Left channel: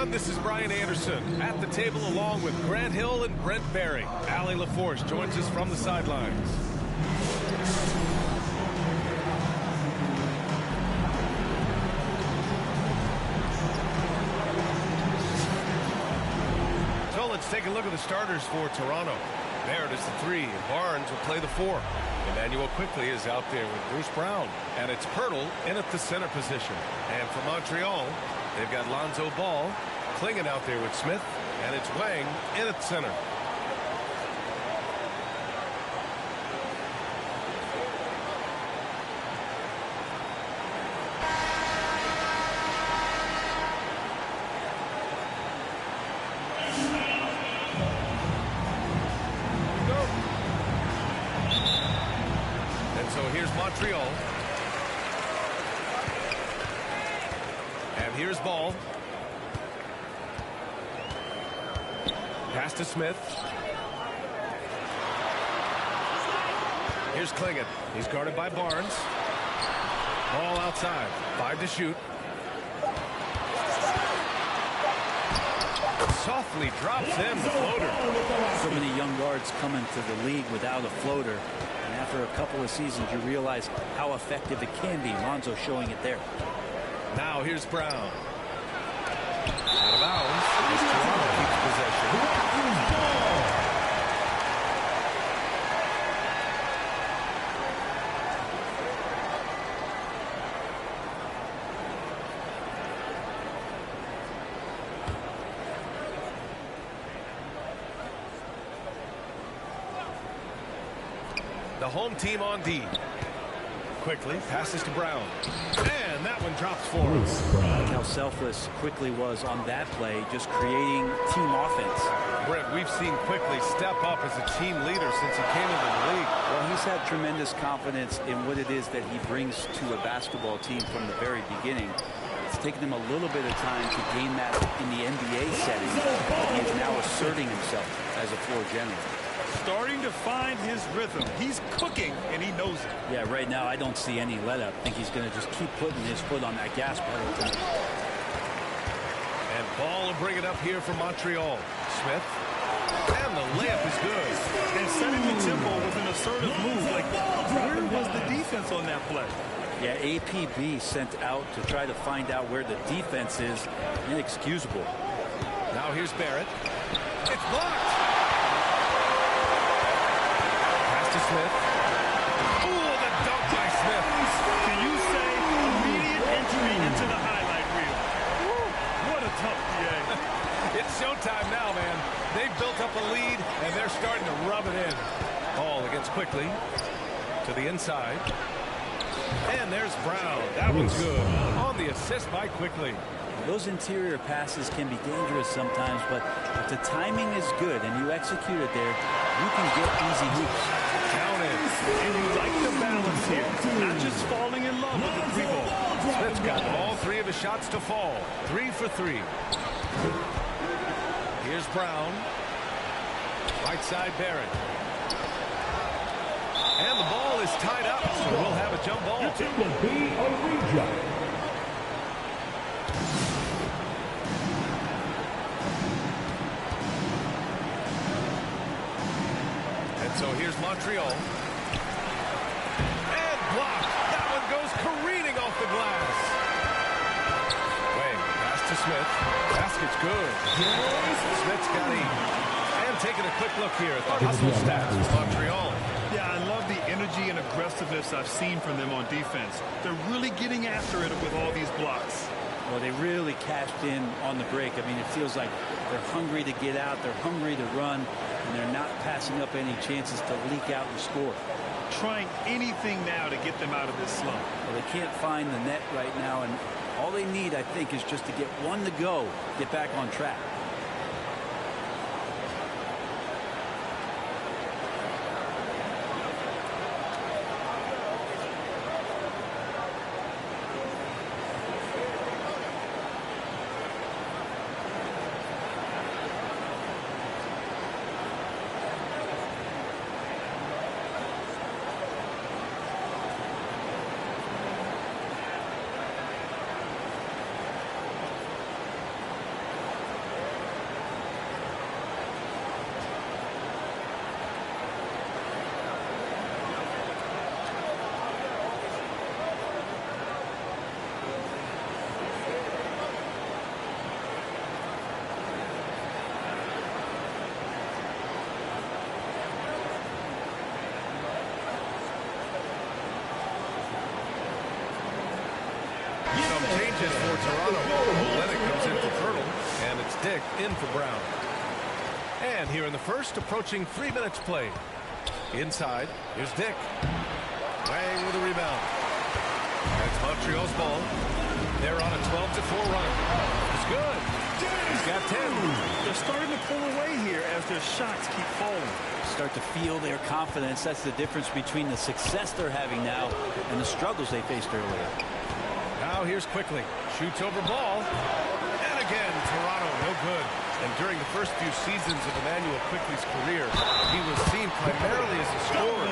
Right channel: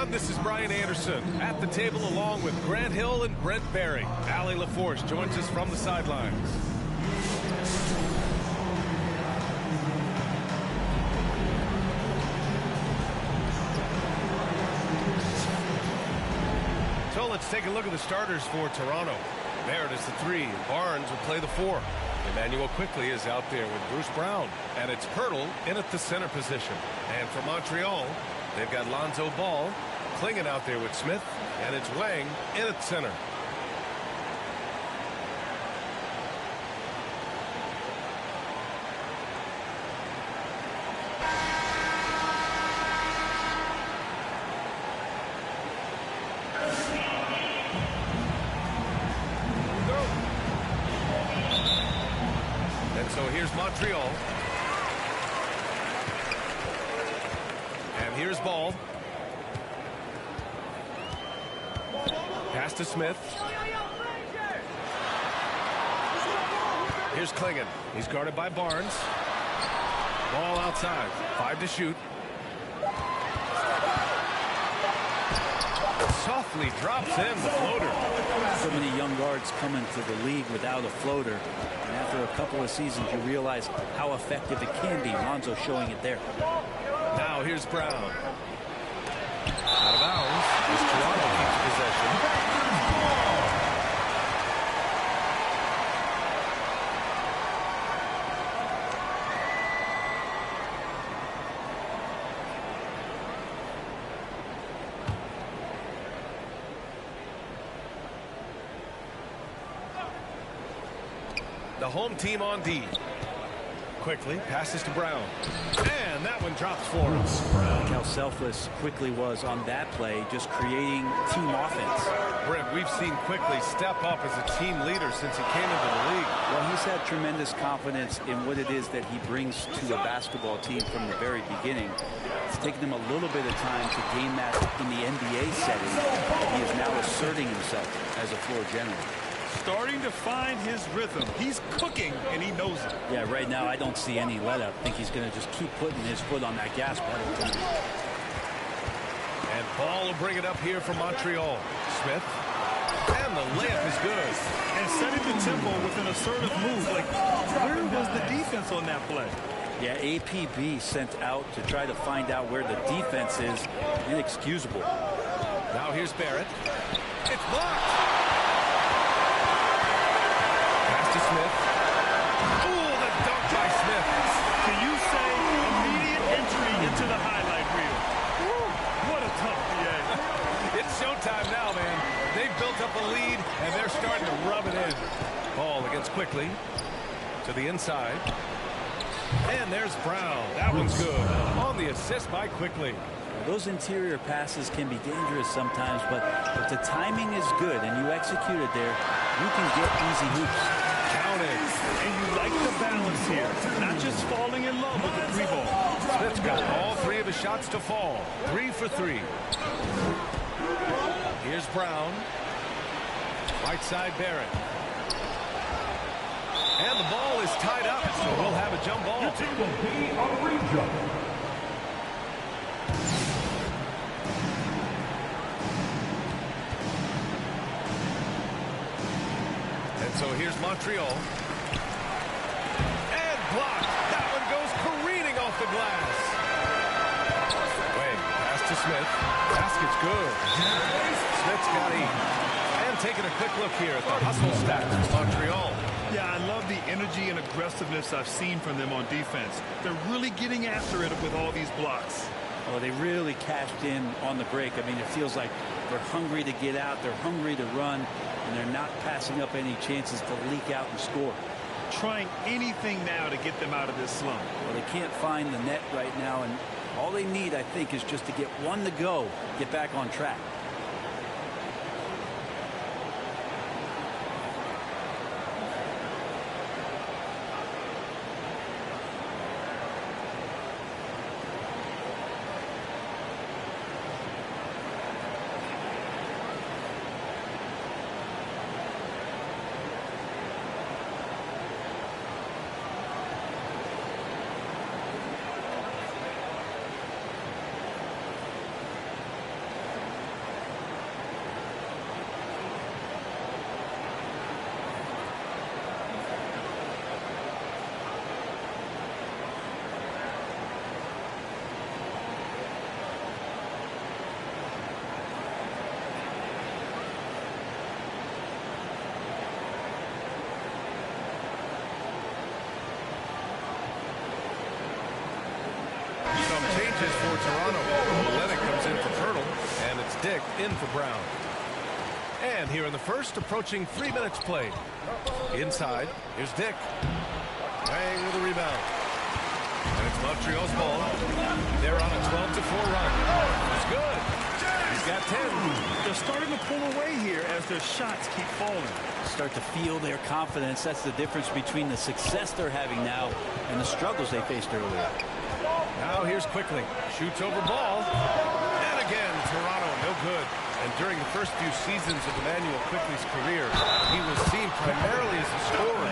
everyone. This is Brian Anderson at the table along with Grant Hill and Brent Barry. Allie LaForce joins us from the sidelines. So let's take a look at the starters for Toronto. Barrett is the 3, and Barnes will play the 4. Emmanuel Quickly is out there with Bruce Brown, and it's Pirtle in at the center position. And for Montreal, they've got Lonzo Ball, Klingon out there with Smith, and it's Wang in at center. So here's Montreal. And here's Ball. Pass to Smith. Here's Klingon. He's guarded by Barnes. Ball outside. 5 to shoot. Softly drops in the floater. So many young guards come into the league without a floater. And after a couple of seasons, you realize how effective it can be. Lonzo showing it there. Now here's Brown. Out of bounds as Toronto keeps possession. The home team on D. Quickly passes to Brown. And that one drops for him. Like how selfless Quickly was on that play, just creating team offense. Brent, we've seen Quickly step up as a team leader since he came into the league. Well, he's had tremendous confidence in what it is that he brings to a basketball team from the very beginning. It's taken him a little bit of time to gain that in the NBA setting, but he is now asserting himself as a floor general. Starting to find his rhythm. He's cooking, and he knows it. Yeah, right now I don't see any let up. I think he's going to just keep putting his foot on that gas pedal tonight. And Ball will bring it up here for Montreal. Smith. And the layup is good. And setting the tempo with an assertive move. Like, where was the defense on that play? Yeah, APB sent out to try to find out where the defense is. Inexcusable. Now here's Barrett. It's blocked. To Smith. Ooh, the dunk by Smith. Can you say immediate entry into the highlight reel? Woo, what a tough PA. It's showtime now, man. They've built up a lead, and they're starting to rub it in. Ball against Quickly. To the inside. And there's Brown. That one's good. On the assist by Quickly. Well, those interior passes can be dangerous sometimes, but if the timing is good and you execute it there, you can get easy hoops. Counted. And you like the balance here. Not just falling in love with the 3 ball. Smith's got all 3 of his shots to fall. 3 for 3. Here's Brown. Right side Barrett. And the ball is tied up, so we'll have a jump ball. It will be a re-jump. And so here's Montreal. And blocked. That one goes careening off the glass. Wang, pass to Smith. Basket's good. Smith's got 8. And taking a quick look here at the hustle stats for Montreal. Yeah, I love the energy and aggressiveness I've seen from them on defense. They're really getting after it with all these blocks. Well, they really cashed in on the break. I mean, it feels like they're hungry to get out. They're hungry to run. And they're not passing up any chances to leak out and score. Trying anything now to get them out of this slump. Well, they can't find the net right now, and all they need, I think, is just to get one to go, get back on track. changes for Toronto. Olenek comes in for Pirtle, and it's Dick in for Brown. And here in the first, approaching 3 minutes played. Inside, here's Dick. Wang with a rebound. And it's Montreal's ball. They're on a 12-4 run. It's good. He's got 10. They're starting to pull away here as their shots keep falling. Start to feel their confidence. That's the difference between the success they're having now and the struggles they faced earlier. Now here's Quickly. Shoots over ball. And again, Toronto, no good. And during the first few seasons of Emmanuel Quickly's career, he was seen primarily as a scorer.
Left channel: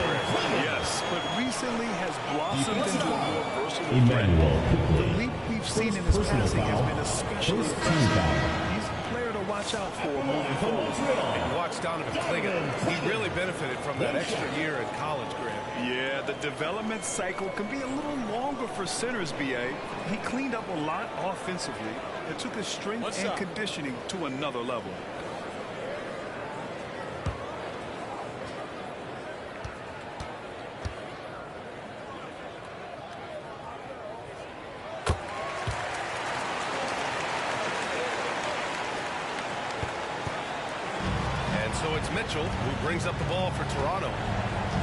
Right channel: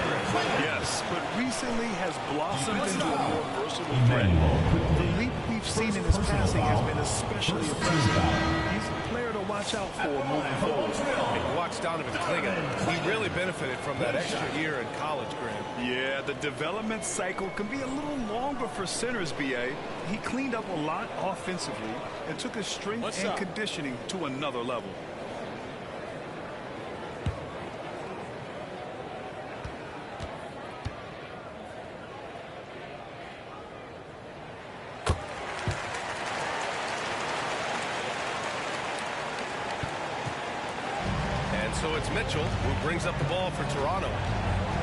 Yes, but recently has blossomed into a more versatile threat. The leap we've seen in his passing has been especially impressive. He's a player to watch out for moving forward. And you watch Donovan Clingan. He really benefited from that extra year in college, Grant. Yeah, the development cycle can be a little longer for centers, B.A. He cleaned up a lot offensively and took his strength and conditioning to another level. And so it's Mitchell who brings up the ball for Toronto,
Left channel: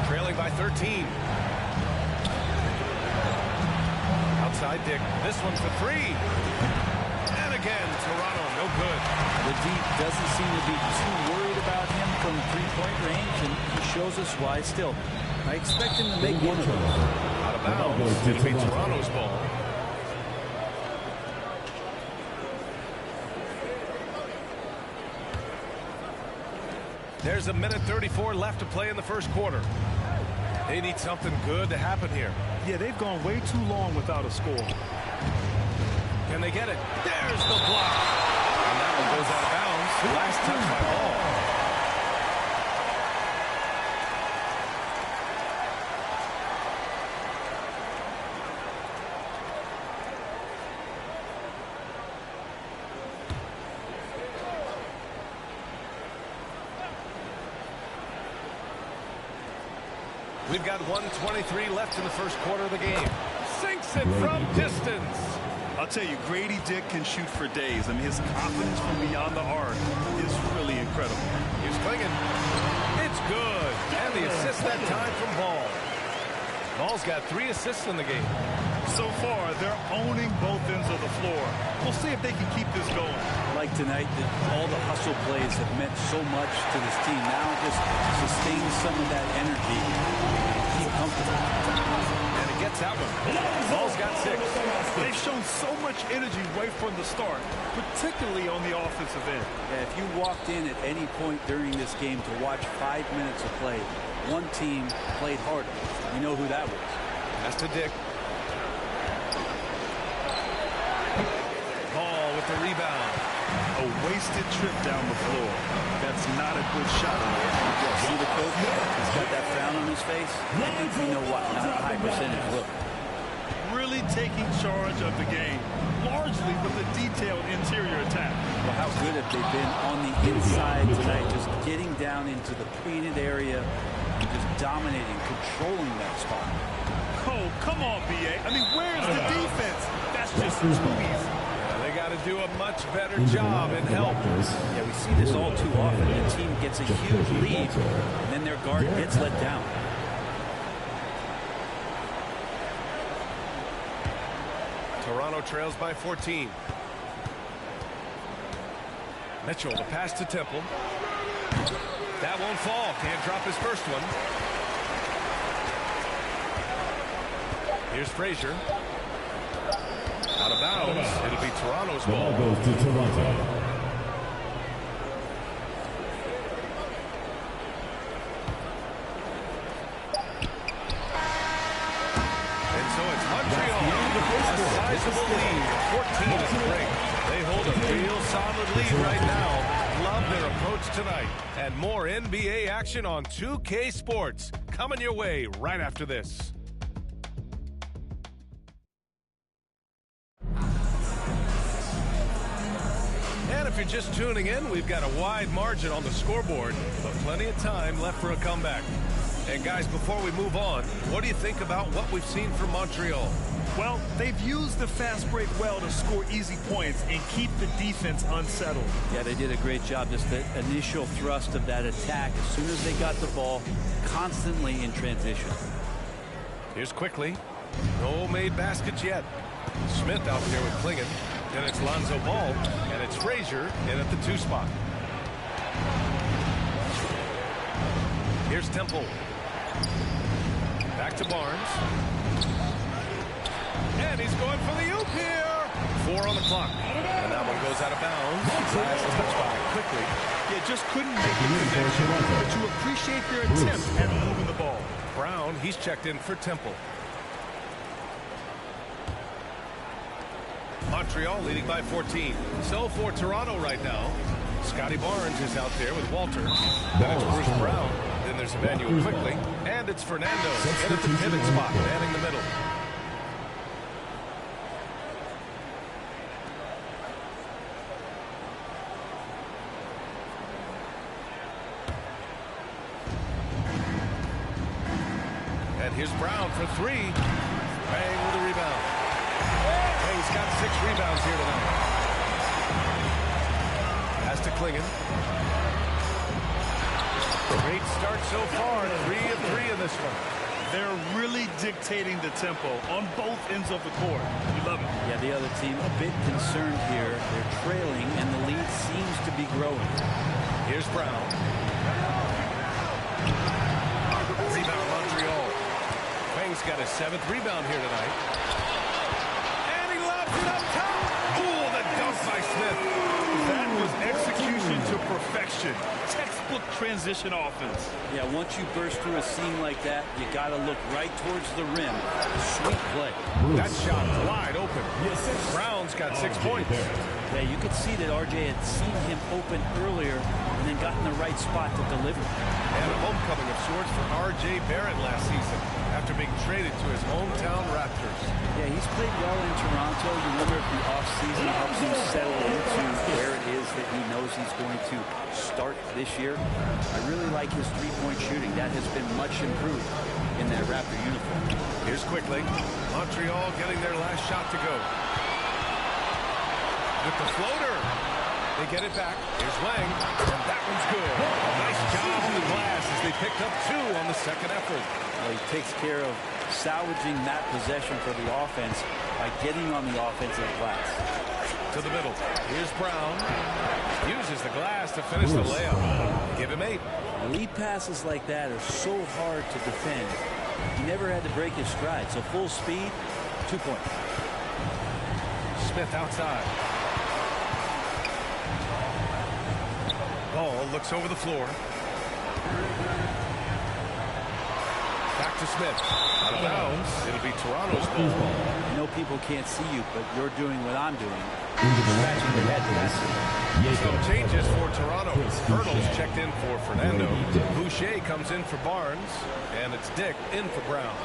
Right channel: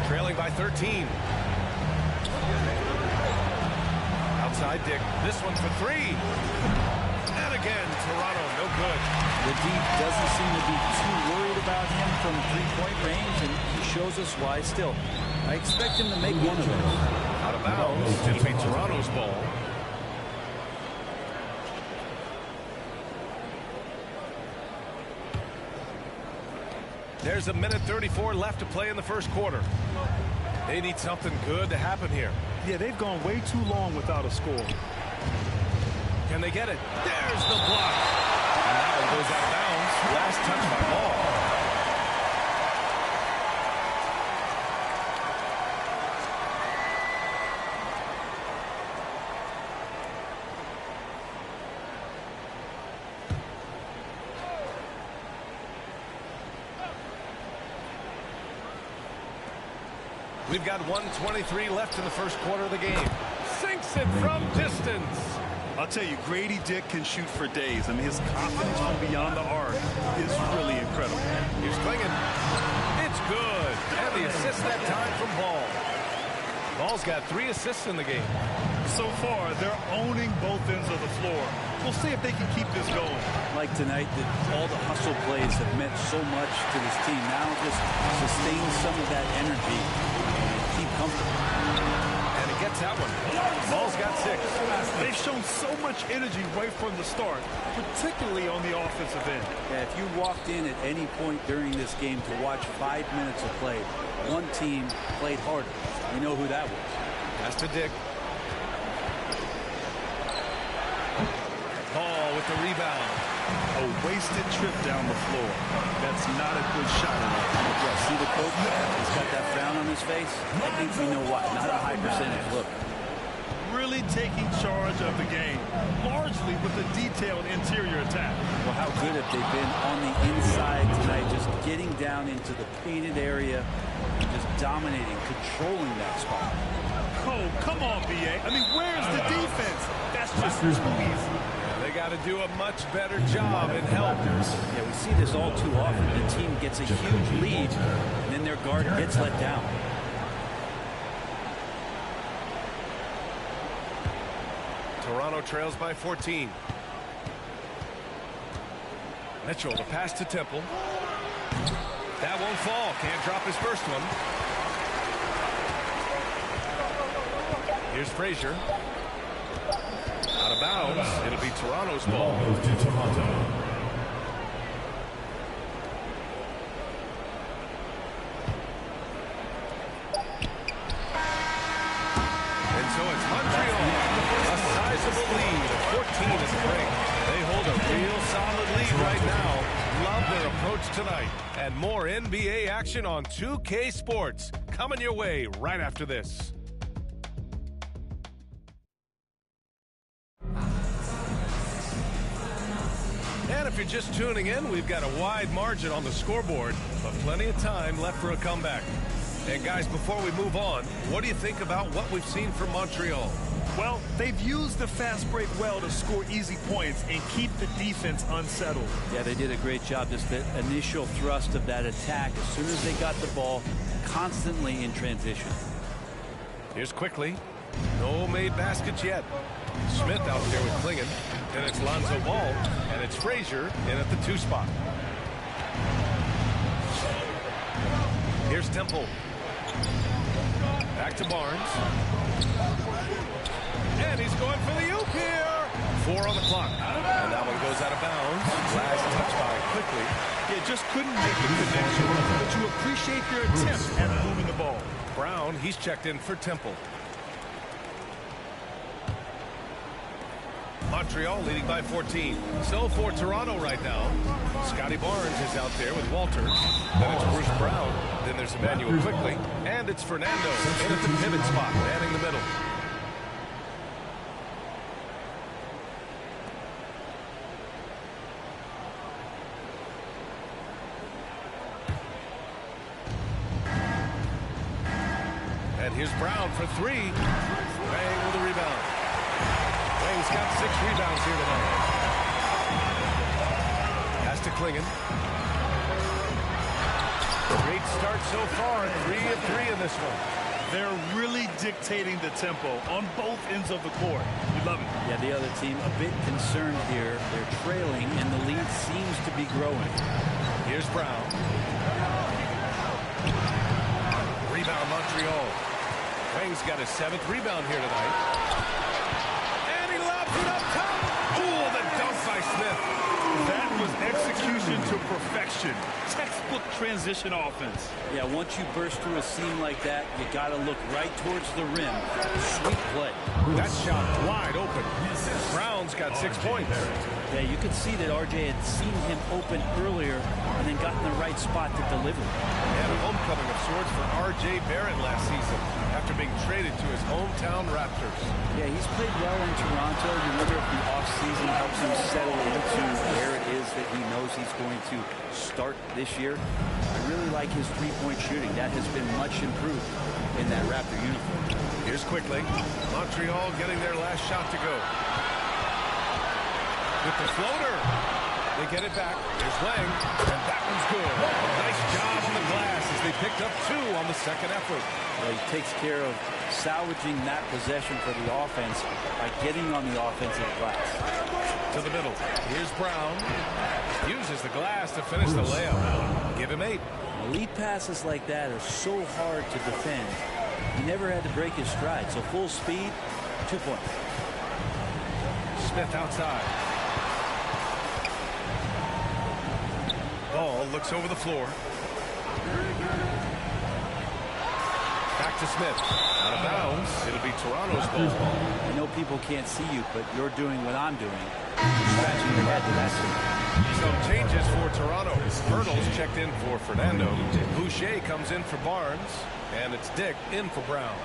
trailing by 13. Outside Dick, this one for three. And again, Toronto, no good. The deep doesn't seem to be too worried about him from three-point range, and he shows us why. Still, I expect him to make one of those. Out of bounds, it'll be Toronto's ball. There's a minute 34 left to play in the first quarter. They need something good to happen here. Yeah, they've gone way too long without a score. Can they get it? There's the block. And that one goes out of bounds. Last touch by Ball. We've got 1:23 left in the first quarter of the game. Sinks it from distance. I'll tell you, Grady Dick can shoot for days. I mean, his confidence from beyond the arc is really incredible. Here's Clingan. It's good. And the assist that time from Ball. Ball's got 3 assists in the game. So far, they're owning both ends of the floor. We'll see if they can keep this going. Like tonight, all the hustle plays have meant so much to this team. Now just sustain some of that energy and keep comfortable. And he gets that one. Ball's got 6. They've shown so much energy right from the start, particularly on the offensive end. Yeah, if you walked in at any point during this game to watch 5 minutes of play, one team played harder. You know who that was. Pass to Dick. Ball with the rebound. A wasted trip down the floor. That's not a good shot. Yeah, see the coach? He's got that frown on his face. I think we know why. Not a high percentage look. Really taking charge of the game, largely with a detailed interior attack. Well, how good have they been on the inside tonight, just getting down into the painted area and just dominating, controlling that spot. Oh, come on, B.A. I mean, where's the defense? That's just too easy. They got to do a much better job in help. Yeah, we see this all too often. The team gets a huge lead, and then their guard gets let down. Toronto trails by 14. Mitchell, the pass to Temple. That won't fall. Can't drop his first one. Here's Frazier. Out of bounds. It'll be Toronto's ball. The ball goes to Toronto. And so it's Montreal. A sizable lead of 14 at the break. They hold a real solid lead right now. Love their approach tonight. And more NBA action on 2K Sports. Coming your way right after this. And if you're just tuning in, we've got a wide margin on the scoreboard, but plenty of time left for a comeback. And guys, before we move on, what do you think about what we've seen from Montreal? Well, they've used the fast break well to score easy points and keep the defense unsettled. Yeah, they did a great job. Just the initial thrust of that attack, as soon as they got the ball, constantly in transition. Here's quickly. No made baskets yet. Smith out there with Klingon. Then it's Lonzo Ball, and it's Frazier in at the 2 spot. Here's Temple. Back to Barnes. And he's going for the oop here. 4 on the clock. And that one goes out of bounds. Last touch by quickly. Yeah, just couldn't make the connection. But you appreciate their attempt at moving the ball. Brown, he's checked in for Temple. Montreal leading by 14. So for Toronto right now, Scotty Barnes is out there with Walter. Then it's Bruce Brown. Then there's Emmanuel quickly. And it's Fernando in at the pivot spot, manning the middle. And here's Brown for 3. Wang with a rebound. Wang's got 6 rebounds here tonight. Pass to Klingon. Great start so far. 3 of 3 in this one. They're really dictating the tempo on both ends of the court. You love it. Yeah, the other team a bit concerned here. They're trailing, and the lead seems to be growing. Here's Brown. Rebound Montreal. Wang's got his 7th rebound here tonight. And he lobs it up top. Oh, the dunk by Smith. That was execution to perfection. Textbook transition offense. Yeah, once you burst through a seam like that, you got to look right towards the rim. Sweet play. That shot wide open. Brown's got 6 points. Yeah, you could see that RJ had seen him open earlier and then got in the right spot to deliver. And a homecoming of sorts for R.J. Barrett last season after being traded to his hometown Raptors. Yeah, he's played well in Toronto. You wonder if the offseason helps him settle into where it is that he knows he's going to start this year. I really like his three-point shooting. That has been much improved in that Raptor uniform. Here's quickly. Montreal getting their last shot to go. With the floater. They get it back. Here's Wang. And that one's good. A nice job on the glass as they picked up 2 on the second effort. Well, he takes care of salvaging that possession for the offense by getting on the offensive glass. To the middle. Here's Brown. Uses the glass to finish the layup. Give him 8. Lead passes like that are so hard to defend. He never had to break his stride. So full speed, 2 points. Smith outside. Ball looks over the floor. Back to Smith. Out of bounds. It'll be Toronto's ball. I know people can't see you, but you're doing what I'm doing. Scratching your head to that. Some changes for Toronto. Hurdles checked in for Fernando. Boucher comes in for Barnes. And it's Dick in for Brown.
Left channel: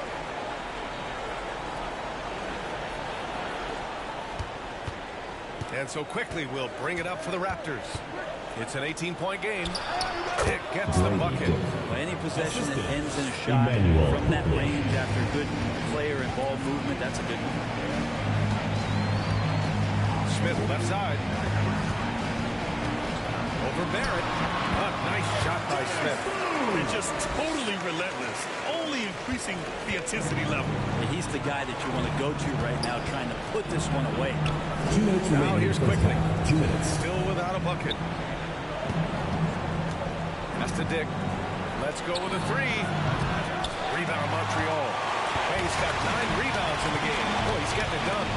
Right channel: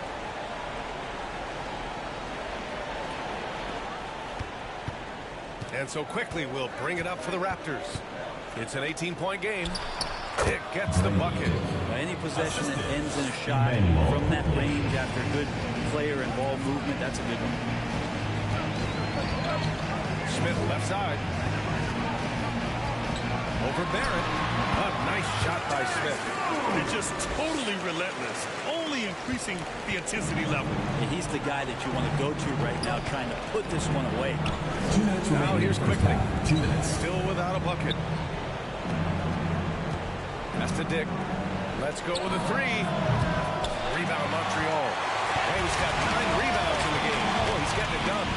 And so quickly we'll bring it up for the Raptors. It's an 18-point game. Dick gets the bucket. Well, any possession that ends in a shot from that range after good player and ball movement, that's a good one. Smith left side. Over Barrett. A nice shot by Smith. They're just totally relentless, only increasing the intensity level. Yeah, he's the guy that you want to go to right now, trying to put this one away. 2 minutes now here's quickly. 2 minutes. Still without a bucket. Pass to Dick. Let's go with a 3. Rebound Montreal. Wang's got 9 rebounds in the game. Boy, he's getting it done.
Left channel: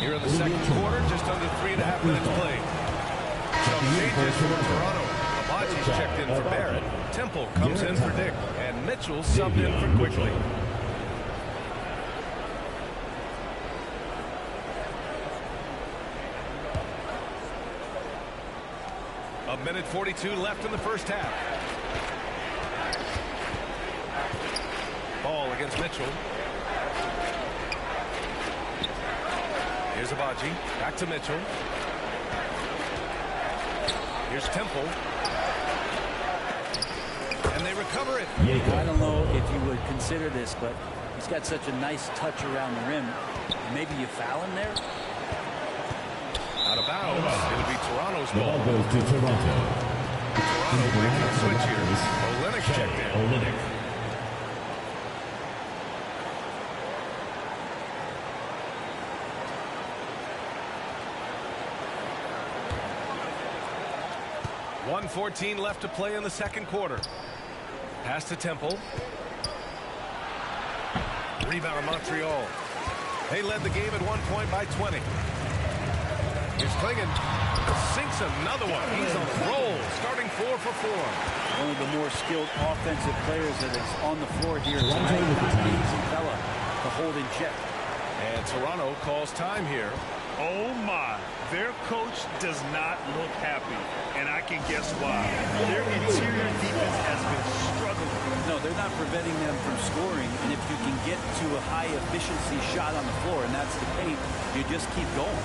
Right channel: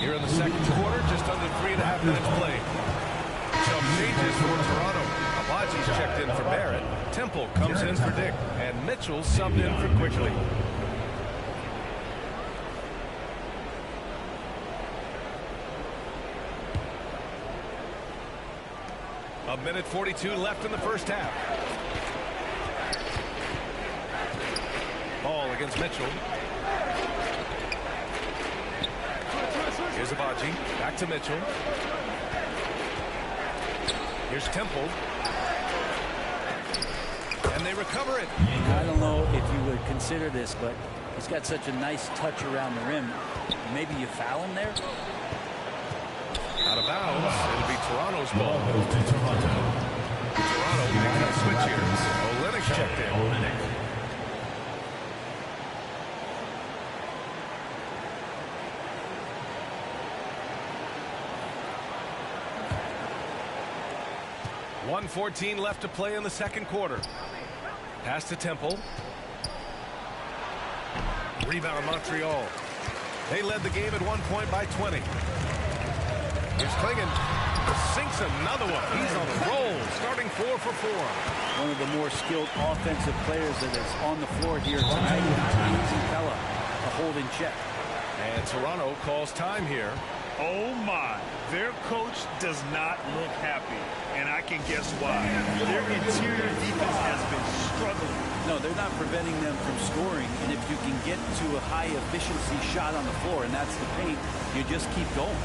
Here in the second quarter, just under 3.5 minutes played. Some changes for Toronto. Abaji's checked in for Barrett. Temple comes in for Dick. And Mitchell subbed in for Quickly. A minute 42 left in the first half. Ball against Mitchell. Here's Abaji. Back to Mitchell. Here's Temple. And And they recover it. I don't know if you would consider this, but he's got such a nice touch around the rim. Maybe you foul him there? Out of bounds. It'll be Toronto's ball. Ball goes to Toronto. Toronto making a switch here. Olenek checked in. Olenek. .114 left to play in the second quarter. Pass to Temple. Rebound Montreal. They led the game at 1 point by 20. Here's Klingon. Sinks another one. He's on a roll. Starting 4 for 4. One of the more skilled offensive players that is on the floor here tonight. Not an easy fella to hold in check. And Toronto calls time here. Oh my, their coach does not look happy, and I can guess why. Their interior defense has been struggling. No, they're not preventing them from scoring, and if you can get to a high efficiency shot on the floor, and that's the paint, you just keep going.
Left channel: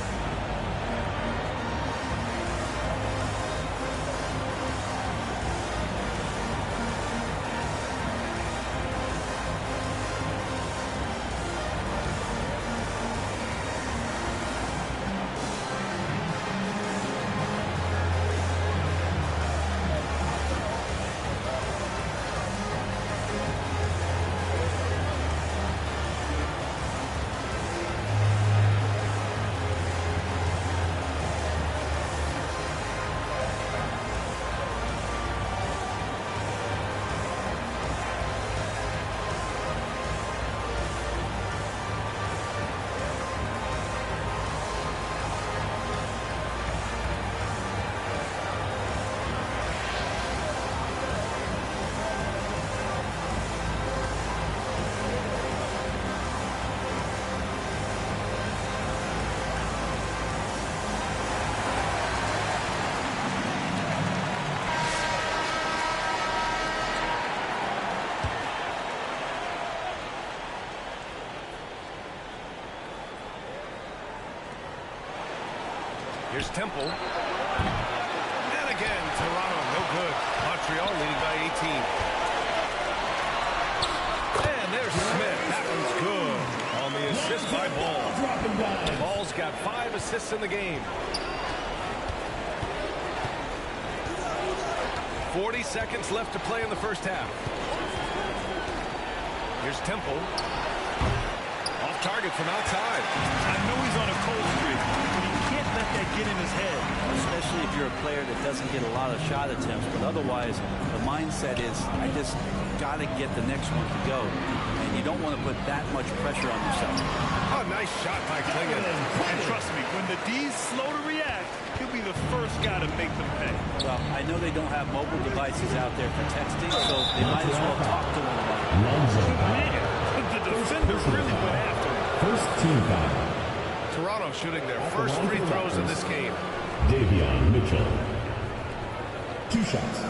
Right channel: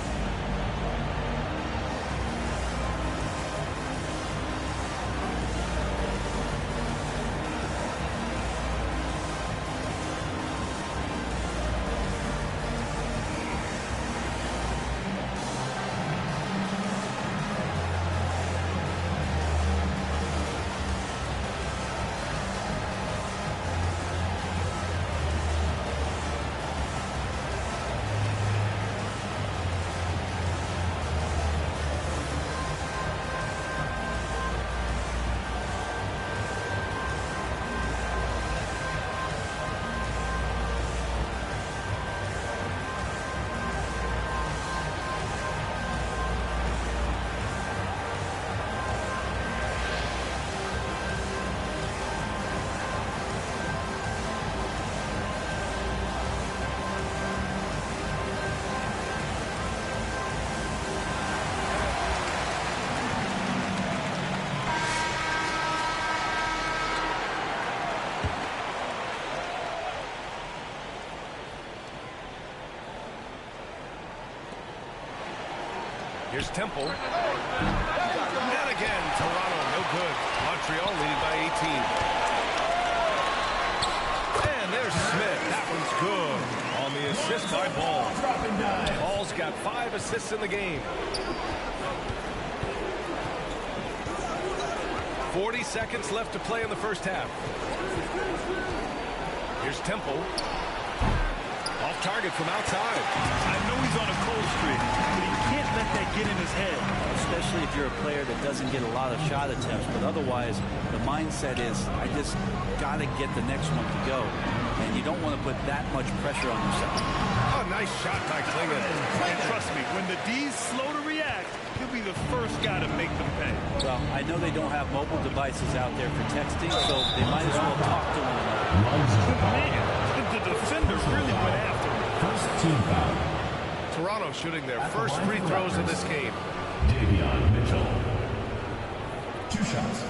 Here's Temple. And again, Toronto, no good. Montreal leading by 18. And there's Smith. That one's good. On the assist by Ball. Ball's got 5 assists in the game. 40 seconds left to play in the first half. Here's Temple. Off target from outside. I know he's on a cold streak, but he can't let that get in his head. Especially if you're a player that doesn't get a lot of shot attempts, but otherwise the mindset is I just got to get the next one to go, and you don't want to put that much pressure on yourself. Oh, nice shot by Klingon. And trust me, when the D's slow to react, he'll be the first guy to make them pay. Well, I know they don't have mobile devices out there for texting, so they might as well talk to one another. Man, the defender really went after him. First team foul. Toronto shooting their first free throws of this game. Davion Mitchell. 2 shots.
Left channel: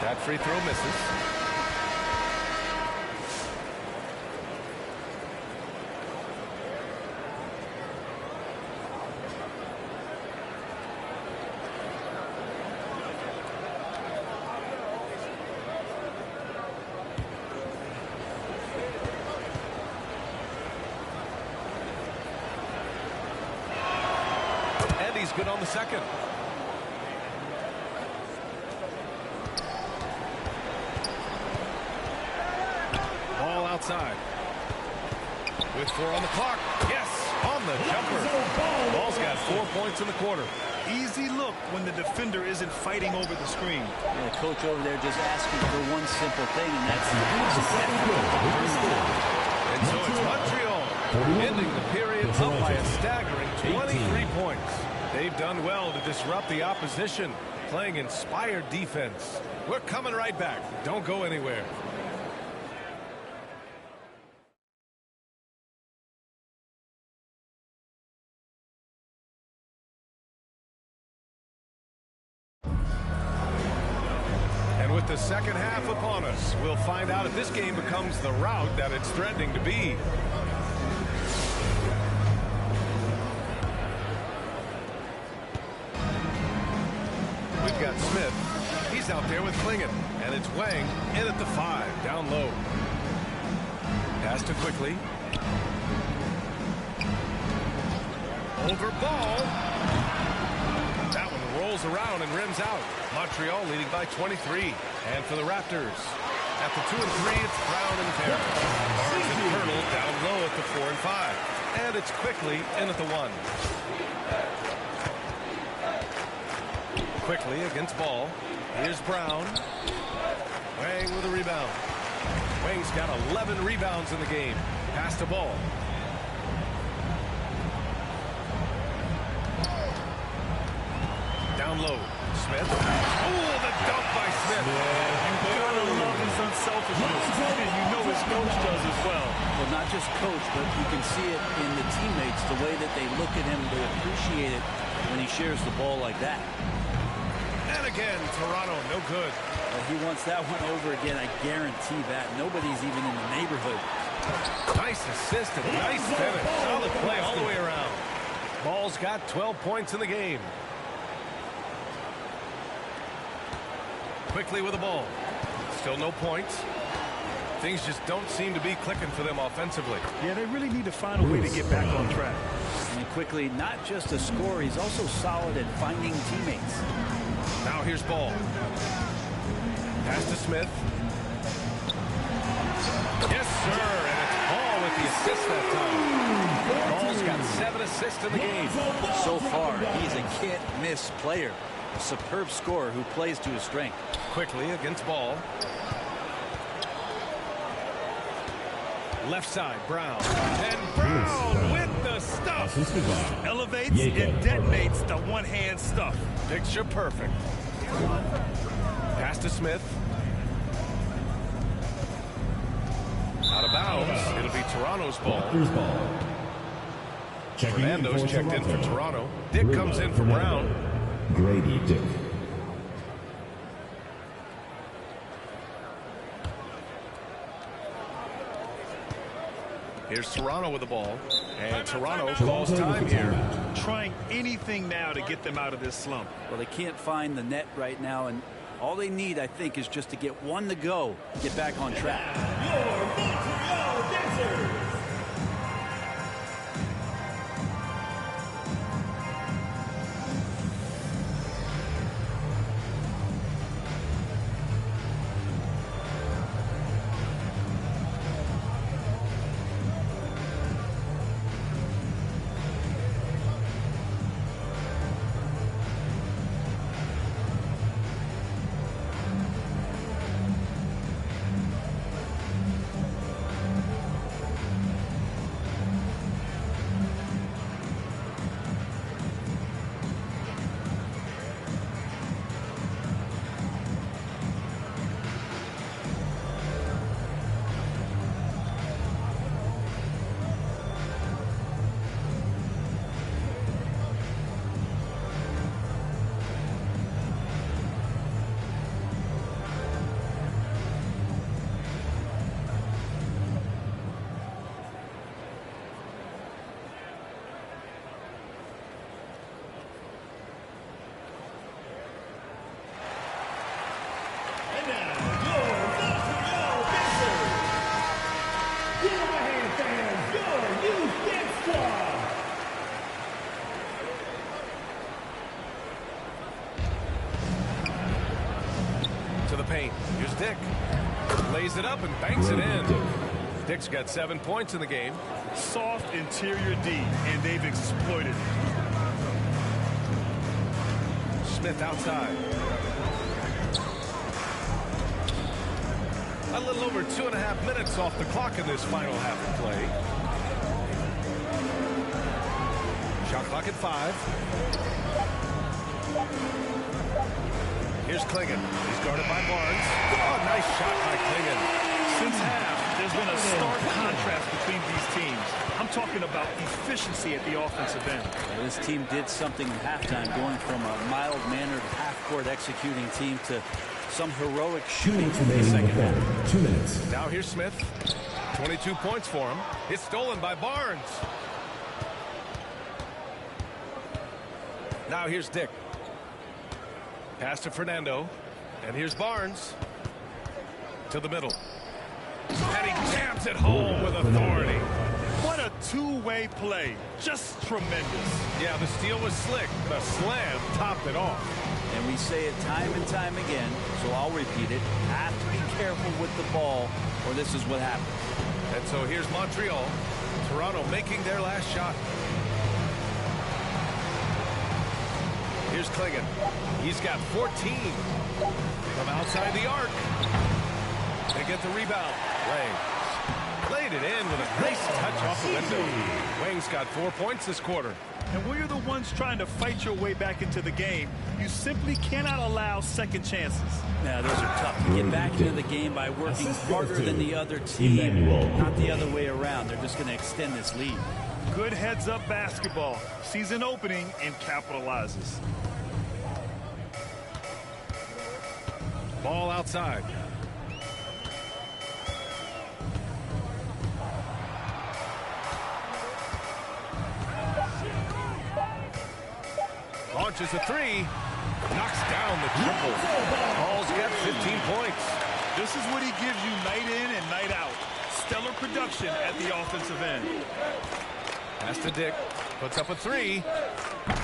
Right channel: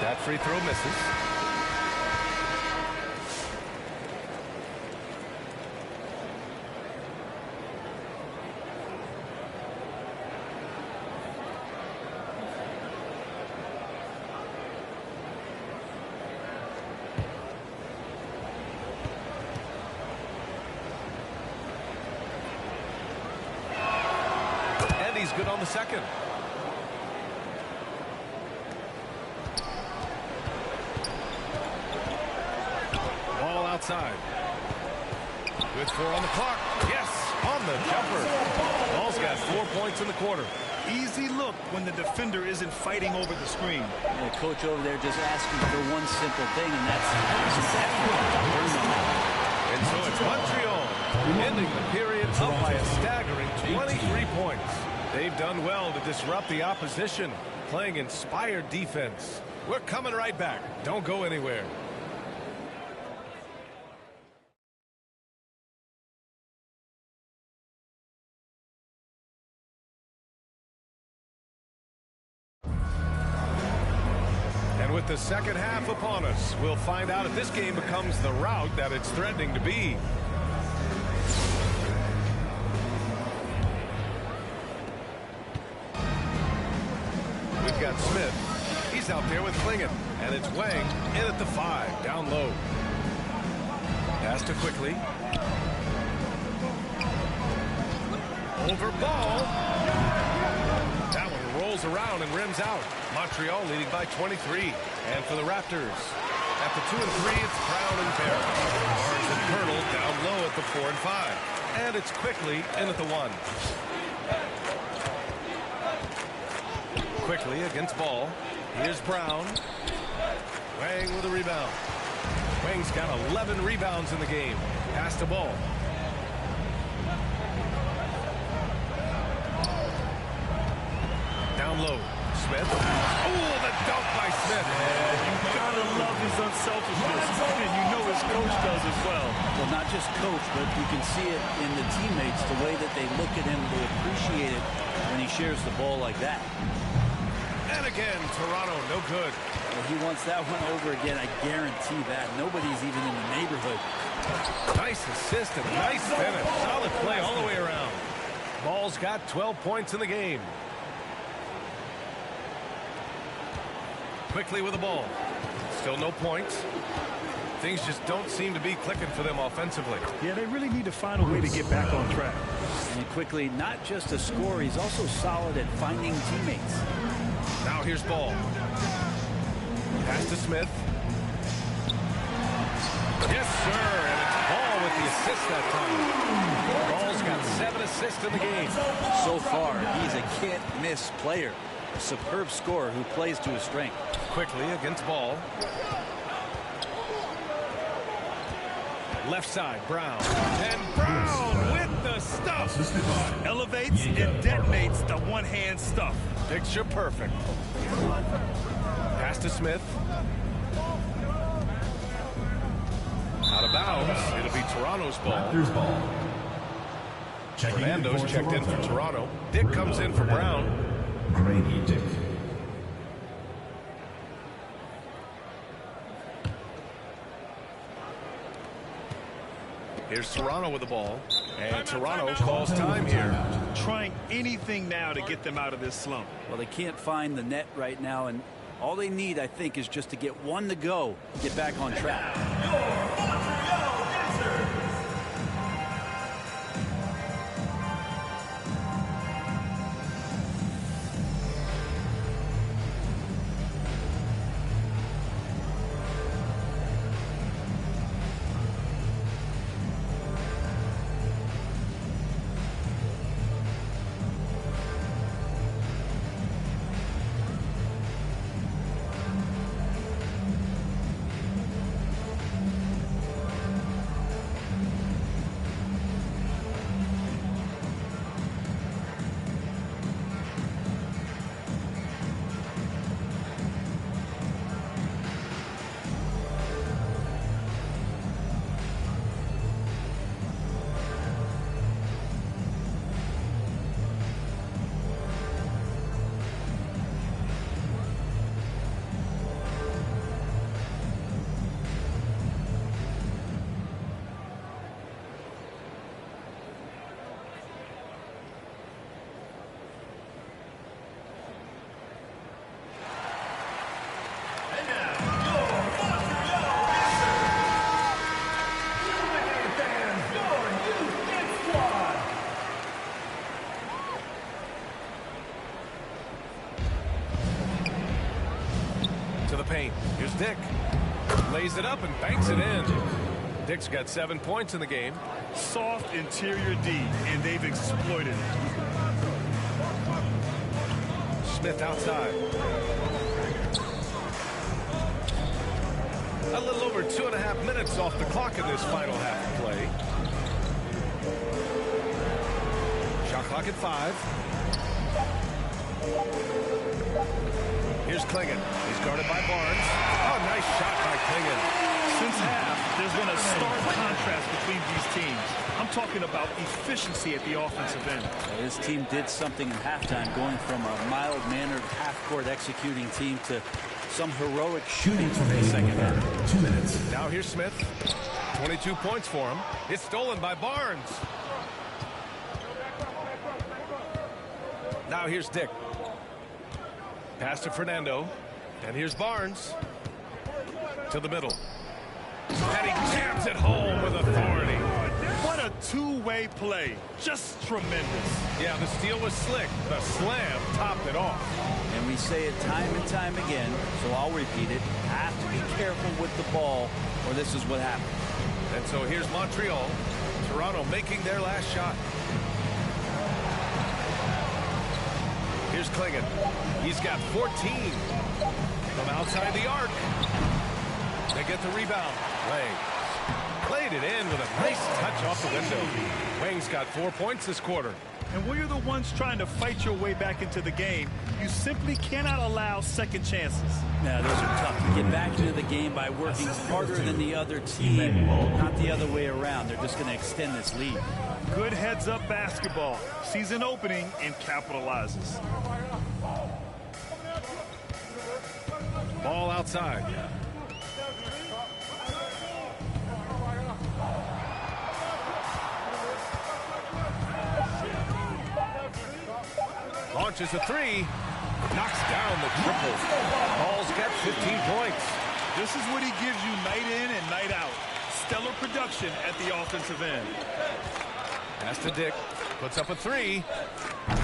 That free throw misses. And he's good on the second. Ball outside. With 4 on the clock. Yes, on the jumper. Ball's got 4 points in the quarter. Easy look when the defender isn't fighting over the screen. And the coach over there just asking for one simple thing, and that's some effort. And so it's Montreal ending the period up by a staggering 23 points. They've done well to disrupt the opposition, playing inspired defense. We're coming right back. Don't go anywhere. And with the second half upon us, we'll find out if this game becomes the rout that it's threatening to be. We've got Smith. He's out there with Klingon. And it's Wang in at the 5, down low. Pass to quickly. Over ball. That one rolls around and rims out. Montreal leading by 23. And for the Raptors, at the 2 and 3, it's Brown and Perry. Barnes and Pirtle down low at the 4 and 5. And it's quickly in at the 1. Quickly against ball. Here's Brown. Wang with a rebound. Wang's got 11 rebounds in the game. Pass to ball. Down low. Smith. Oh, the dunk by Smith. Yeah, you gotta love his unselfishness. And you know his coach does as well. Well, not just coach, but you can see it in the teammates, the way that they look at him. They appreciate it when he shares the ball like that. And again, Toronto, no good. Well, he wants that one over again, I guarantee that. Nobody's even in the neighborhood. Nice assist and nice finish. Solid play all the way around. Ball's got 12 points in the game. Quickly with the ball. Still no points. Things just don't seem to be clicking for them offensively. Yeah, they really need to find a way to get back on track. And quickly, not just a scorer, he's also solid at finding teammates. Now here's ball. Pass to Smith. Yes, sir. And it's Ball with the assist that time. Ball's got 7 assists in the game. So far, he's a can't-miss player. A superb scorer who plays to his strength. Quickly against Ball. Left side, Brown. And Brown with the stuff. Elevates and detonates the one-hand stuff. Picture perfect. Pass to Smith. Out of bounds. It'll be Toronto's ball. Raptors ball. Fernando's checked in for Toronto. Dick comes in for Brown. Grady Dick. Here's Toronto with the ball. And Toronto calls time here. Trying anything now to get them out of this slump. Well, they can't find the net right now, and all they need, I think, is just to get one to go, get back on track. Your Montreal Dancers. And now, your Montreal Dancers. Give them a hand, fans. Your youth dance squad. To the paint. Here's Dick. Lays it up and banks it in. Dick's got 7 points in the game. Soft interior D, and they've exploited it. Smith outside. A little over 2.5 minutes off the clock in this final half of play. Shot clock at 5. Here's Klingon. He's guarded by Barnes. Oh, nice shot by Klingon. Since half, there's been a stark contrast between these teams. I'm talking about efficiency at the offensive end. This team did something in halftime, going from a mild-mannered half-court executing team to some heroic shooting in the second half. 2 minutes. Now here's Smith. 22 points for him. It's stolen by Barnes. Now here's Dick. Pass to Fernando. And here's Barnes. To the middle. And he jams it home with authority. What a two-way play. Just tremendous. Yeah, the steal was slick. The slam topped it off. And we say it time and time again, so I'll repeat it. Have to be careful with the ball, or this is what happens. And so here's Montreal. Toronto making their last shot. Here's Klingon. He's got 14 from outside the arc. They get the rebound. Wang played it in with a nice touch off the window. Wang's got 4 points this quarter. And when you're the ones trying to fight your way back into the game, you simply cannot allow second chances. Now, those are tough. You get back into the game by working harder than the other team, not the other way around. They're just going to extend this lead. Good heads-up basketball. Sees an opening and capitalizes. Ball outside. Launches a three. Knocks down the triple. Ball's got 15 points. This is what he gives you night in and night out. Stellar production at the offensive end. Pass to Dick. Puts up a three.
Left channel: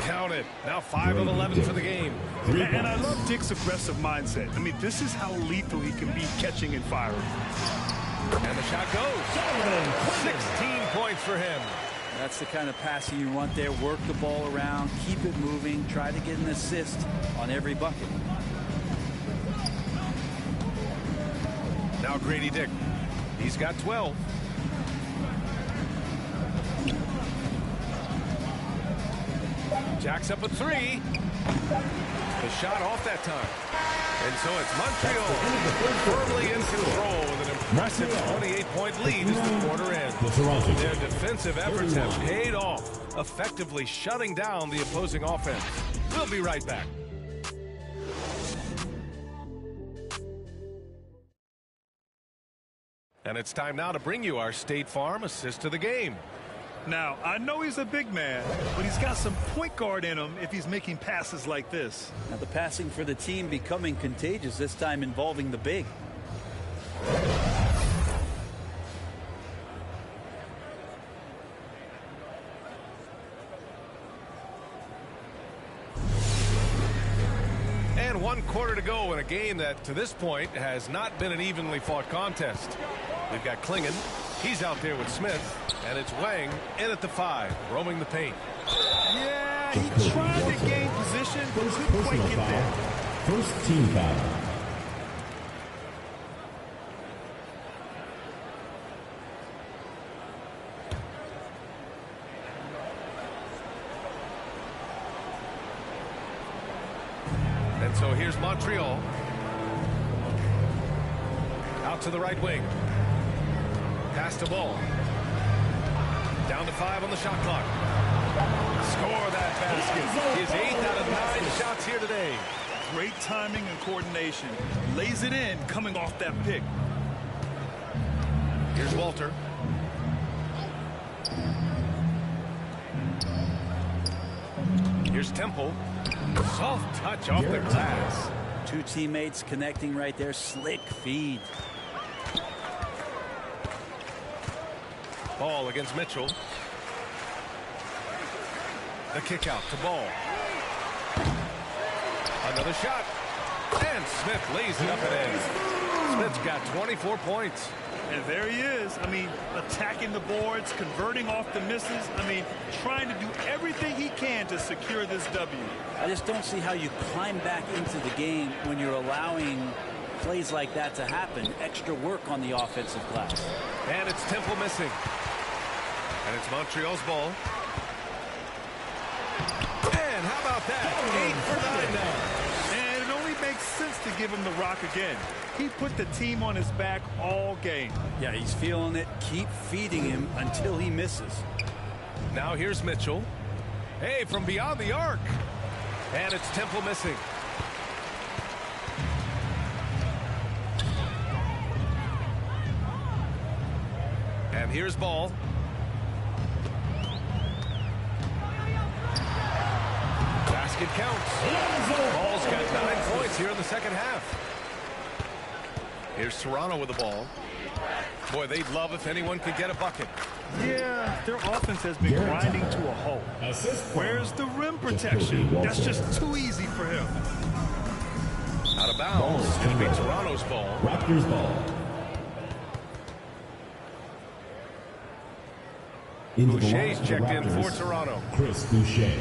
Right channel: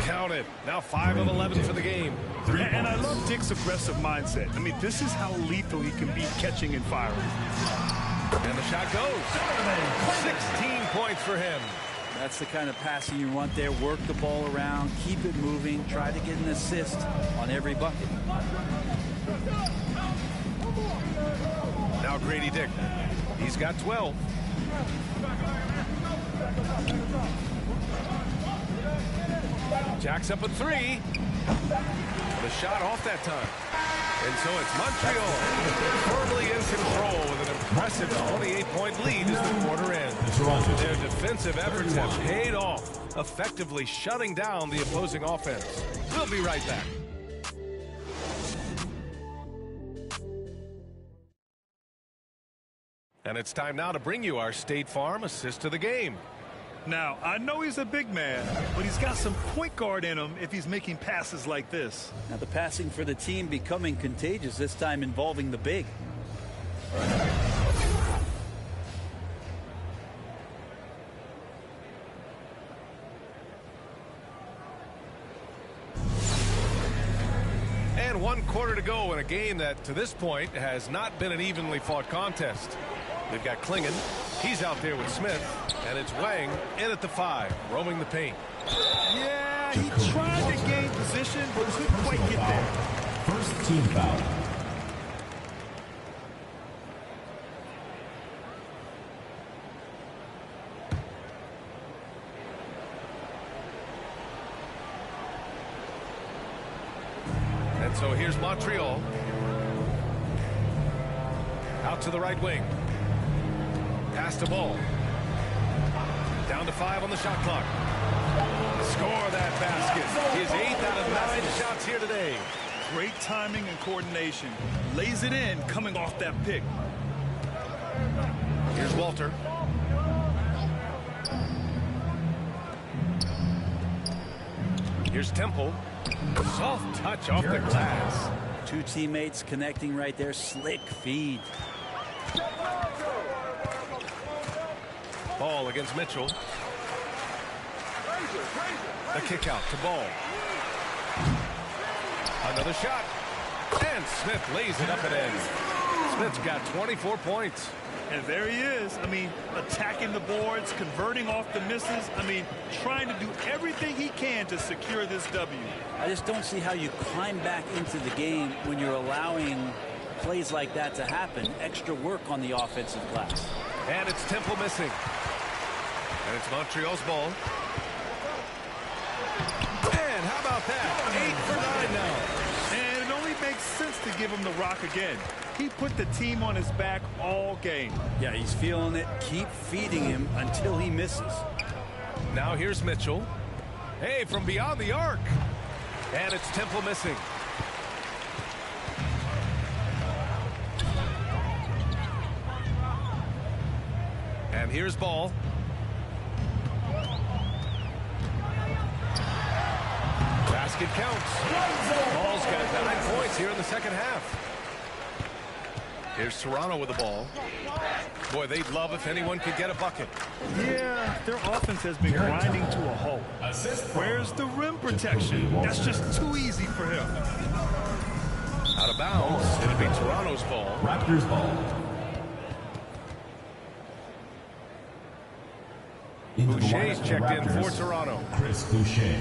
Count it. Now 5 of 11 for the game. And I love Dick's aggressive mindset. I mean, this is how lethal he can be catching and firing. And the shot goes. 16 points for him. That's the kind of passing you want there. Work the ball around, keep it moving, try to get an assist on every bucket. Now Grady Dick. He's got 12. Jacks up a three. The shot off that time. And so it's Montreal firmly in control with an impressive 28-point lead as the quarter ends. Their defensive efforts have paid off, effectively shutting down the opposing offense. We'll be right back. And it's time now to bring you our State Farm assist of the game. Now, I know he's a big man, but he's got some point guard in him if he's making passes like this. Now the passing for the team becoming contagious, this time involving the big. And 1 quarter to go in a game that to this point has not been an evenly fought contest. We've got Klingon. He's out there with Smith. And it's Wang in at the 5, roaming the paint. Yeah, he tried to gain position, but couldn't quite get there. First team foul. And so here's Montreal. Out to the right wing. Pass to Ball. Down to 5 on the shot clock. Score that basket. His 8th out of 9 shots here today. Great timing and coordination. Lays it in coming off that pick. Here's Walter. Here's Temple. Soft touch off the glass. Two teammates connecting right there. Slick feed. Ball against Mitchell. The kick out to Ball. Another shot. And Smith lays it up and in. Smith's got 24 points. And there he is. I mean, attacking the boards, converting off the misses. I mean, trying to do everything he can to secure this W. I just don't see how you climb back into the game when you're allowing plays like that to happen. Extra work on the offensive glass. And it's Temple missing. And it's Montreal's ball. And how about that? 8 for 9 now. And it only makes sense to give him the rock again. He put the team on his back all game. Yeah, he's feeling it. Keep feeding him until he misses. Now here's Mitchell. Hey, from beyond the arc. And it's Temple missing. And here's ball. Basket counts. Ball's got 9 points here in the second half. Here's Toronto with the ball. Boy, they'd love if anyone could get a bucket. Yeah, their offense has been grinding to a halt. Where's the rim protection? That's just too easy for him. Out of bounds. It'll be Toronto's ball. Raptors ball. Boucher's checked in for Toronto. Chris Boucher.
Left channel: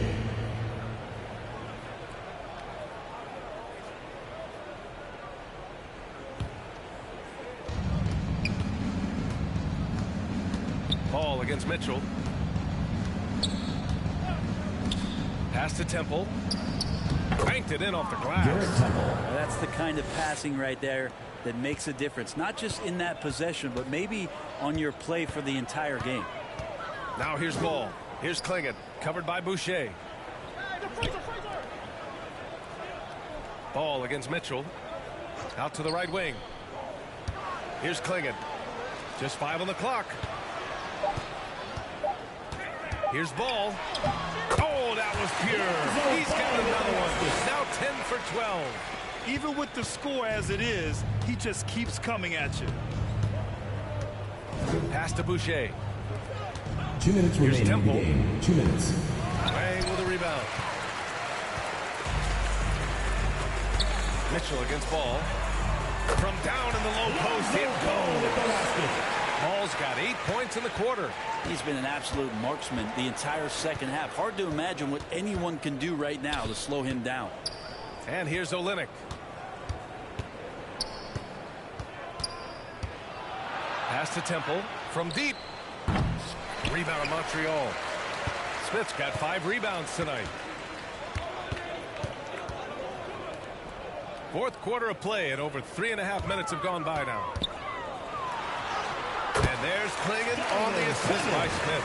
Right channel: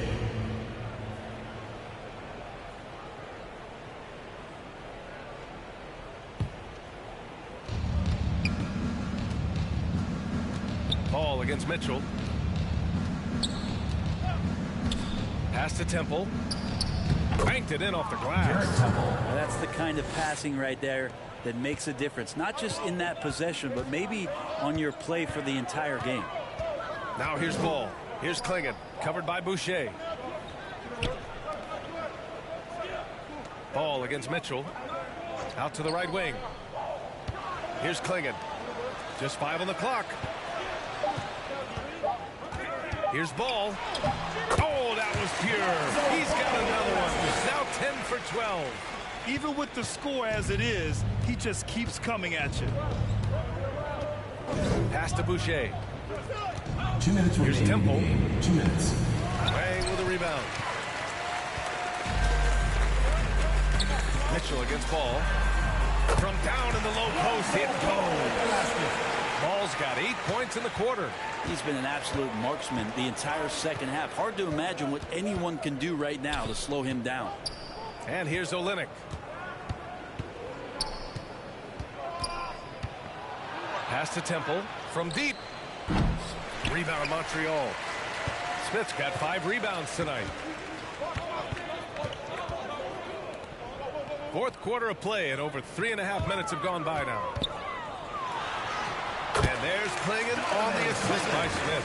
Ball against Mitchell. Pass to Temple. Banked it in off the glass. Now that's the kind of passing right there that makes a difference. Not just in that possession, but maybe on your play for the entire game. Now here's ball. Here's Klingon. Covered by Boucher. Ball against Mitchell. Out to the right wing. Here's Klingon. Just 5 on the clock. Here's ball. Oh, that was pure. He's got another one. Now 10 for 12. Even with the score as it is, he just keeps coming at you. Pass to Boucher. 2 minutes remaining in the Temple. game. 2 minutes. Wang with a rebound. Mitchell against ball. From down in the low post, it goes. Ball's got 8 points in the quarter. He's been an absolute marksman the entire second half. Hard to imagine what anyone can do right now to slow him down. And here's Olynyk. Pass to Temple from deep. Rebound Montreal. Smith's got 5 rebounds tonight. Fourth quarter of play, and over 3.5 minutes have gone by now. And there's Klingon on the assist by Smith.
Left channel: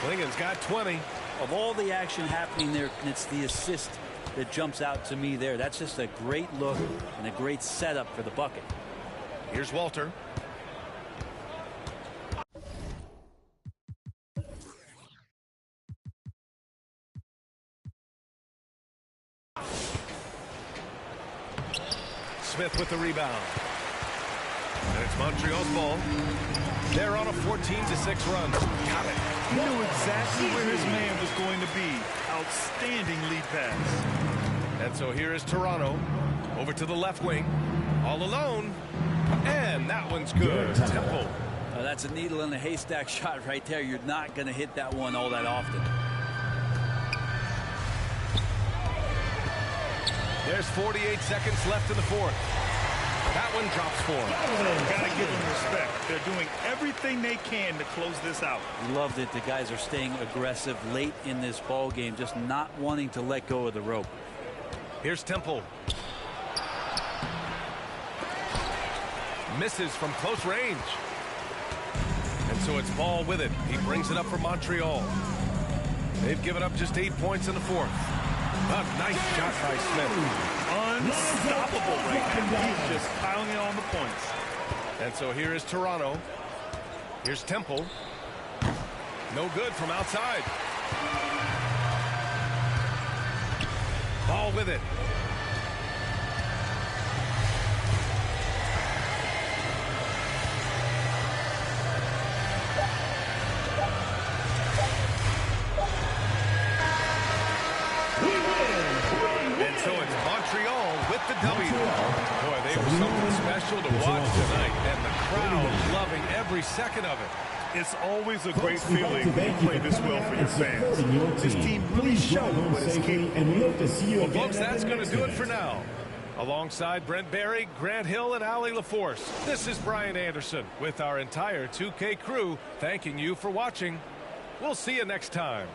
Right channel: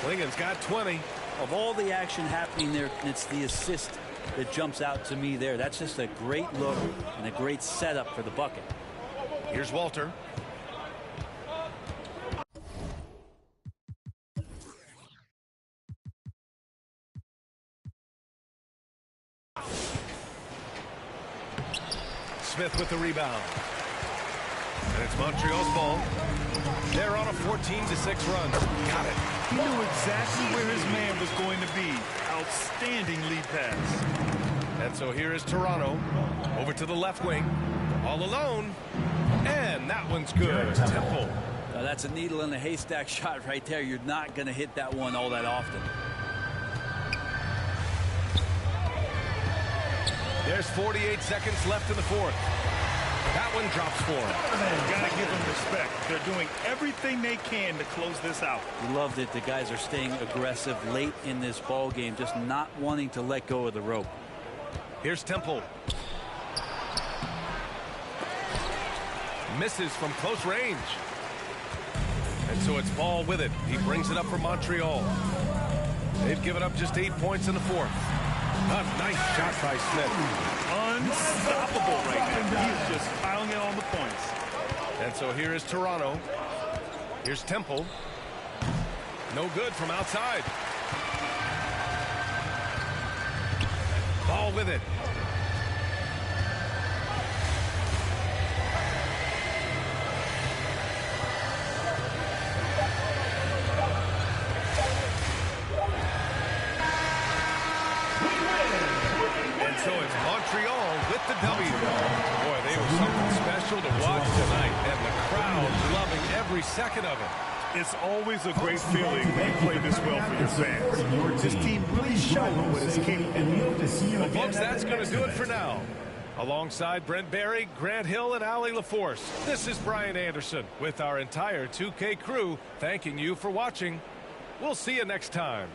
Klingon's got 20. Of all the action happening there, it's the assist that jumps out to me there. That's just a great look and a great setup for the bucket. Here's Walter. Smith with the rebound. And it's Montreal's ball. They're on a 14-6 run. Got it. He knew exactly where his man was going to be. Outstanding lead pass. And so here is Toronto. Over to the left wing. All alone. And that one's good. Temple. That's a needle in a haystack shot right there. You're not going to hit that one all that often. There's 48 seconds left in the fourth. That one drops for him. Got to give them respect. They're doing everything they can to close this out. We loved it. The guys are staying aggressive late in this ball game, just not wanting to let go of the rope. Here's Temple. Misses from close range. And so it's Ball with it. He brings it up for Montreal. They've given up just 8 points in the fourth. A nice shot by Smith. Unstoppable right now. He is just piling it on the points. And so here is Toronto. Here's Temple. No good from outside. Ball with it. And so it's Montreal with the W. Boy, they were something special to watch tonight, and the crowd loving every second of it. It's always a great feeling when you play this well for your fans. This team really showed what it's capable of. Well, folks, that's going to do it for now. Alongside Brent Barry, Grant Hill, and Ali LaForce, this is Brian Anderson with our entire 2K crew thanking you for watching. We'll see you next time.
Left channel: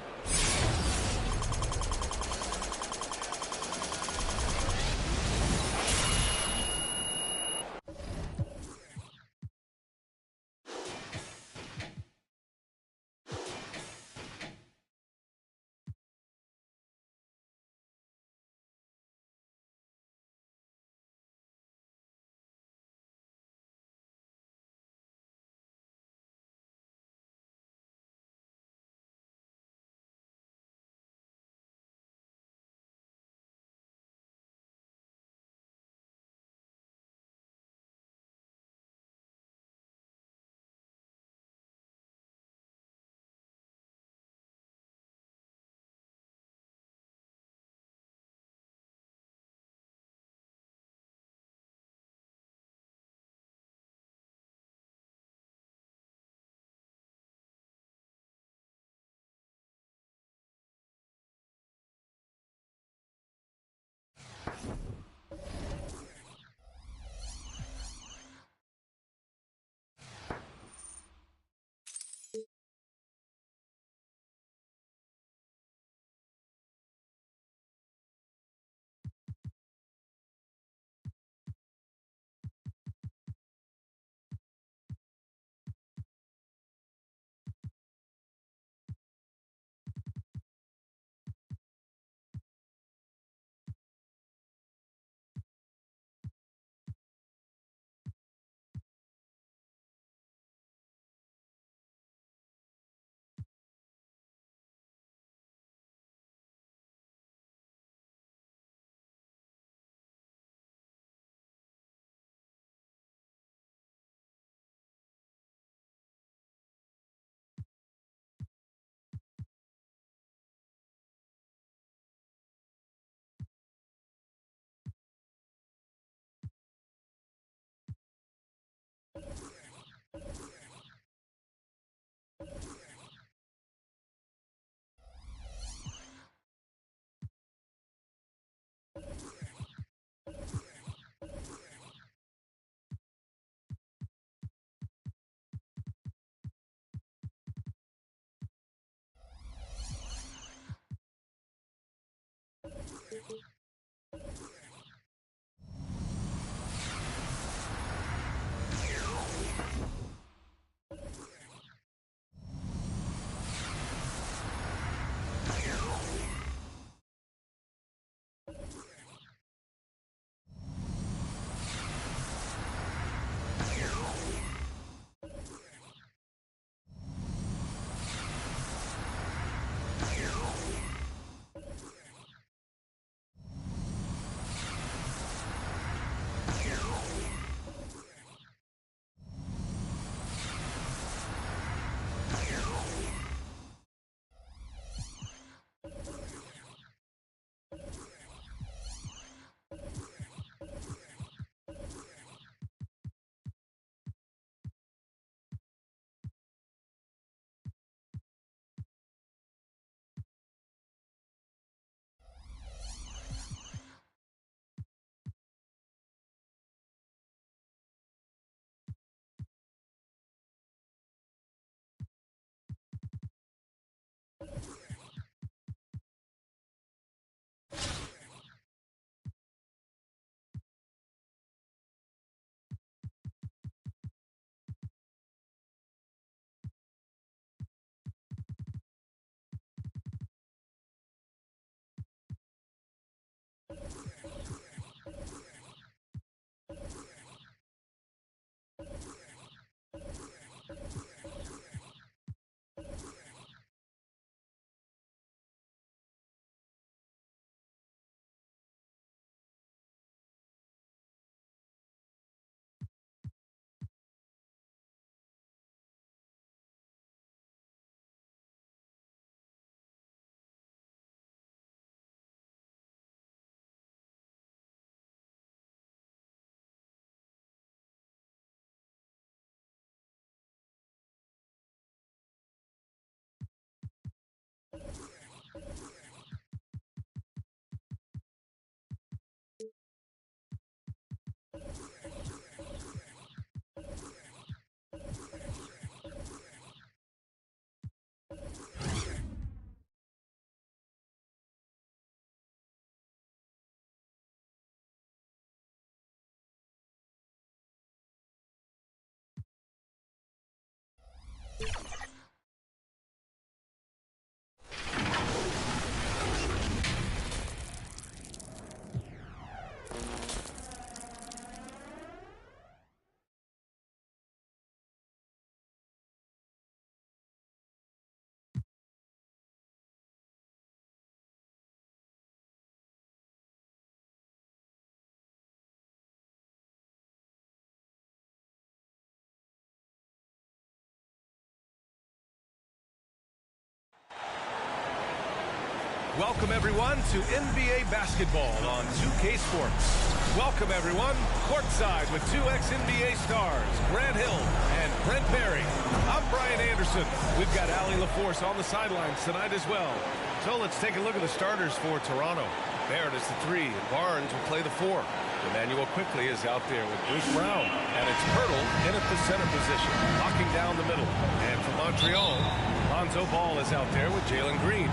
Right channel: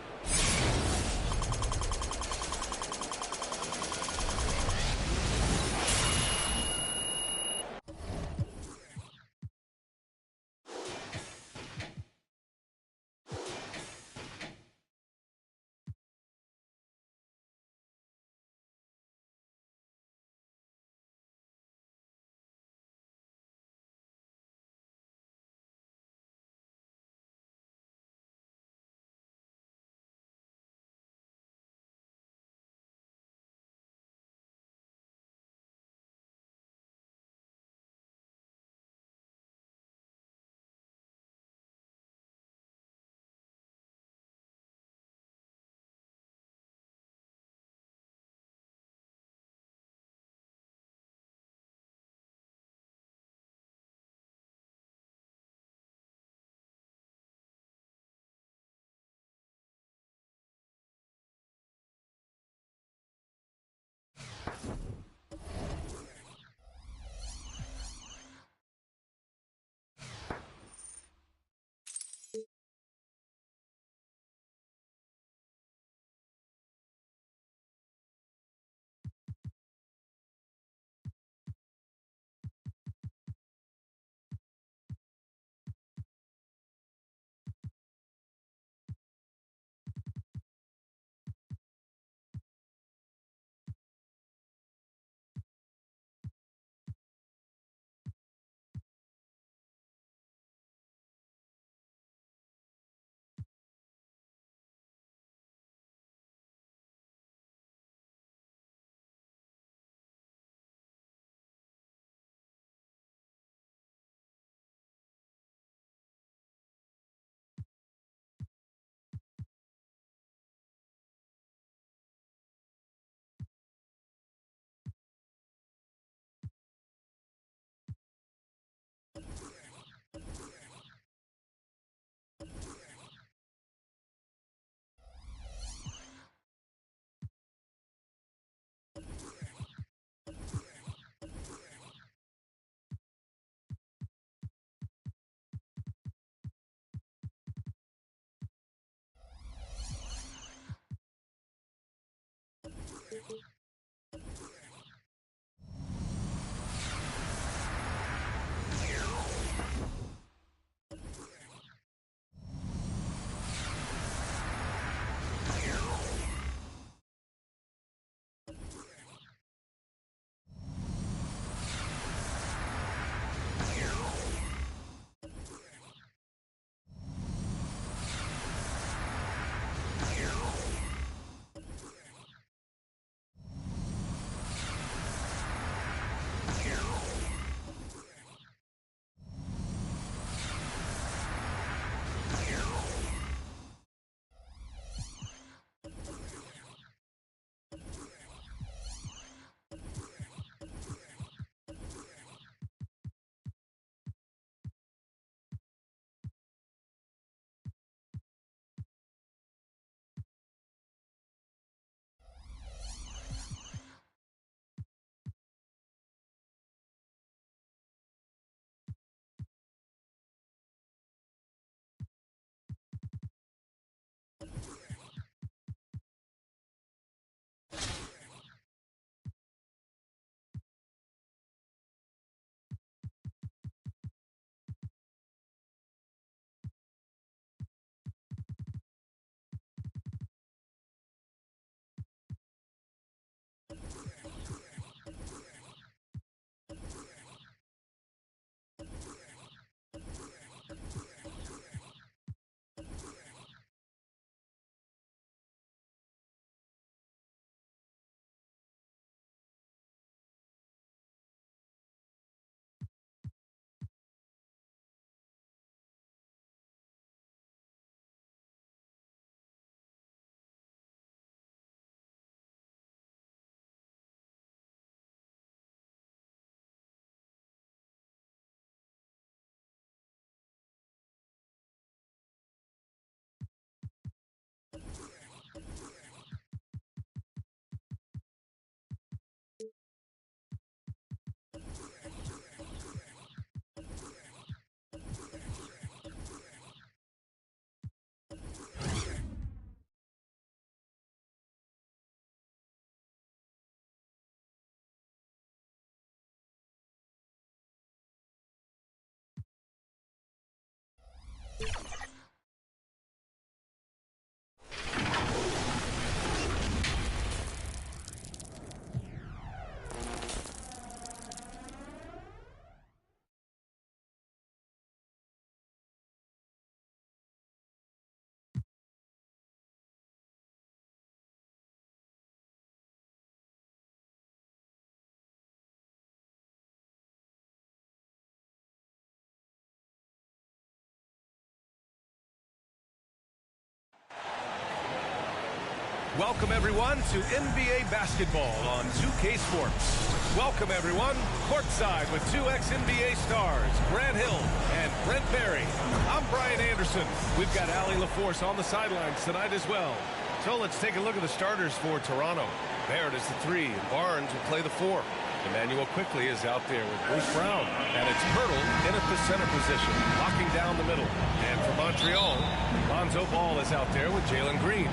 Welcome, everyone, to NBA basketball on 2K Sports. Welcome, everyone, courtside with two ex-NBA stars, Grant Hill and Brent Barry. I'm Brian Anderson. We've got Allie LaForce on the sidelines tonight as well. So let's take a look at the starters for Toronto. Barrett is the 3, and Barnes will play the 4. Emmanuel quickly is out there with Bruce Brown. And it's Pirtle in at the center position, locking down the middle. And for Montreal, Lonzo Ball is out there with Jalen Green.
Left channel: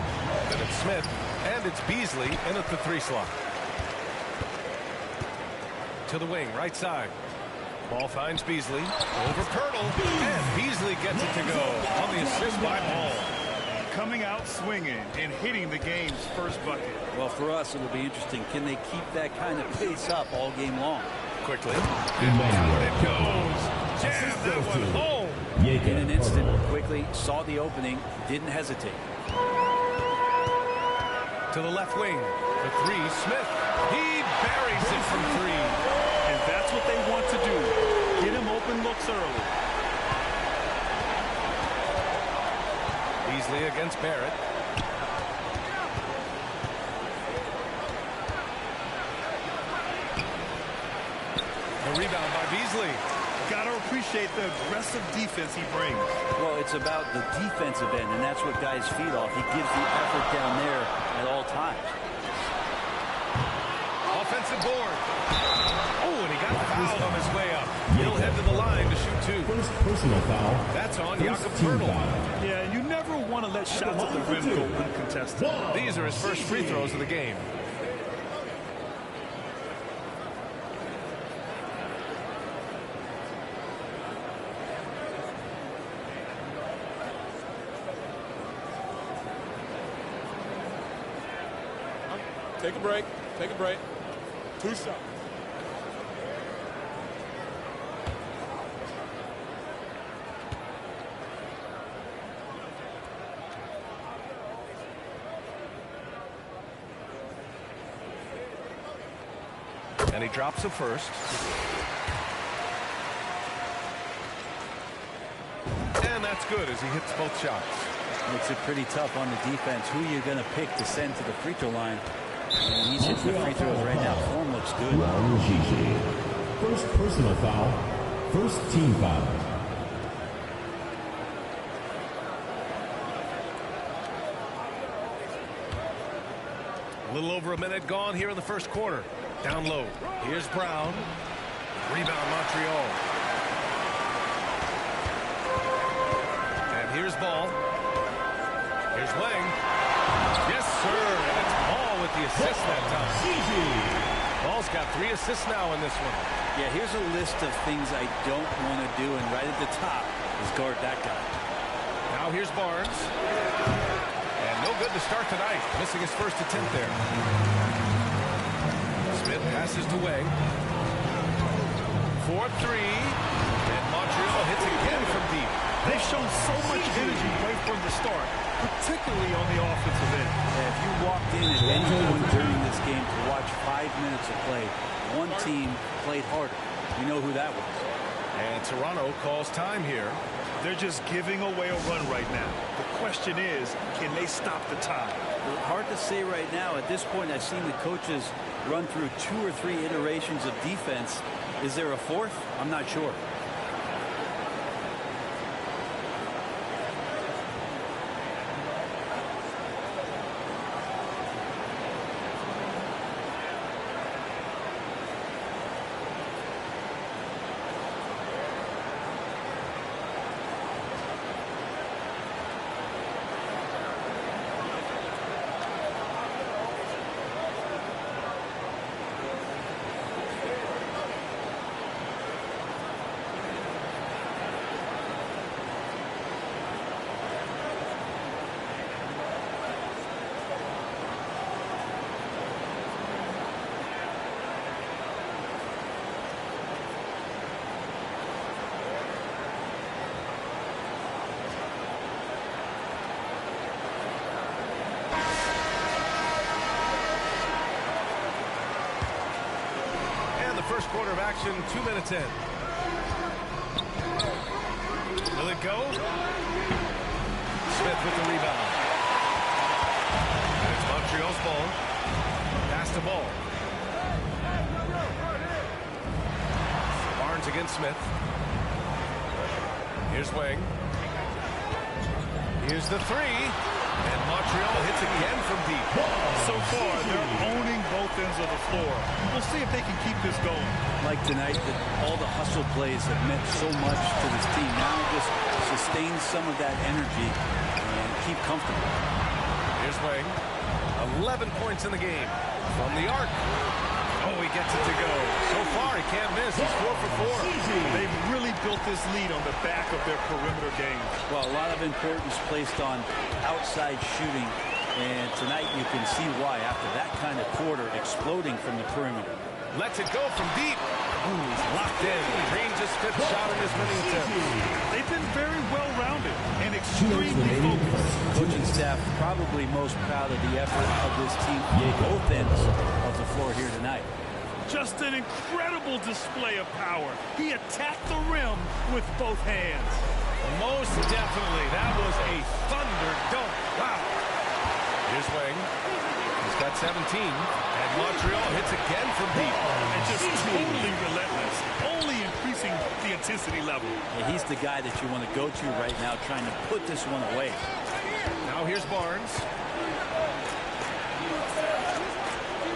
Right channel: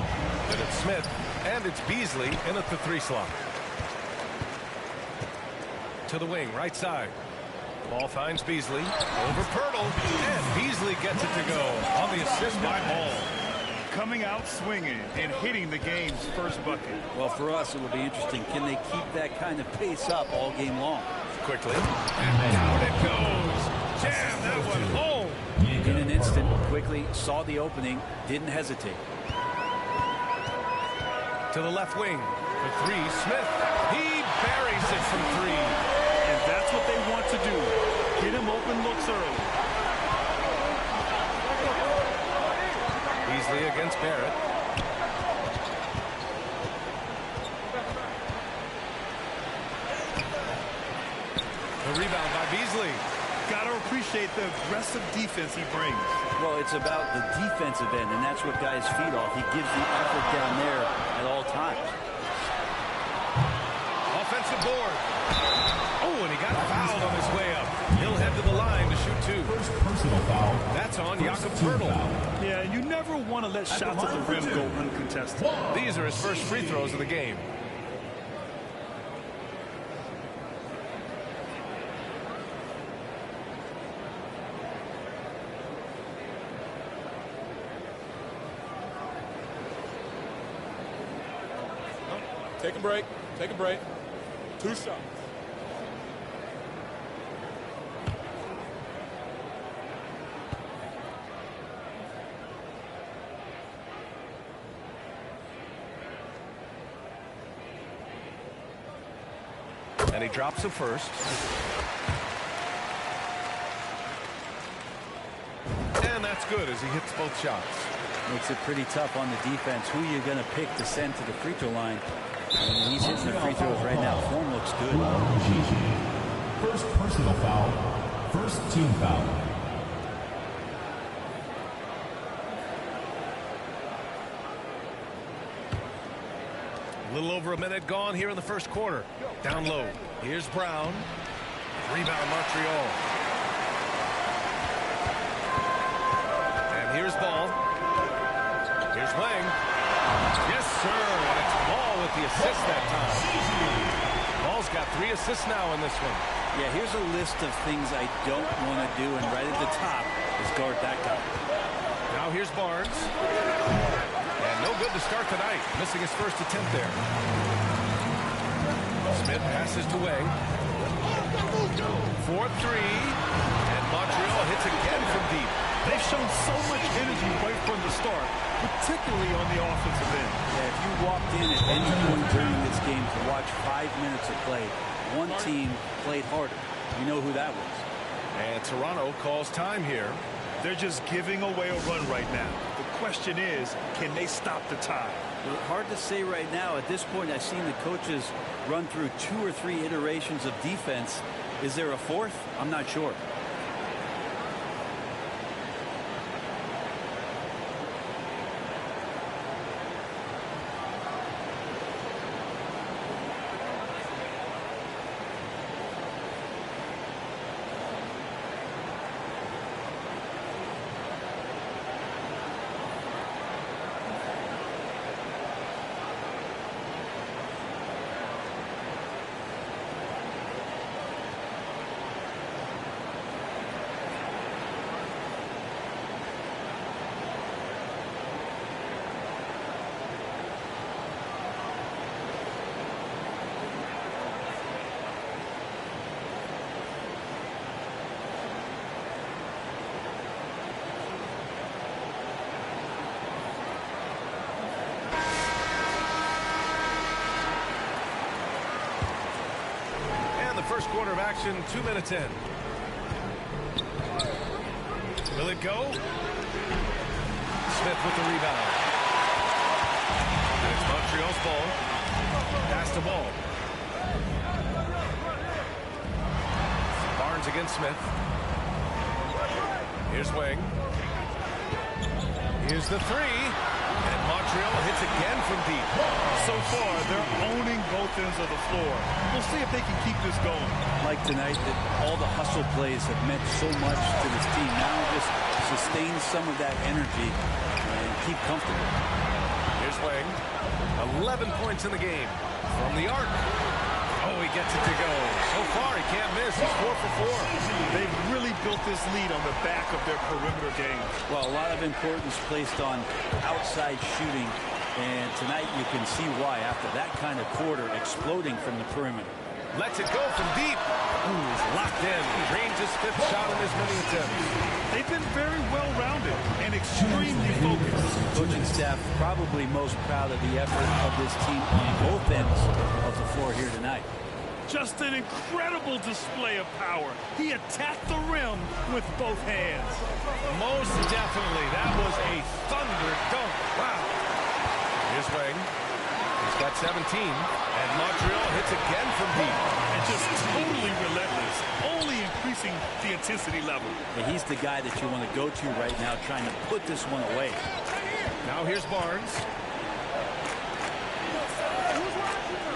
Then it's Smith, and it's Beasley in at the 3 slot. To the wing, right side. Ball finds Beasley, over Pirtle, and Beasley gets it to go on the assist by Ball. Coming out swinging and hitting the game's first bucket. Well, for us, it will be interesting. Can they keep that kind of pace up all game long? Quickly, and down it goes. Jam that one home. In an instant, quickly saw the opening, didn't hesitate. To the left wing for 3, Smith. He buries it from 3. And that's what they want to do. Get him open looks early. Beasley against Barrett. The rebound by Beasley. Got to appreciate the aggressive defense he brings. Well, it's about the defensive end, and that's what guys feed off. He gives the effort down there at all times. Offensive board. Oh, and he got fouled on his way up. He'll head to the line to shoot 2. First personal foul. That's on Jakob Team Pirtle. foul. Yeah, you never want to let shots at the rim go uncontested. These are his first free throws of the game. Take a break. Take a break. 2 shots. And he drops the first. And that's good as he hits both shots. Makes it pretty tough on the defense. Who you're going to pick to send to the free throw line. And he's hitting the free throws right now. Form looks good. First personal foul. First team foul. A little over a minute gone here in the first quarter. Down low. Here's Brown. Rebound Montreal. And here's Ball. Here's Wang. Yes, sir. And it's Ball with the assist that time. Ball's got 3 assists now in this one. Yeah, here's a list of things I don't want to do, and right at the top is guard that guy. Now here's Barnes. And no good to start tonight. Missing his first attempt there. Smith passes to Wang. 4-3. And Montreal hits again from deep. They've shown so much energy right from the start, particularly on the offensive end. Yeah, if you walked in at any point during this game to watch 5 minutes of play, one team played harder. We know who that was. And Toronto calls time here. They're just giving away a run right now. The question is, can they stop the tide? Well, hard to say right now. At this point, I've seen the coaches run through 2 or 3 iterations of defense. Is there a 4th? I'm not sure. First quarter of action, 2 minutes in. Will it go? Smith with the rebound. And It's Montreal's ball. Pass the ball. Barnes against Smith. Here's Wang. Here's the three. And Montreal hits again from deep. So far, they're owning both ends of the floor. We'll see if they can keep this going. Like tonight, that all the hustle plays have meant so much to this team. Now just sustain some of that energy and keep comfortable. Here's Wang. 11 points in the game. From the arc. Oh, he gets it to go. So far, he can't miss. He's 4 for 4. They've really built this lead on the back of their perimeter game. Well, a lot of importance placed on outside shooting. And tonight you can see why after that kind of quarter exploding from the perimeter. Lets it go from deep. Ooh, he's locked in. Drains his 5th shot in as many attempts. They've been very well-rounded and extremely focused. Coaching staff probably most proud of the effort of this team on both ends of the floor here tonight. Just an incredible display of power. He attacked the rim with both hands. Most definitely. That was a thunder dunk. Wow. Here's Wang. He's got 17. And Montreal hits again from deep. And just totally relentless. Only increasing the intensity level. Yeah, he's the guy that you want to go to right now trying to put this one away. Now here's Barnes.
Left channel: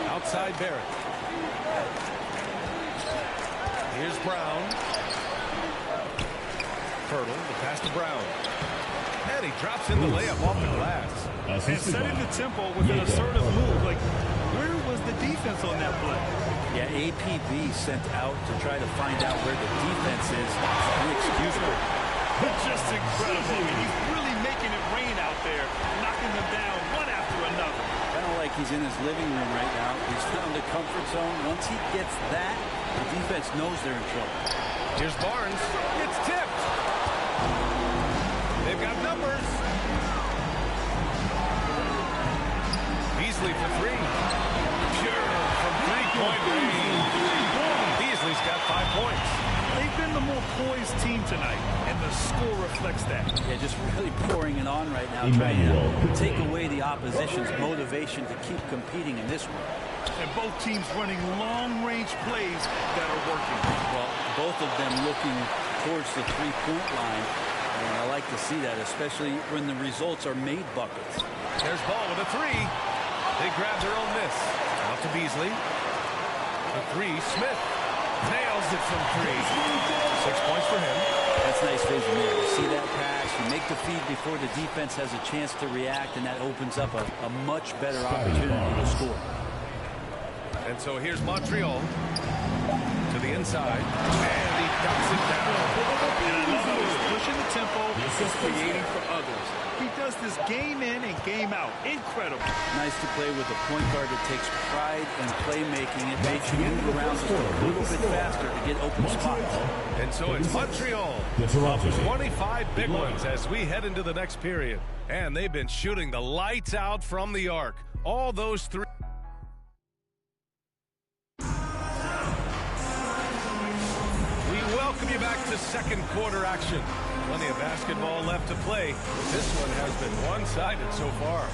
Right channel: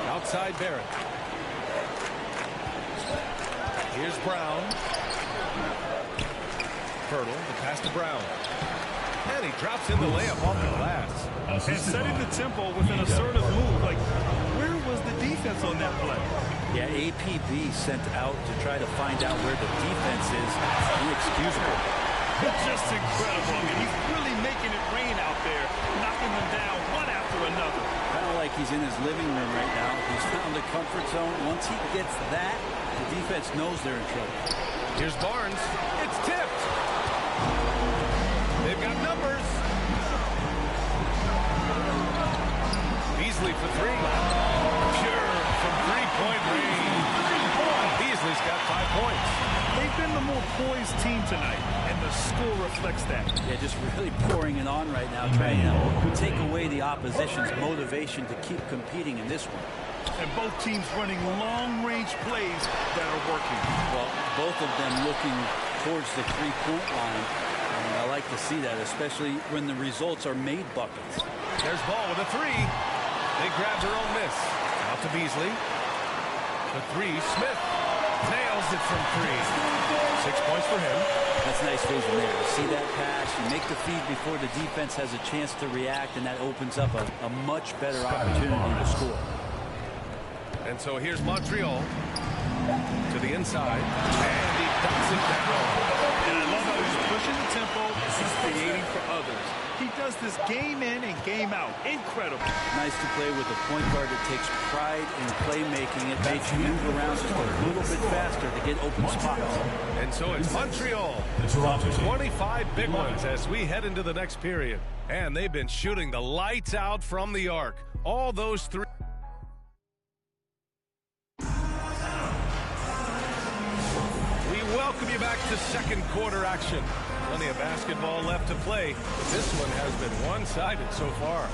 Outside Barrett. Here's Brown. Pirtle, the pass to Brown. And he drops in the layup off the glass. And setting the tempo with an assertive move. Like, where was the defense on that play? Yeah, APB sent out to try to find out where the defense is. Inexcusable. Just incredible. I mean, he's really making it rain out there, knocking them down one after another. Kind of like he's in his living room right now. He's found a comfort zone. Once he gets that, the defense knows they're in trouble. Here's Barnes. It's tipped. They've got numbers. Beasley for three. Pure from three-point range. Beasley's got 5 points. They've been the more poised team tonight, and the score reflects that. Yeah, just really pouring it on right now, trying to take away the opposition's motivation to keep competing in this one. And both teams running long-range plays that are working. Well, both of them looking towards the three-point line. And I like to see that, especially when the results are made buckets. There's Ball with a three. They grab their own miss. Out to Beasley. The three, Smith. Nails it from 3. 6 points for him. That's nice vision there. You see that pass, you make the feed before the defense has a chance to react, and that opens up a much better opportunity to score. And so here's Montreal to the inside, and he ducks it down. And I love how he's pushing the tempo and creating for others. He does this game in and game out. Incredible. Nice to play with a point guard that takes pride in playmaking. It makes you move around just a little bit faster to get open spots. And so it's Montreal. The Toronto 25 big ones as we head into the next period. And they've been shooting the lights out from the arc. All those three. We welcome you back to second quarter action. Plenty of basketball left to play, but this one has been one-sided so far.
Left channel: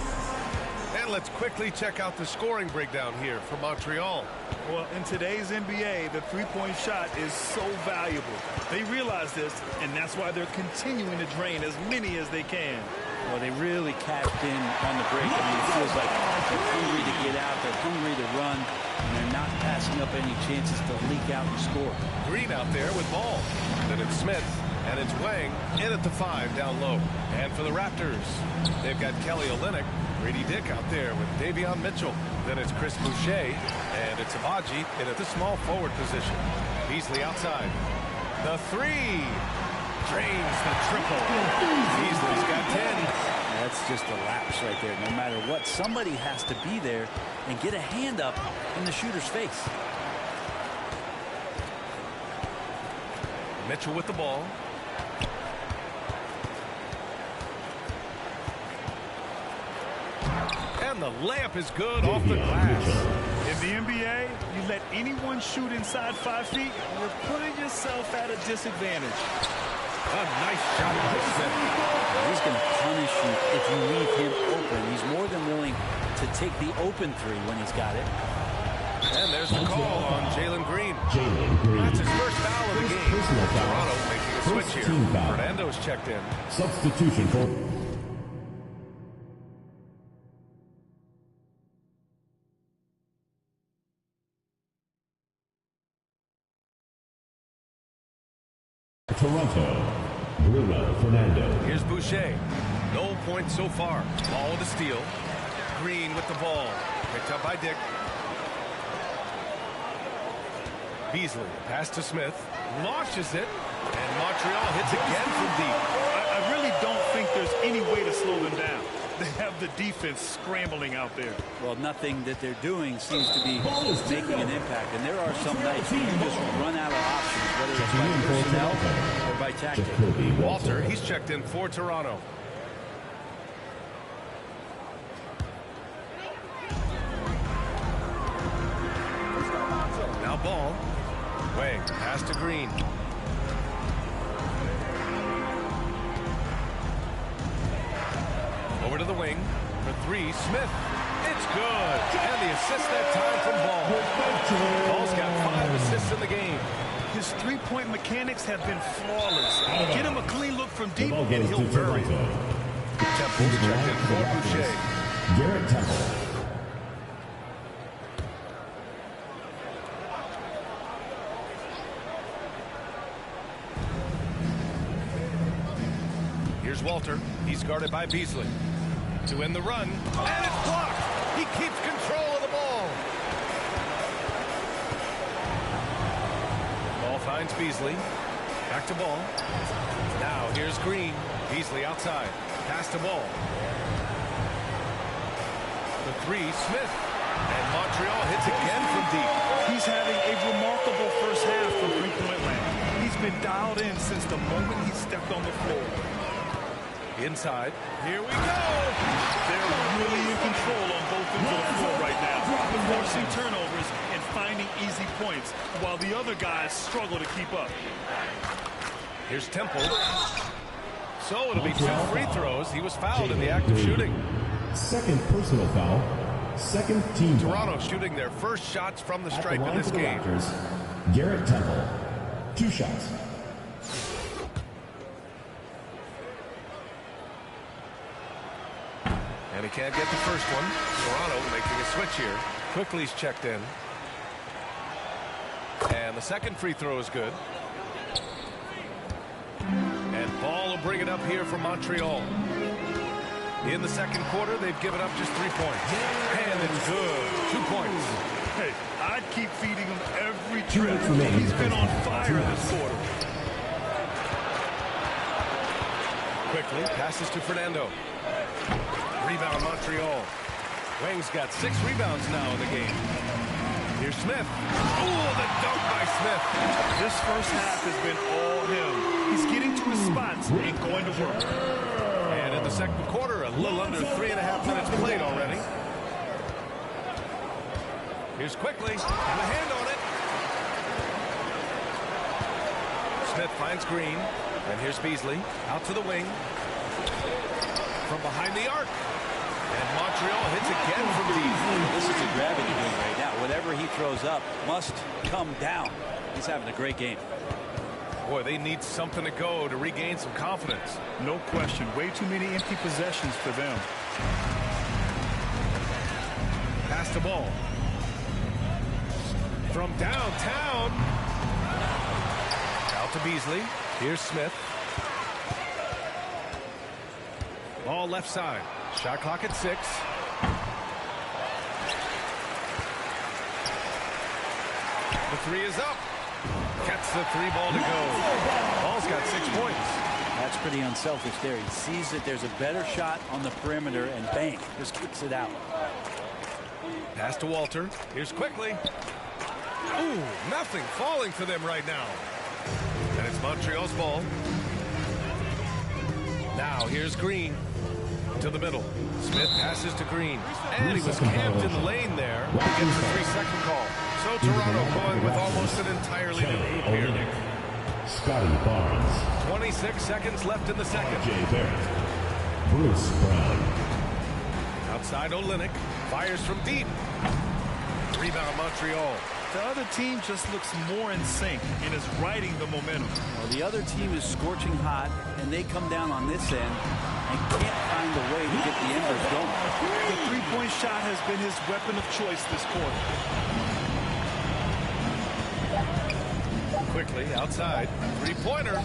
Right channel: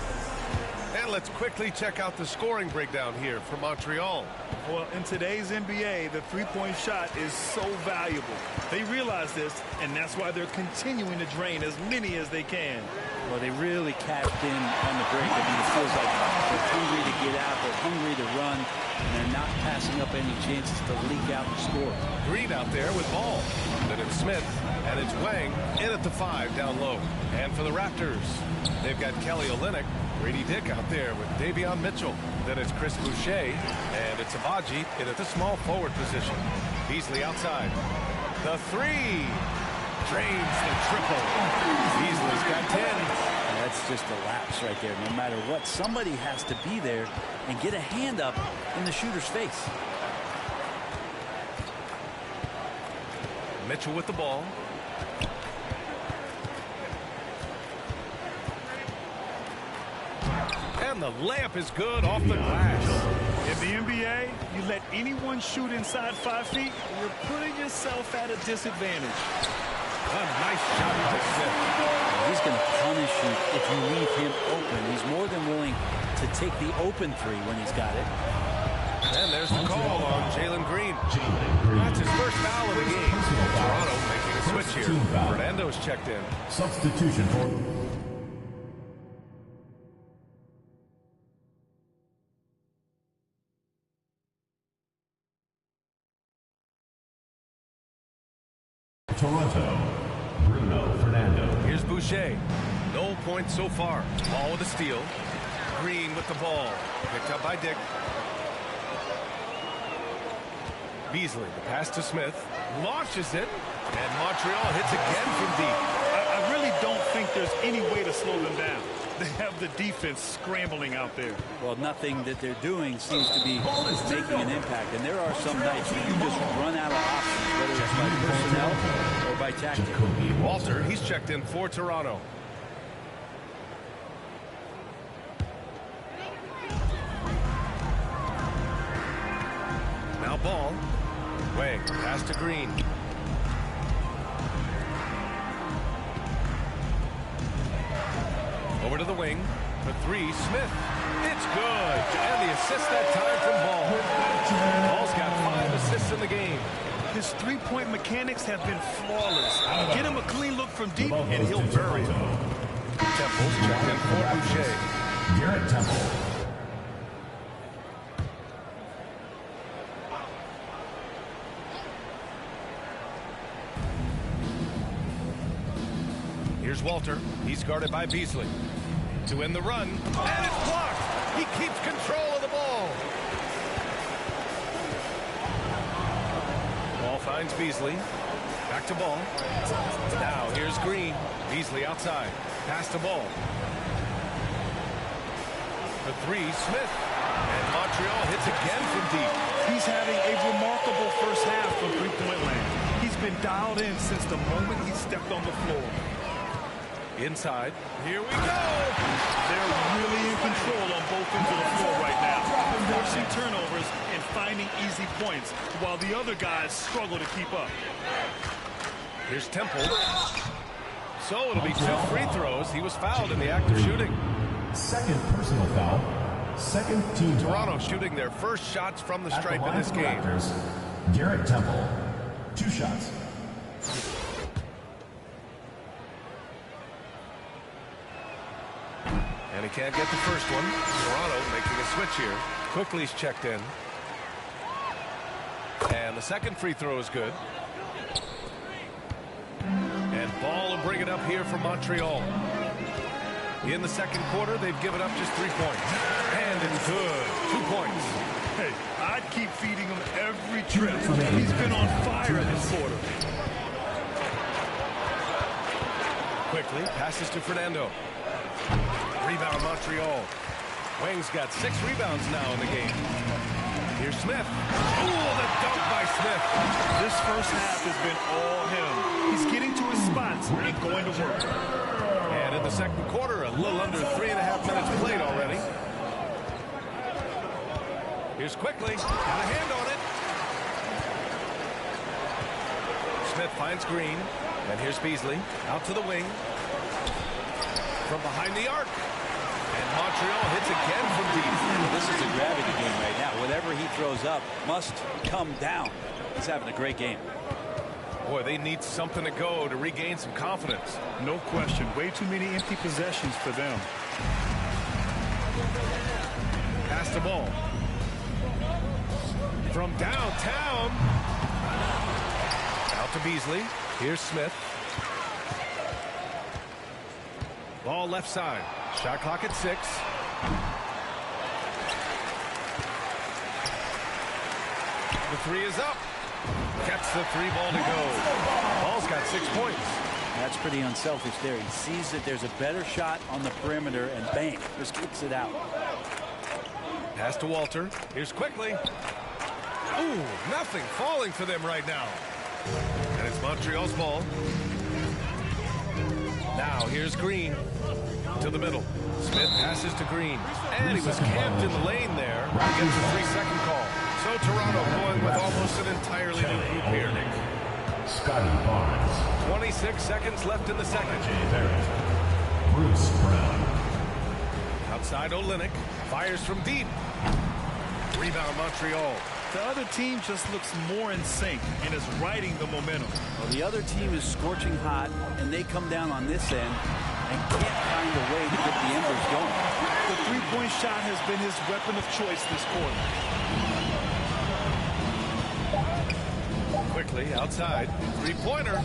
And let's quickly check out the scoring breakdown here for Montreal. Well, in today's NBA, the three-point shot is so valuable. They realize this, and that's why they're continuing to drain as many as they can. Well, they really cashed in on the break. I mean, it feels like they're hungry to get out, they're hungry to run, and they're not passing up any chances to leak out and score. Green out there with Ball. Then it's Smith, and it's Wang in at the 5 down low. And for the Raptors, they've got Kelly Olynyk, Grady Dick out there with Davion Mitchell. Then it's Chris Boucher, and it's Abaji in at the small forward position. Beasley outside. The 3. Drains the triple. Beasley's got 10. That's just a lapse right there. No matter what, somebody has to be there and get a hand up in the shooter's face. Mitchell with the ball. And the layup is good off the glass. In the NBA, you let anyone shoot inside 5 feet, you're putting yourself at a disadvantage. A nice shot by Smith. He's going to punish you if you leave him open. He's more than willing to take the open three when he's got it. And there's the call on Jalen Green. That's his first foul of the game. Toronto making a switch here. Fernando's checked in. Substitution for Toronto, Bruno Fernando. Here's Boucher. No points so far. Ball with a steal. Green with the ball. Picked up by Dick. Beasley, the pass to Smith. Launches it. And Montreal hits again from deep. I really don't think there's any way to slow them down. They have the defense scrambling out there. Well, nothing that they're doing seems to be making an impact. And there are some nights where you just run out of options, whether it's by personnel or by tactic. Walter, he's checked in for Toronto. Now ball. Wang, pass to Green. Over to the wing for three. Smith. It's good. And the assist that time from Ball. Ball's got 5 assists in the game. His three-point mechanics have been flawless. Get him a clean look from deep, and he'll bury it. Temple's checked in for Boucher. Garrett Temple. Here's Walter. He's guarded by Beasley. To end the run. And it's blocked. He keeps control of the ball. Ball finds Beasley. Back to Ball. Now here's Green. Beasley outside. Pass to Ball. For three, Smith. And Montreal hits again from deep. He's having a remarkable first half from three-point land. He's been dialed in since the moment he stepped on the floor. Inside. Here we go. They're really in control on both ends of the floor right now, forcing turnovers and finding easy points while the other guys struggle to keep up. Here's Temple. So it'll be 2 free throws. He was fouled in the act of shooting. Second personal foul. Second team Toronto foul. shooting their first shots from the At stripe the in this game. Raptors, Garrett Temple. 2 shots. And he can't get the first one. Toronto making a switch here. Quickly's checked in. And the second free throw is good. And Ball will bring it up here for Montreal. In the second quarter, they've given up just 3 points. And it's good. 2 points. Hey, I'd keep feeding him every trip. He's been on fire this quarter. Quickly passes to Fernando. Rebound Montreal. Wang's got 6 rebounds now in the game. Here's Smith. Oh, the dunk by Smith. This first half has been all him. He's getting to his spots and going to work. And in the second quarter, a little under 3.5 minutes played already. Here's Quickly. Got a hand on it. Smith finds Green. And here's Beasley. Out to the wing. From behind the arc. And Montreal hits again from deep. This is a gravity game right now. Whatever he throws up must come down. He's having a great game. Boy, they need something to go to regain some confidence. No question. Way too many empty possessions for them. Pass the ball. From downtown. Out to Beasley. Here's Smith. Ball left side. Shot clock at 6. The 3 is up. Gets the 3 ball to go. Ball's got 6 points. That's pretty unselfish there. He sees that there's a better shot on the perimeter and bang, just kicks it out. Pass to Walter. Here's Quickly. Ooh, nothing falling for them right now. And it's Montreal's ball. Now here's Green. To the middle. Smith passes to Green. And he was camped in the lane there. He gets a 3-second call. So Toronto going with almost an entirely new group here. Scotty Barnes. 26 seconds left in the second. Jay Barrett. Bruce Brown. Outside Olynyk. Fires from deep. Rebound Montreal. The other team just looks more in sync and is riding the momentum. Well, the other team is scorching hot, and they come down on this end and can't find a way to get the embers going. The three-point shot has been his weapon of choice this quarter. Quickly outside. Three-pointer.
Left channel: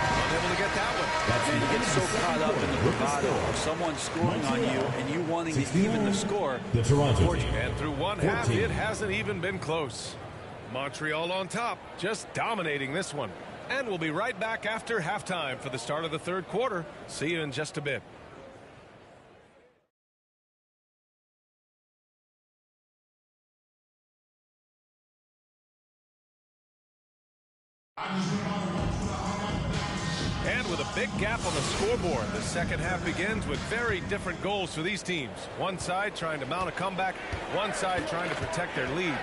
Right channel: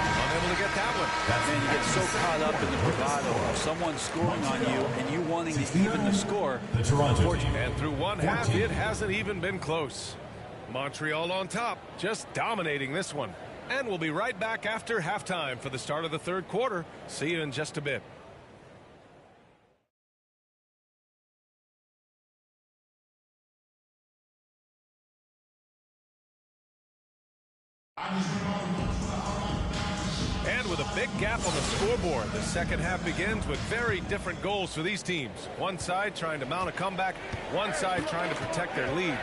Unable to get that one. Man, you get so caught up in the bravado of someone scoring on you and you wanting to even the score. The Toronto team. And through one half, it hasn't even been close. Montreal on top, just dominating this one. And we'll be right back after halftime for the start of the third quarter. See you in just a bit. And with a big gap on the scoreboard, the second half begins with very different goals for these teams. One side trying to mount a comeback, one side trying to protect their lead.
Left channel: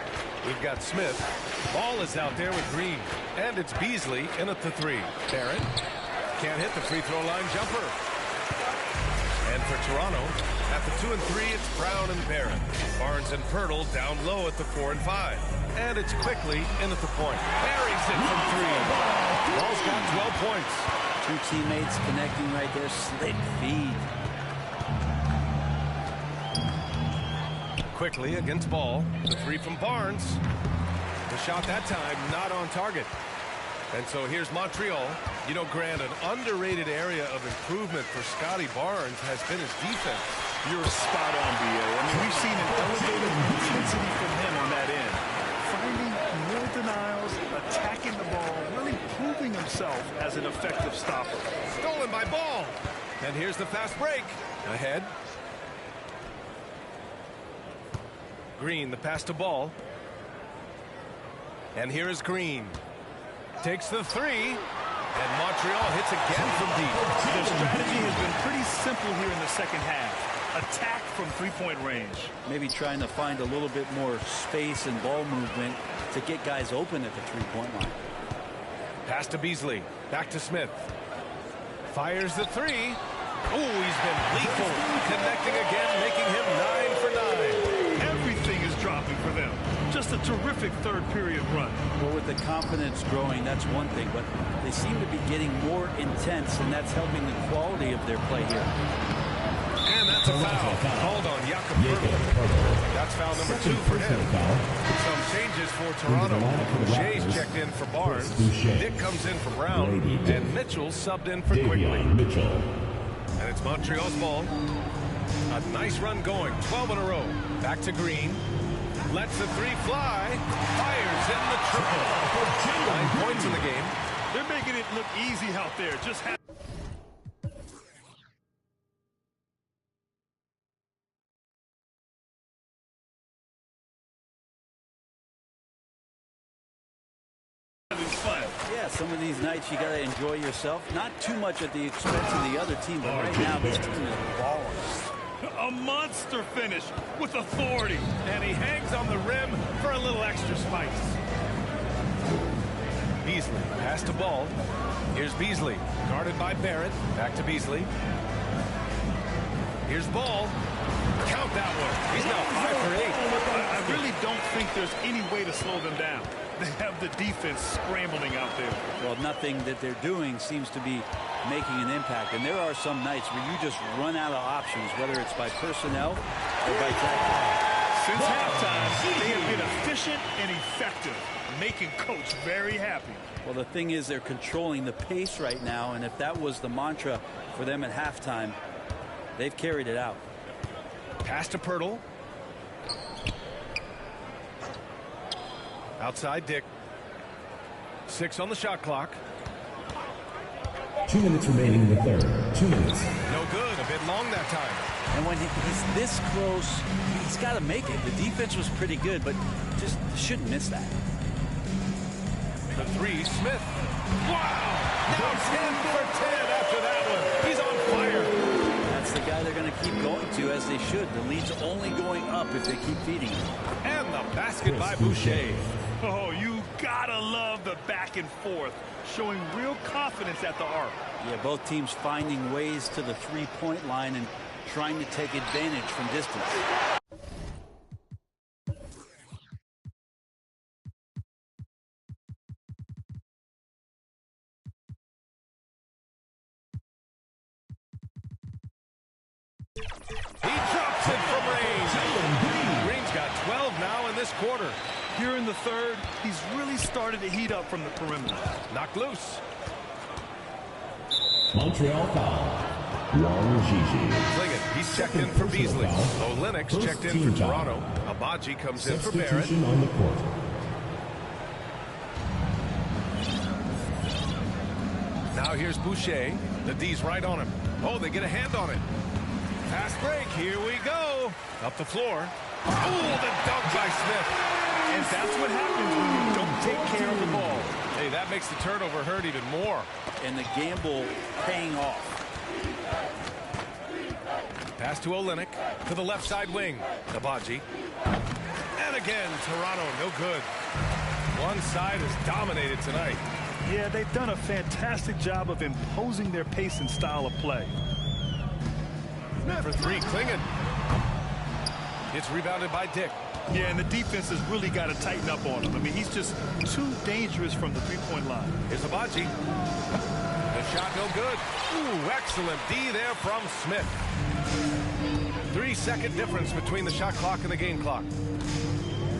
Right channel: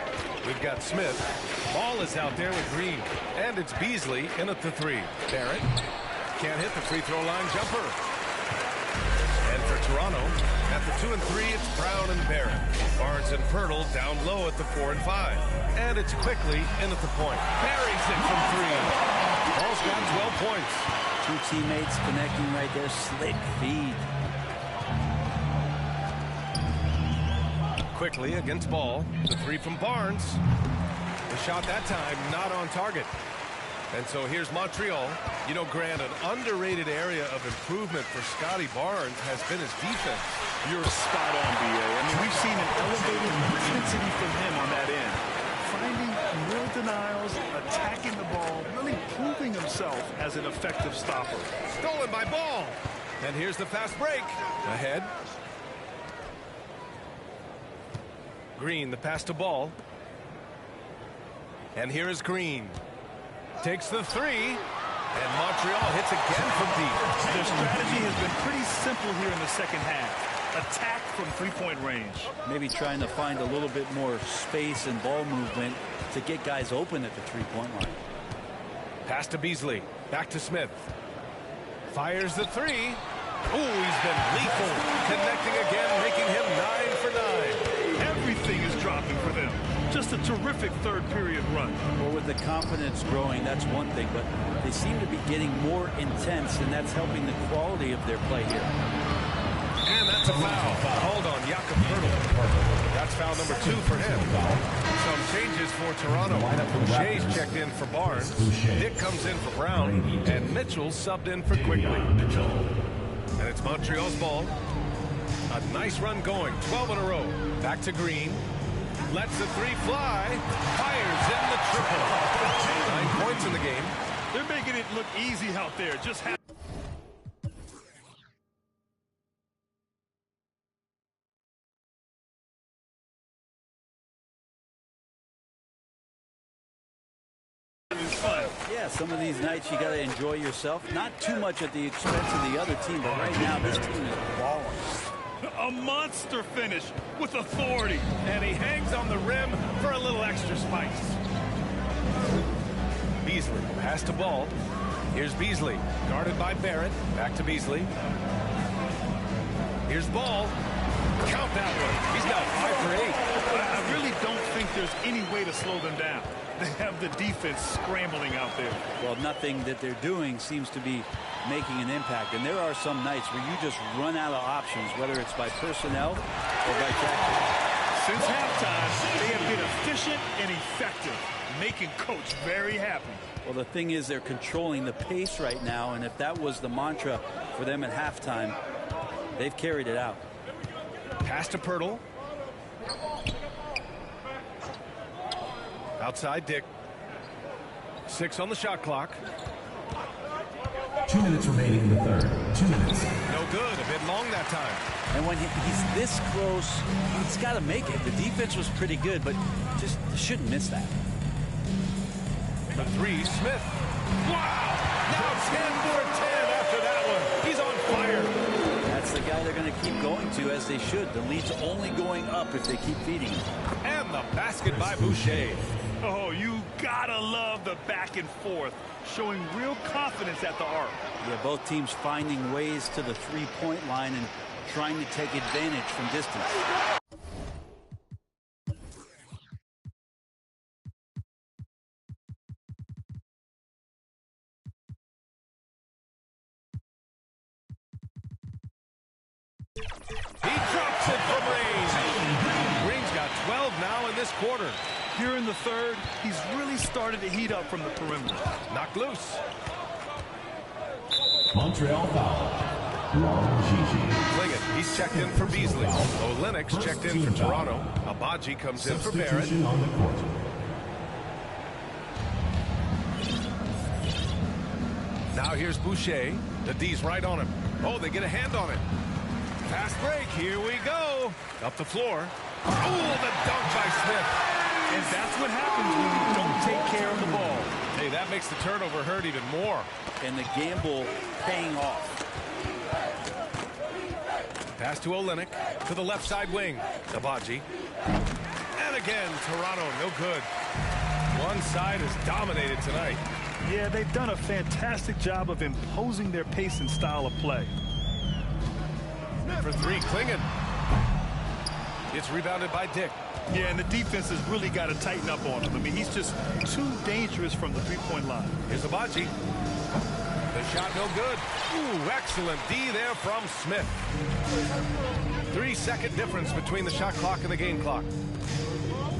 We've got Smith. Ball is out there with Green. And it's Beasley in at the three. Barrett can't hit the free throw line jumper. And for Toronto, at the 2 and 3, it's Brown and Barrett. Barnes and Pirtle down low at the 4 and 5. And it's quickly in at the point. Buries it from 3. Ball's got 12 points. Two teammates connecting right there. Slick feed. Quickly against Ball. The 3 from Barnes. The shot that time not on target. And so here's Montreal. You know, Grant, an underrated area of improvement for Scotty Barnes has been his defense. You're spot on, B.A. I mean, we've seen an elevated intensity from him on that end. Finding more denials, attacking the ball, really proving himself as an effective stopper. Stolen by Ball. And here's the fast break. Ahead. Green, the pass to Ball. And here is Green. Takes the 3. And Montreal hits again from deep. Their strategy has been pretty simple here in the second half. Attack from three-point range. Maybe trying to find a little bit more space and ball movement to get guys open at the three-point line. Pass to Beasley. Back to Smith. Fires the 3. Oh, he's been lethal. Connecting again, making him 9 for 9. Everything is dropping for them. Just a terrific third-period run. Well, with the confidence growing, that's one thing, but they seem to be getting more intense, and that's helping the quality of their play here. And that's a foul called on Jakob Pirtle. That's foul number 2 for him. Some changes for Toronto. Boucher's checked in for Barnes. Dick comes in for Brown. And Mitchell subbed in for Quickly. And it's Montreal's ball. A nice run going. 12 in a row. Back to Green. Lets the 3 fly. Fires in the triple. 9 points in the game. They're making it look easy out there. Just have fun. Yeah, some of these nights you got to enjoy yourself. Not too much at the expense of the other team, but right now this team is balling. A monster finish with authority. And he hangs on the rim for a little extra spice. Beasley, pass to Ball. Here's Beasley, guarded by Barrett. Back to Beasley. Here's Ball. Count that one. He's now 5 for 8. I really don't think there's any way to slow them down. They have the defense scrambling out there. Well, nothing that they're doing seems to be making an impact. And there are some nights where you just run out of options, whether it's by personnel or by tactics. Since halftime, they have been efficient and effective, making Coach very happy. Well, the thing is they're controlling the pace right now, and if that was the mantra for them at halftime, they've carried it out. Pass to Pirtle. Outside Dick. 6 on the shot clock. 2 minutes remaining in the third. 2 minutes. No good. A bit long that time. And when he's this close, he's got to make it. The defense was pretty good, but just shouldn't miss that. The 3, Smith. Wow! Now 10 for 10 after that one. He's on fire. That's the guy they're going to keep going to, as they should. The lead's only going up if they keep feeding him. And the basket by Boucher. Oh, you gotta love the back and forth, showing real confidence at the arc. Yeah, both teams finding ways to the three-point line and trying to take advantage from distance. He drops it from range. Green's got 12 now in this quarter. Here in the third, he's really started to heat up from the perimeter. Knocked loose. Montreal foul. Wang Gigi. Klingon, he's checked in for Beasley. Olenek's checked in for Toronto. Abaji comes in for Barrett. On the court. Now here's Boucher. The D's right on him. Oh, they get a hand on it. Fast break. Here we go. Up the floor. Oh, the dunk by Smith. And that's what happens when you don't take care of the ball. Hey, that makes the turnover hurt even more. And the gamble paying off. Pass to Olenek to the left side wing. Abaji. And again, Toronto, no good. One side is dominated tonight. Yeah, they've done a fantastic job of imposing their pace and style of play. For three, Klingon. It's rebounded by Dick. Yeah, and the defense has really got to tighten up on him. I mean, he's just too dangerous from the three-point line. Here's Abaji. The shot no good. Ooh, excellent D there from Smith. 3-second difference between the shot clock and the game clock.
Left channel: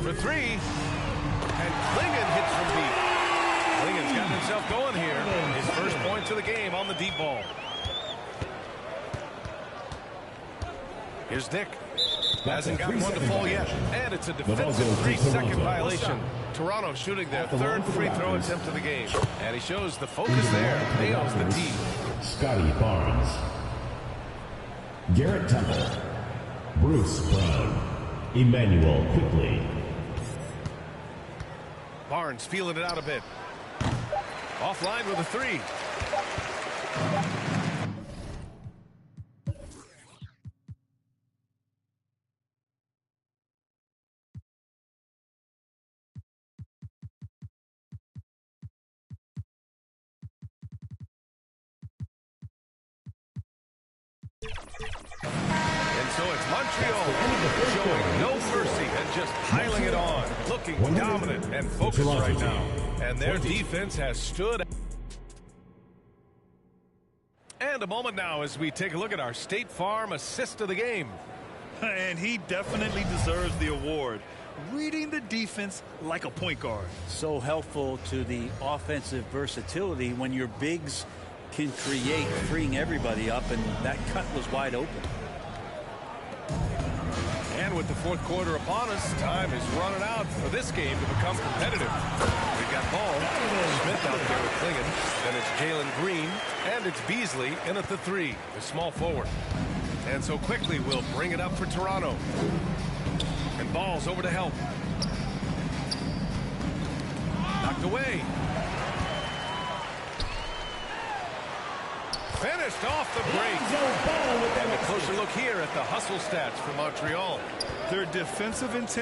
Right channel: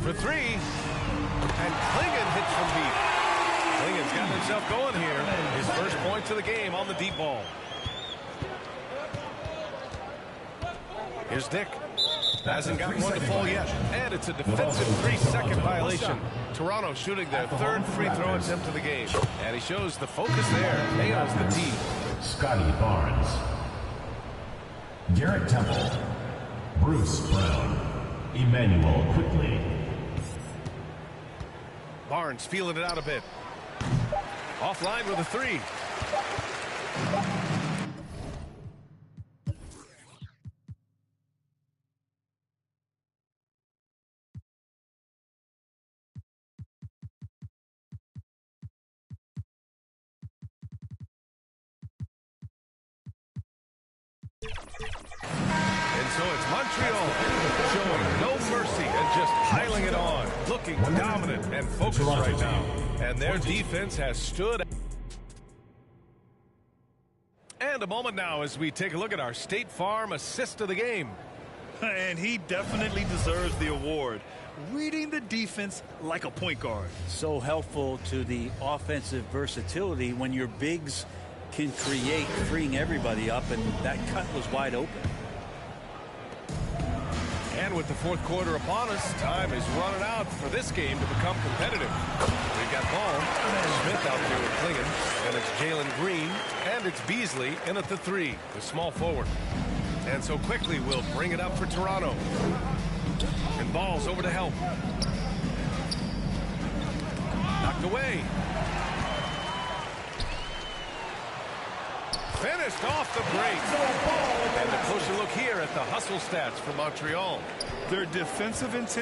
For three. And Klingon hits from deep. Klingon's gotten himself going here. His first points of the game on the deep ball. Here's Dick. Hasn't gotten one to fall yet. And it's a defensive 3-second violation. Toronto shooting their third free throw attempt of the game. And he shows the focus there. Nails the tee. Scotty Barnes. Garrett Temple. Bruce Brown. Emmanuel Quickly. Barnes feeling it out a bit. Offline with a three. And so it's Montreal showing no mercy and just piling it on. Looking dominant and focused right now. And their defense has stood. And a moment now as we take a look at our State Farm assist of the game. And he definitely deserves the award. Reading the defense like a point guard. So helpful to the offensive versatility when your bigs can create, freeing everybody up, and that cut was wide open. And with the fourth quarter upon us, time is running out for this game to become competitive. We've got Ball, Smith out there with Klingon, then it's Jalen Green, and it's Beasley in at the three, the small forward. And so Quickly will bring it up for Toronto. And Ball's over to help. Knocked away. Finished off the break. And a closer look here at the hustle stats for Montreal. Their defensive intensity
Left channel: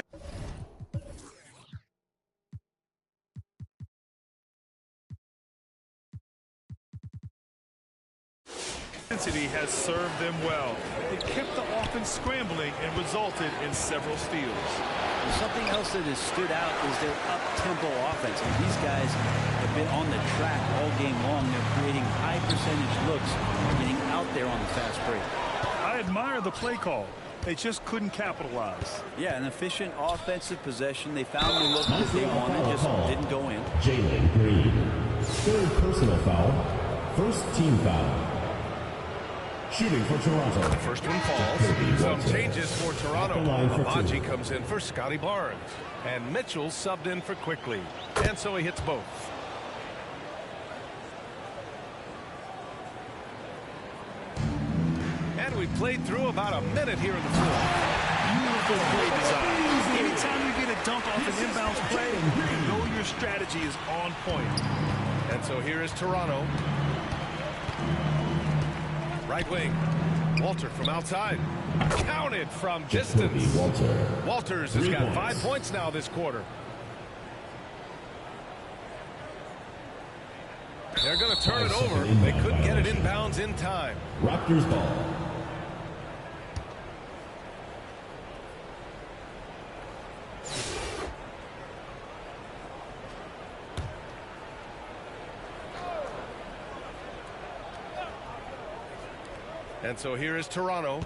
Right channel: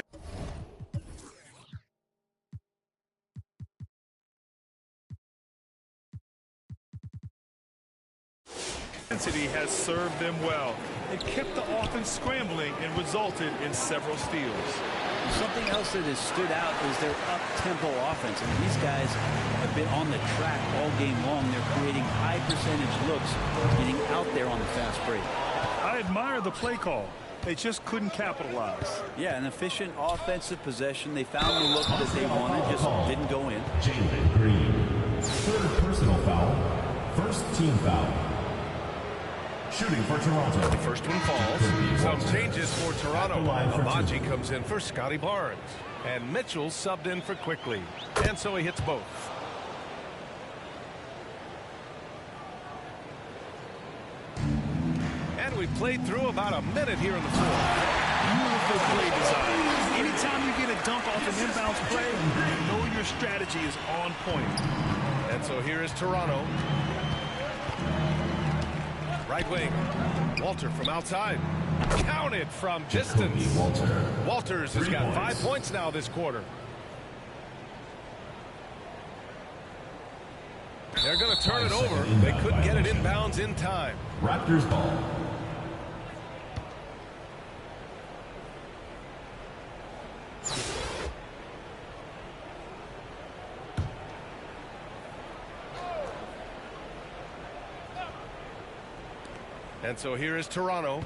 has served them well. It kept the offense scrambling and resulted in several steals. And something else that has stood out is their up-tempo offense. I mean, these guys have been on the track all game long. They're creating high percentage looks, getting out there on the fast break. I admire the play call. They just couldn't capitalize. Yeah, an efficient offensive possession. They found the look that they wanted, just didn't go in. Jalen Green. Third personal foul. First team foul. Shooting for Toronto. The first one falls. Some changes for Toronto. Abaji comes in for Scotty Barnes. And Mitchell subbed in for Quickly. And so he hits both. And we played through about a minute here in the fourth. Beautiful play design. Anytime you get a dunk off an inbounds play, you know your strategy is on point. And so here is Toronto. Right wing. Walter from outside. Counted from distance. Walters has got 5 points now this quarter. They're going to turn it over. They couldn't get it inbounds in time. Raptors ball. And so here is Toronto.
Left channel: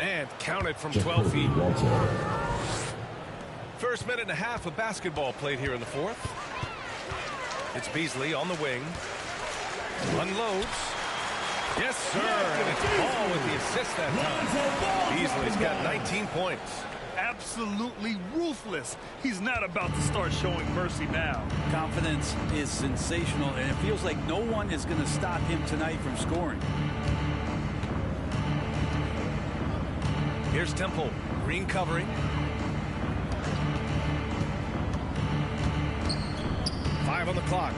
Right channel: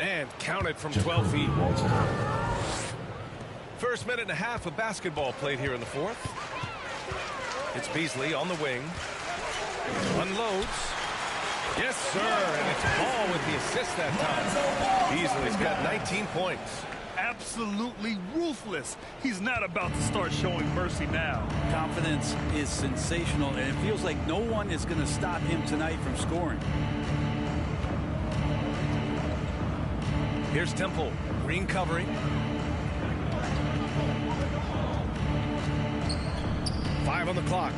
And counted from 12 feet. First minute and a half of basketball played here in the fourth. It's Beasley on the wing. Unloads. Yes, sir. And it's Ball with the assist that time. Beasley's got 19 points. Absolutely ruthless. He's not about to start showing mercy now. Confidence is sensational, and it feels like no one is going to stop him tonight from scoring. Here's Temple. Green covering. 5 on the clock.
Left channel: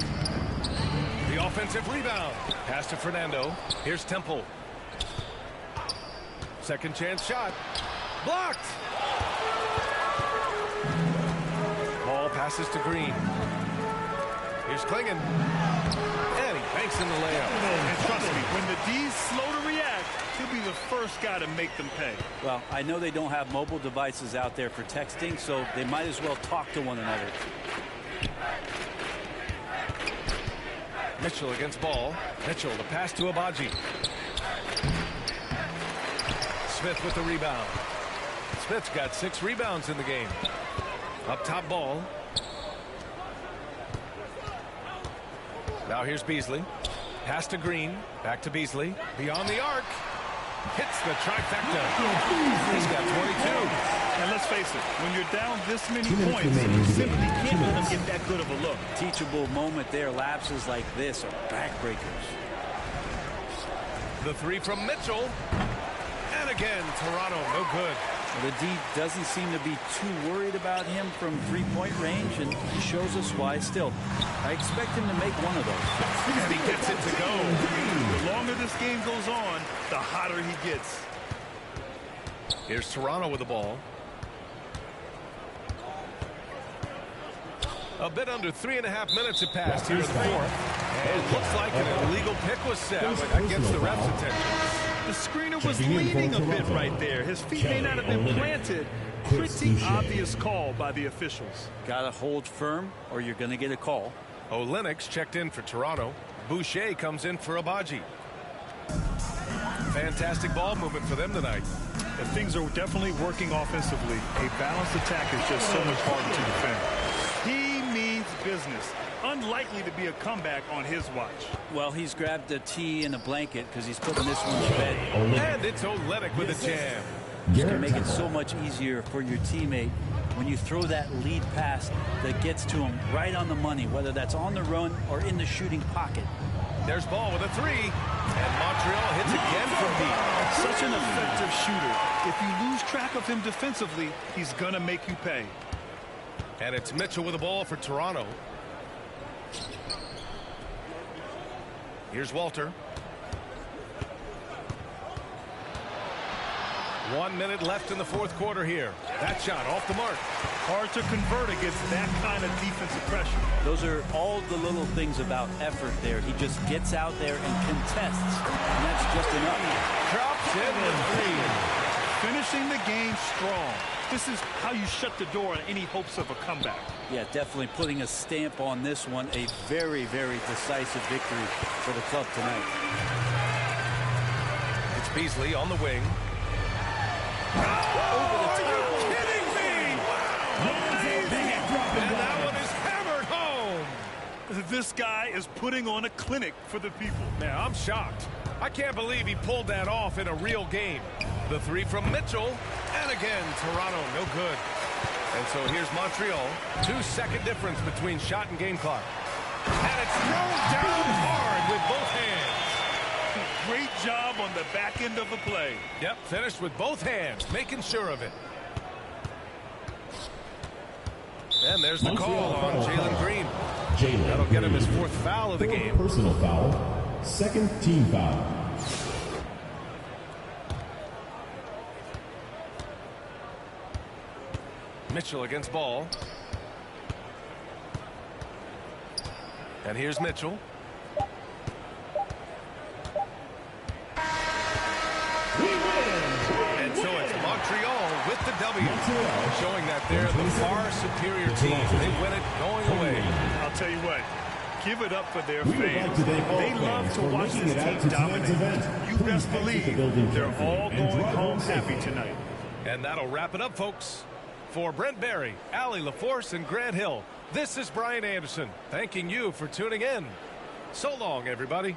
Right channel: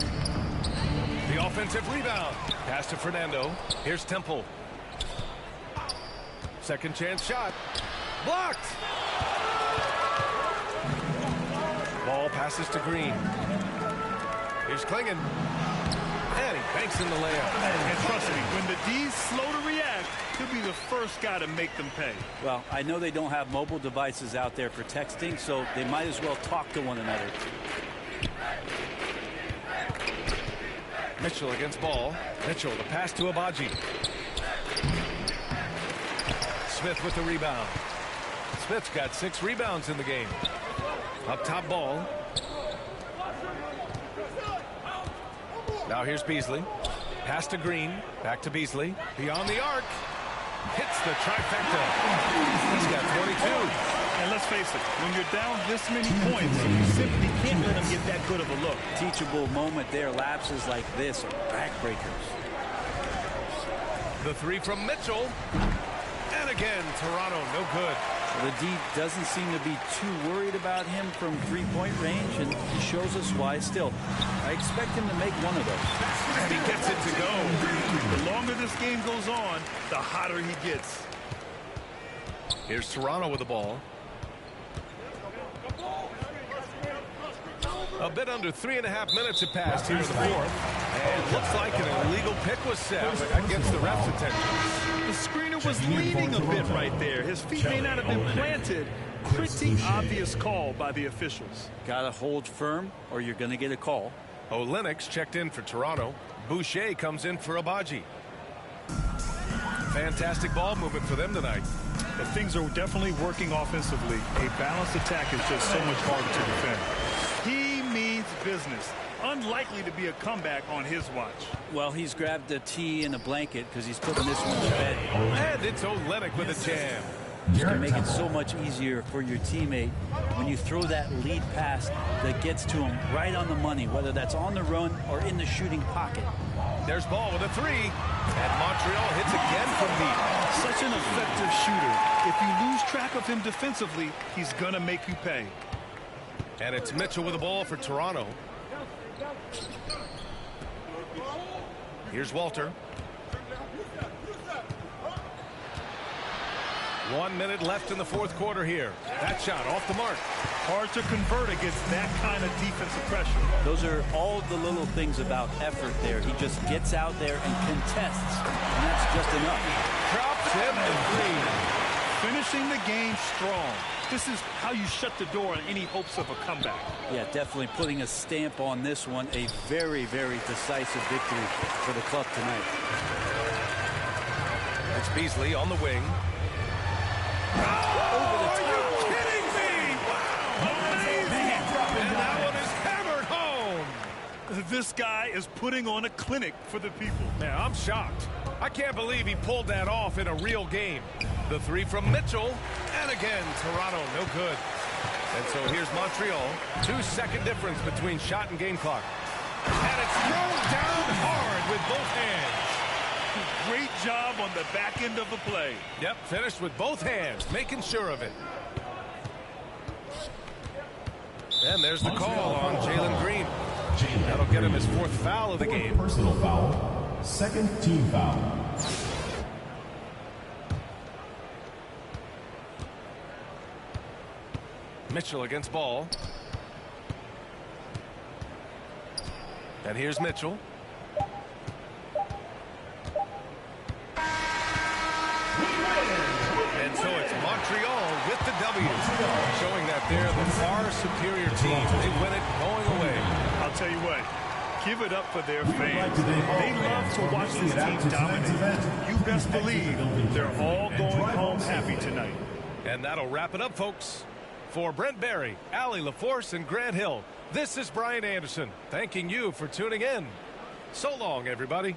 The offensive rebound. Pass to Fernando. Here's Temple. Second chance shot. Blocked. Ball passes to Green. Here's Klingon. And he banks in the layup. And trust me, when the D's slow to react, he'll be the first guy to make them pay. Well, I know they don't have mobile devices out there for texting, so they might as well talk to one another. Mitchell against Ball. Mitchell, the pass to Abaji. Smith with the rebound. Smith's got 6 rebounds in the game. Up top, Ball. Now here's Beasley. Pass to Green. Back to Beasley. Beyond the arc. Hits the trifecta. He's got 22. And let's face it, when you're down this many points, you simply can't let him get that good of a look. Teachable moment there. Lapses like this are backbreakers. The 3 from Mitchell. And again, Toronto, no good. Well, the D doesn't seem to be too worried about him from three-point range, and he shows us why. Still, I expect him to make one of those. And he gets it to go. The longer this game goes on, the hotter he gets. Here's Toronto with the ball. A bit under 3.5 minutes have passed here in the fourth. And looks like an illegal pick was set. That gets the ref's attention. The screener was leaning a bit right there. His feet may not have been planted. Pretty obvious call by the officials. Gotta hold firm or you're gonna get a call. Olenek's checked in for Toronto. Boucher comes in for Abaji. Fantastic ball movement for them tonight. And things are definitely working offensively. A balanced attack is just so much harder to defend. He means business. Unlikely to be a comeback on his watch. Well, he's grabbed a tee and a blanket because he's putting this one to bed. And it's Olenek with a jam. This can make it so much easier for your teammate when you throw that lead pass that gets to him right on the money, whether that's on the run or in the shooting pocket. There's Ball with a 3. And Montreal hits again from deep. Such an effective shooter. If you lose track of him defensively, he's going to make you pay. And it's Mitchell with the ball for Toronto. Here's Walter. 1 minute left in the fourth quarter here. That shot off the mark. Hard to convert against that kind of defensive pressure. Those are all the little things about effort there. He just gets out there and contests, and that's just enough. Drops in the 3. Finishing the game strong. This is how you shut the door on any hopes of a comeback. Yeah, definitely putting a stamp on this one. A very, very decisive victory for the club tonight. It's Beasley on the wing. Over the top. Are you kidding me? Wow! Amazing! And that one is hammered home. This guy is putting on a clinic for the people. Man, I'm shocked. I can't believe he pulled that off in a real game. The 3 from Mitchell. And again, Toronto, no good. And so here's Montreal. 2-second difference between shot and game clock. And it's thrown down hard with both hands. Great job on the back end of the play. Yep, finished with both hands, making sure of it. And there's the call on Jalen Green. That'll get him his 4th foul of the game. Personal foul. Second team foul. Mitchell against Ball. And here's Mitchell. And so it's Montreal with the W, showing that they're the far superior team. They win it going away. I'll tell you what, give it up for their We would like fans. to thank all They love fans to for watch making this it out team to tonight's dominate. event. You Please best exit the believe building they're carefully all and going drive home safely. happy tonight. And that'll wrap it up, folks. For Brent Barry, Allie LaForce, and Grant Hill, this is Brian Anderson, thanking you for tuning in. So long, everybody.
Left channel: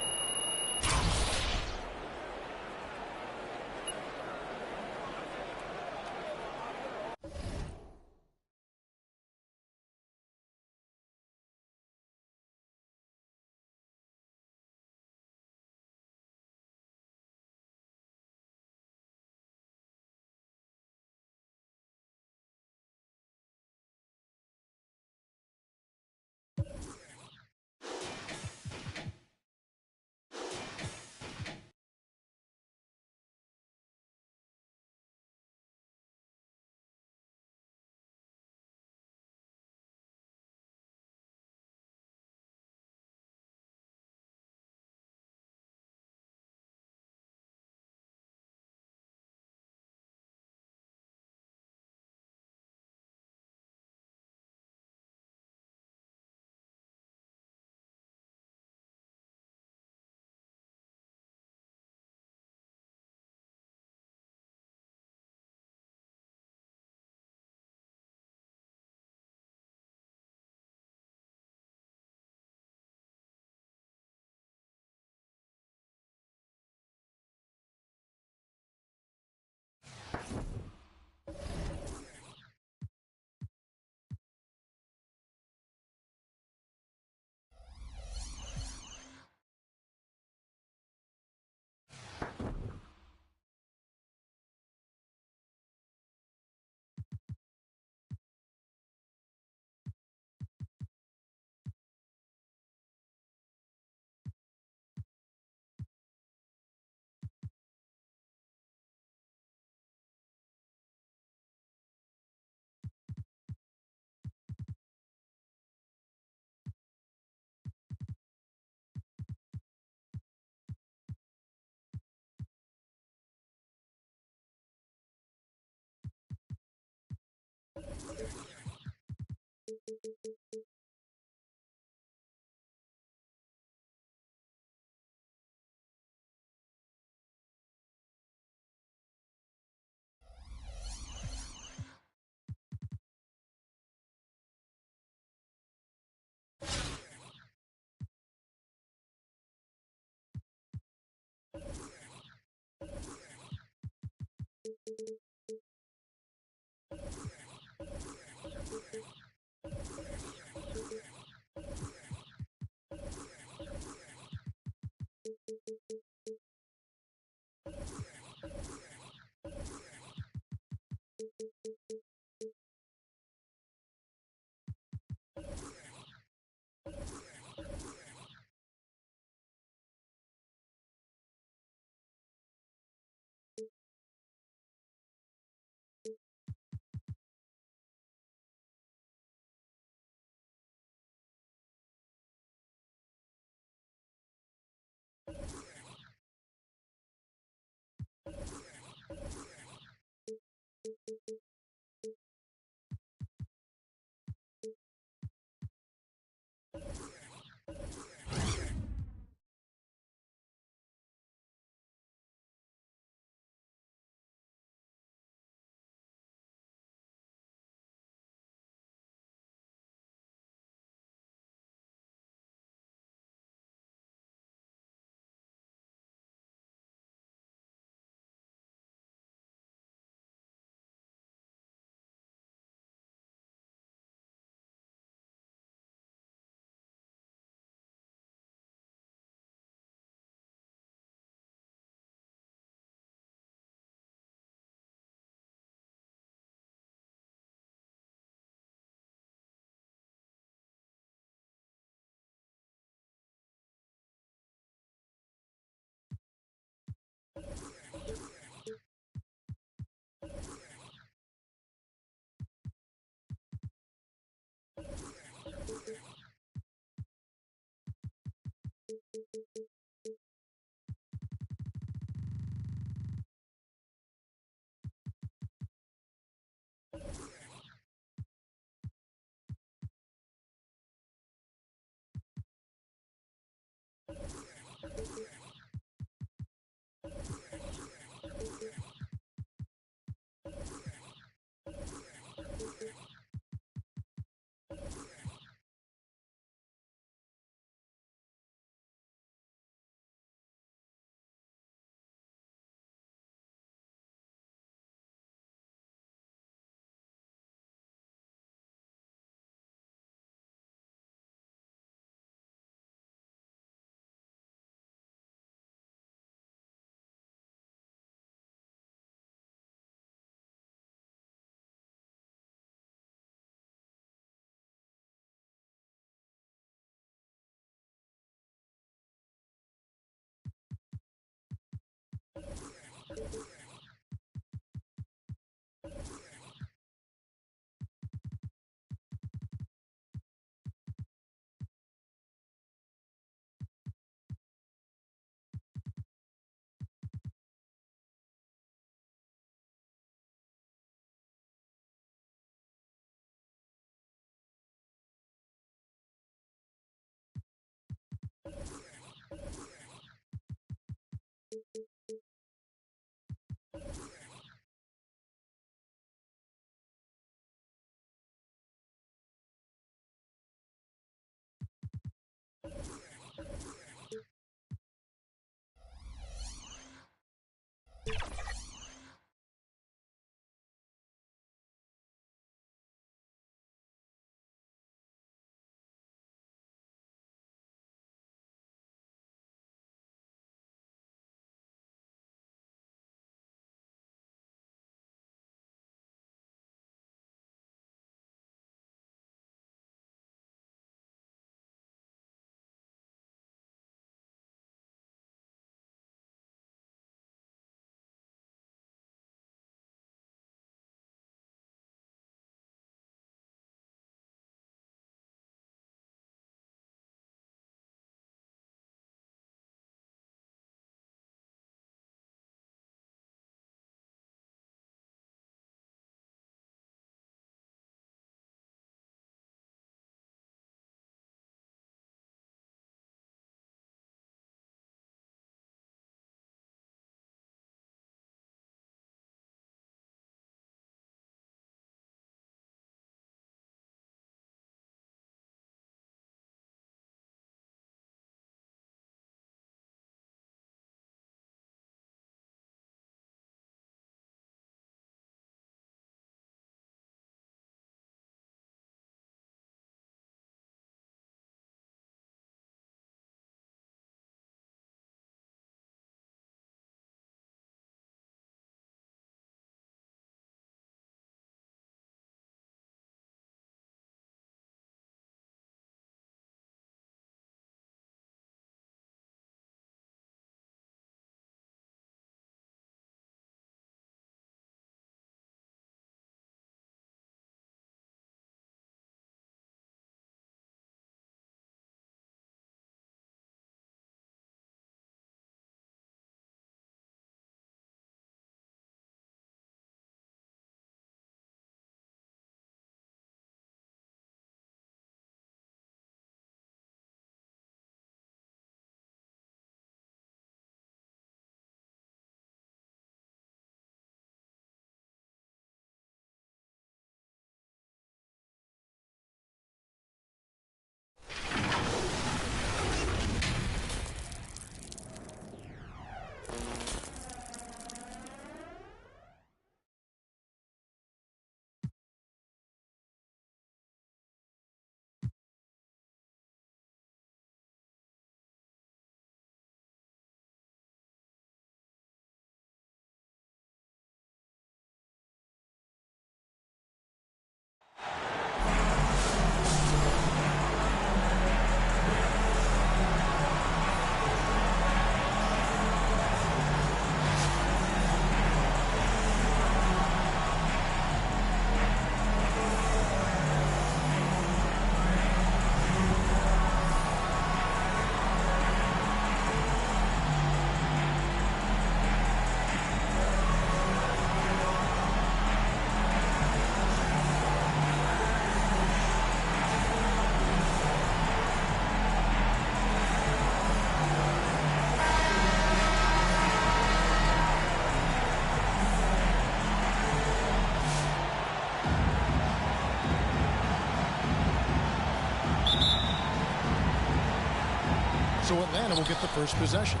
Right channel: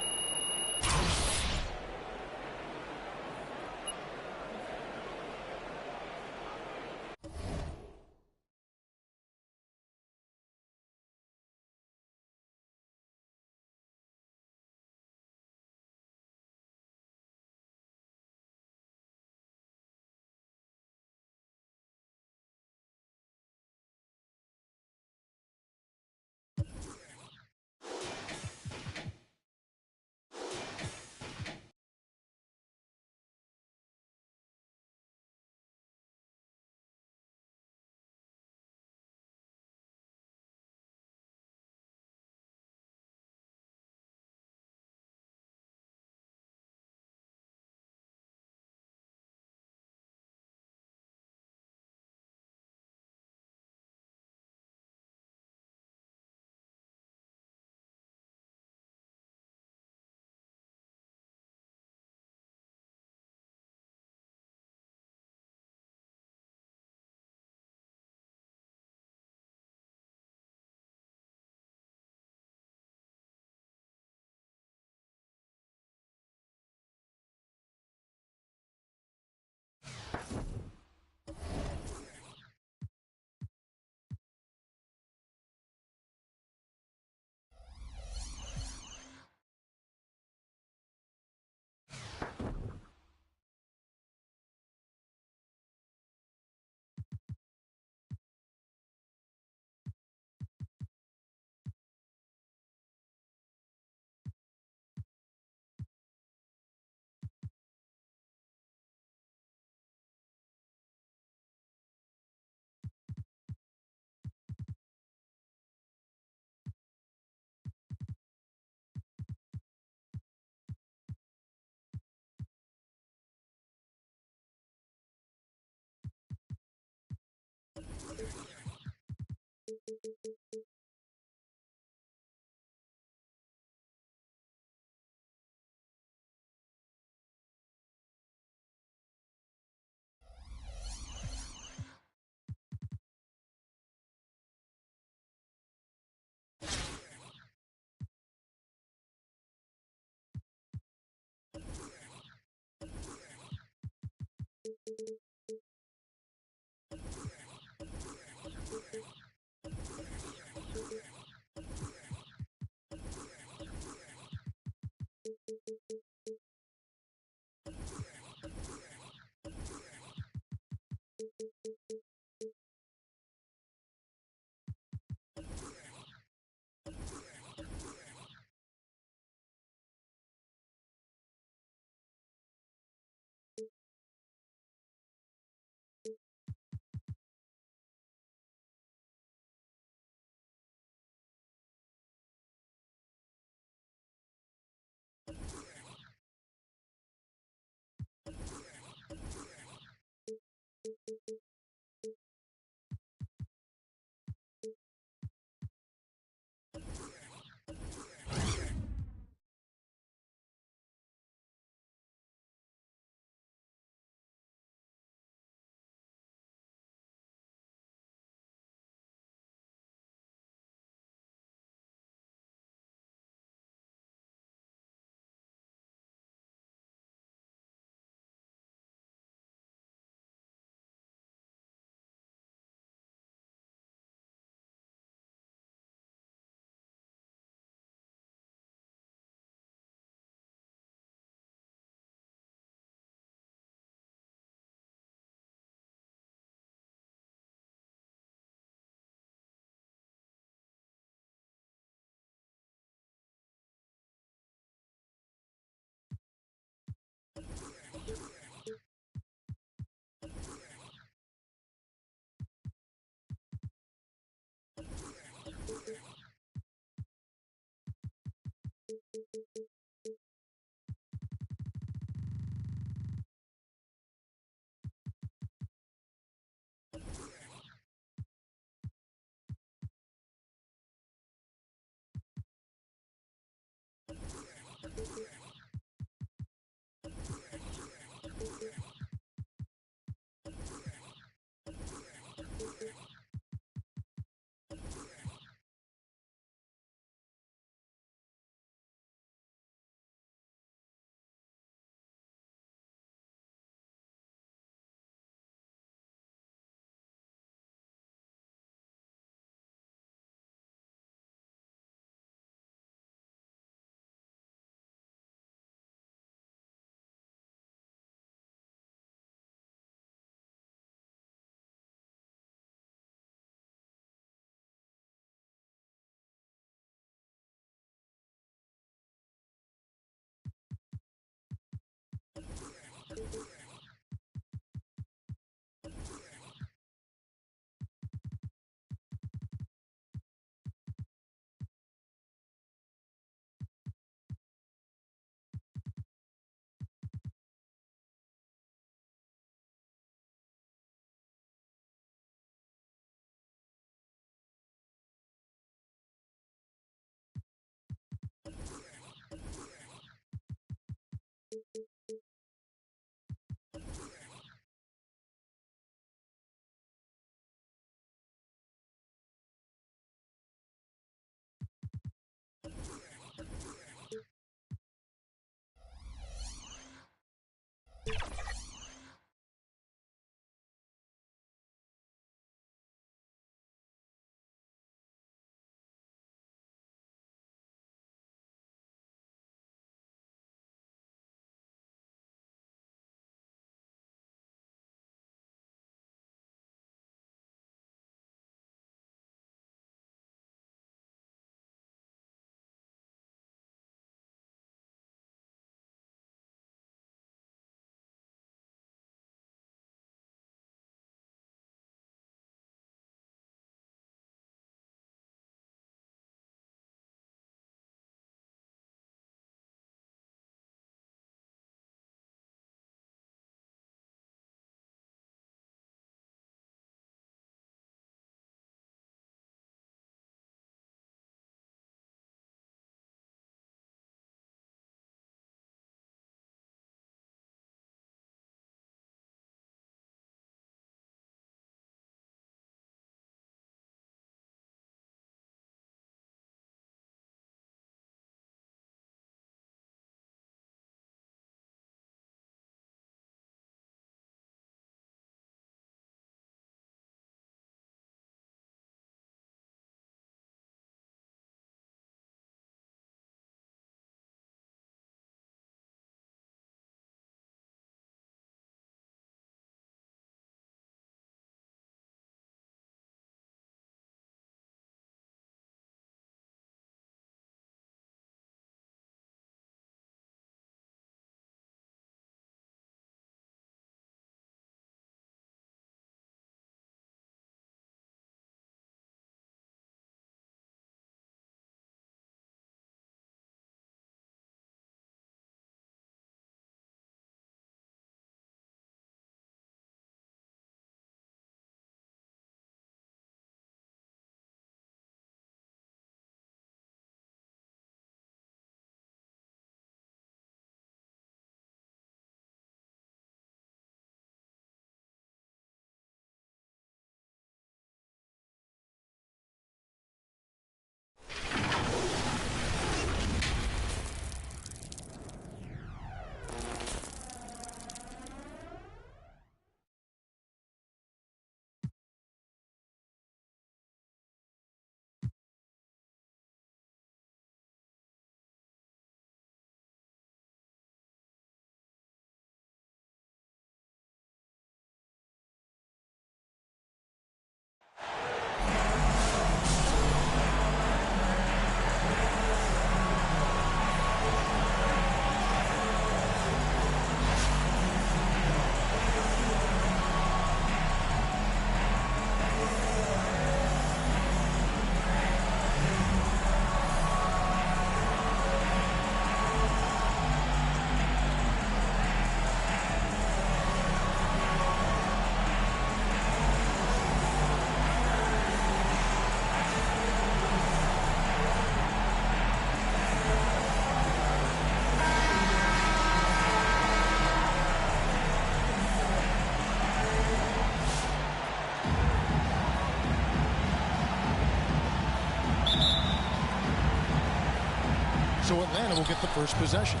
So Atlanta will get the first possession.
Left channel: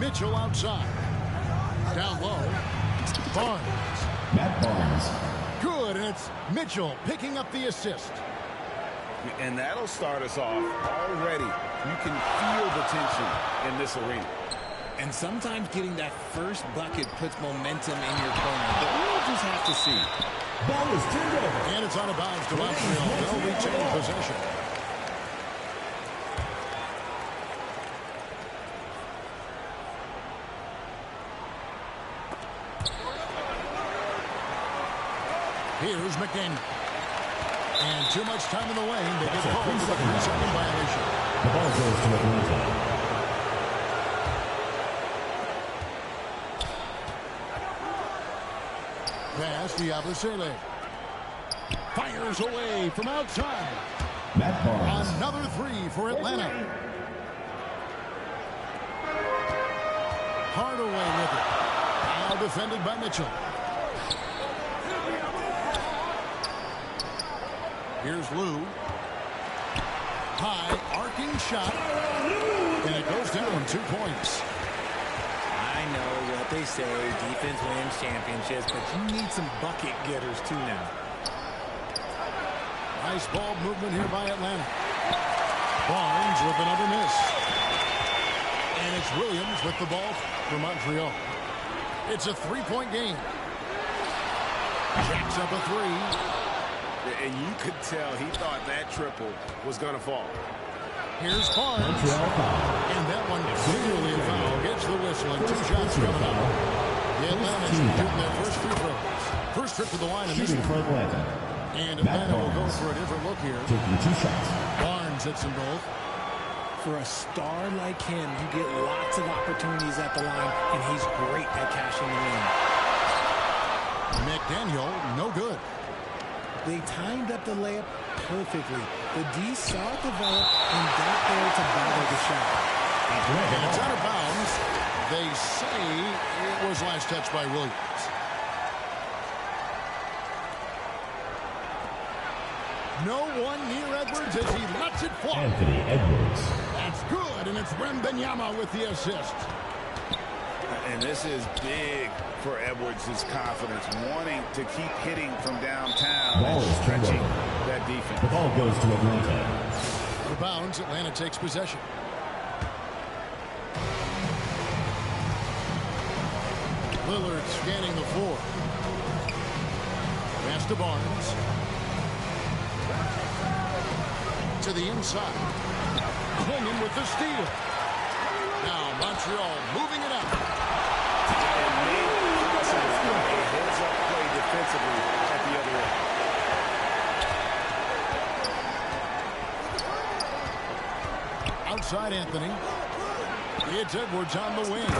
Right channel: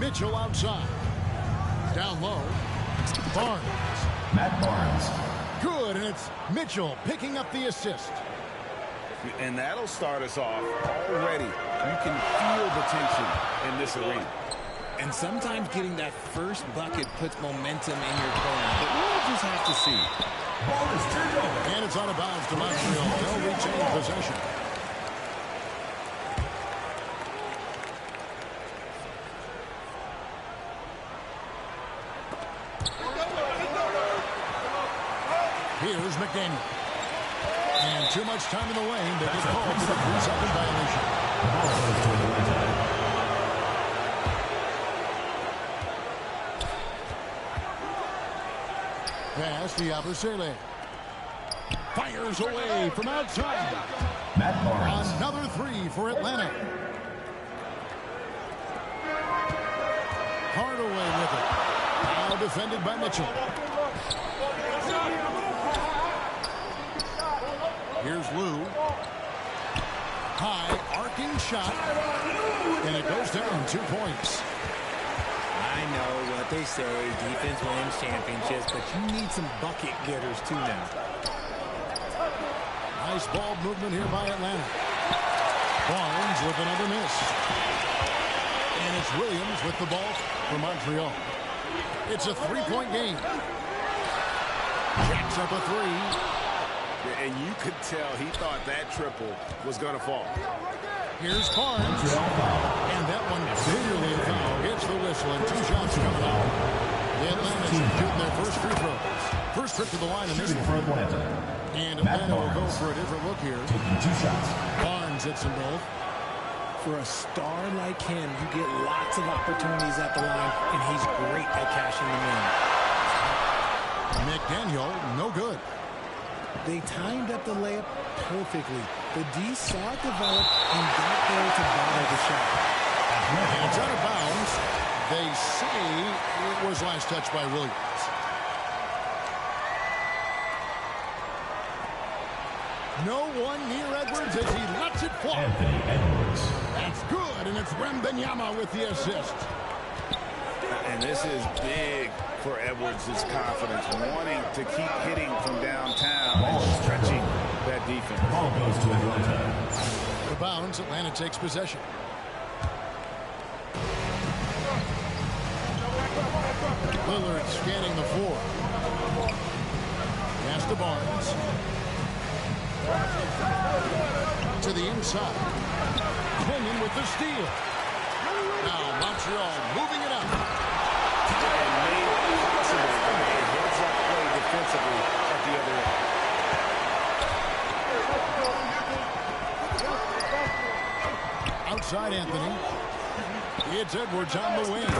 Mitchell outside. Down low. Barnes. Matt Barnes. Good, and it's Mitchell picking up the assist. And that'll start us off already. You can feel the tension in this arena. And sometimes getting that first bucket puts momentum in your corner, but we'll just have to see. Ball is turned over. And it's out of bounds to Montreal. They'll retain possession. Here's McDaniel. And too much time in the lane. They get called for the 3-second violation. The ball goes to Atlanta. Pass to Yabusele. Fires away from outside. Matt Barnes. Another 3 for Atlanta. Hardaway with it. Now defended by Mitchell. Here's Lou. High arcing shot. And it goes down 2 points. I know what they say, defense wins championships, but you need some bucket getters too now. Nice ball movement here by Atlanta. Barnes with another miss. And it's Williams with the ball for Montreal. It's a 3-point game. Jacks up a 3. And you could tell he thought that triple was going to fall. Here's Barnes. And that one clearly a foul. Gets the whistle and 2 shots coming up. The Atlanta's shooting their first free throws. First trip to the line in this one. And Atlanta will go for a different look here. Taking 2 shots. Barnes hits them both. For a star like him, you get lots of opportunities at the line, and he's great at cashing them in. McDaniel, no good. They timed up the layup perfectly. The D saw it develop and got there to bother the shot. And it's out of bounds. They say it was last touched by Williams. No one near Edwards as he lets it fly. Anthony Edwards. That's good, and it's Wembanyama with the assist. And this is big for Edwards' confidence, wanting to keep hitting from downtown and stretching that defense. The ball goes to Atlanta. Out of bounds, Atlanta takes possession. Lillard scanning the floor. Pass to Barnes. To the inside. Clinging with the steal. Now Montreal moving it up. And made possible by a heads-up play defensively at the other end. Outside Anthony. It's Edwards on the wing.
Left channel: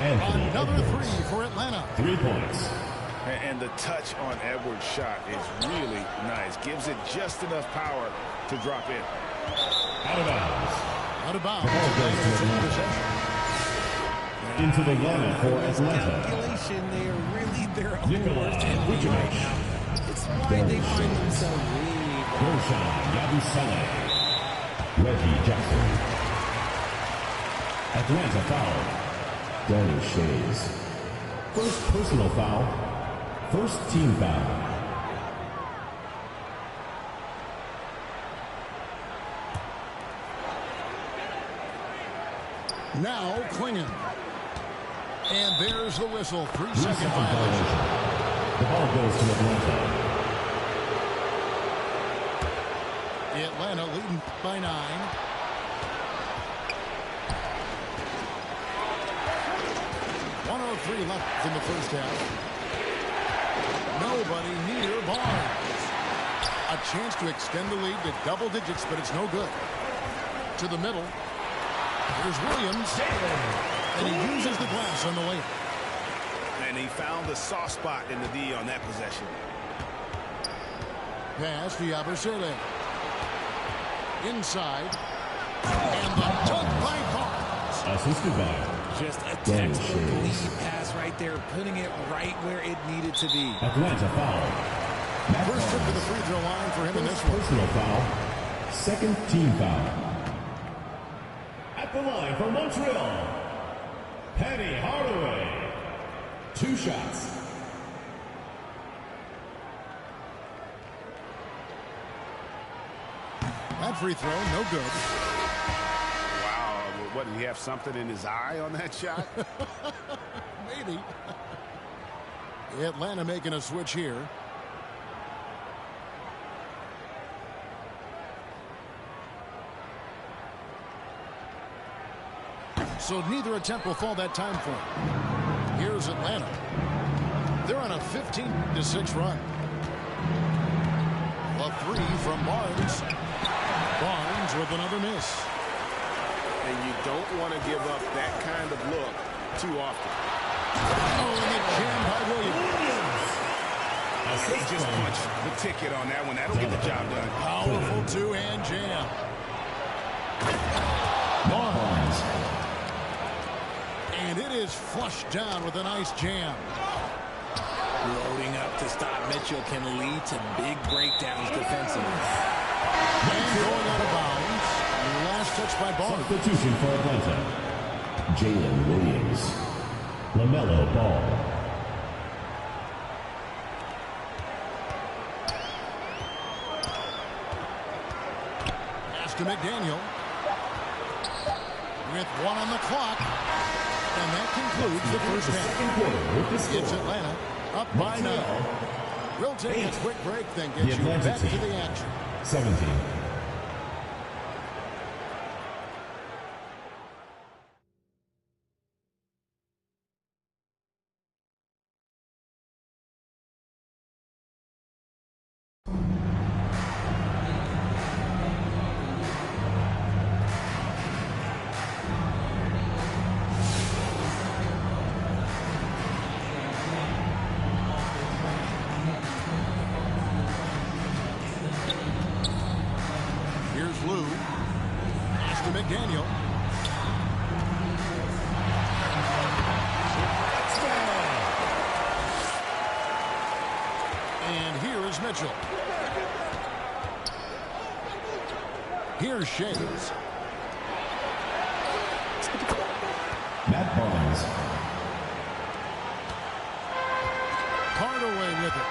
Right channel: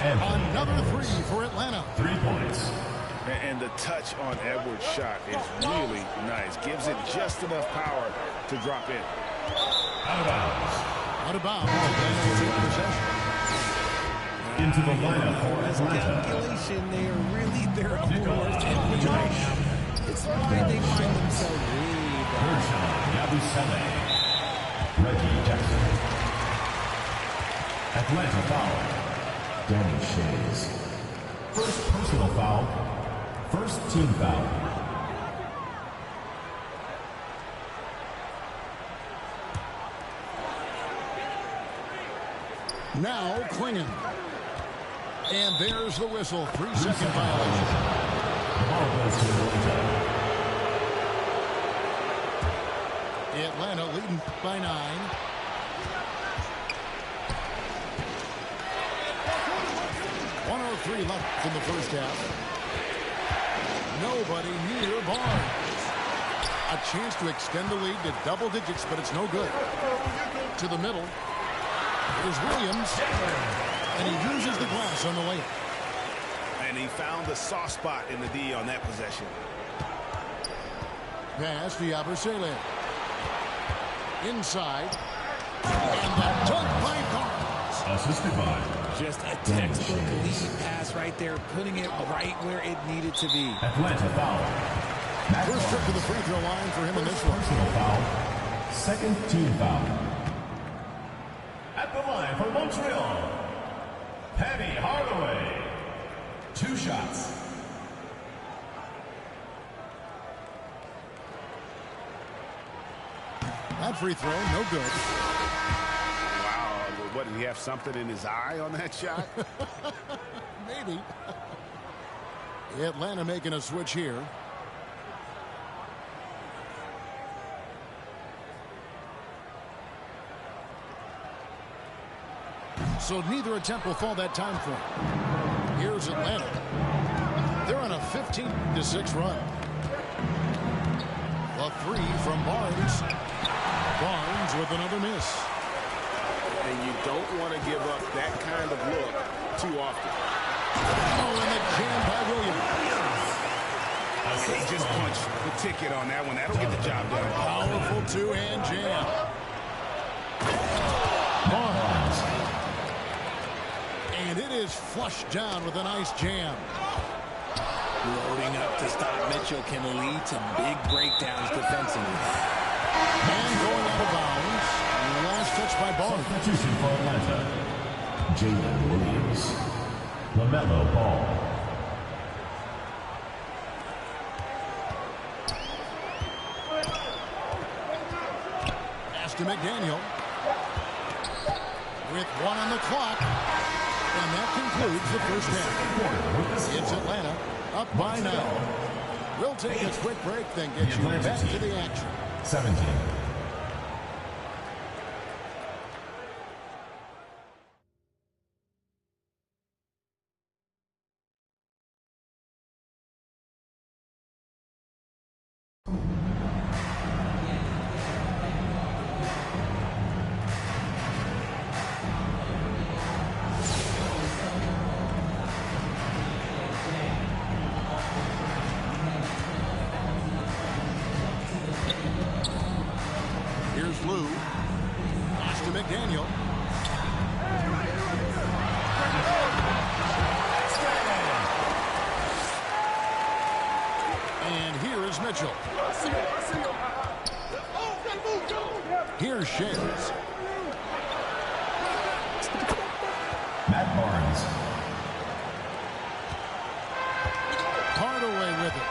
Anthony Another Edwards. 3 for Atlanta. 3 points. And the touch on Edwards' shot is really nice. Gives it just enough power to drop in. Out of bounds. Out of bounds. Atlanta will take possession. Into the lineup for Atlanta. Calculation, they are really their own worst enemy right now. It's why they find themselves way behind. Yabusele. Reggie Jackson. Atlanta foul. Danny Shays. First personal foul. First team foul. Now clinging. And there's the whistle. 3-second violation. The ball goes to Atlanta. Atlanta leading by 9. .103 left in the first half. Nobody near Barnes. A chance to extend the lead to double digits, but it's no good. To the middle. Here's Williams. And he uses the glass on the layup. And he found the soft spot in the D on that possession. Pass to Yabusele. Inside. And the dunk by Barnes. Assisted by just a textbook lead pass right there, putting it right where it needed to be. Atlanta foul. First trip to the free throw line for him in this one. Personal foul. Second team foul. At the line for Montreal, Penny Hardaway. 2 shots. That free throw, no good. Wow, what, did he have something in his eye on that shot? Maybe. Atlanta making a switch here. So neither attempt will fall that time for him. Here's Atlanta. They're on a 15-6 run. The three from Barnes. Barnes with another miss. And you don't want to give up that kind of look too often. Oh, and the jam by Williams. He just punched the ticket on that one. That'll get the job done. Powerful two-hand jam. Barnes. And it is flushed down with a nice jam. Loading up to stop Mitchell can lead to big breakdowns defensively. And going out of bounds. Last touch by Barnes. Substitution for Atlanta. Jalen Williams. LaMelo Ball. Pass to McDaniel. With one on the clock. And that concludes the first half. It's Atlanta up by 9. We'll take a quick break, then get you back to the action. 17. Here's Lou. Pass to McDaniel. And here is Mitchell. Here's Shays. Matt Barnes. Hardaway with it.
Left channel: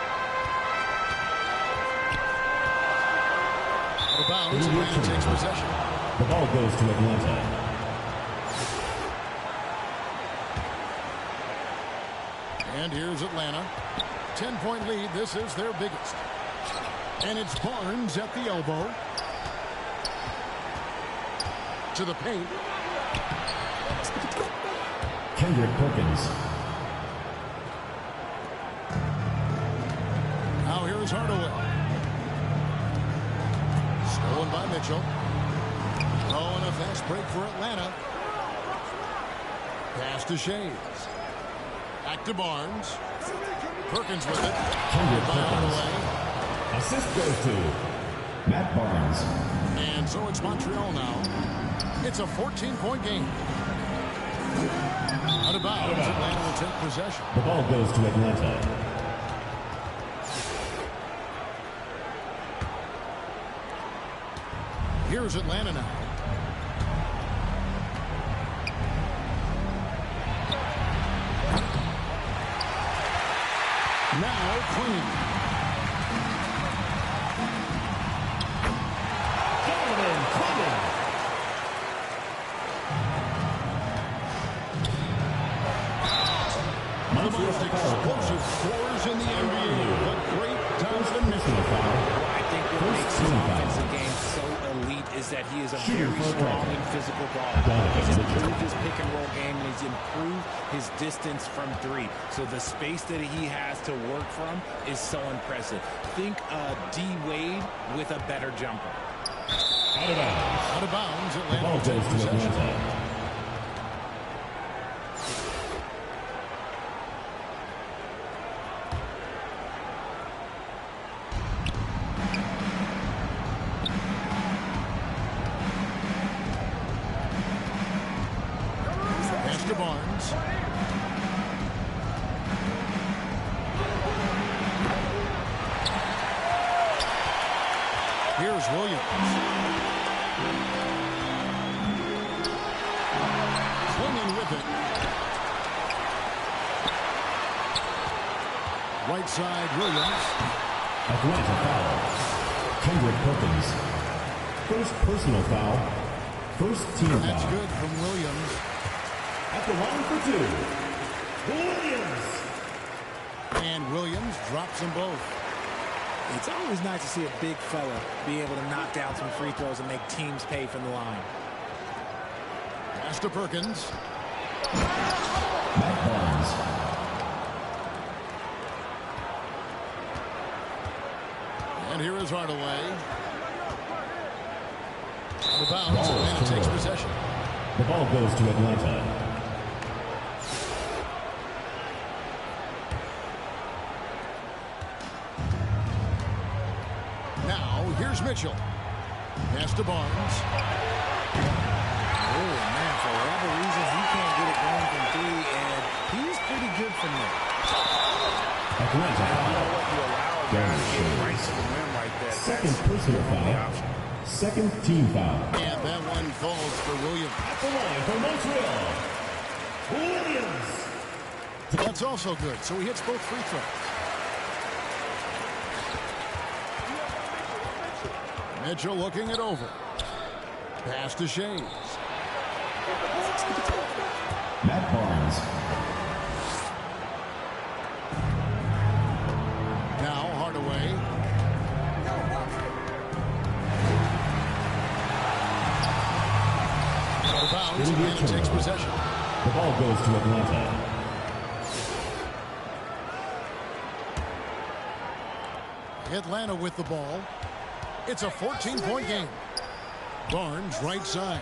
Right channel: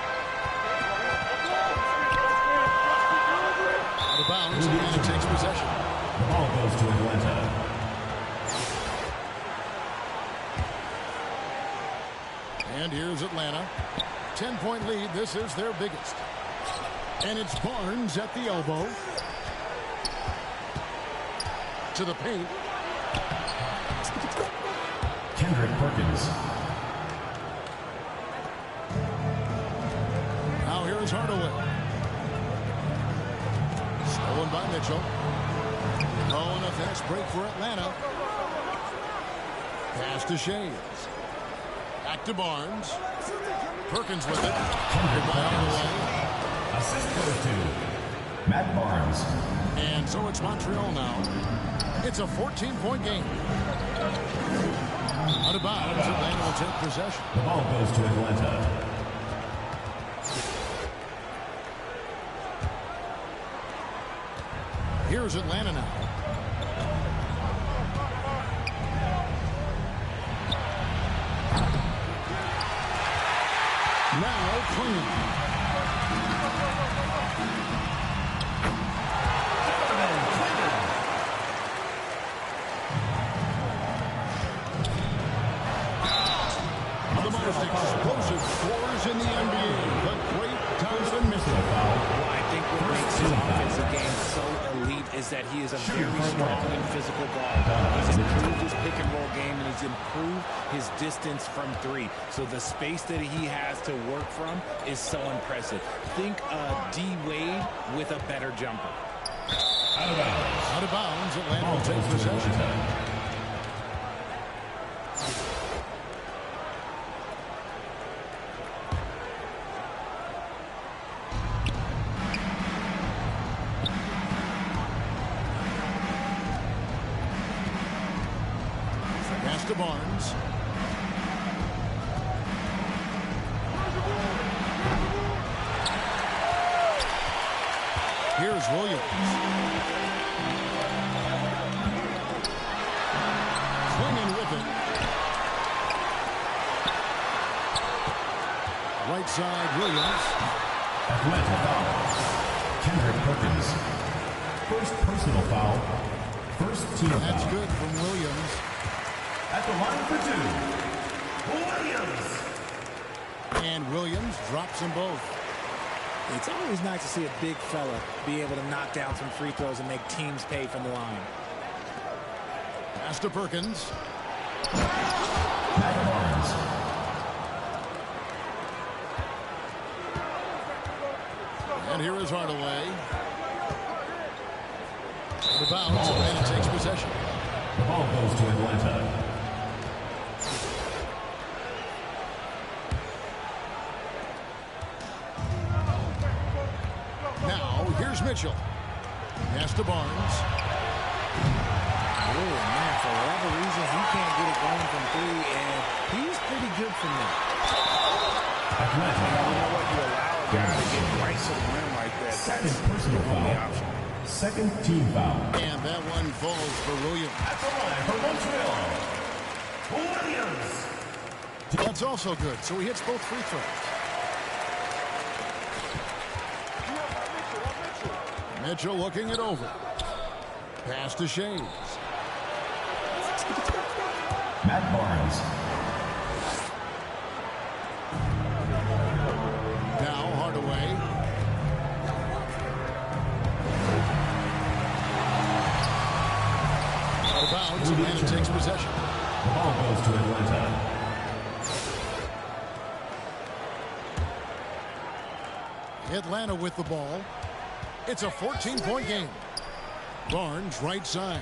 Out of bounds, Atlanta takes possession. The ball goes to Atlanta. And here's Atlanta. 10-point lead. This is their biggest. And it's Barnes at the elbow. To the paint. Kendrick Perkins. Now here's Hardaway. Stolen by Mitchell. Oh, and a fast break for Atlanta. Pass to Shays. Back to Barnes. Perkins with it. Kendrick By Perkins. Hardaway. Assist goes to Matt Barnes. And so it's Montreal now. It's a 14-point game. Out of bounds, Atlanta will take possession. The ball goes to Atlanta. Here's Atlanta now. Now Quinn. One of the most explosive scorers in the NBA. The great Donovan Mitchell. Well, I think what makes his offensive game so elite is that he is a very strong and physical guard. He's improved his pick and roll game, and he's improved his distance from three. So the space that he has to work from is so impressive. Think D. Wade with a better jumper. Out of bounds. Out of bounds, Atlanta will take possession. Pass to Barnes. Here's Williams. Swinging with it. Right side, Williams. Atlanta foul. Kendrick Perkins. First personal foul. First team foul. That's good from Williams. At the line for two, Williams. And Williams drops them both. It's always nice to see a big fella be able to knock down some free throws and make teams pay from the line. Pass to Perkins. Matt Barnes. Here's Hardaway. Out of bounds. Atlanta takes possession. The ball goes to Atlanta. Now, here's Mitchell. Pass to Barnes. Oh, man, for whatever reason, he can't get it going from three, and he's pretty good from there. Atlanta You know what? You allow a guy to get right to the rim like that. Second That's personal your only foul. option. Second team foul. And that one falls for Williams. At the line for Montreal, Williams. That's also good, so he hits both free throws. Mitchell looking it over. Pass to Shades. Matt Barnes. Now Hardaway. Out of bounds. Atlanta takes possession. The ball goes to Atlanta. Atlanta with the ball. It's a 14-point game. Barnes right side.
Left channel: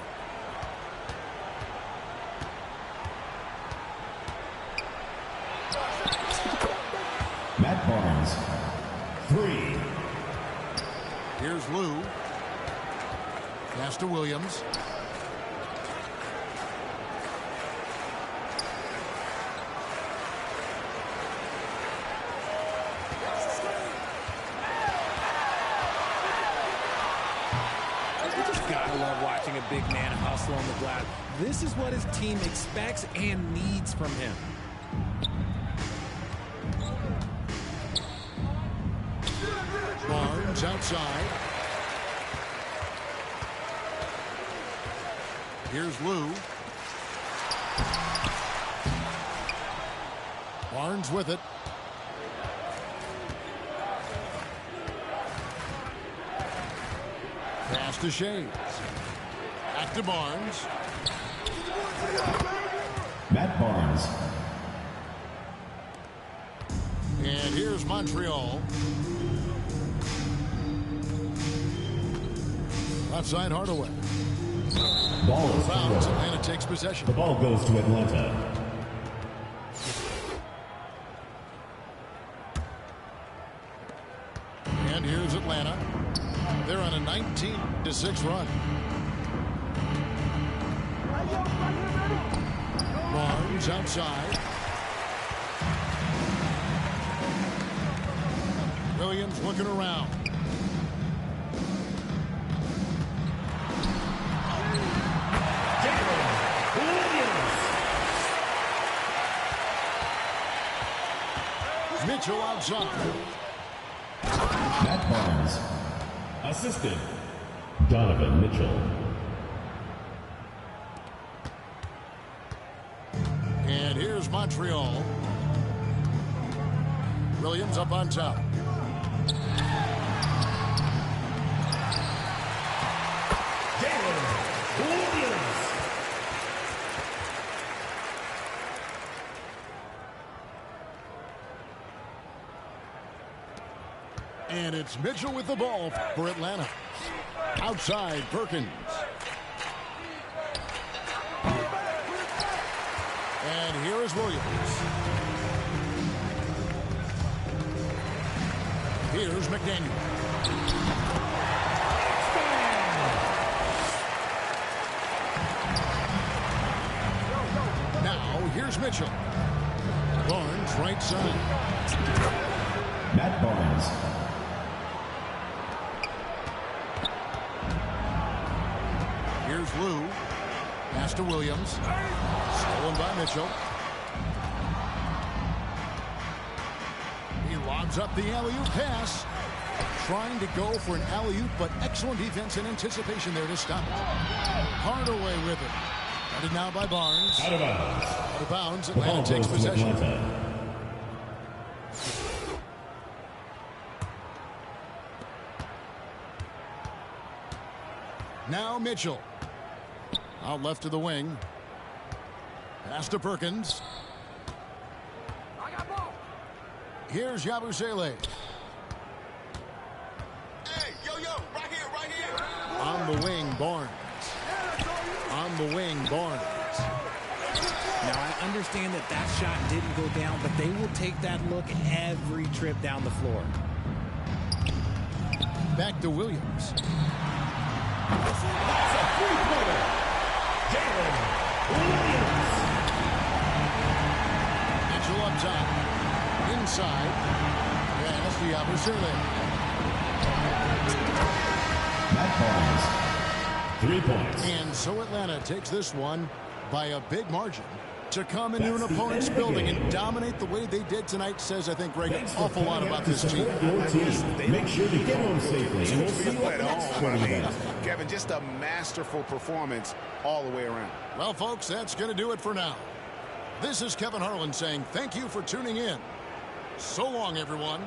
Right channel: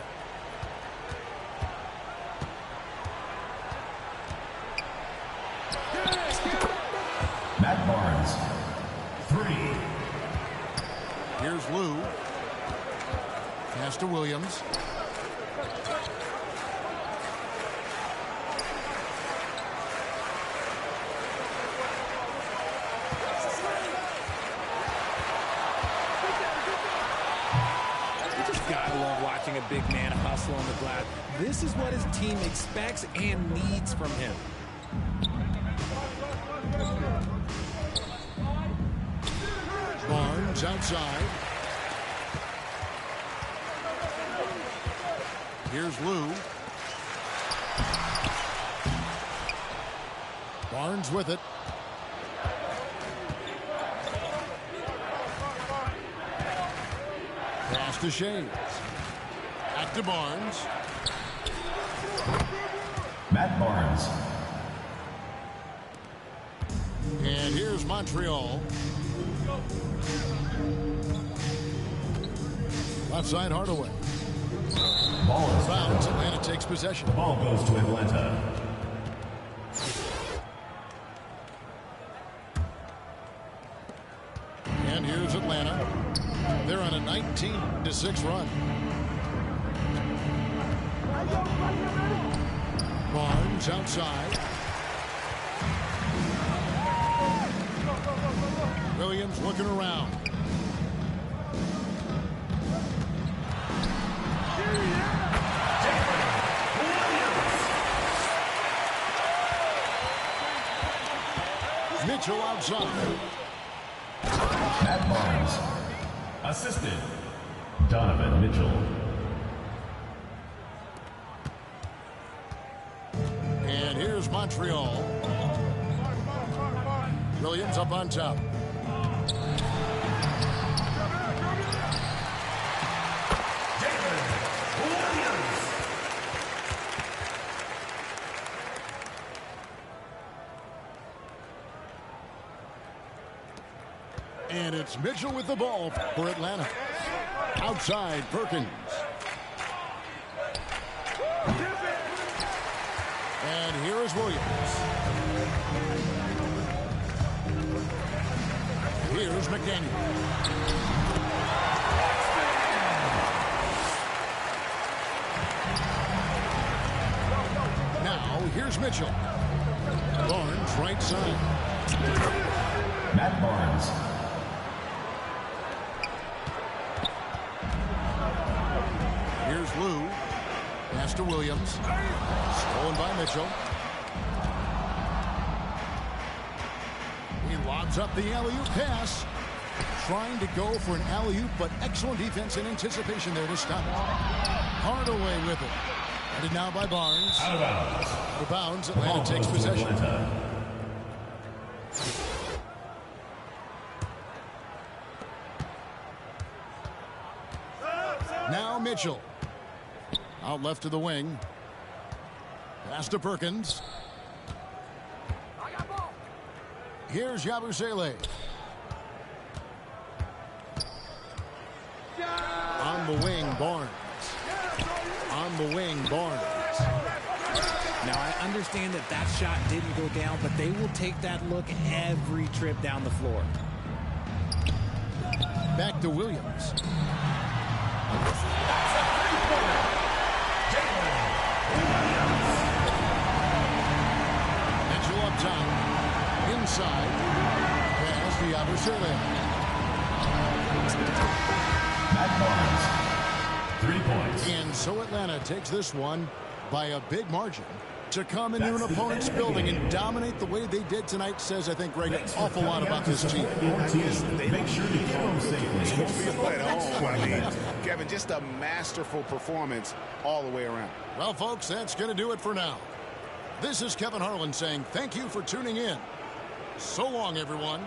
Matt Barnes. 3. Here's Lou. Pass to Williams. Gotta love watching a big man hustle on the glass. This is what his team expects and needs from him. Barnes outside. Here's Lou. Barnes with it. Pass to Shades. Back to Barnes. Matt Barnes. And here's Montreal. Left side Hardaway. Ball is Bounds. thrown. Atlanta takes possession. The ball goes to Atlanta. And here's Atlanta. They're on a 19-6 run. Barnes outside. Williams looking around. Mitchell outside. Matt Barnes. Assisted. Donovan Mitchell. And here's Montreal. Williams up on top. And it's Mitchell with the ball for Atlanta. Outside, Perkins. And here is Williams. Here's McDaniel. Now, here's Mitchell. Barnes, right side. Matt Barnes. Here's Lou. Pass to Williams. Stolen by Mitchell. He lobs up the alley-oop pass. Trying to go for an alley-oop, but excellent defense and anticipation there to stop it. Hardaway with it. Headed now by Barnes. Out of bounds. Out of bounds. The ball Atlanta takes goes to possession. Atlanta. Now Mitchell. Out left to the wing. Pass to Perkins. Here's Yabusele. On the wing, Barnes. On the wing, Barnes. Now, I understand that that shot didn't go down, but they will take that look every trip down the floor. Back to Williams. That's a three-pointer. Jalen Williams. Mitchell up top. Inside. Pass to Yabusele. Matt Barnes, 3 points. And so Atlanta takes this one by a big margin. To come into an opponent's building and dominate the way they did tonight says, I think, Greg, an awful lot about this team. Make sure to get home safely. And we'll see you at home. I mean, time. Kevin, just a masterful performance all the way around. Well, folks, that's going to do it for now. This is Kevin Harlan saying thank you for tuning in. So long, everyone.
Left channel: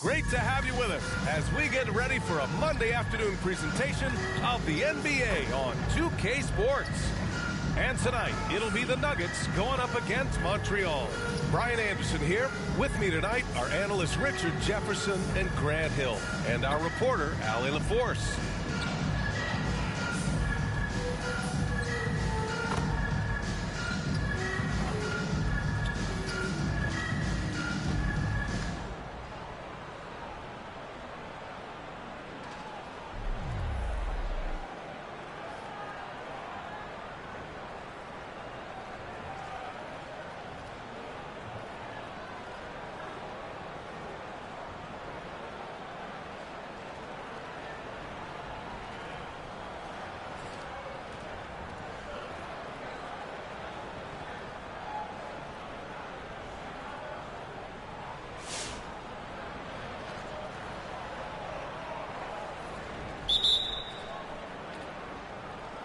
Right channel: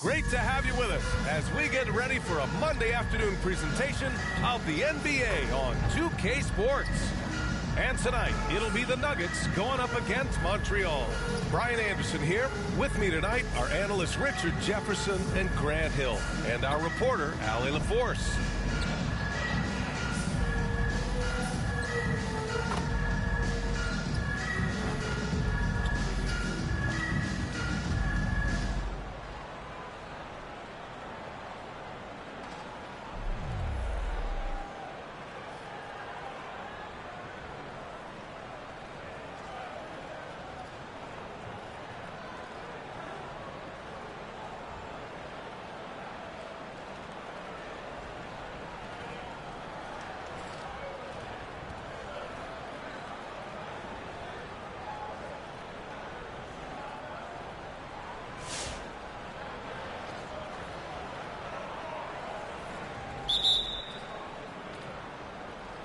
Great to have you with us as we get ready for a Monday afternoon presentation of the NBA on 2K Sports. And tonight, it'll be the Nuggets going up against Montreal. Brian Anderson here. With me tonight are analysts Richard Jefferson and Grant Hill, and our reporter, Allie LaForce.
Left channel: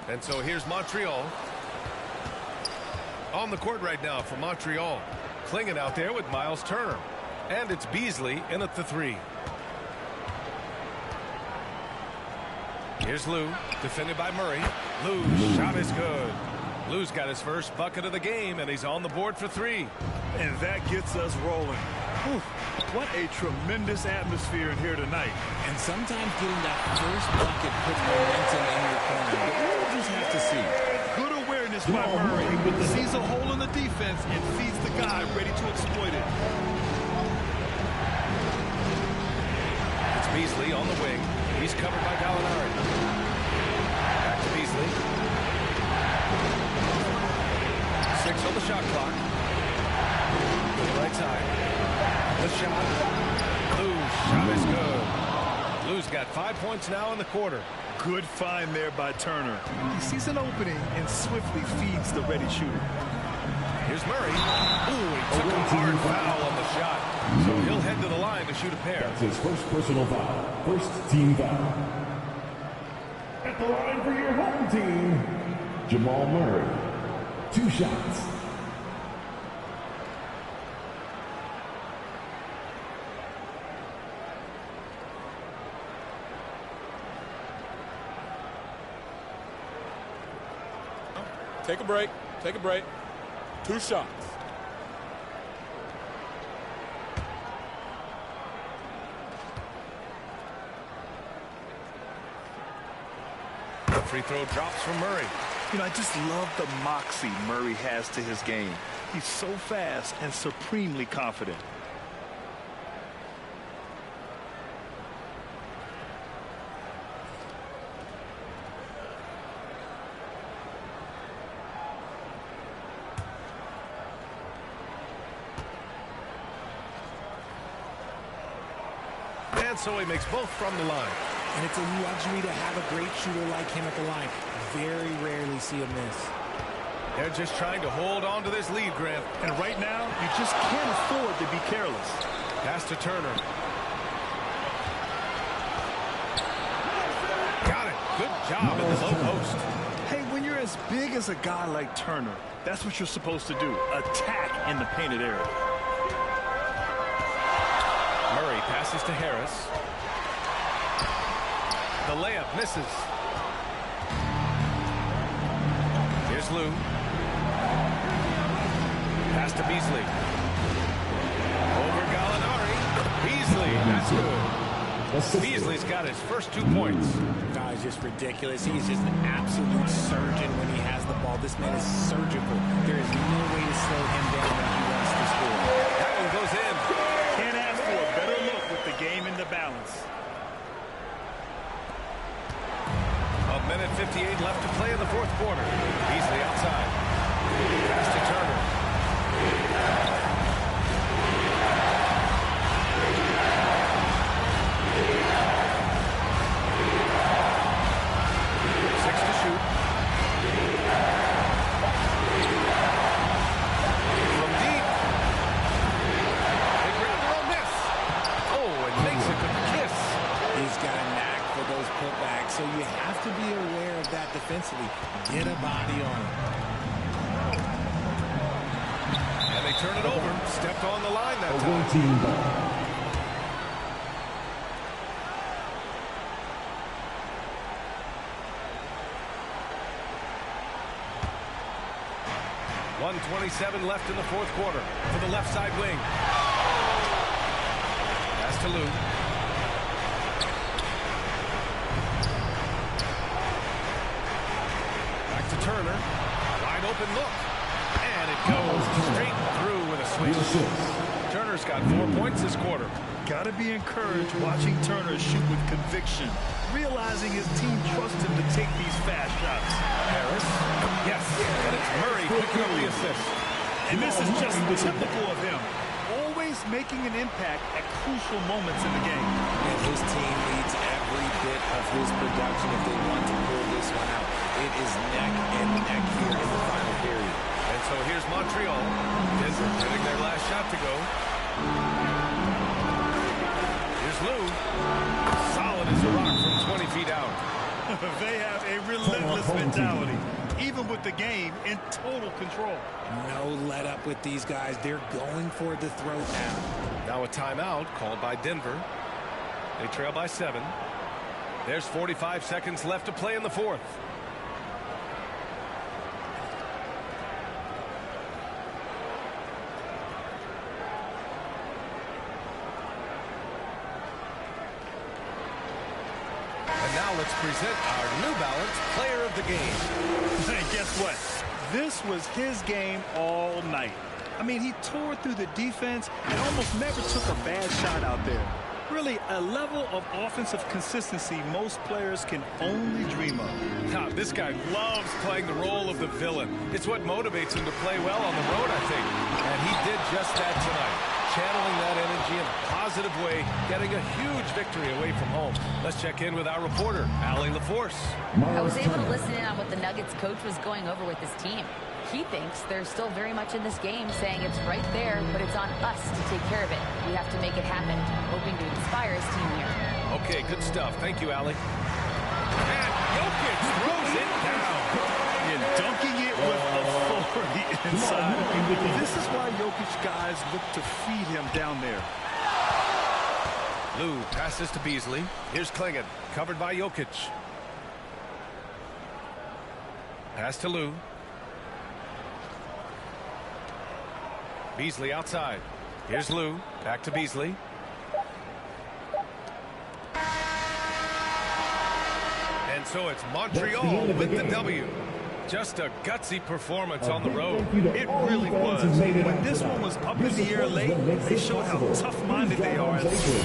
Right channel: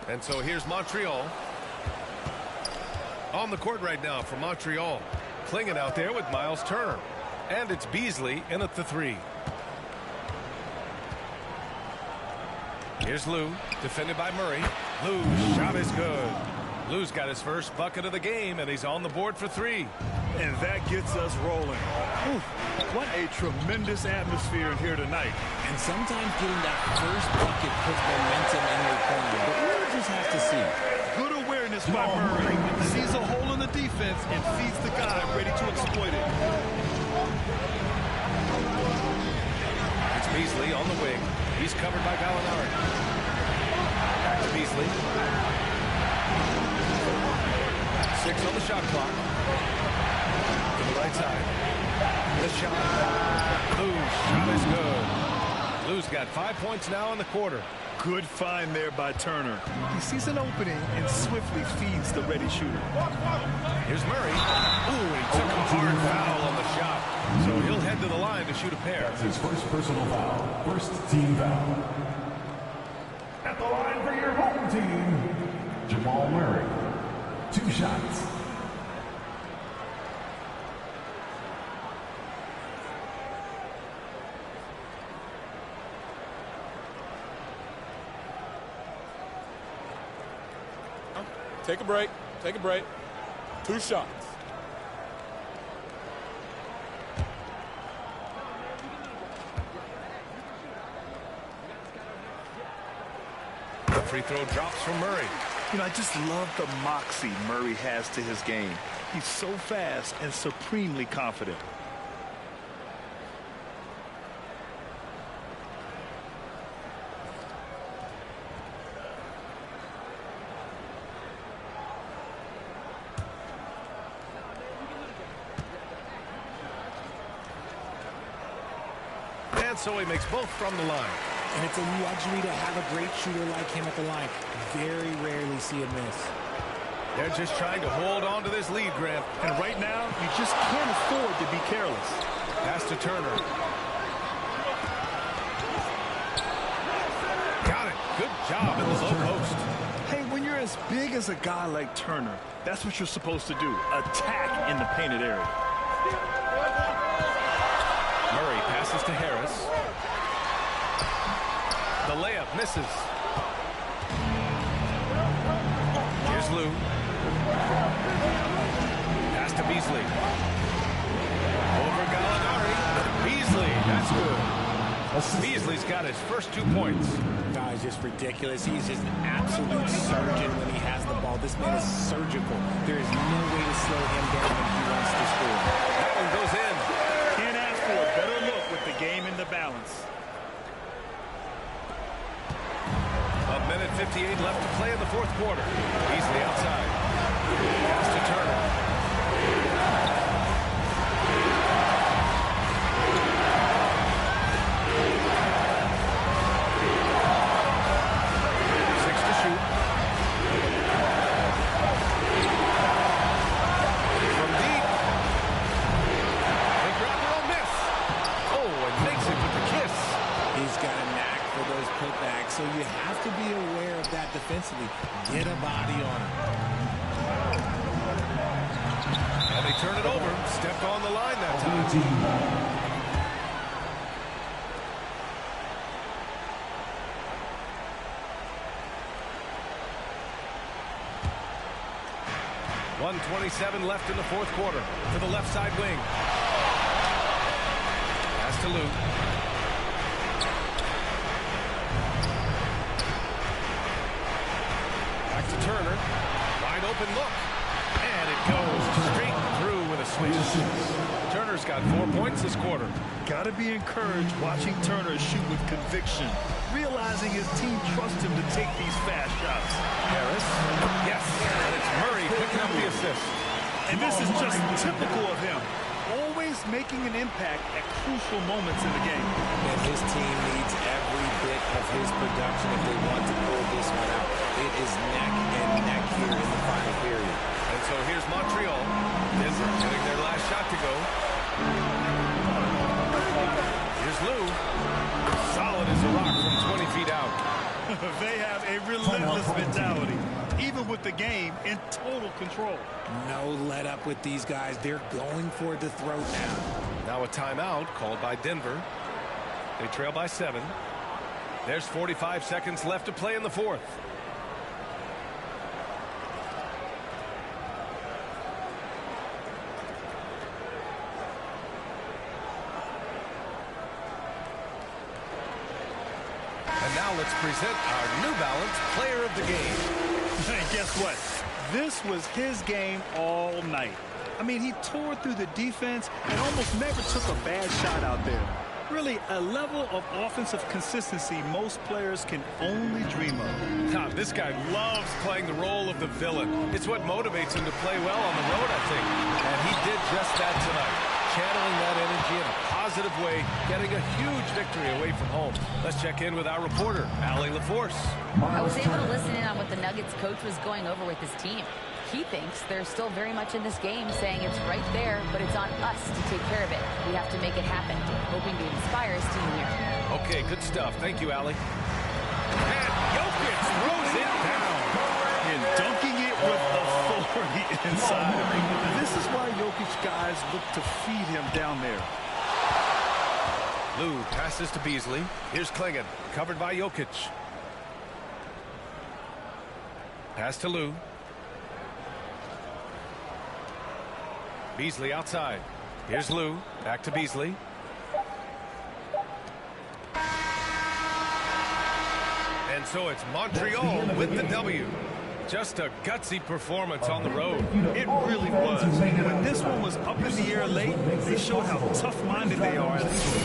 And so here's Montreal. On the court right now for Montreal. Clinging out there with Miles Turner. And it's Beasley in at the three. Here's Lou, defended by Murray. Lou's shot is good. Lou's got his first bucket of the game, and he's on the board for three. And that gets us rolling. Whew, what a tremendous atmosphere in here tonight. And sometimes getting that first bucket puts momentum in your corner, but we'll just have to see. Good awareness by Murray. Sees a hole in the defense and feeds the guy ready to exploit it. It's Beasley on the wing. He's covered by Gallinari. Back to Beasley. 6 on the shot clock. To the right side. The shot. Lou's shot is good. Lou's got 5 points now in the quarter. Good find there by Turner. He sees an opening and swiftly feeds the ready shooter. Here's Murray. Ooh, he took a hard foul on the shot. So he'll head to the line to shoot a pair. That's his first personal foul. First team foul. At the line for your home team, Jamal Murray. 2 shots. Take a break. Take a break. 2 shots. The free throw drops from Murray. You know, I just love the moxie Murray has to his game. He's so fast and supremely confident. And so he makes both from the line. And it's a luxury to have a great shooter like him at the line. Very rarely see him miss. They're just trying to hold on to this lead, Grant. And right now, you just can't afford to be careless. Pass to Turner. Got it. Good job in the low post. Hey, when you're as big as a guy like Turner, that's what you're supposed to do. Attack in the painted area. Murray passes to Harris. The layup misses. Here's Lou. Pass to Beasley. Over Gallinari. Beasley, that's good. Beasley's got his first 2 points. No, it's just ridiculous. He's just an absolute surgeon when he has the ball. This man is surgical. There is no way to slow him down when he wants to score. That one goes in. Can't ask for a better look with the game in the balance. A minute 58 left to play in the fourth quarter. Beasley outside. Pass to Turner. Six to shoot. He's got a knack for those putbacks, so you have to be aware of that defensively. Get a body on him. And they turn it over. Stepped on the line that time. Team ball. .127 left in the fourth quarter to the left side wing. Pass to Lou. Back to Turner. Wide open look. And it goes straight through with a swish. Turner's got 4 points this quarter. Got to be encouraged watching Turner shoot with conviction, realizing his team trusts him to take these fast shots. Harris. Yes. And it's Murray picking up the assist. And this is just typical of him. Always making an impact at crucial moments in the game. And his team needs every bit of his production if they want to pull this one out. It is neck and neck here in the final period. And so here's Montreal. Denver getting their last shot to go. Here's Lou. Solid as a rock from 20 feet out. They have a relentless mentality, even with the game in total control. No let up with these guys. They're going for the throat now. Now a timeout called by Denver. They trail by 7. There's 45 seconds left to play in the fourth. And now let's present our New Balance Player of the Game. And guess what? This was his game all night. I mean, he tore through the defense and almost never took a bad shot out there. Really, a level of offensive consistency most players can only dream of. This guy loves playing the role of the villain. It's what motivates him to play well on the road, I think. And he did just that tonight, channeling that energy in a positive way, getting a huge victory away from home. Let's check in with our reporter, Allie LaForce. I was able to listen in on what the Nuggets coach was going over with his team. He thinks they're still very much in this game, saying it's right there, but it's on us to take care of it. We have to make it happen, hoping to inspire his team here. Okay, good stuff. Thank you, Allie. And Jokic throws it down. And dunking it with authority inside of him. This is why Jokic guys look to feed him down there. Lou passes to Beasley. Here's Klingon, covered by Jokic. Pass to Lou. Beasley outside. Here's Lou. Back to Beasley. And so it's Montreal with the W. Just a gutsy performance on the road. It really was. When this one was up in the air late, they showed how tough-minded they are as a team.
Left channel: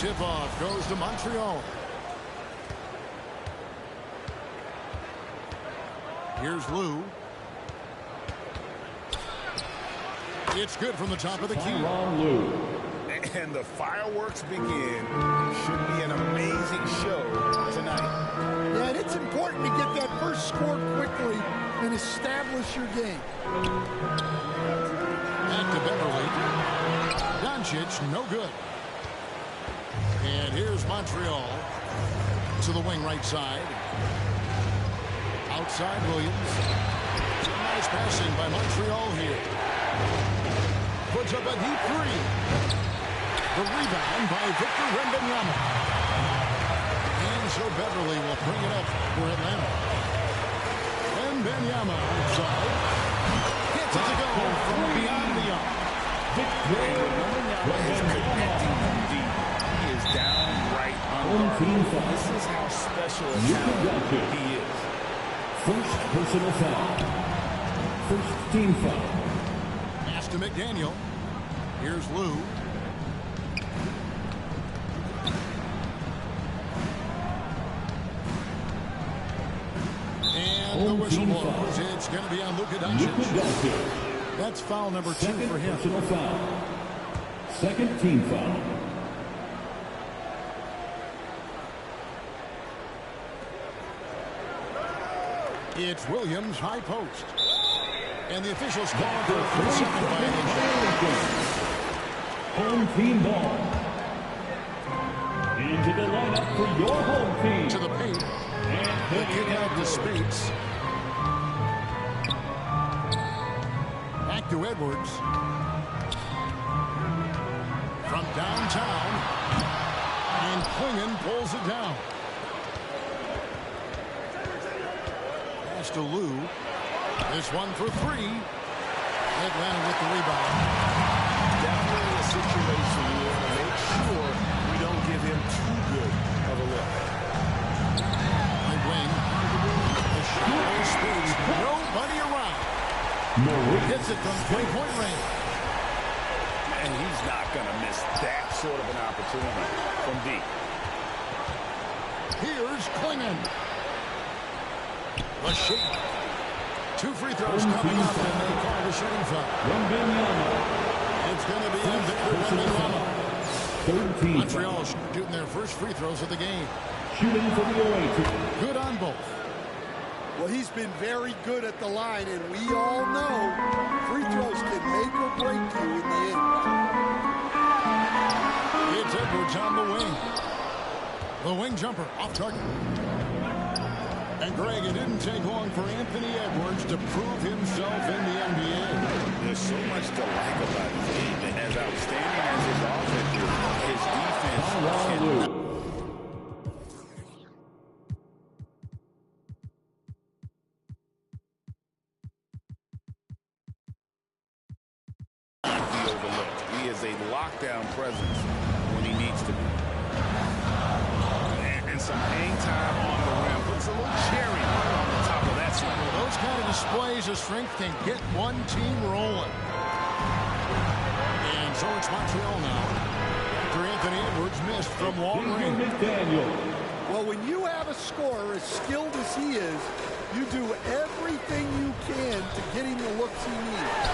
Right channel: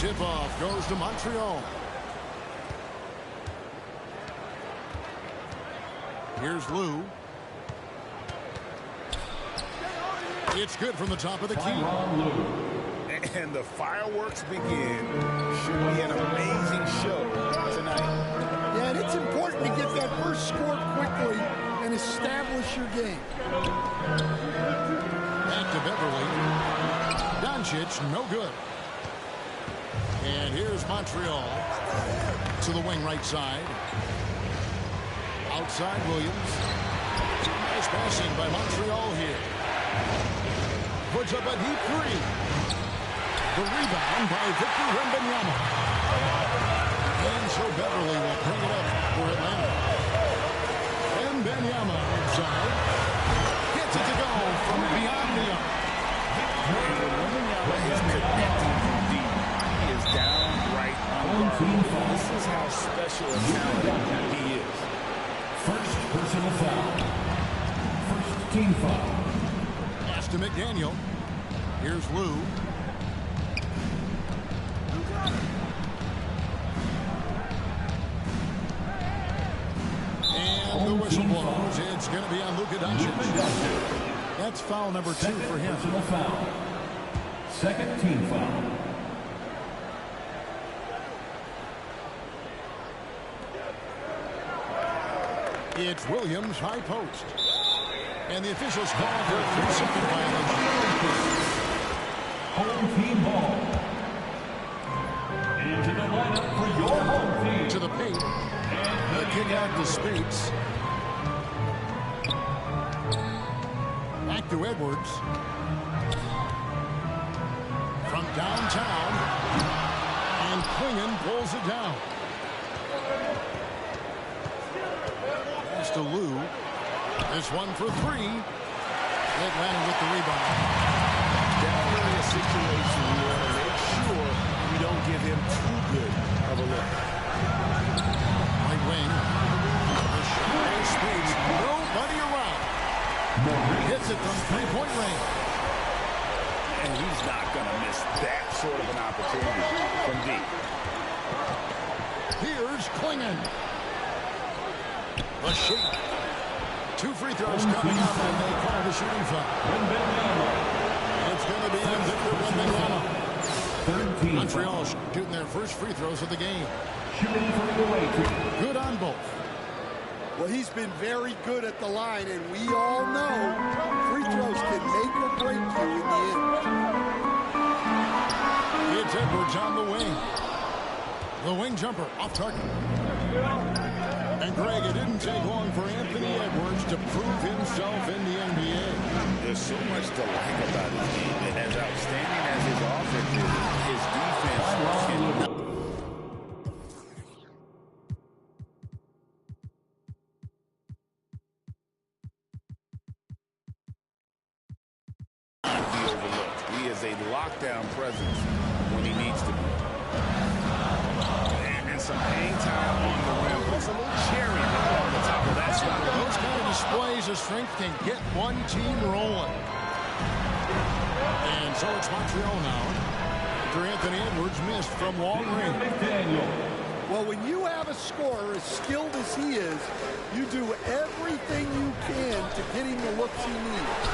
Tip-off goes to Montreal. Here's Lou. It's good from the top of the key. And the fireworks begin. Should be an amazing show tonight. Yeah, and it's important to get that first score quickly and establish your game. Back to Beverly. Doncic, no good. And here's Montreal to the wing right side. Outside Williams. Some nice passing by Montreal here. Puts up a deep three. The rebound by Victor Wembanyama. And so Beverly will bring it up for Atlanta. Wembanyama outside. Gets it to go from beyond the arc. And when Wembanyama is connecting from deep, he is downright unguardable. This is how special a talent he is. First personal foul. First team foul. Pass to McDaniel. Here's Lou. And the whistle blows. It's going to be on Luka Doncic. That's foul number 2 for him. Personal foul. Second team foul. It's Williams, high post. And the officials call for a 3-second violation. Home team ball. Into the lineup for your home team. To the paint. The kick out to Spates. Back to Edwards. From downtown. And Klingon pulls it down. Pass to Lou. This one for 3. Atlanta with the rebound. Definitely a situation we want to make sure we don't give him too good of a look. Right wing. The shallow Spates. Nobody around. Hits it from three-point range. And he's not going to miss that sort of an opportunity from deep. Here's Klingon. The shake. 2 free throws coming up, and they call the shooting foul. It's going to be on Victor Wembanyama. Montreal shooting their first free throws of the game. Shooting for the away team. Good on both. Well, he's been very good at the line, and we all know free throws can make or break you in the end. It's Edwards on the wing. The wing jumper off target. And Greg, it didn't take long for Anthony Edwards to prove himself in the NBA. There's so much to like about his game. And as outstanding as his offense is, his defense cannot. Be overlooked. He is a lockdown presence when he needs to be. And some hang time on the rim. Puts a little cherry right on the top of that slap. Well, those kind of displays of strength can get one team rolling. And so it's Montreal now. After Anthony Edwards missed from long range. Well, when you have a scorer as skilled as he is, you do everything you can to get him the looks he needs.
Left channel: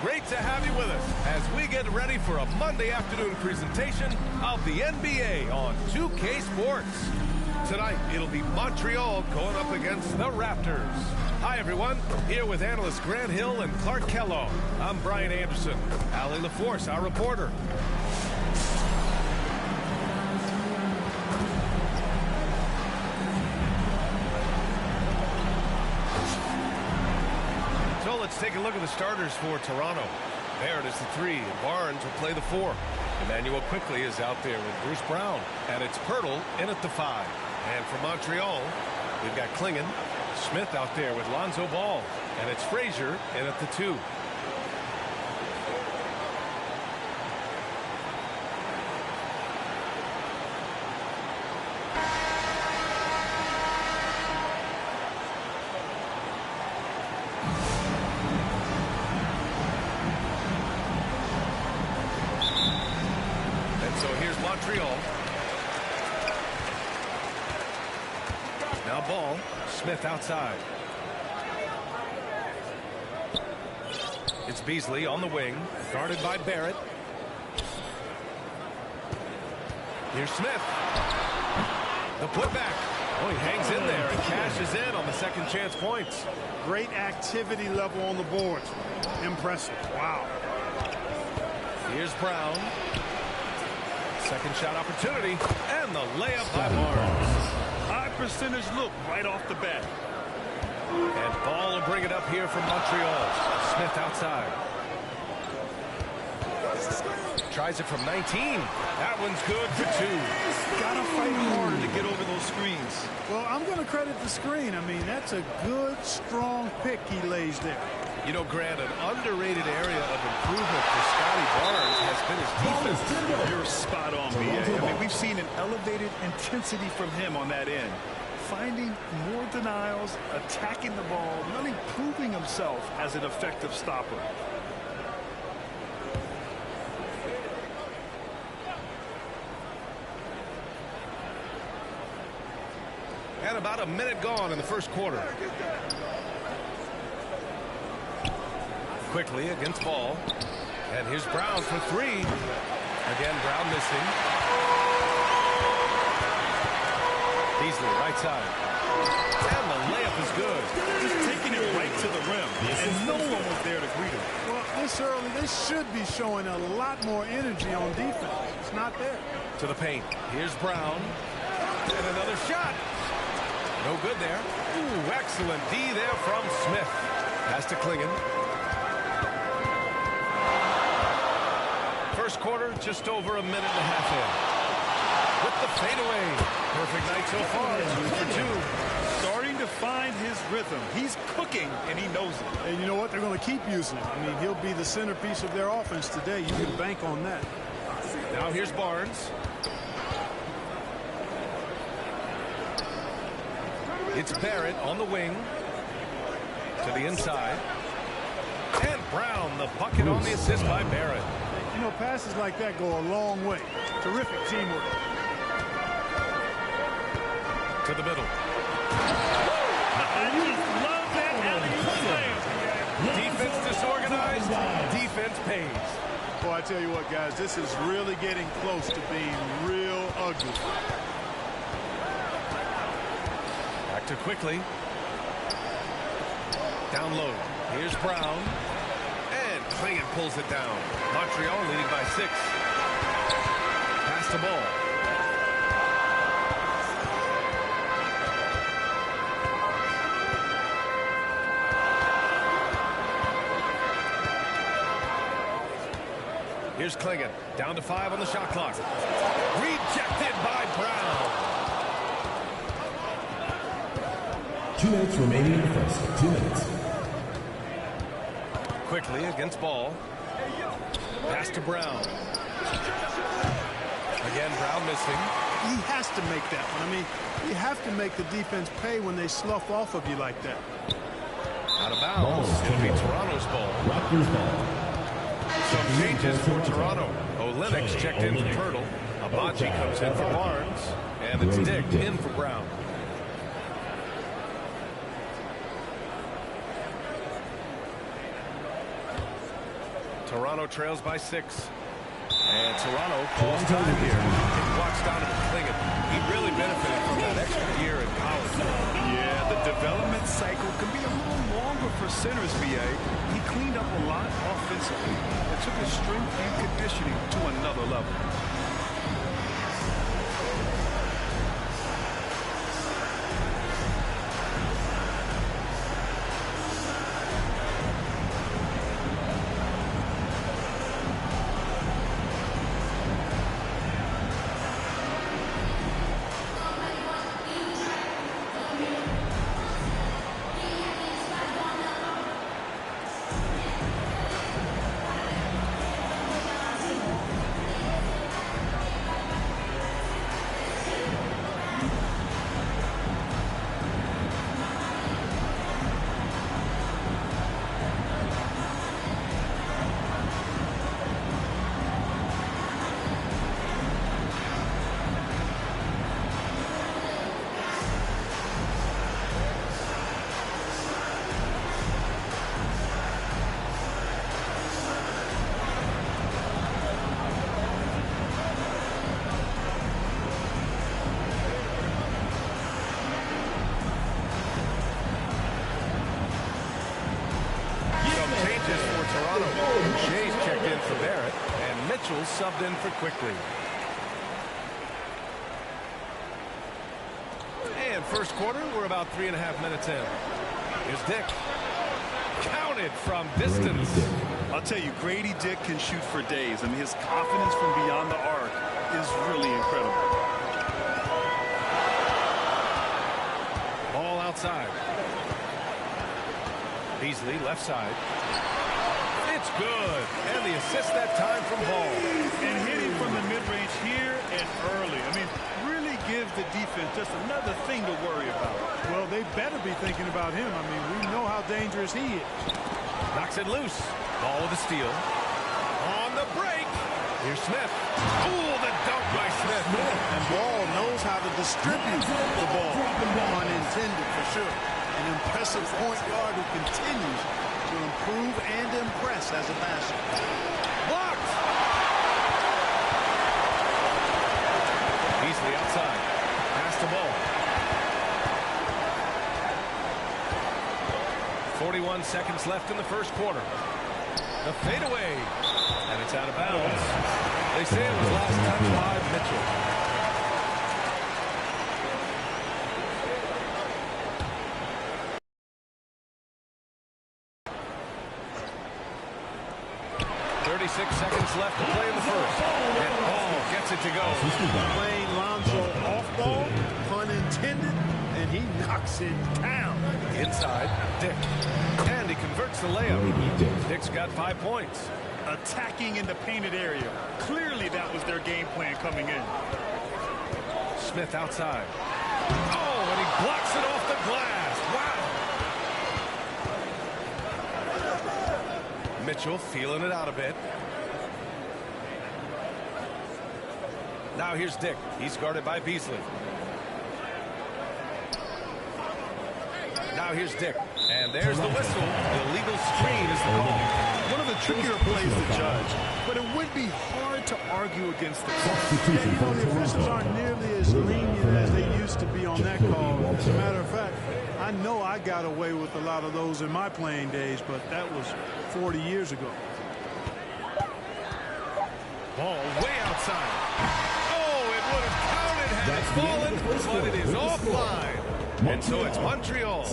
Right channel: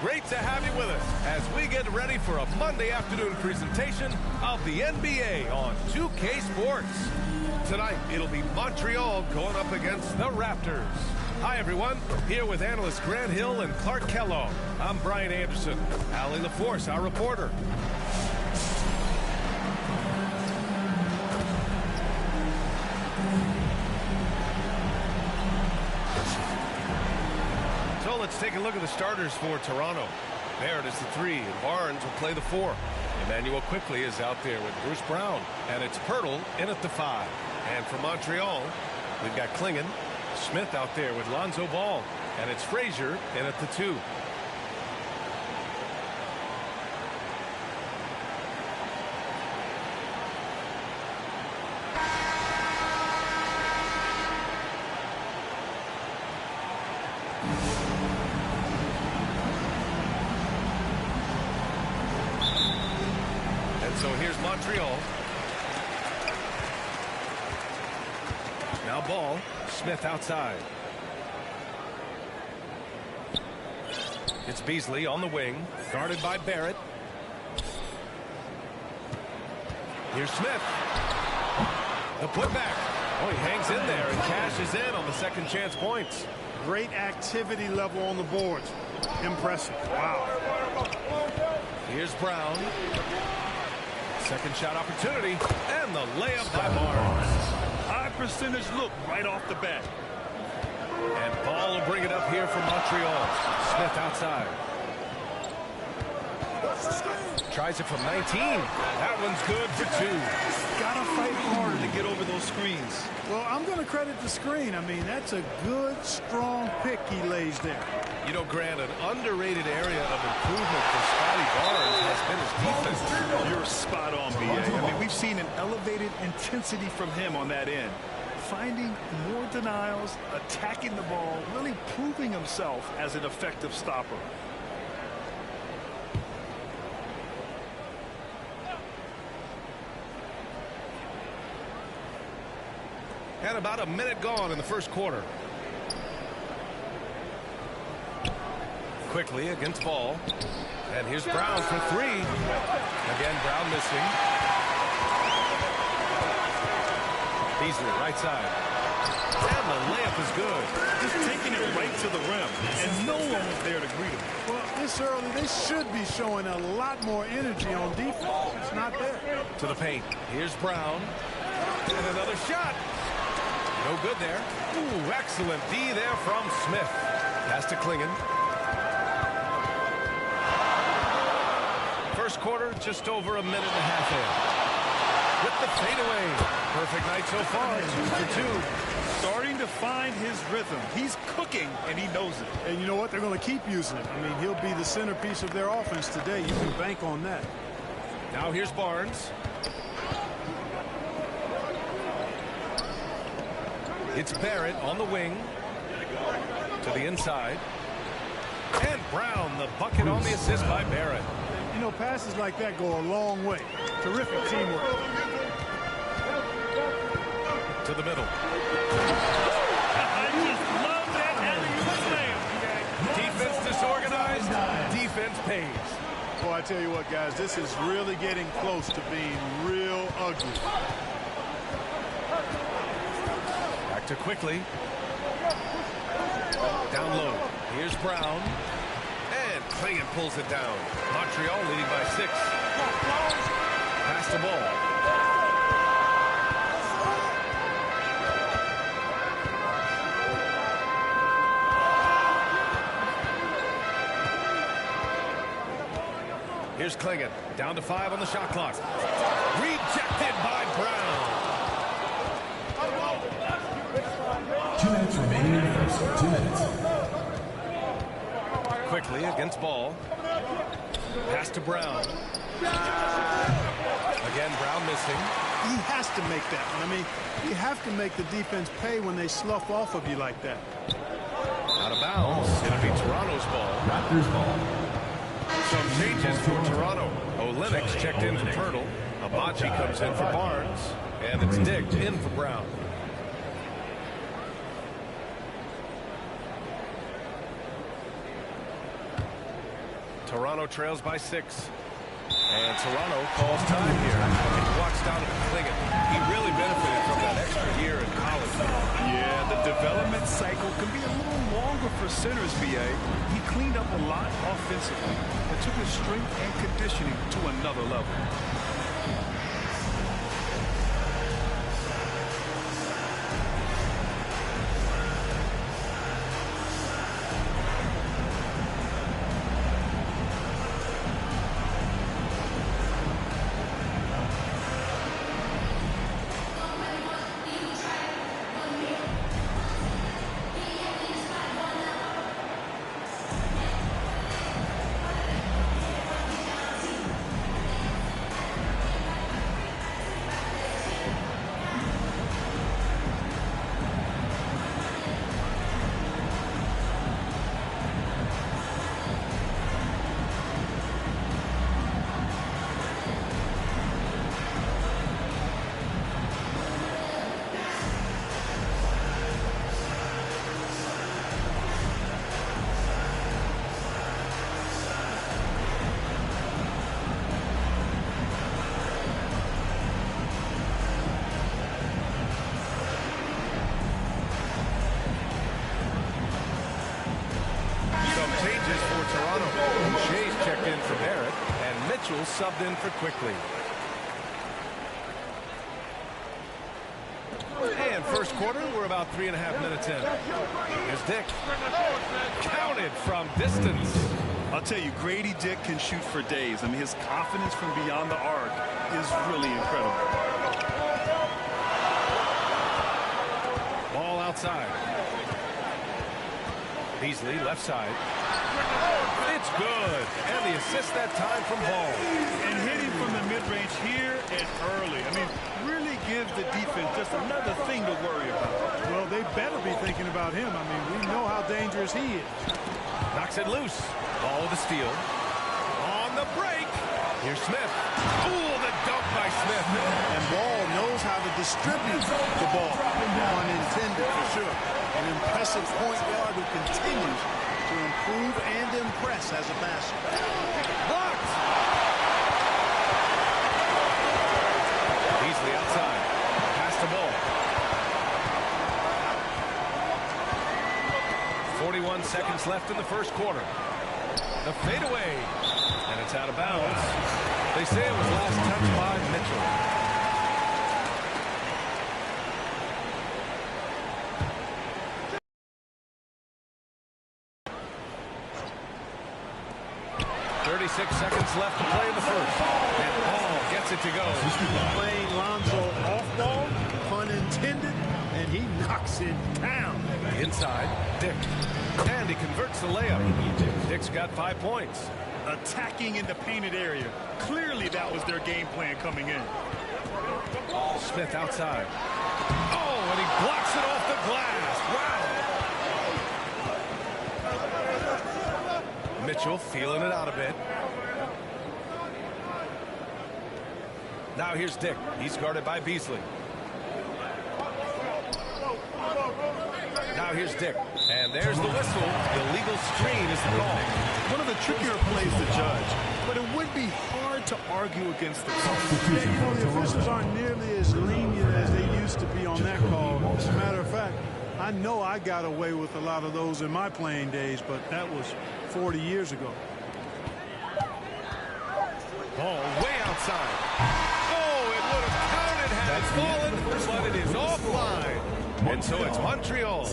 Great to have you with us as we get ready for a Monday afternoon presentation of the NBA on 2K Sports. Tonight, it'll be Montreal going up against the Raptors. Hi, everyone. Here with analysts Grant Hill and Clark Kellogg. I'm Brian Anderson. Allie LaForce, our reporter. So let's take a look at the starters for Toronto. Barrett is the 3, and Barnes will play the 4. Emmanuel quickly is out there with Bruce Brown, and it's Pirtle in at the 5. And for Montreal, we've got Klingon, Smith out there with Lonzo Ball, and it's Frazier in at the 2. So here's Montreal. Now Ball. Smith outside. It's Beasley on the wing, guarded by Barrett. Here's Smith. The putback. Oh, he hangs in there and cashes in on the second chance points. Great activity level on the boards. Impressive. Wow. Here's Brown. Second shot opportunity, and the layup by Barnes. High percentage look right off the bat. And Ball will bring it up here for Montreal. Smith outside. Tries it from 19. That one's good for 2. Gotta fight harder to get over those screens. Well, I'm going to credit the screen. I mean, that's a good, strong pick he lays there. You know, Grant, an underrated area of improvement for Scotty Barnes has been his defense. You're spot on, B.A. I mean, we've seen an elevated intensity from him on that end. Finding more denials, attacking the ball, really proving himself as an effective stopper. And about a minute gone in the first quarter. Quickly against Ball. And here's Brown for 3. Again, Brown missing. Beasley, right side. And the layup is good. Just taking it right to the rim. And no one was there to greet him. Well, this early, they should be showing a lot more energy on defense. It's not there. To the paint. Here's Brown. And another shot. No good there. Ooh, excellent D there from Smith. Pass to Klingon. First quarter, just over a minute and a half in. With the fadeaway. Perfect night so far, 2 for 2. Starting to find his rhythm. He's cooking, and he knows it. And you know what? They're going to keep using him. I mean, he'll be the centerpiece of their offense today. You can bank on that. Now here's Barnes. It's Barrett on the wing. To the inside. And Brown, the bucket on the assist by Barrett. You know, passes like that go a long way. Terrific teamwork. To the middle. I just love that alley-oop slam. Defense disorganized. Defense pays. Boy, I tell you what, guys, this is really getting close to being real ugly. Back to quickly. Down low. Here's Brown. And Klingon pulls it down. Montreal leading by 6. Pass the ball. Here's Klingon. Down to 5 on the shot clock. Rejected by Brown. 2 minutes remaining in the first. 2 minutes. Quickly against Ball. Pass to Brown. Again, Brown missing. He has to make that one. I mean, you have to make the defense pay when they slough off of you like that. Out of bounds. It'll be Toronto's ball. Raptors ball. Some changes for Toronto. Olenek's checked in for Pirtle. Abachi comes in for Barnes. And it's Dick in for Brown. Toronto trails by 6. And Toronto calls time here. And you watch Donovan Clingan. He really benefited from that extra year in college. Yeah, the development cycle can be a little longer for centers, BA. He cleaned up a lot offensively and took his strength and conditioning to another level. Changes for Toronto. Shea's checked in for Barrett, and Mitchell subbed in for Quickly. And first quarter, we're about 3.5 minutes in. Here's Dick. Counted from distance. I'll tell you, Grady Dick can shoot for days. I mean, his confidence from beyond the arc is really incredible. Ball outside. Beasley, left side. It's good. And the assist that time from Ball. And hitting from the mid-range here and early. I mean, really gives the defense just another thing to worry about. Well, they better be thinking about him. I mean, we know how dangerous he is. Knocks it loose. Ball with a steal. On the break. Here's Smith. Ooh, the dunk by Smith. And Ball knows how to distribute the ball. Pun intended, for sure. An impressive point guard who continues to improve and impress as a passer. Blocked. Beasley outside. Pass to Ball. 41 seconds left in the first quarter. The fadeaway. And it's out of bounds. They say it was last touched by Mitchell. .36 seconds left to play in the first. And Ball gets it to go. Playing Lonzo off ball, pun intended, and he knocks it down. Inside, Dick. And he converts the layup. Dick's got 5 points. Attacking in the painted area. Clearly that was their game plan coming in. Smith outside. Oh, and he blocks it off the glass. Wow. Mitchell feeling it out a bit. Now here's Dick. He's guarded by Beasley. Now here's Dick. And there's the whistle. Illegal screen is the call. One of the trickier plays to judge, but it would be hard to argue against the call. Yeah, you know, the officials aren't nearly as lenient as they used to be on that call. As a matter of fact, I know I got away with a lot of those in my playing days, but that was 40 years ago. Ball way outside. Oh, it would have counted had it fallen, but it is offline. And so it's Montreal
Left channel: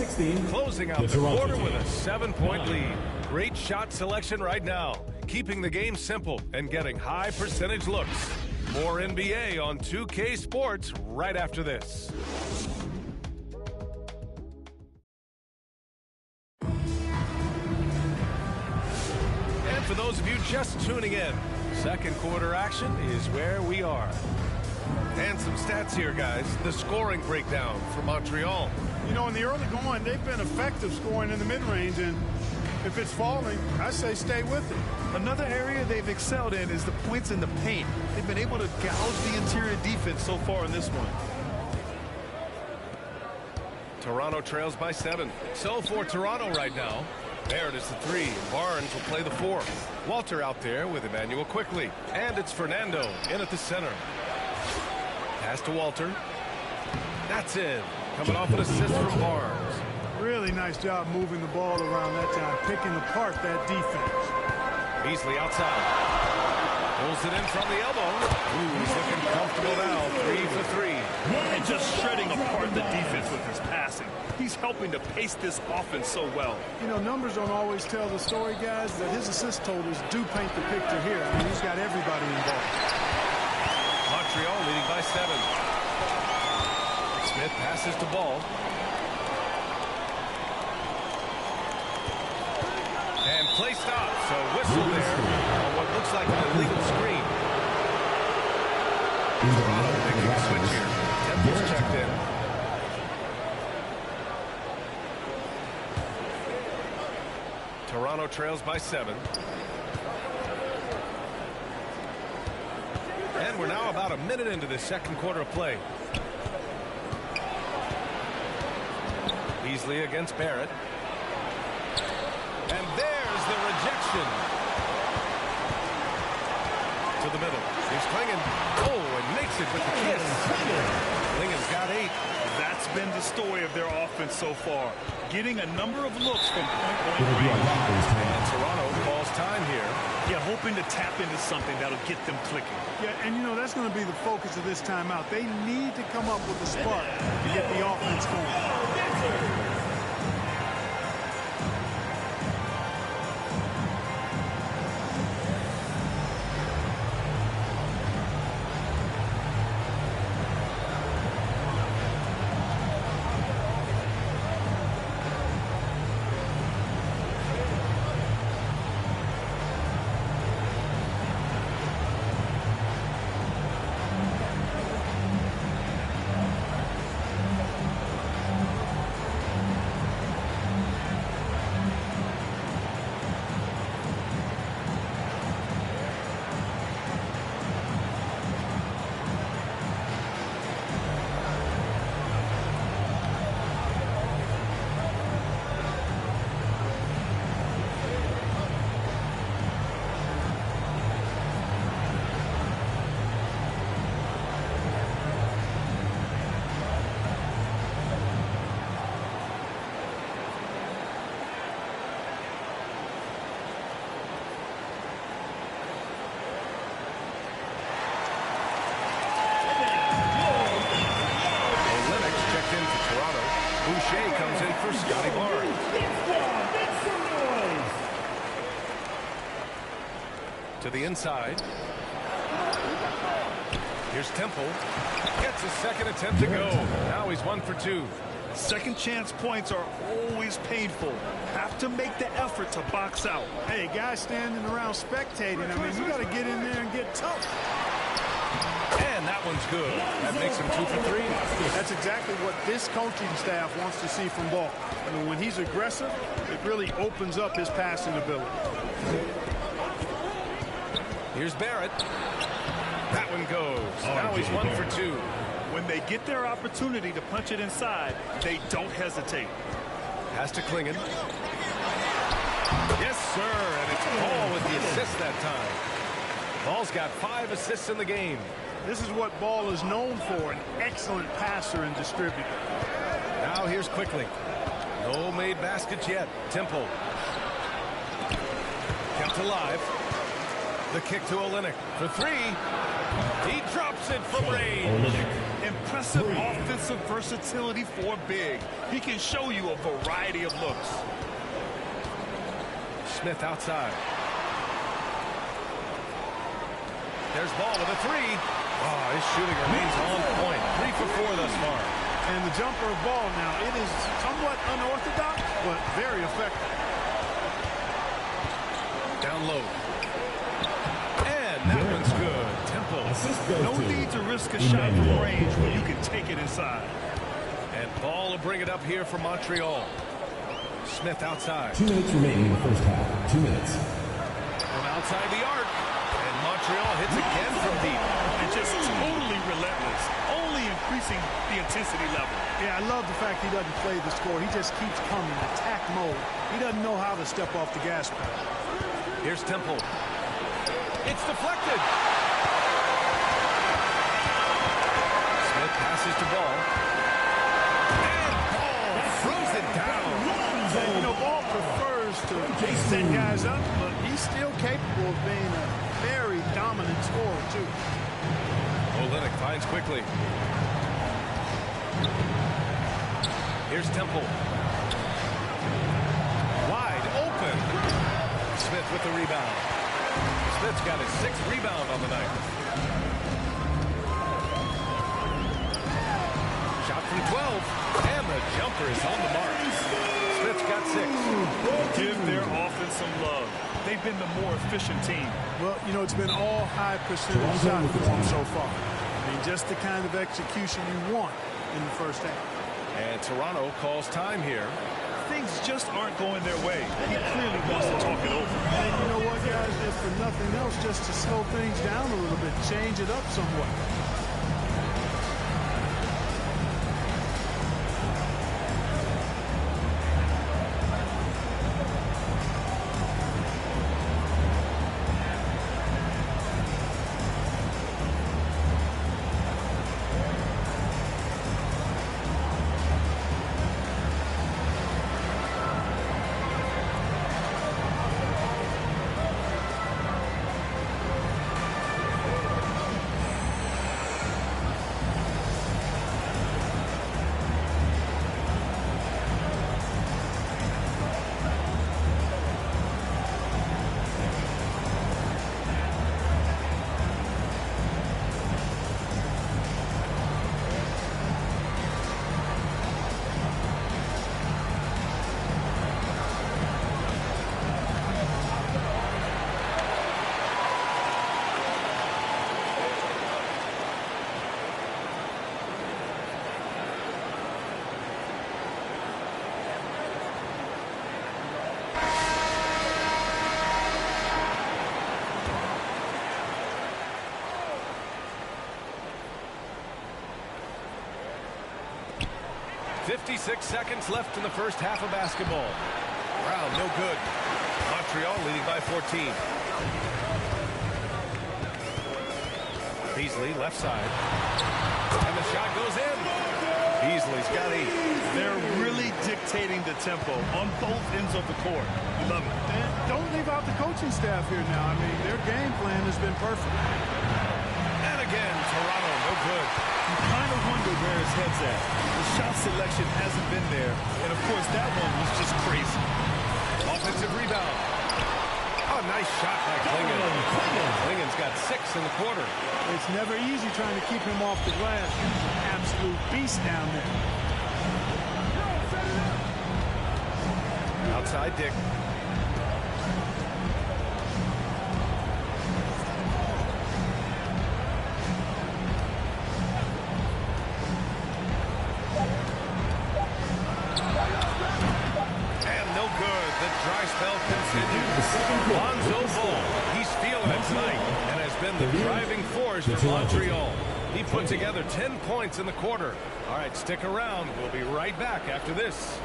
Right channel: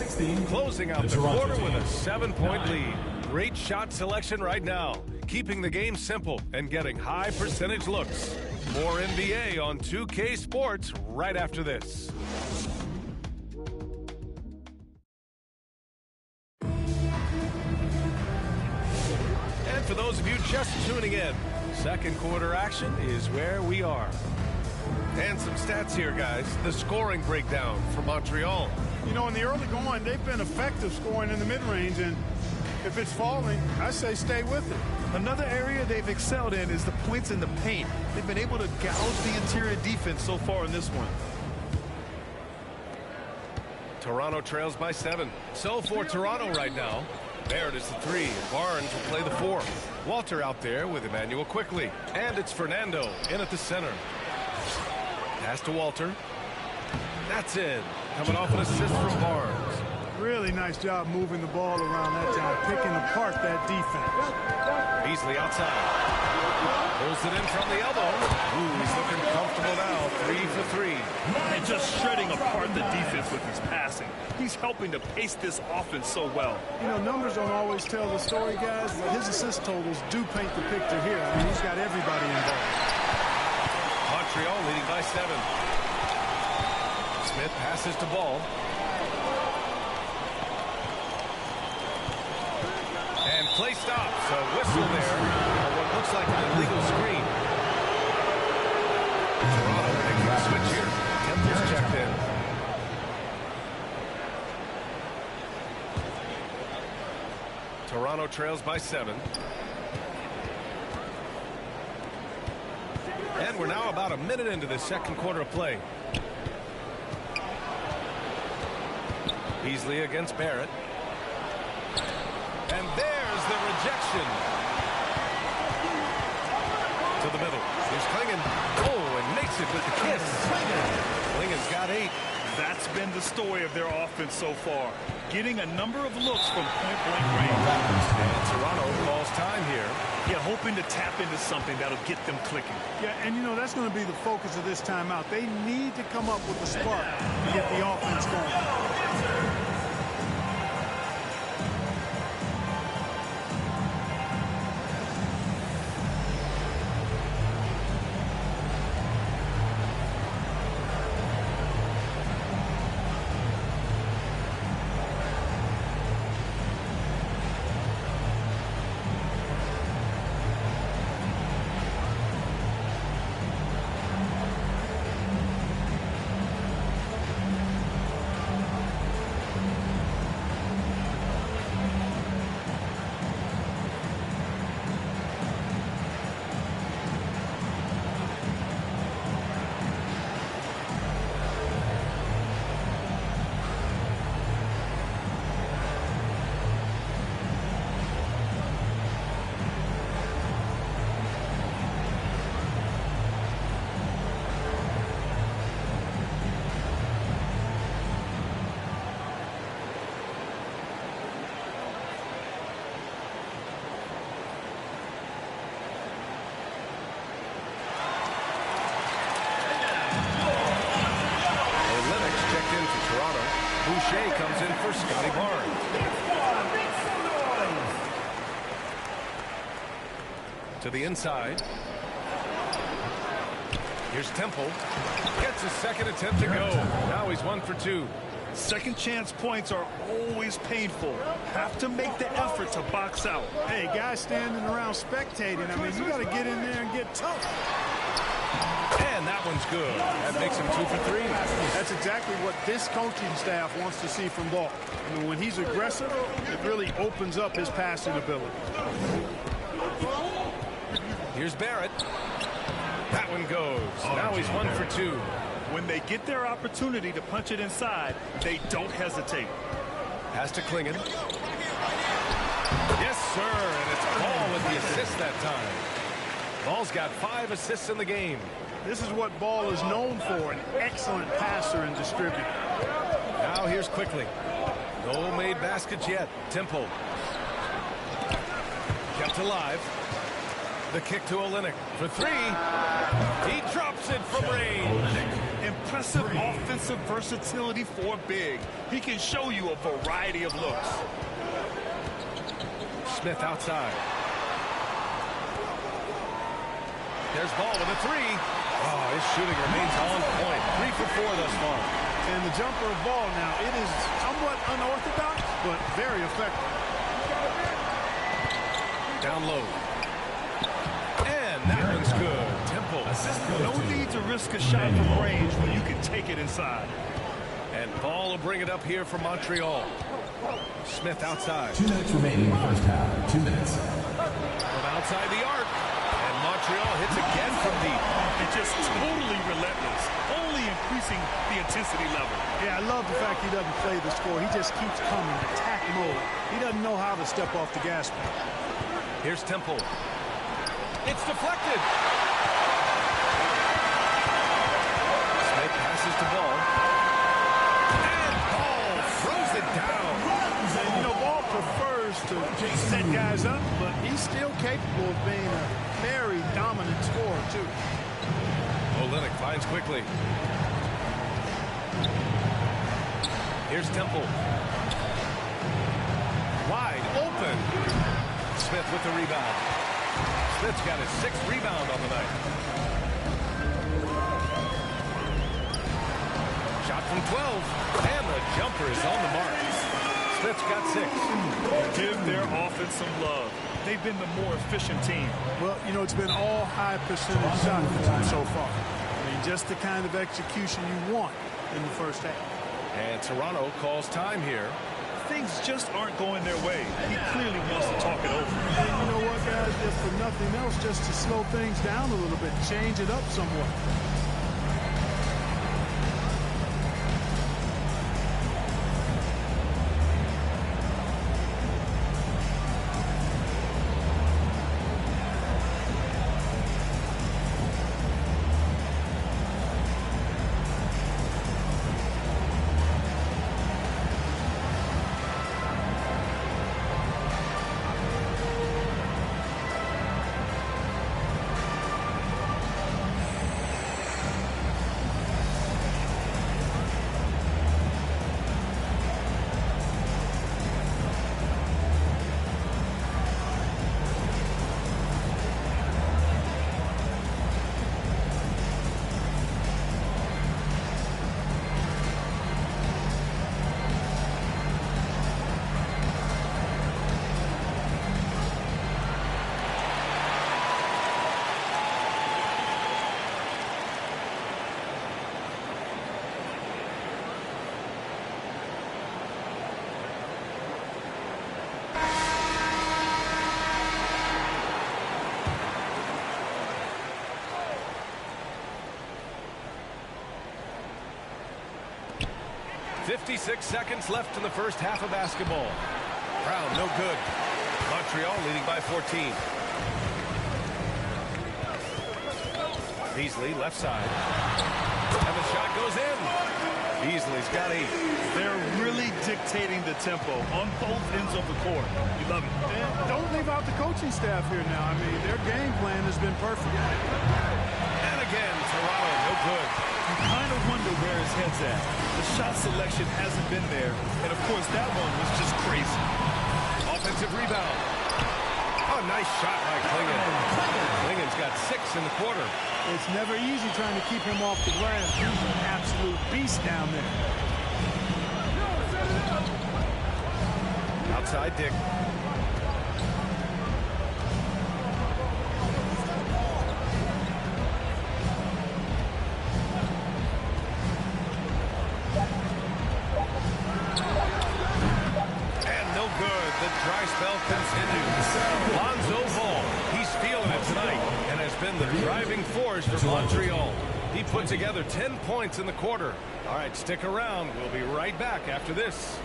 closing out the quarter with a 7-point lead. Great shot selection right now, keeping the game simple and getting high percentage looks. More NBA on 2K Sports right after this. And for those of you just tuning in, second quarter action is where we are. And some stats here, guys. The scoring breakdown for Montreal. You know, in the early going, they've been effective scoring in the mid-range, and if it's falling, I say stay with it. Another area they've excelled in is the points in the paint. They've been able to gouge the interior defense so far in this one. Toronto trails by 7. So for Toronto right now, There it is, the 3, and Barnes will play the 4. Walter out there with Emmanuel quickly. And it's Fernando in at the center. Pass to Walter. That's in. Coming off an assist from Barnes. Really nice job moving the ball around that time, picking apart that defense. Beasley outside. Pulls it in from the elbow. Ooh, he's looking comfortable now. 3 for 3. And just shredding apart the defense with his passing. He's helping to pace this offense so well. You know, numbers don't always tell the story, guys, but his assist totals do paint the picture here. I mean, he's got everybody involved. Montreal leading by 7. Smith passes to Ball. And play stops. A whistle there on what looks like an illegal screen. Toronto making a switch here. Temple's checked in. Toronto trails by 7. And we're now about a minute into this second quarter of play. Beasley against Barrett. And there's the rejection. To the middle. Here's Klingon. Oh, and makes it with the kiss. Klingon's got 8. That's been the story of their offense so far. Getting a number of looks from point-blank range. And Toronto calls time here. Yeah, hoping to tap into something that'll get them clicking. Yeah, and you know, that's going to be the focus of this timeout. They need to come up with a spark to get the offense going. In for Toronto. Boucher comes in for Scotty Barnes. To the inside. Here's Temple. Gets his second attempt to go. Now he's 1 for 2. Second chance points are always painful. Have to make the effort to box out. Hey, guys standing around spectating. I mean, you got to get in there and get tough. And that one's good. That makes him 2 for 3. That's exactly what this coaching staff wants to see from Ball. I mean, when he's aggressive, it really opens up his passing ability. Here's Barrett. That one goes. Now he's 1 for 2. When they get their opportunity to punch it inside, they don't hesitate. Pass to Klingon. Yes, sir. And it's Ball with the assist that time. Ball's got 5 assists in the game. This is what Ball is known for, an excellent passer and distributor. Now here's Quickly. No made baskets yet. Temple. Kept alive. The kick to Olynyk for 3. He drops it from range. Impressive offensive versatility for big. He can show you a variety of looks. Smith outside. There's Ball with a 3. Oh, his shooting remains on point. 3 for 4 thus far. And the jumper of Ball now, it is somewhat unorthodox, but very effective. Down low. And that one's good. Temple. No need to risk a shot from range when you can take it inside. And Ball will bring it up here for Montreal. Smith outside. 2 minutes remaining in the first half. 2 minutes. From outside the arc. And Montreal hits again from deep. And just totally relentless, only increasing the intensity level. Yeah, I love the fact he doesn't play the score. He just keeps coming, attack mode. He doesn't know how to step off the gas pedal. Here's Temple. It's deflected. Smith passes to Ball. And Ball throws it down. And, you know, Ball prefers to set guys up, but he's still capable of being a very dominant scorer, too. Olynyk finds quickly. Here's Temple. Wide open. Smith with the rebound. Smith's got his 6th rebound on the night. Shot from 12. And the jumper is on the mark. Smith's got 6. Give their offense some love. They've been the more efficient team. Well, you know, it's been all high percentage shots for them so far. I mean, just the kind of execution you want in the first half. And Toronto calls time here. Things just aren't going their way. He clearly wants to talk it over. And you know what, guys? If for nothing else, just to slow things down a little bit, change it up somewhat. .56 seconds left in the first half of basketball. Brown, no good. Montreal leading by 14. Beasley, left side. And the shot goes in. Beasley's got 8. They're really dictating the tempo on both ends of the court. You love it. And don't leave out the coaching staff here now. I mean, their game plan has been perfect. And again, Toronto, no good. You kind of wonder where his head's at. The shot selection hasn't been there. And, of course, that one was just crazy. Offensive rebound. Oh, nice shot by Klingon. Klingon's got 6 in the quarter. It's never easy trying to keep him off the glass. He's an absolute beast down there. Outside Dick. The dry spell continues. Lonzo Ball, he's feeling it tonight and has been the driving force for Montreal. He put together 10 points in the quarter. All right, stick around. We'll be right back after this.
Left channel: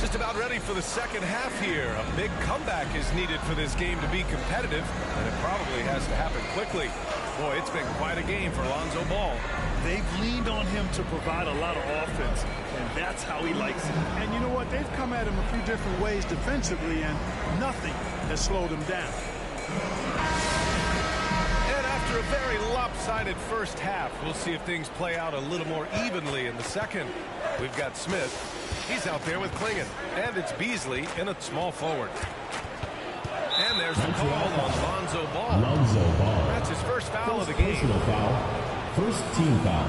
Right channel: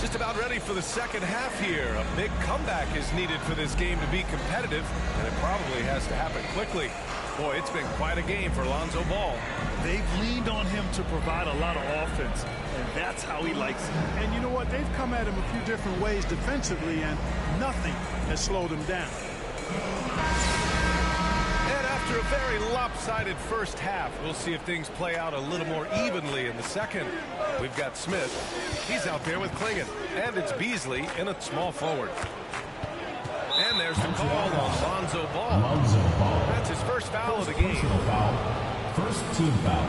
Just about ready for the second half here. A big comeback is needed for this game to be competitive, and it probably has to happen quickly. Boy, it's been quite a game for Lonzo Ball. They've leaned on him to provide a lot of offense, and that's how he likes it. And you know what? They've come at him a few different ways defensively, and nothing has slowed him down. And after a very lopsided first half, we'll see if things play out a little more evenly in the second. We've got Smith. He's out there with Klingon. And it's Beasley in a small forward. And there's the call on Lonzo Ball. Lonzo Ball. That's his first foul of the game. Personal foul. First team foul.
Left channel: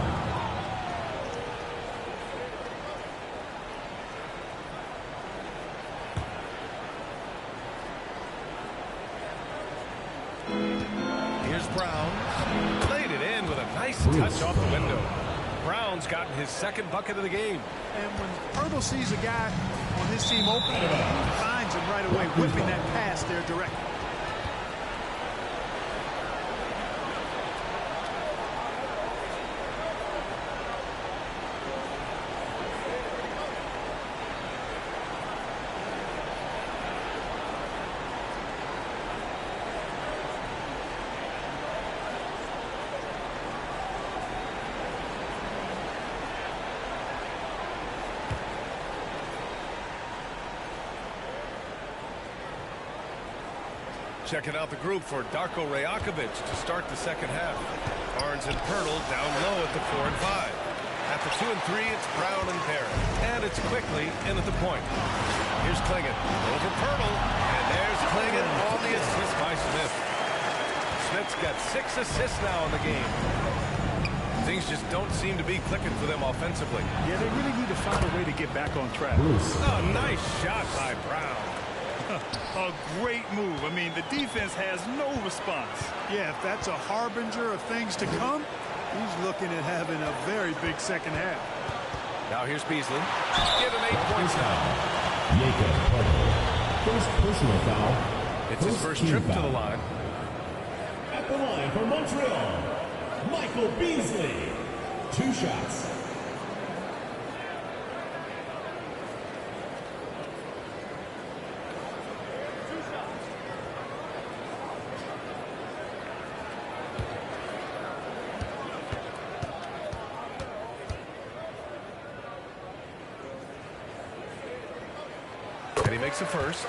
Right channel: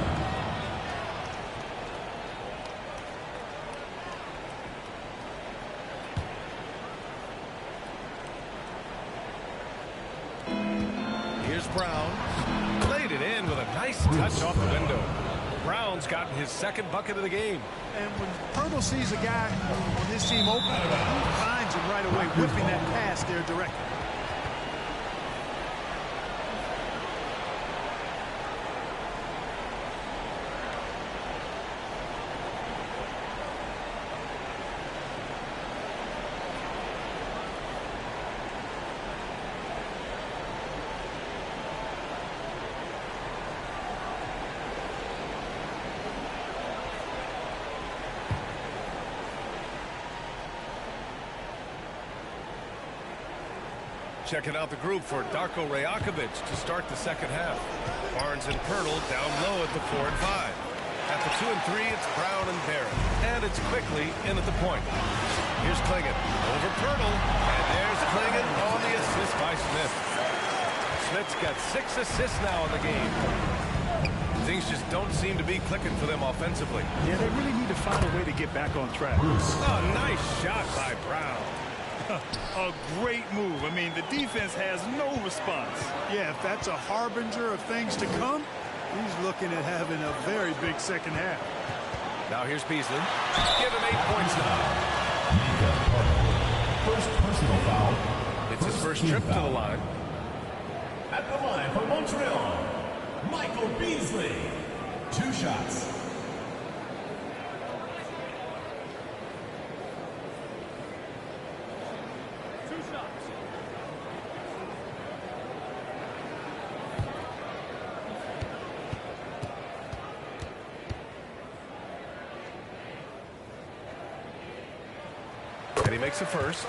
Here's Here's Brown. Laid it in with a nice touch off the window. Brown's gotten his second bucket of the game. And when Pirtle sees a guy on his team open, he finds him right away, whipping that pass there directly. Checking out the group for Darko Rajakovic to start the second half. Barnes and Pirtle down low at the 4 and 5. At the 2 and 3, it's Brown and Barrett. And it's quickly in at the point. Here's Klingon over Pirtle. And there's Klingon on the assist by Smith. Smith's got 6 assists now in the game. Things just don't seem to be clicking for them offensively. Yeah, they really need to find a way to get back on track. Oh, nice shot by Brown. A great move. I mean, the defense has no response. Yeah, if that's a harbinger of things to come, he's looking at having a very big second half. Now here's Beasley. Give him 8 points now. Jacob Pirtle. First personal foul. It's his first trip to the line. At the line for Montreal, Michael Beasley. 2 shots. And he makes a first.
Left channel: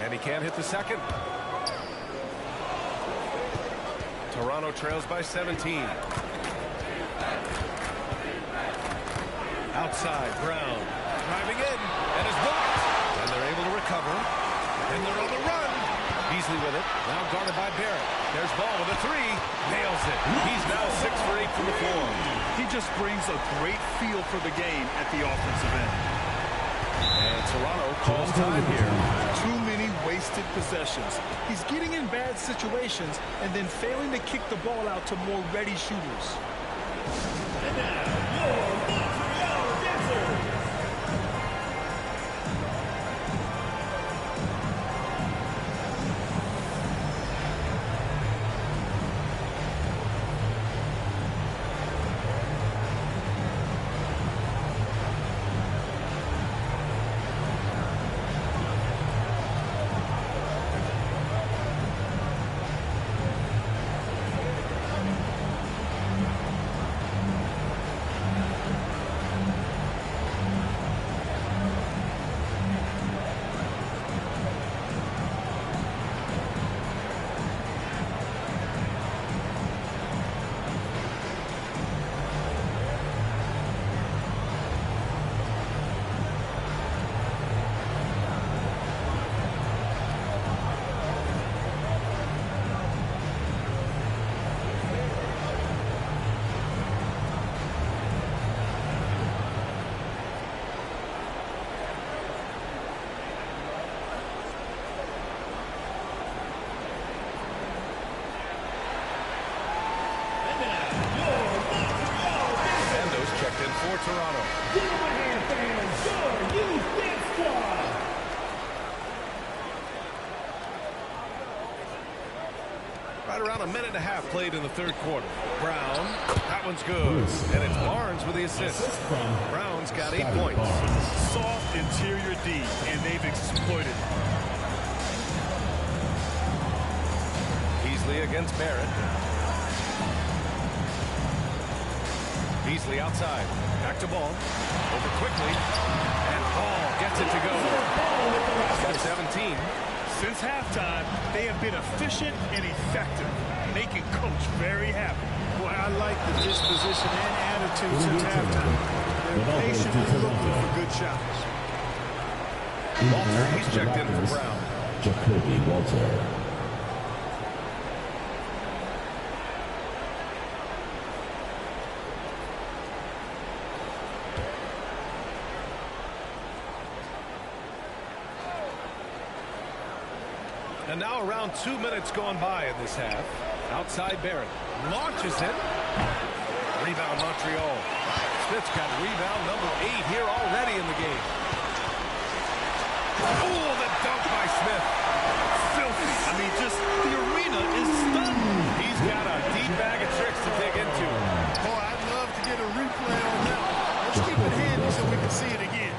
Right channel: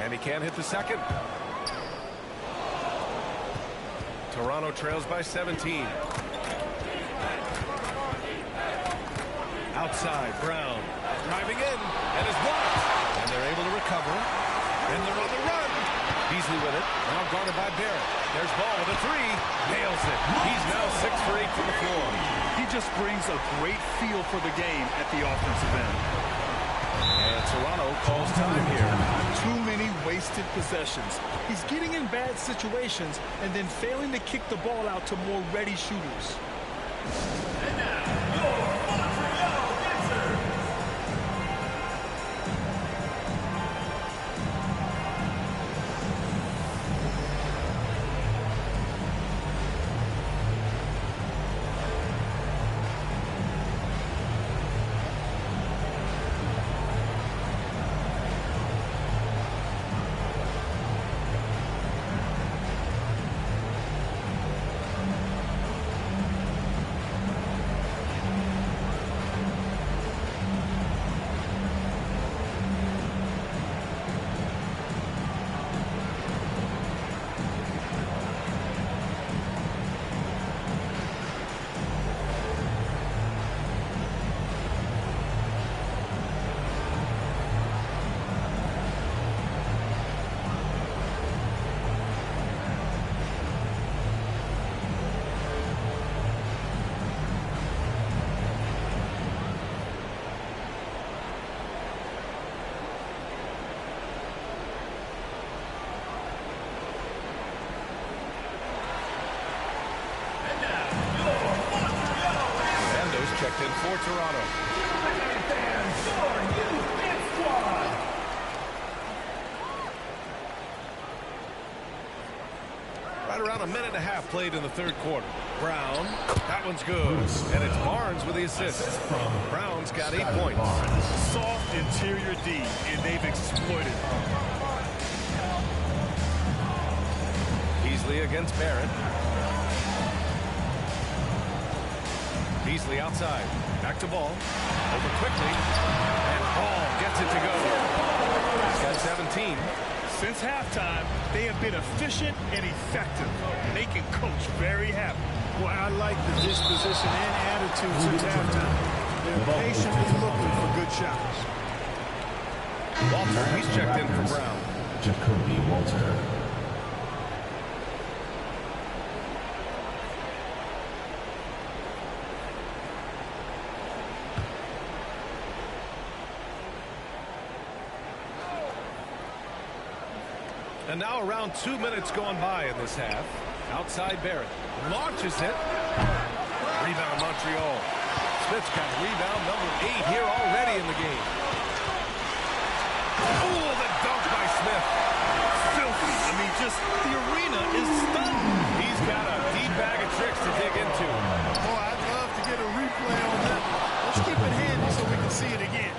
And he can't hit the second. Toronto trails by 17. Outside, Brown driving in and is blocked. And they're able to recover. And they're on the run. Beasley with it. Now guarded by Barrett. There's Ball with a 3. Nails it. He's now 6 for 8 from the floor. He just brings a great feel for the game at the offensive end. And Toronto calls time here. Too many wasted possessions. He's getting in bad situations and then failing to kick the ball out to more ready shooters. And now, your Montreal dancers. Checked in for Toronto. Give them a hand, fans. Your youth dance squad. Right around a minute and a half played in the third quarter. Brown, that one's good. And it's Barnes with the assist. Brown's got 8 points. Soft interior D, and they've exploited it. Beasley against Barrett. Beasley outside. Back to Ball. Over quickly. And Ball gets it to go. He's got 17. Since halftime, they have been efficient and effective, making Coach very happy. Well, I like the disposition and attitude since halftime. They're patiently looking for good shots. Walter, he's checked in for Brown. Jacoby Walter. And now around 2 minutes gone by in this half. Outside Barrett. Launches it. Rebound Montreal. Smith's got rebound number 8 here already in the game. Oh, the dunk by Smith. Filthy. I mean, just the arena is stunned. He's got a deep bag of tricks to dig into. Boy, I'd love to get a replay on that one. Let's keep it handy so we can see it again.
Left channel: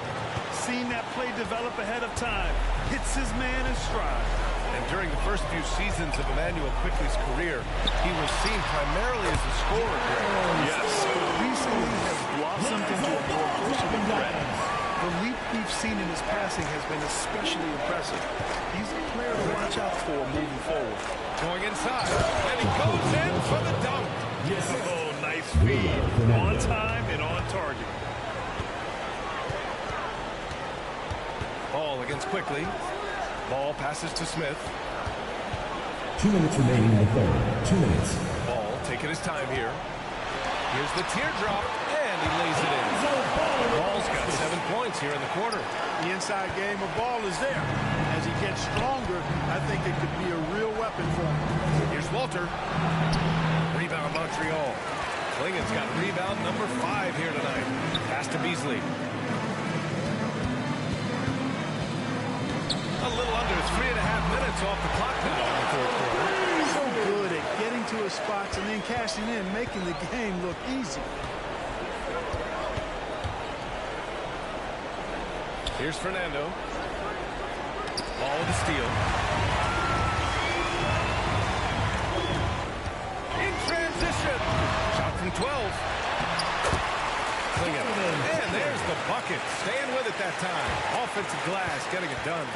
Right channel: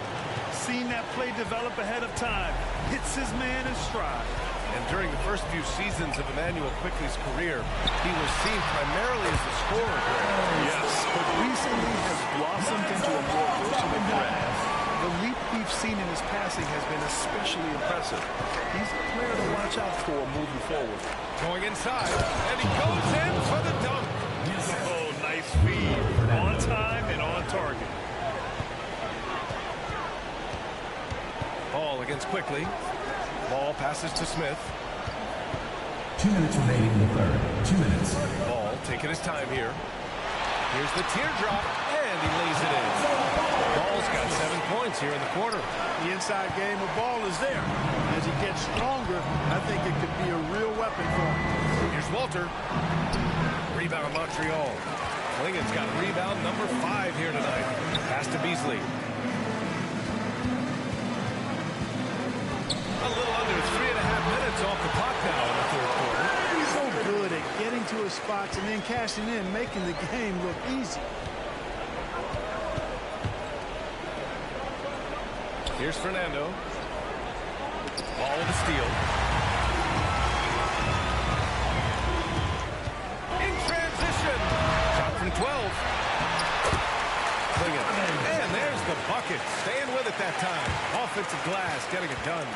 Seen that play develop ahead of time. Hits his man in stride. And during the first few seasons of Emmanuel Quickley's career, he was seen primarily as a scorer, Greg. Yes, but recently has blossomed into a more versatile threat. The leap we've seen in his passing has been especially impressive. He's a player to watch out for moving forward. Going inside, and he goes in for the dunk. Oh, nice feed. On time and on target. Ball against Quickley. Ball passes to Smith. 2 minutes remaining in the third. 2 minutes. Ball taking his time here. Here's the teardrop, and he lays it in. Ball's got 7 points here in the quarter. The inside game of ball is there. As he gets stronger, I think it could be a real weapon for him. Here's Walter. Rebound Montreal. Klingen's got rebound number 5 here tonight. Pass to Beasley. A little under 3.5 minutes off the clock now in the third quarter. So good at getting to his spots and then cashing in, making the game look easy. Here's Fernando. Ball with a steal. In transition. Shot from 12. Klingen. And there's the bucket. Staying with it that time. Offensive glass getting it done.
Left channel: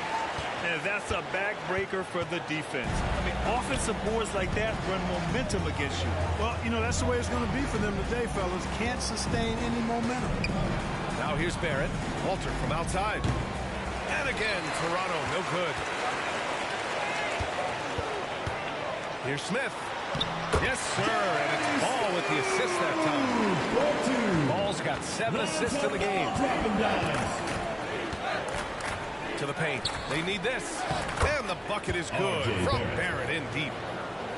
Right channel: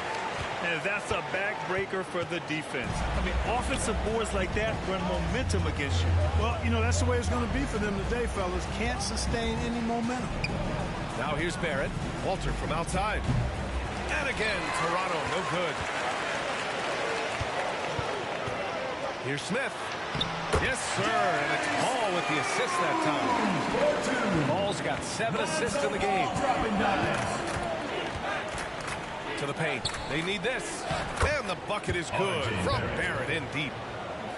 And that's a backbreaker for the defense. I mean, offensive boards like that run momentum against you. Well, you know, that's the way it's going to be for them today, fellas. Can't sustain any momentum. Now here's Barrett. Walter from outside. And again, Toronto, no good. Here's Smith. Yes, sir, and it's Ball with the assist that time. Ball's got 7 assists in the game. To the paint. They need this. And the bucket is good from Barrett in deep.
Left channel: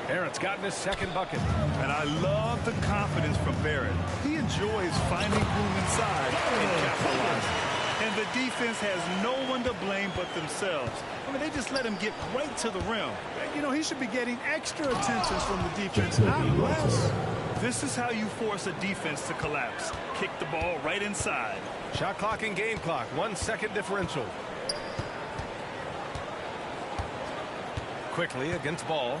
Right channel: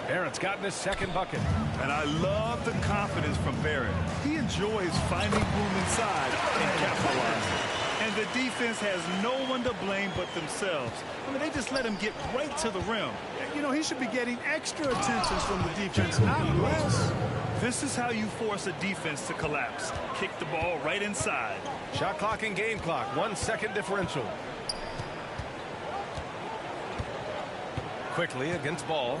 Barrett's gotten his second bucket. And I love the confidence from Barrett. He enjoys finding room inside and capitalizing. And the defense has no one to blame but themselves. I mean, they just let him get right to the rim. You know, he should be getting extra attention from the defense, not less. This is how you force a defense to collapse. Kick the ball right inside. Shot clock and game clock. 1 second differential. Quickly against Ball.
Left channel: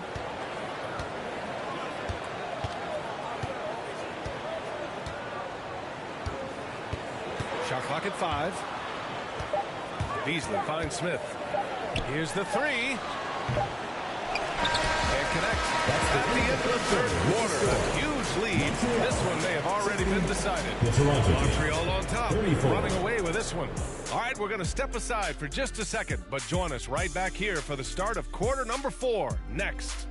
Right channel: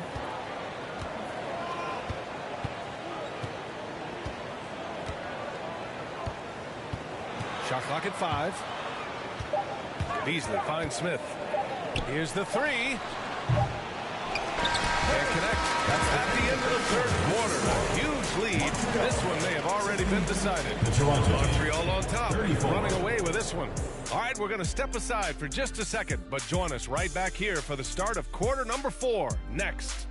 Shot clock at 5. Beasley finds Smith. Here's the 3. And connect. At the end of the third quarter, a huge lead. This one may have already been decided. Montreal on top, running away with this one. All right, we're going to step aside for just a second, but join us right back here for the start of quarter number 4 next.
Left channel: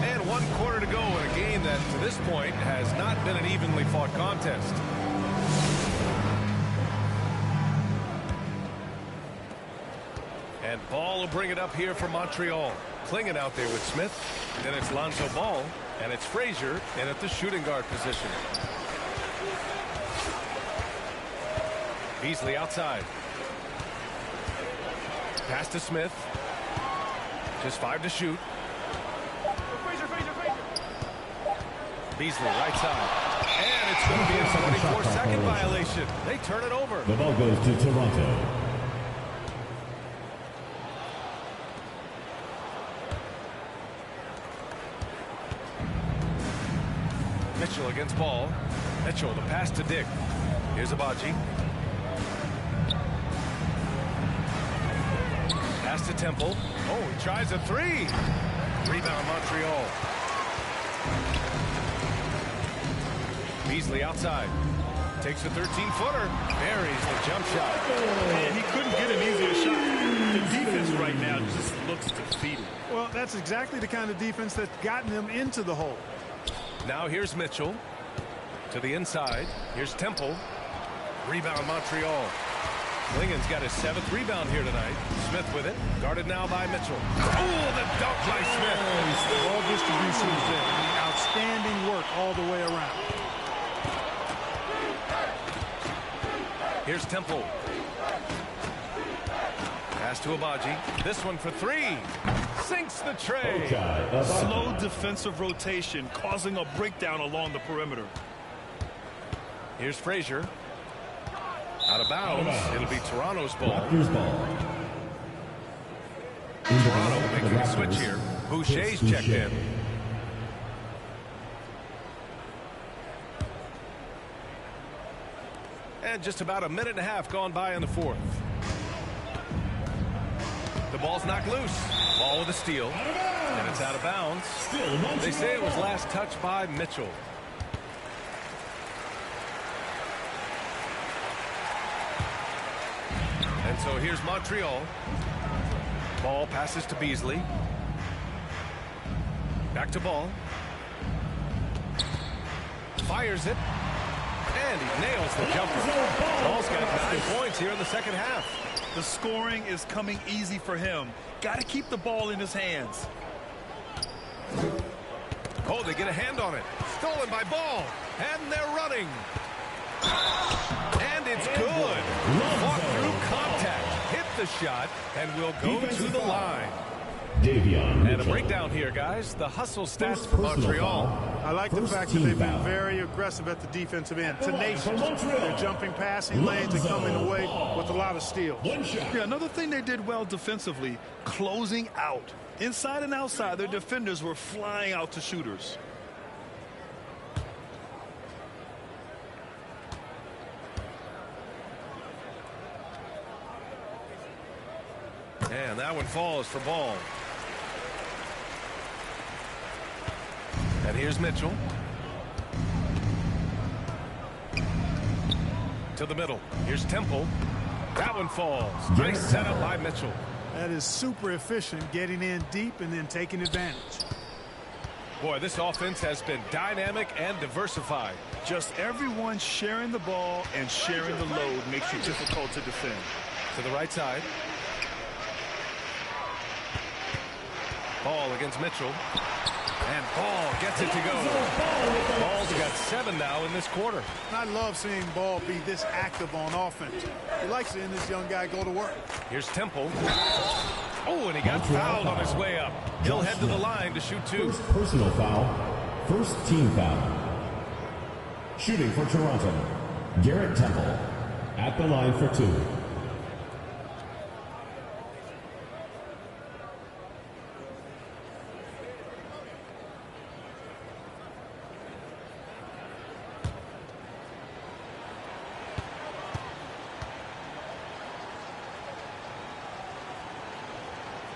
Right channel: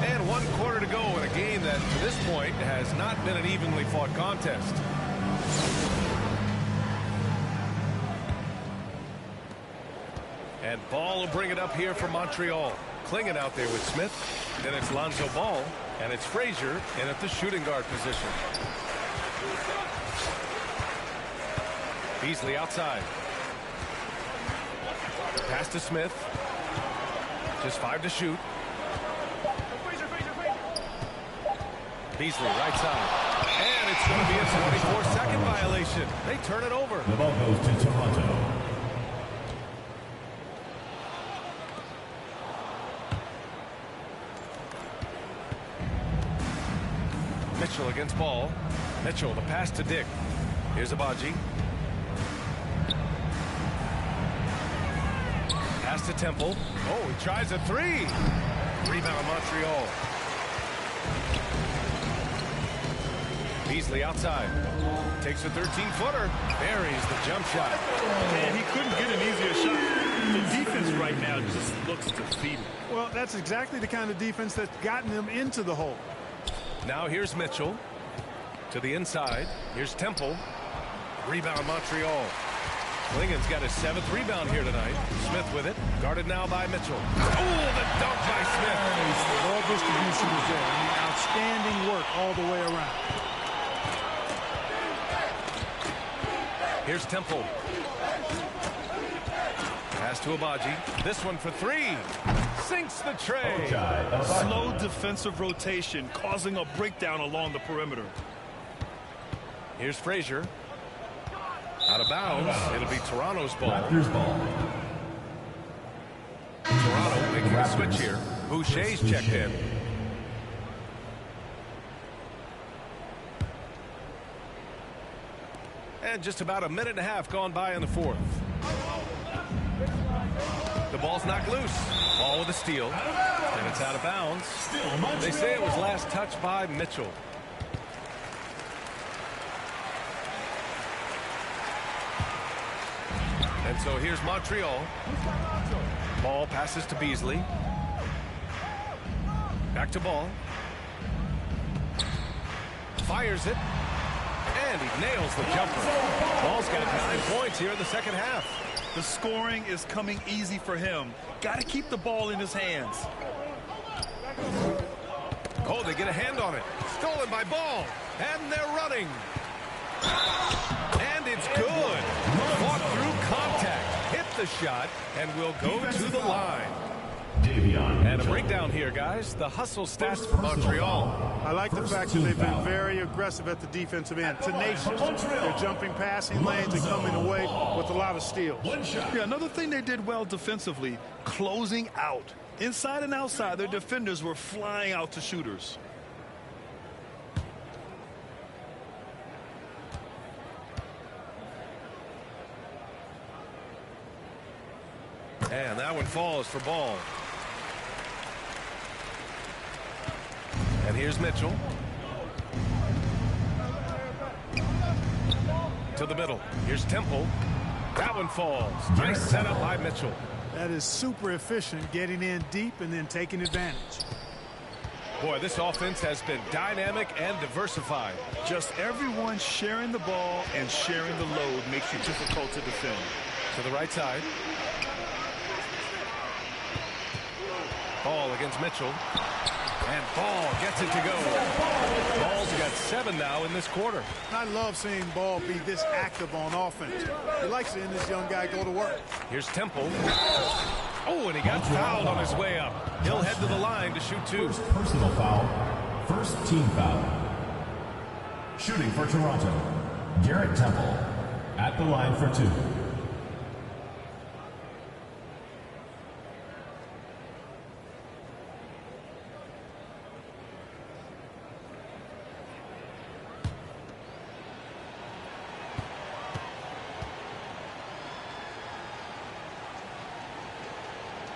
And 1 quarter to go in a game that, to this point, has not been an evenly fought contest. And Ball will bring it up here for Montreal. Klingen out there with Smith. Then it's Lonzo Ball. And it's Frazier in at the shooting guard position. Beasley outside. Pass to Smith. Just 5 to shoot. Beasley right side. And it's going to be a 24-second violation. They turn it over. The ball goes to Toronto. Mitchell against Ball. Mitchell, the pass to Dick. Here's Abaji. Pass to Temple. Oh, he tries a three. Rebound, Montreal. Beasley outside. Takes a 13-footer. Buries the jump shot. And he couldn't get an easier shot. The defense right now just looks defeated. Well, that's exactly the kind of defense that's gotten them into the hole. Now here's Mitchell. To the inside. Here's Temple. Rebound, Montreal. Klingen's got his 7th rebound here tonight. Smith with it. Guarded now by Mitchell. Oh, the dunk by Smith. Ball distribution is there. I mean, outstanding work all the way around. Here's Temple. Pass to Abaji. This one for three. Sinks the tray. Slow defensive rotation causing a breakdown along the perimeter. Here's Frazier. Out of bounds. It'll be Toronto's ball. Toronto making a switch here. Boucher's checked in. And just about a minute and a half gone by in the fourth. The ball's knocked loose. Ball with a steal. And it's out of bounds. They say it was last touched by Mitchell. And so here's Montreal. Ball passes to Beasley. Back to Ball. Fires it. And he nails the jumper. Ball's got 9 points here in the second half. The scoring is coming easy for him. Got to keep the ball in his hands. Oh, they get a hand on it. Stolen by Ball. And they're running. And it's good. Fought through contact. Hit the shot and will go to the line. And a breakdown here, guys. The hustle stats for Montreal. I like the fact that they've been very aggressive at the defensive end. Tenacious. They're jumping passing lanes and coming away with a lot of steals. Yeah, another thing they did well defensively, closing out. Inside and outside, their defenders were flying out to shooters. And that one falls for Ball. And here's Mitchell. To the middle. Here's Temple. That one falls. Nice setup by Mitchell. That is super efficient, getting in deep and then taking advantage. Boy, this offense has been dynamic and diversified. Just everyone sharing the ball and sharing the load makes you difficult to defend. To the right side. Ball against Mitchell. And Ball gets it to go. Ball's got 7 now in this quarter. I love seeing Ball be this active on offense. He likes seeing this young guy go to work. Here's Temple. Oh, and he got fouled on his way up. He'll head to the line to shoot 2. First personal foul. First team foul. Shooting for Toronto, Garrett Temple. At the line for 2.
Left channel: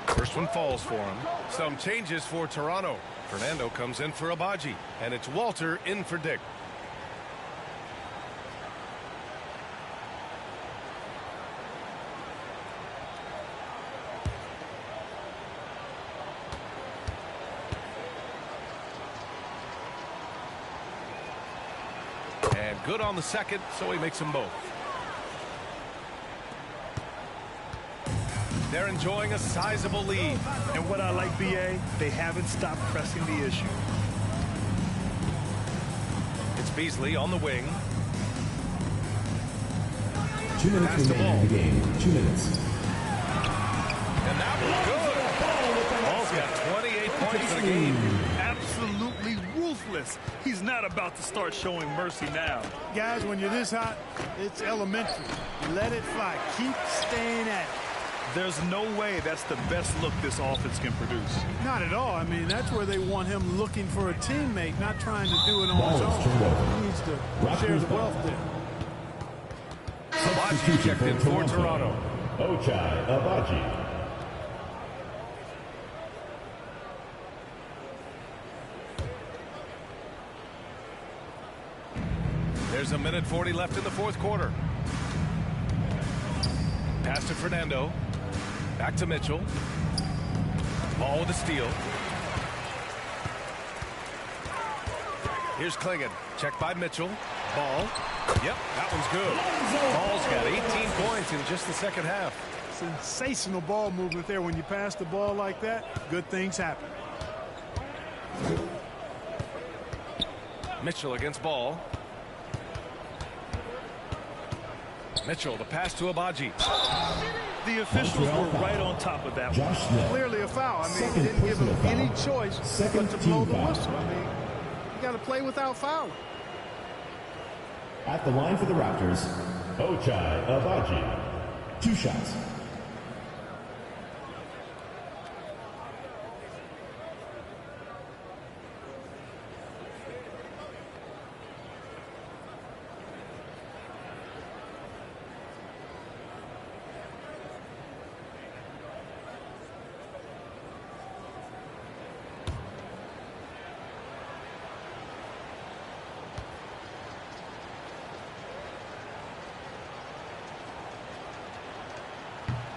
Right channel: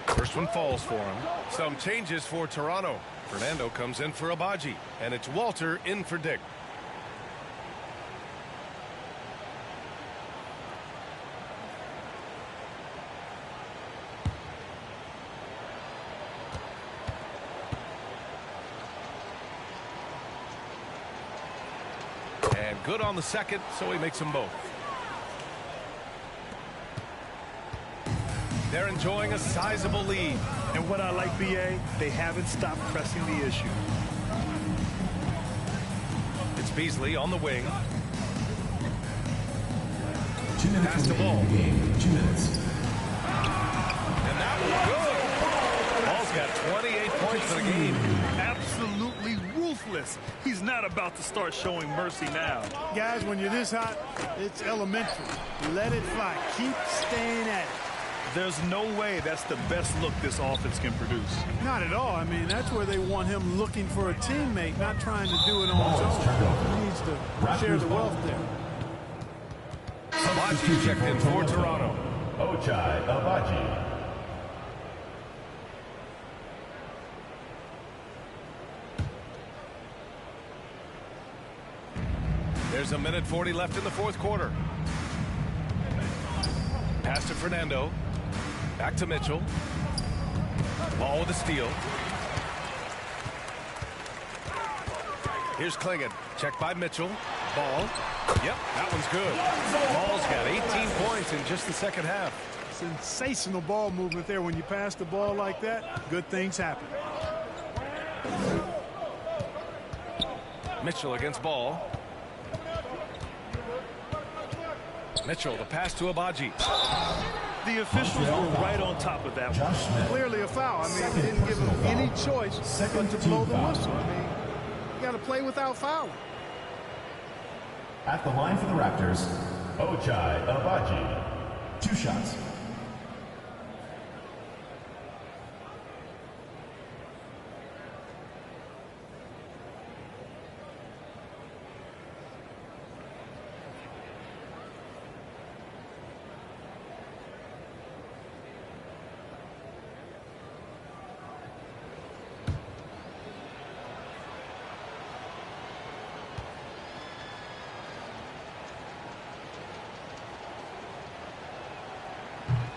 First one falls for him. Some changes for Toronto. Fernando comes in for Abaji. And it's Walter in for Dick. And good on the second, so he makes them both. They're enjoying a sizable lead. And what I like, BA, they haven't stopped pressing the issue. It's Beasley on the wing. 2 minutes Pass the ball. in the game. 2 minutes. And that was good. Ball's got 28 points for the game. Absolutely ruthless. He's not about to start showing mercy now. Guys, when you're this hot, it's elementary. Let it fly. Keep staying at it. There's no way that's the best look this offense can produce. Not at all. I mean, that's where they want him looking for a teammate, not trying to do it on his own. He needs to share the wealth there. Abaji checked in for Toronto. Ochai Abaji. There's a minute 40 left in the fourth quarter. Pass to Fernando. Back to Mitchell. Ball with a steal. Here's Klingon. Check by Mitchell. Ball. Yep, that one's good. Ball's got 18 points in just the second half. Sensational ball movement there. When you pass the ball like that, good things happen. Mitchell against Ball. Mitchell, the pass to Abaji. The officials were right on top of that one. Clearly a foul. I mean, he didn't give him any choice but to blow the whistle. I mean, you got to play without fouling. At the line for the Raptors, Ochai Abaji. 2 shots.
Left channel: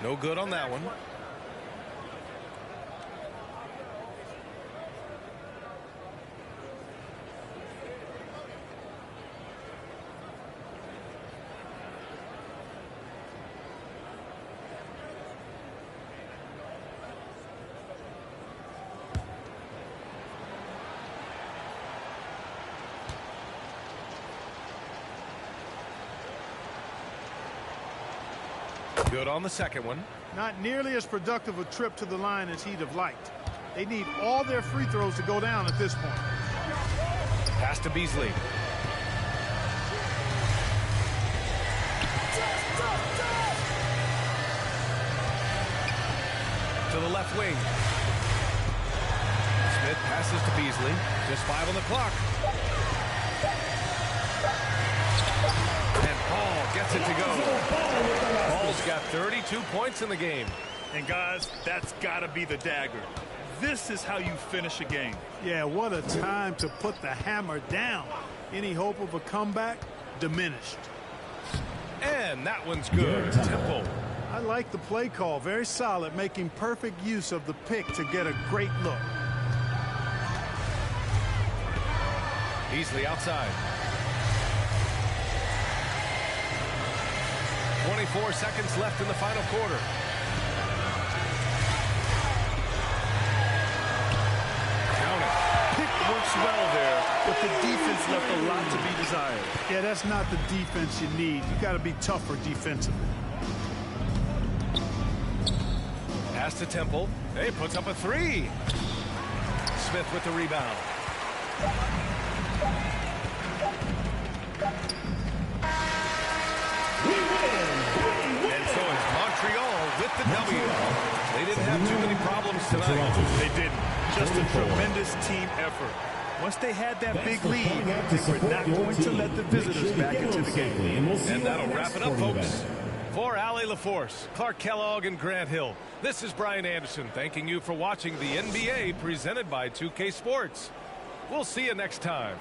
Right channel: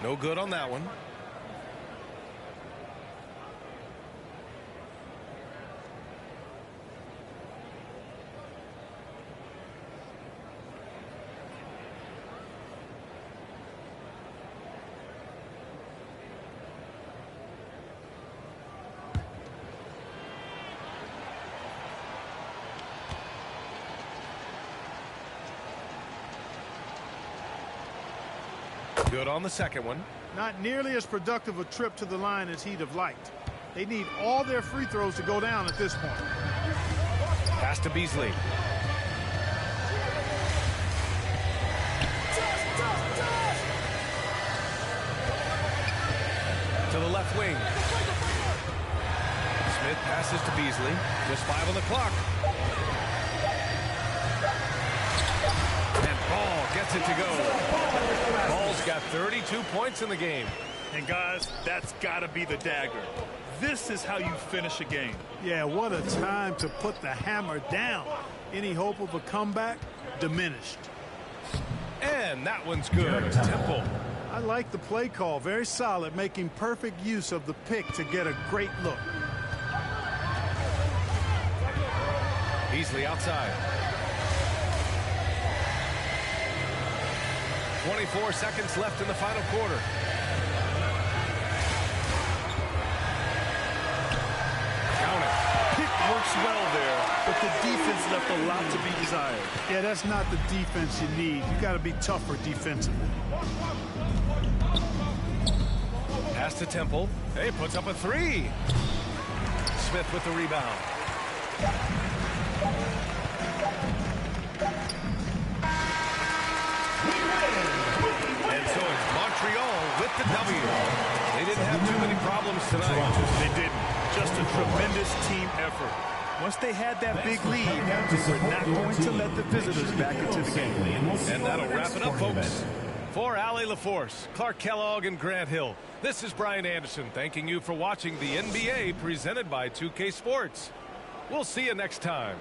No good on that one. Good on the second one. Not nearly as productive a trip to the line as he'd have liked. They need all their free throws to go down at this point. Pass to Beasley. To the left wing. Smith passes to Beasley. Just 5 on the clock. And Ball gets it to go. Ball's got 32 points in the game. And guys, that's got to be the dagger. This is how you finish a game. Yeah, what a time to put the hammer down. Any hope of a comeback? Diminished. And that one's good. Temple. I like the play call. Very solid, making perfect use of the pick to get a great look. Beasley outside. 24 seconds left in the final quarter. Count it. Pick works well there, but the defense left a lot to be desired. Yeah, that's not the defense you need. You got to be tougher defensively. Pass to Temple. Hey, puts up a 3. Smith with the rebound. And so it's Montreal with the W. They didn't have too many problems tonight. They didn't. Just a tremendous team effort. Once they had that big lead, they were not going to let the visitors back into the game. And that'll wrap it up, folks. For Allie LaForce, Clark Kellogg, and Grant Hill, this is Brian Anderson thanking you for watching the NBA presented by 2K Sports. We'll see you next time.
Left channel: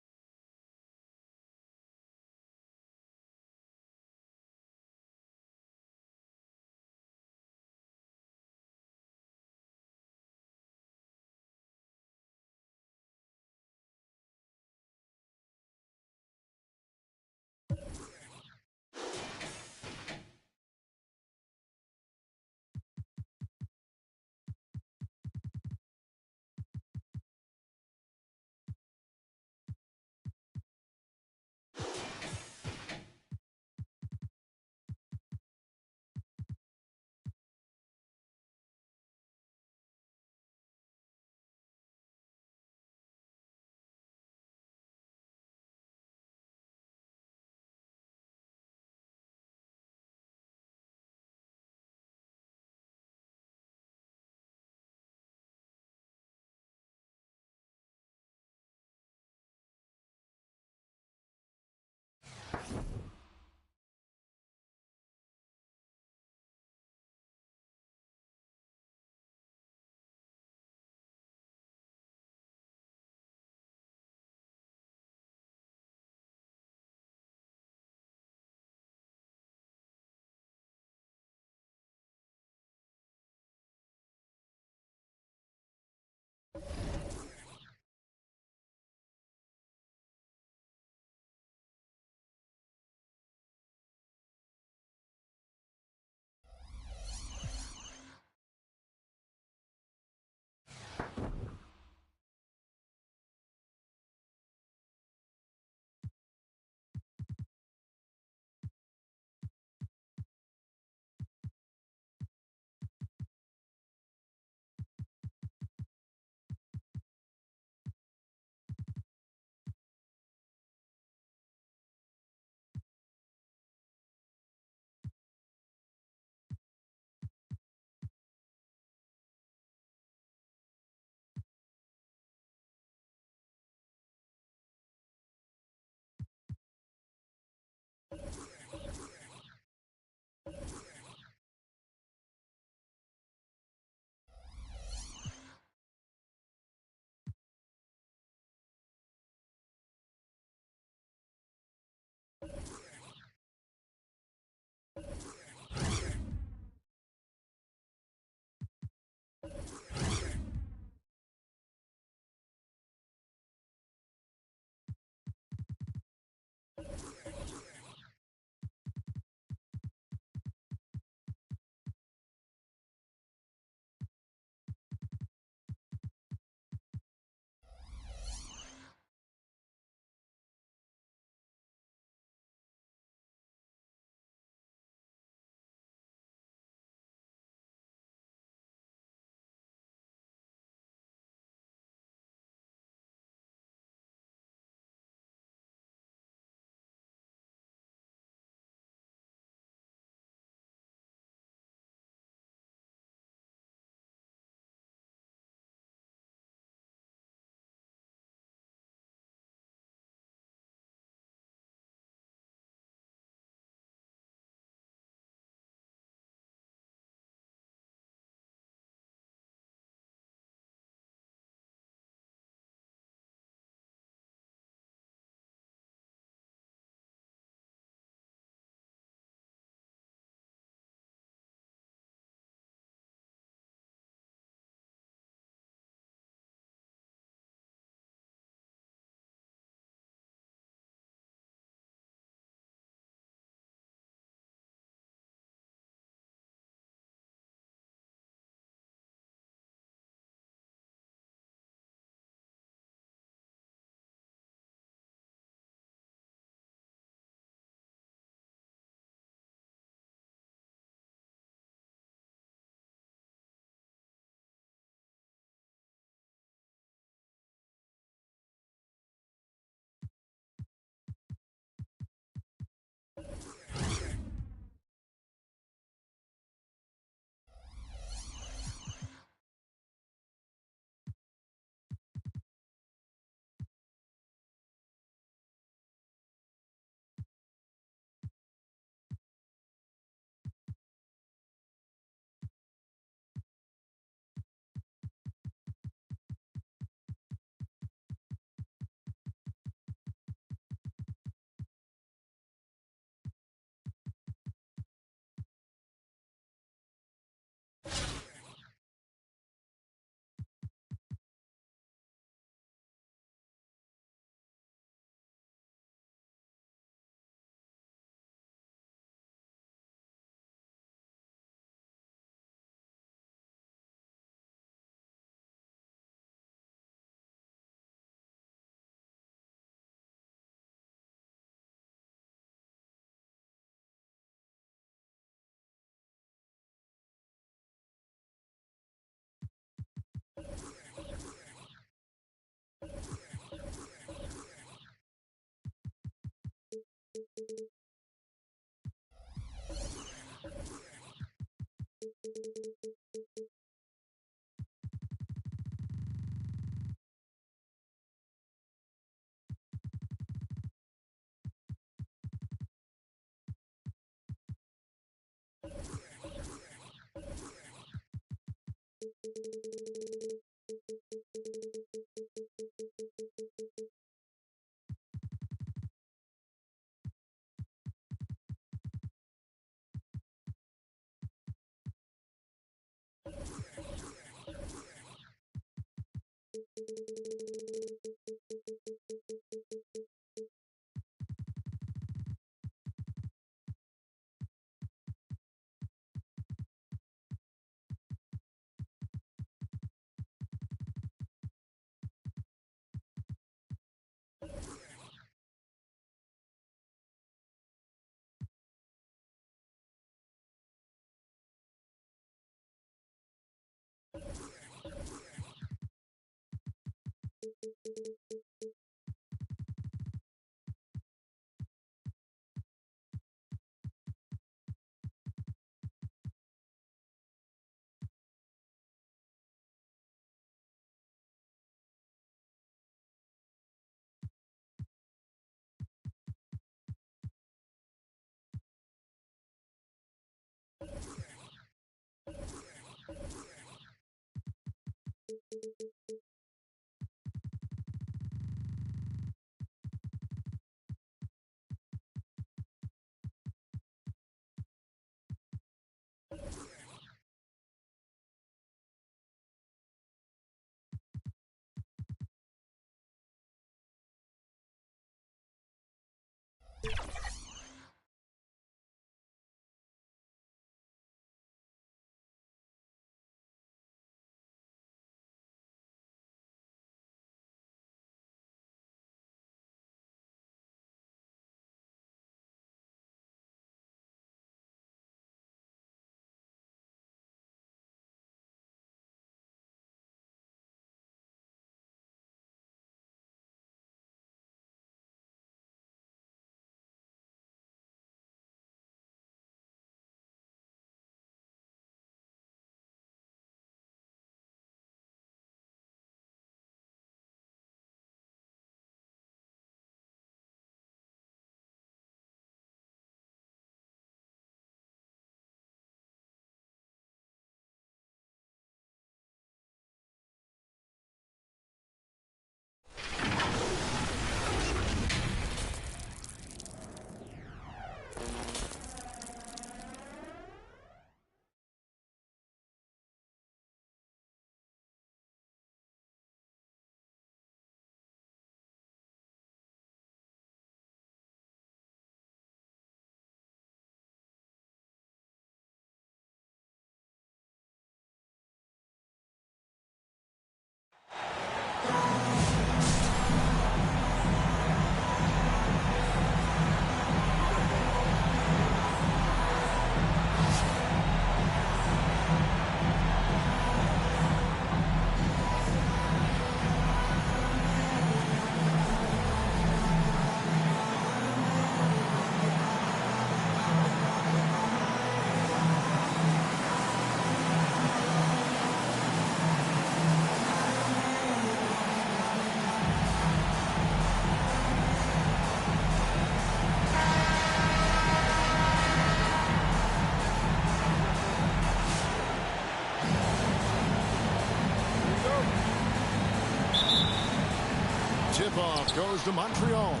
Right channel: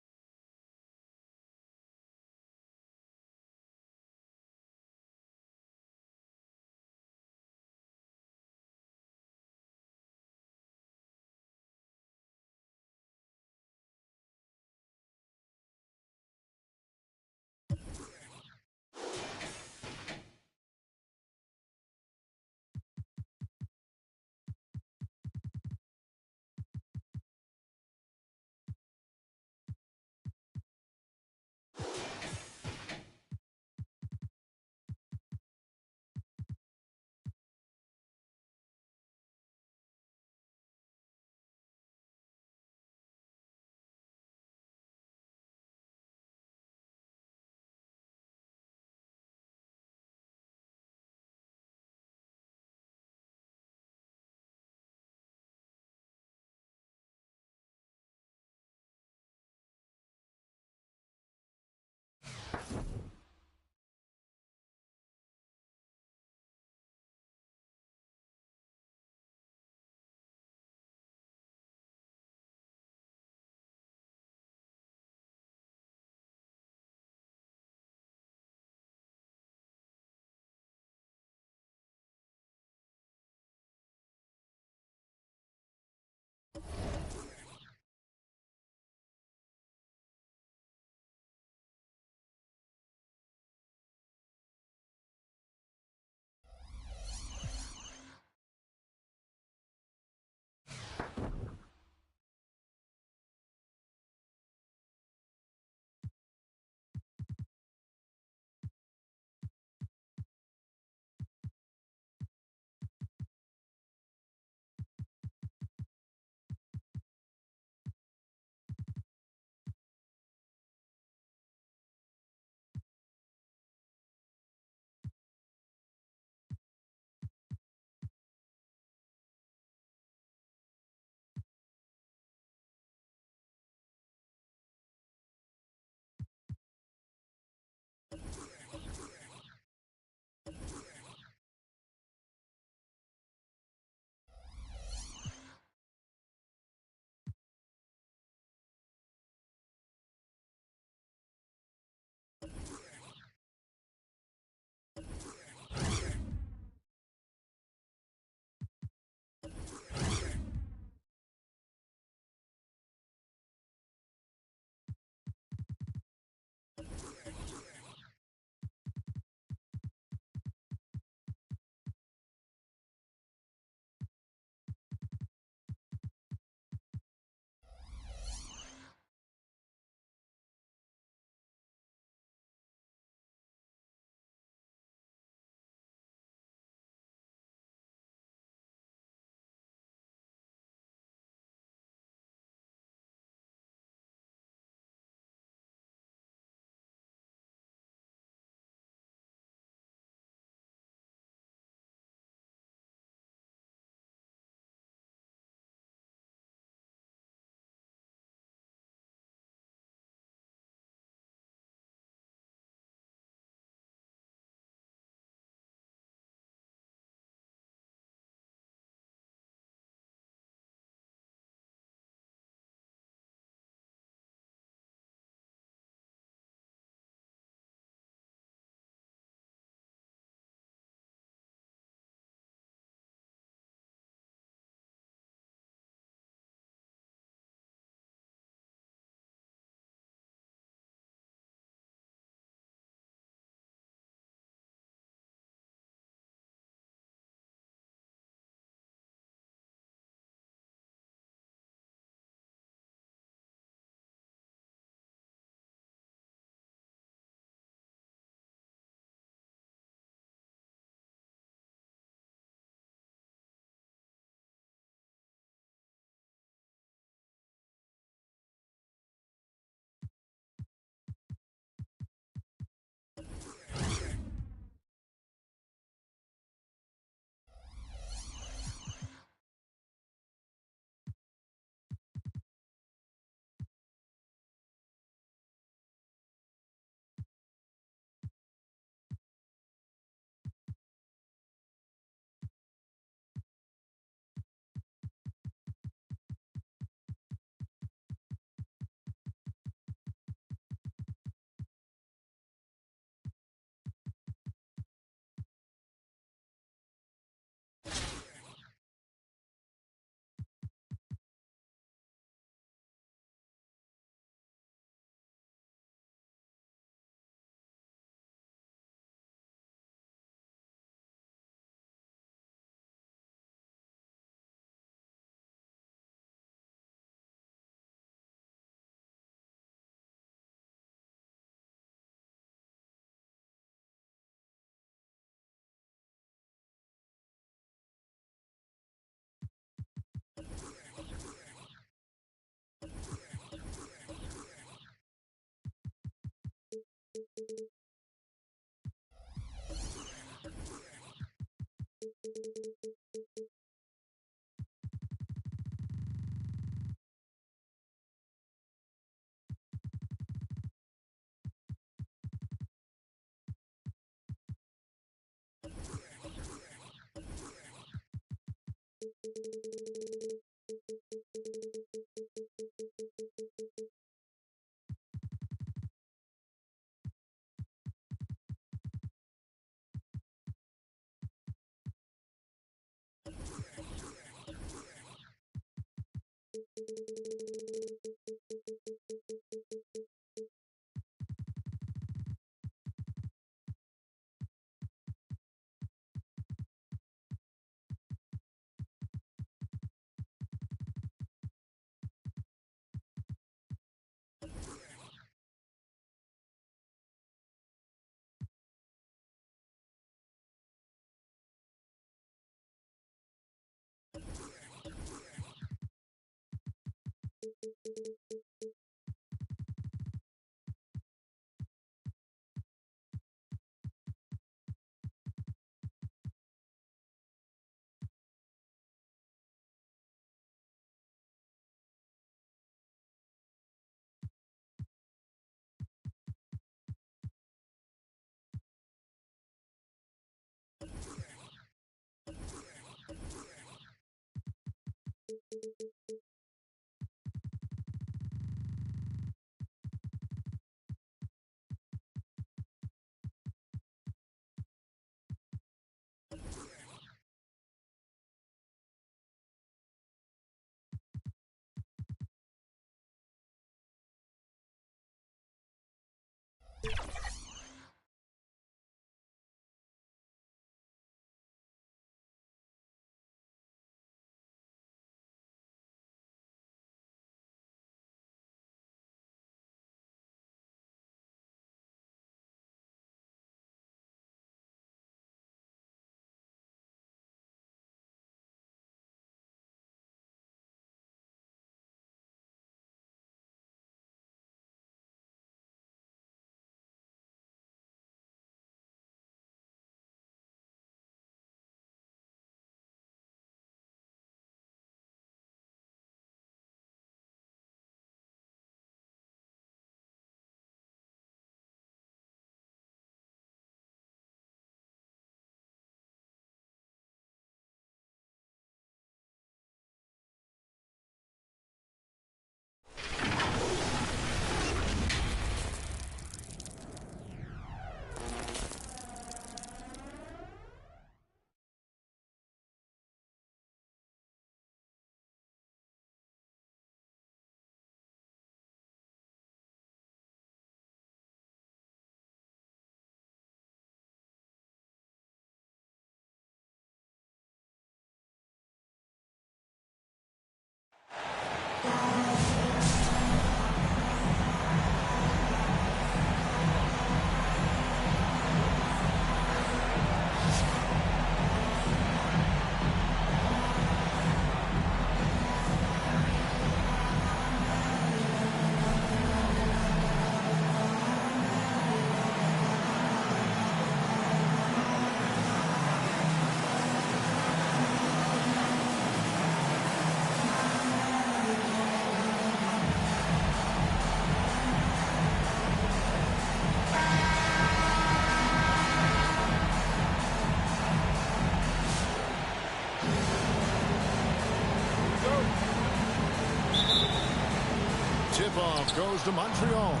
Tip-off goes to Montreal.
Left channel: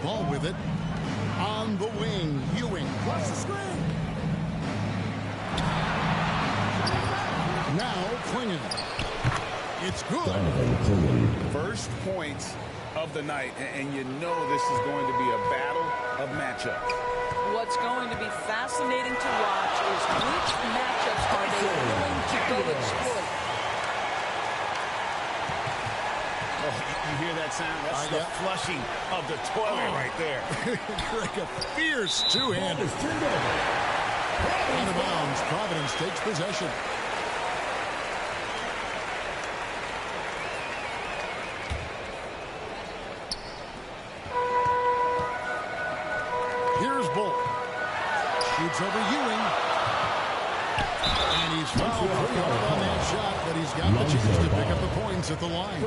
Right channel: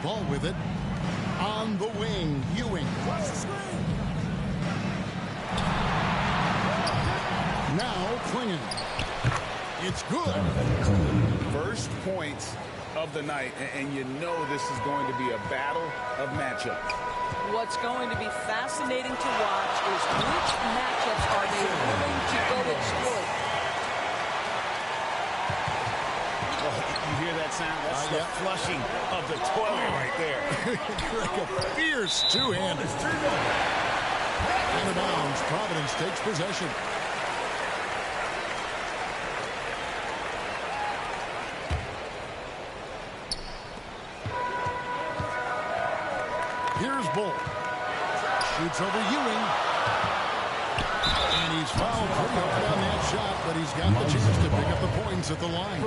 Ball with it. On the wing, Ewing. Cross the screen. Now Klingon. It's good. First points of the night, and you know this is going to be a battle of matchups. What's going to be fascinating to watch is which matchups are they willing to go exploit. Oh, you hear that sound? That's the flushing of the toilet right there. Like a fierce two-hand. Is turned over. Out of bounds. Providence takes possession. Here's Bull. Shoots over Ewing. And he's fouled pretty hard on that shot, but he's got the chance to pick up the points at the line.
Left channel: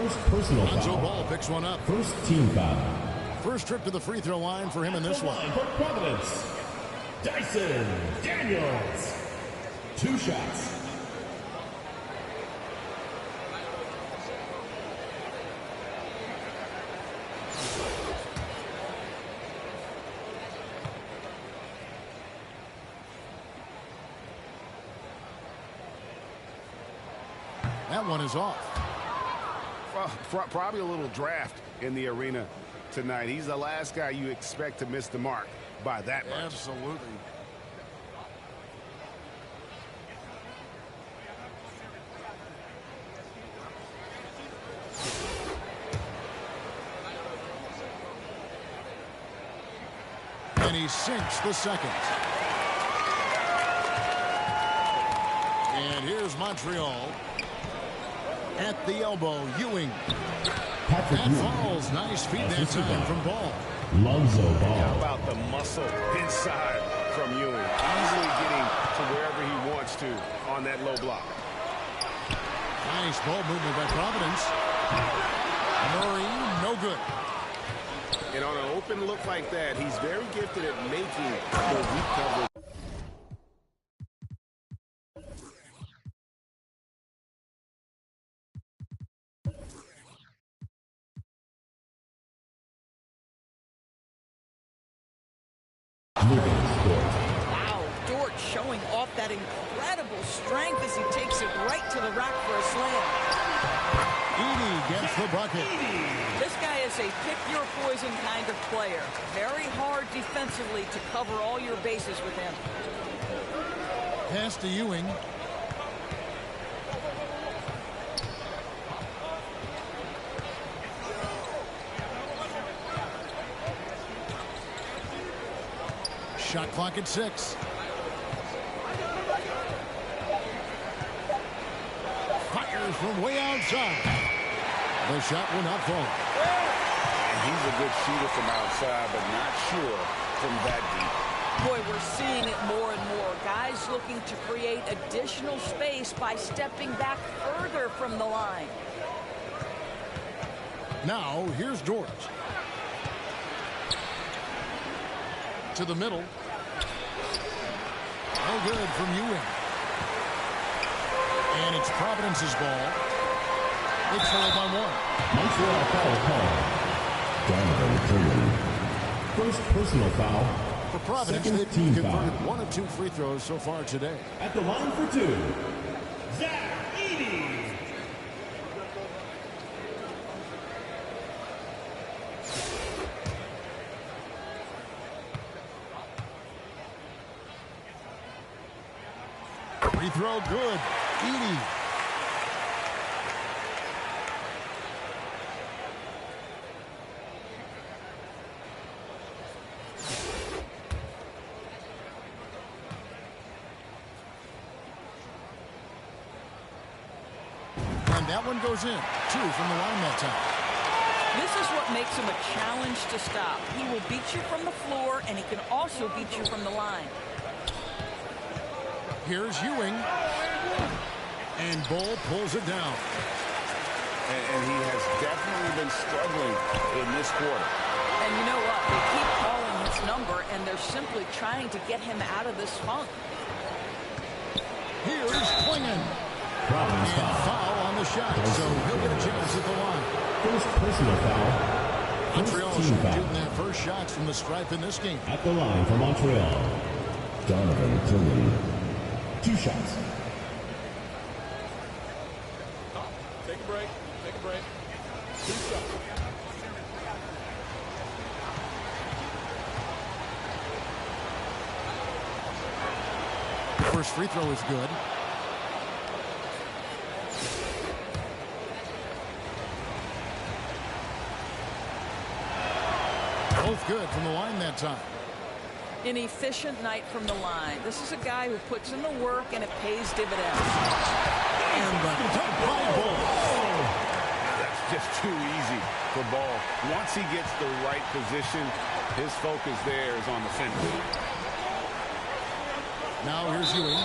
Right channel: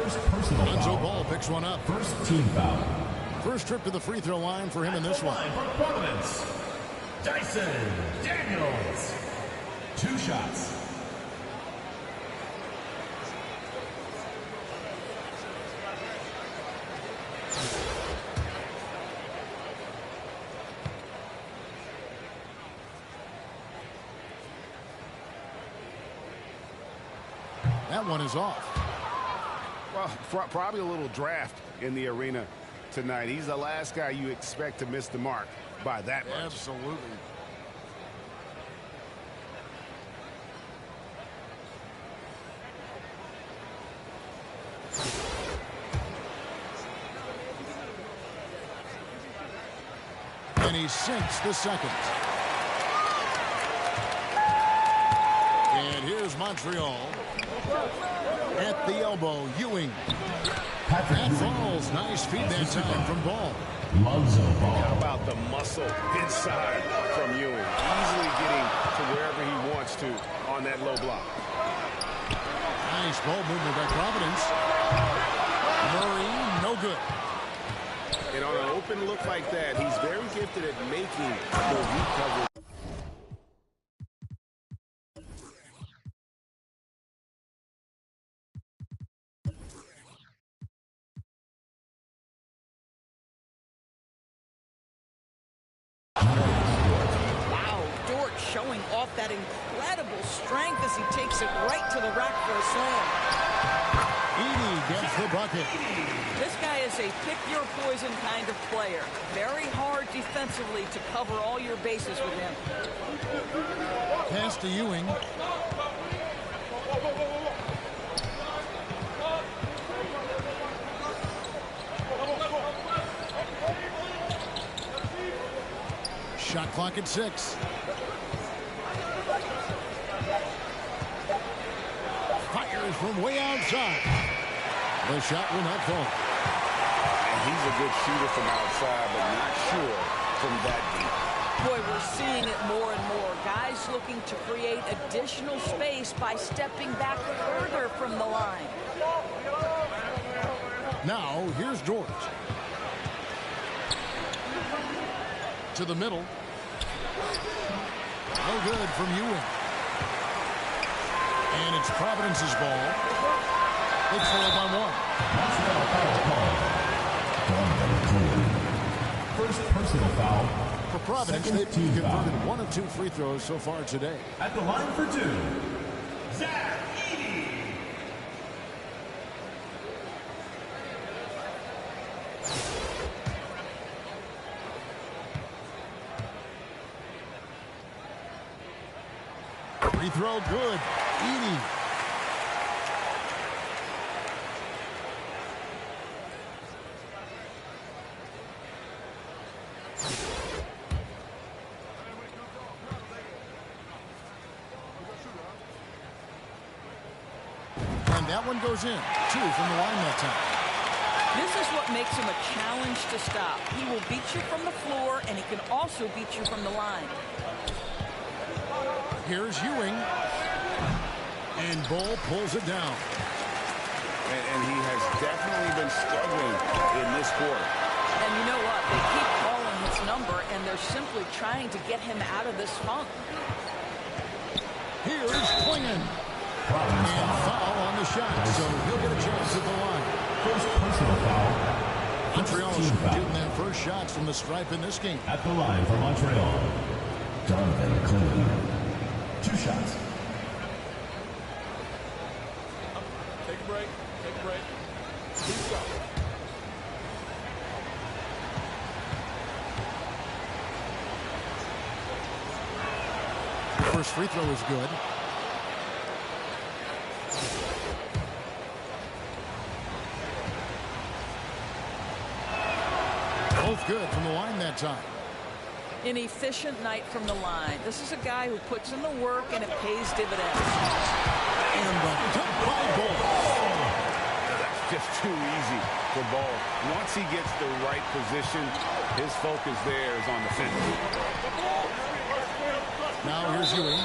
Lonzo Ball picks one up. First team foul. First trip to the free throw line for him in this one. Dyson Daniels. 2 shots. That one is off. Well, probably a little draft in the arena tonight. He's the last guy you expect to miss the mark by that much. Absolutely. And he sinks the second. And here's Montreal. At the elbow, Ewing. That falls. Nice feed that time from Ball. Lonzo Ball. How about the muscle inside from Ewing? Easily getting to wherever he wants to on that low block. Nice ball movement by Providence. Murray, no good. And on an open look like that, he's very gifted at making the weak coverage. Wow, Dort showing off that incredible strength as he takes it right to the rack for a slam. Edey gets the bucket. This guy is a pick-your-poison kind of player. Very hard defensively to cover all your bases with him. Pass to Ewing. Shot clock at 6. Fires from way outside. The shot will not fall. And he's a good shooter from outside, but not sure from that deep. Boy, we're seeing it more and more. Guys looking to create additional space by stepping back further from the line. Now, here's George. To the middle. No good from Ewing. And it's Providence's ball. They trail by 1. Montreal foul call. Donovan Cleary. First personal foul. For Providence, they've converted foul. 1 of 2 free throws so far today. At the line for 2, Zach Edey. Free throw good. Edey. And that one goes in. 2 from the line that time. This is what makes him a challenge to stop. He will beat you from the floor, and he can also beat you from the line. Here's Ewing. And Bull pulls it down. And he has definitely been struggling in this quarter. And you know what? They keep calling his number, and they're simply trying to get him out of this funk. Here's Klingon. And foul on the shot, so he'll get a chance at the line. First personal foul. Montreal's shooting their first shots from the stripe in this game. At the line for Montreal, Donovan Cleary. 2 shots. Take a break. Take a break. 2 shots. First free throw is good. Both good from the line that time. An efficient night from the line. This is a guy who puts in the work, and it pays dividends. And the dunk by Ball. That's just too easy for Ball. Once he gets the right position, his focus there is on the finish. Now here's Ewing.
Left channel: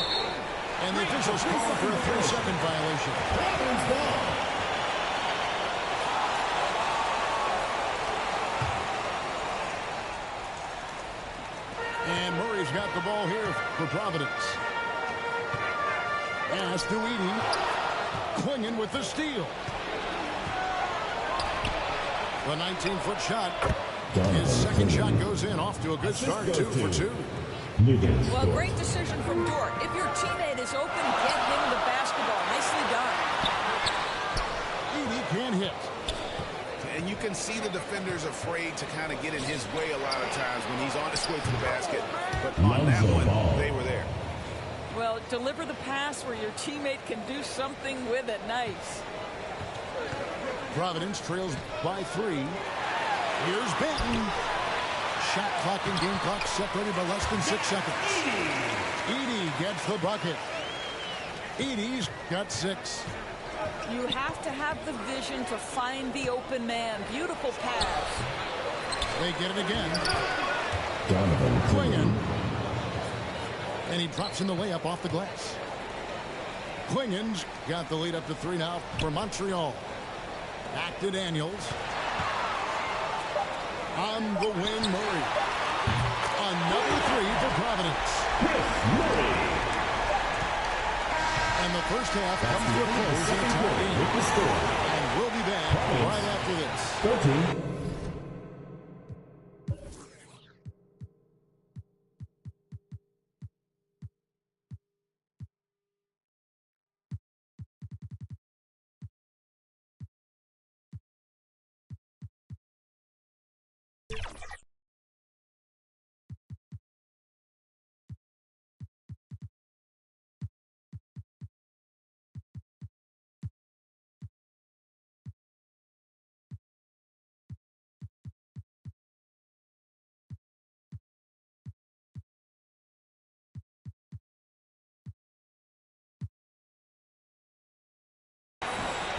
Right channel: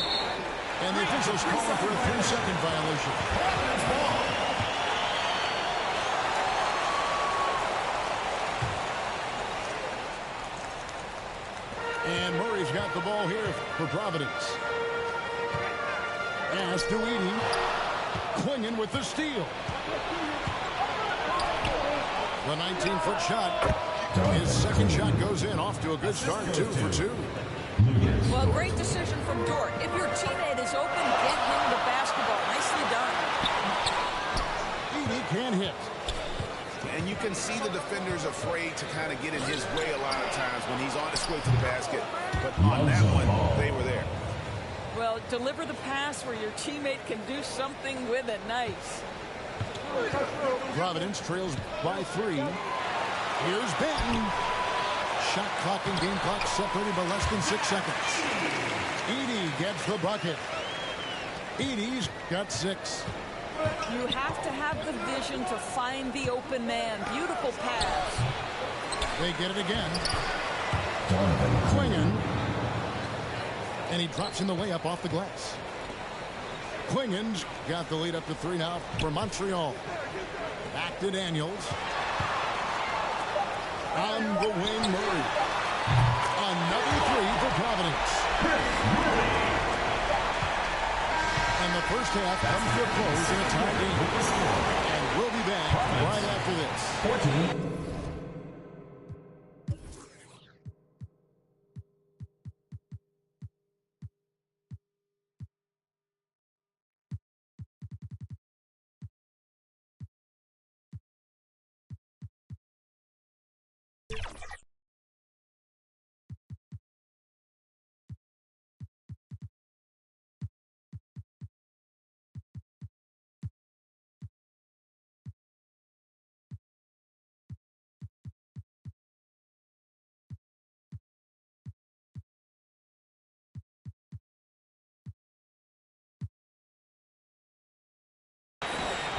And the officials calling for a 3-second violation. Providence ball. And Murray Miller's got the ball here for Providence. Pass to Edey. Quingen with the steal. The 19-foot shot. His second shot goes in. Off to a good start. 2 for 2. Well, great decision from Dort. If your teammate is open, get him the basketball. Nicely done. Edey can't hit. And you can see the defenders afraid to kind of get in his way a lot of times when he's on his way to the basket. But on that one, they were there. Well, deliver the pass where your teammate can do something with it. Nice. Providence trails by 3. Here's Benton. Shot clock and game clock separated by less than 6 seconds. Edey gets the bucket. Edey's got 6. You have to have the vision to find the open man. Beautiful pass. They get it again. Donovan Quingen. And he drops in the layup off the glass. Quingen's got the lead up to 3 now for Montreal. Back to Daniels. On the wing, Murray. Another 3 for Providence. And the first half comes to a close in a tie game. And we'll be back right after this. 14.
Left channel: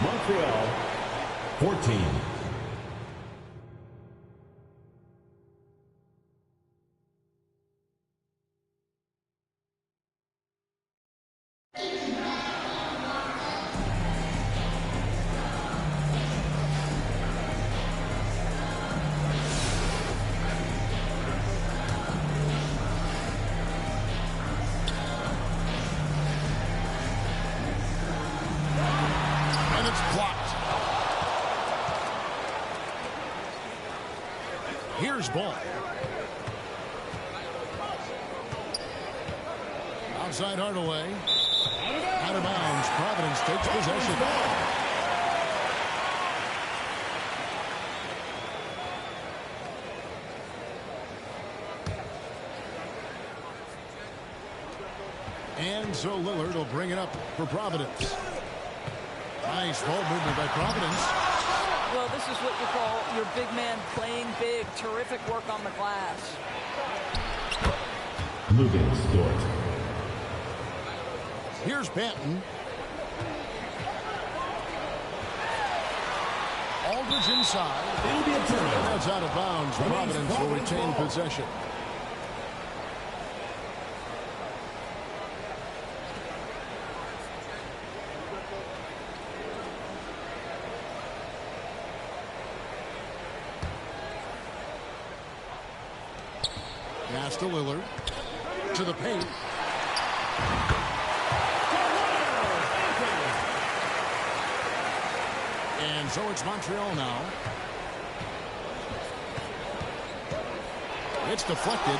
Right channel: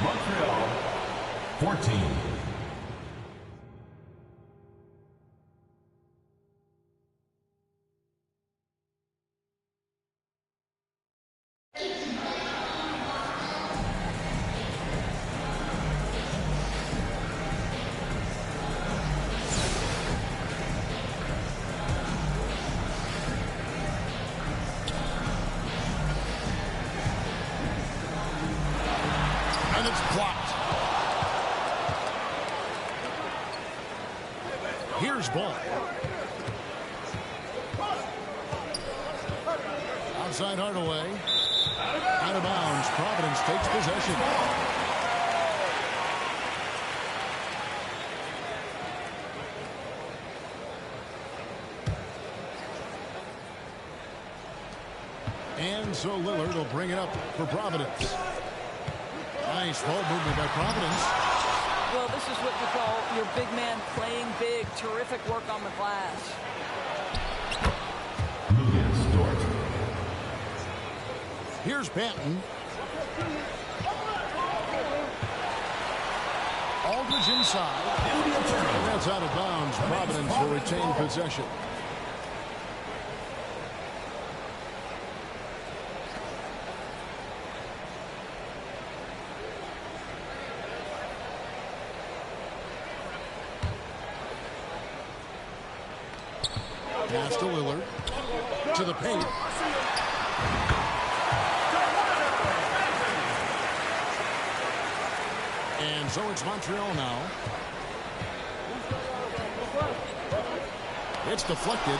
Montreal, 14. And it's blocked. Here's ball. Outside Hardaway. Out of bounds. Providence takes possession. And so Lillard will bring it up for Providence. Nice ball movement by Providence. Well, this is what you call your big man playing big. Terrific work on the glass. Lucas Dort. Here's Benton. Aldridge inside. It'll be a turnover. And that's out of bounds. Providence will retain possession. Pass to Lillard. To the paint. And so it's Montreal now. It's deflected.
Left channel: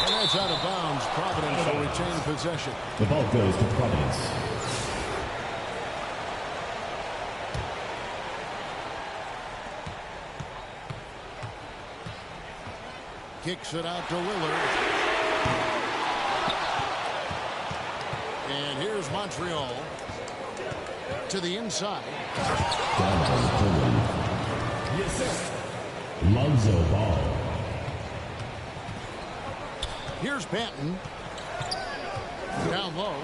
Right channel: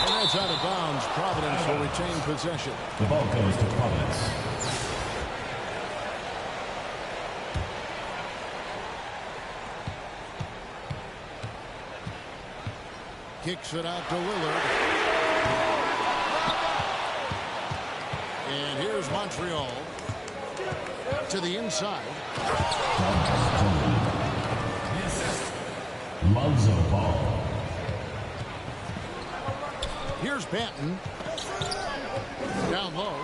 And that's out of bounds. Providence will retain possession. The ball goes to Providence. Kicks it out to Lillard. And here's Montreal to the inside. Lonzo Ball. Here's Benton. Down low.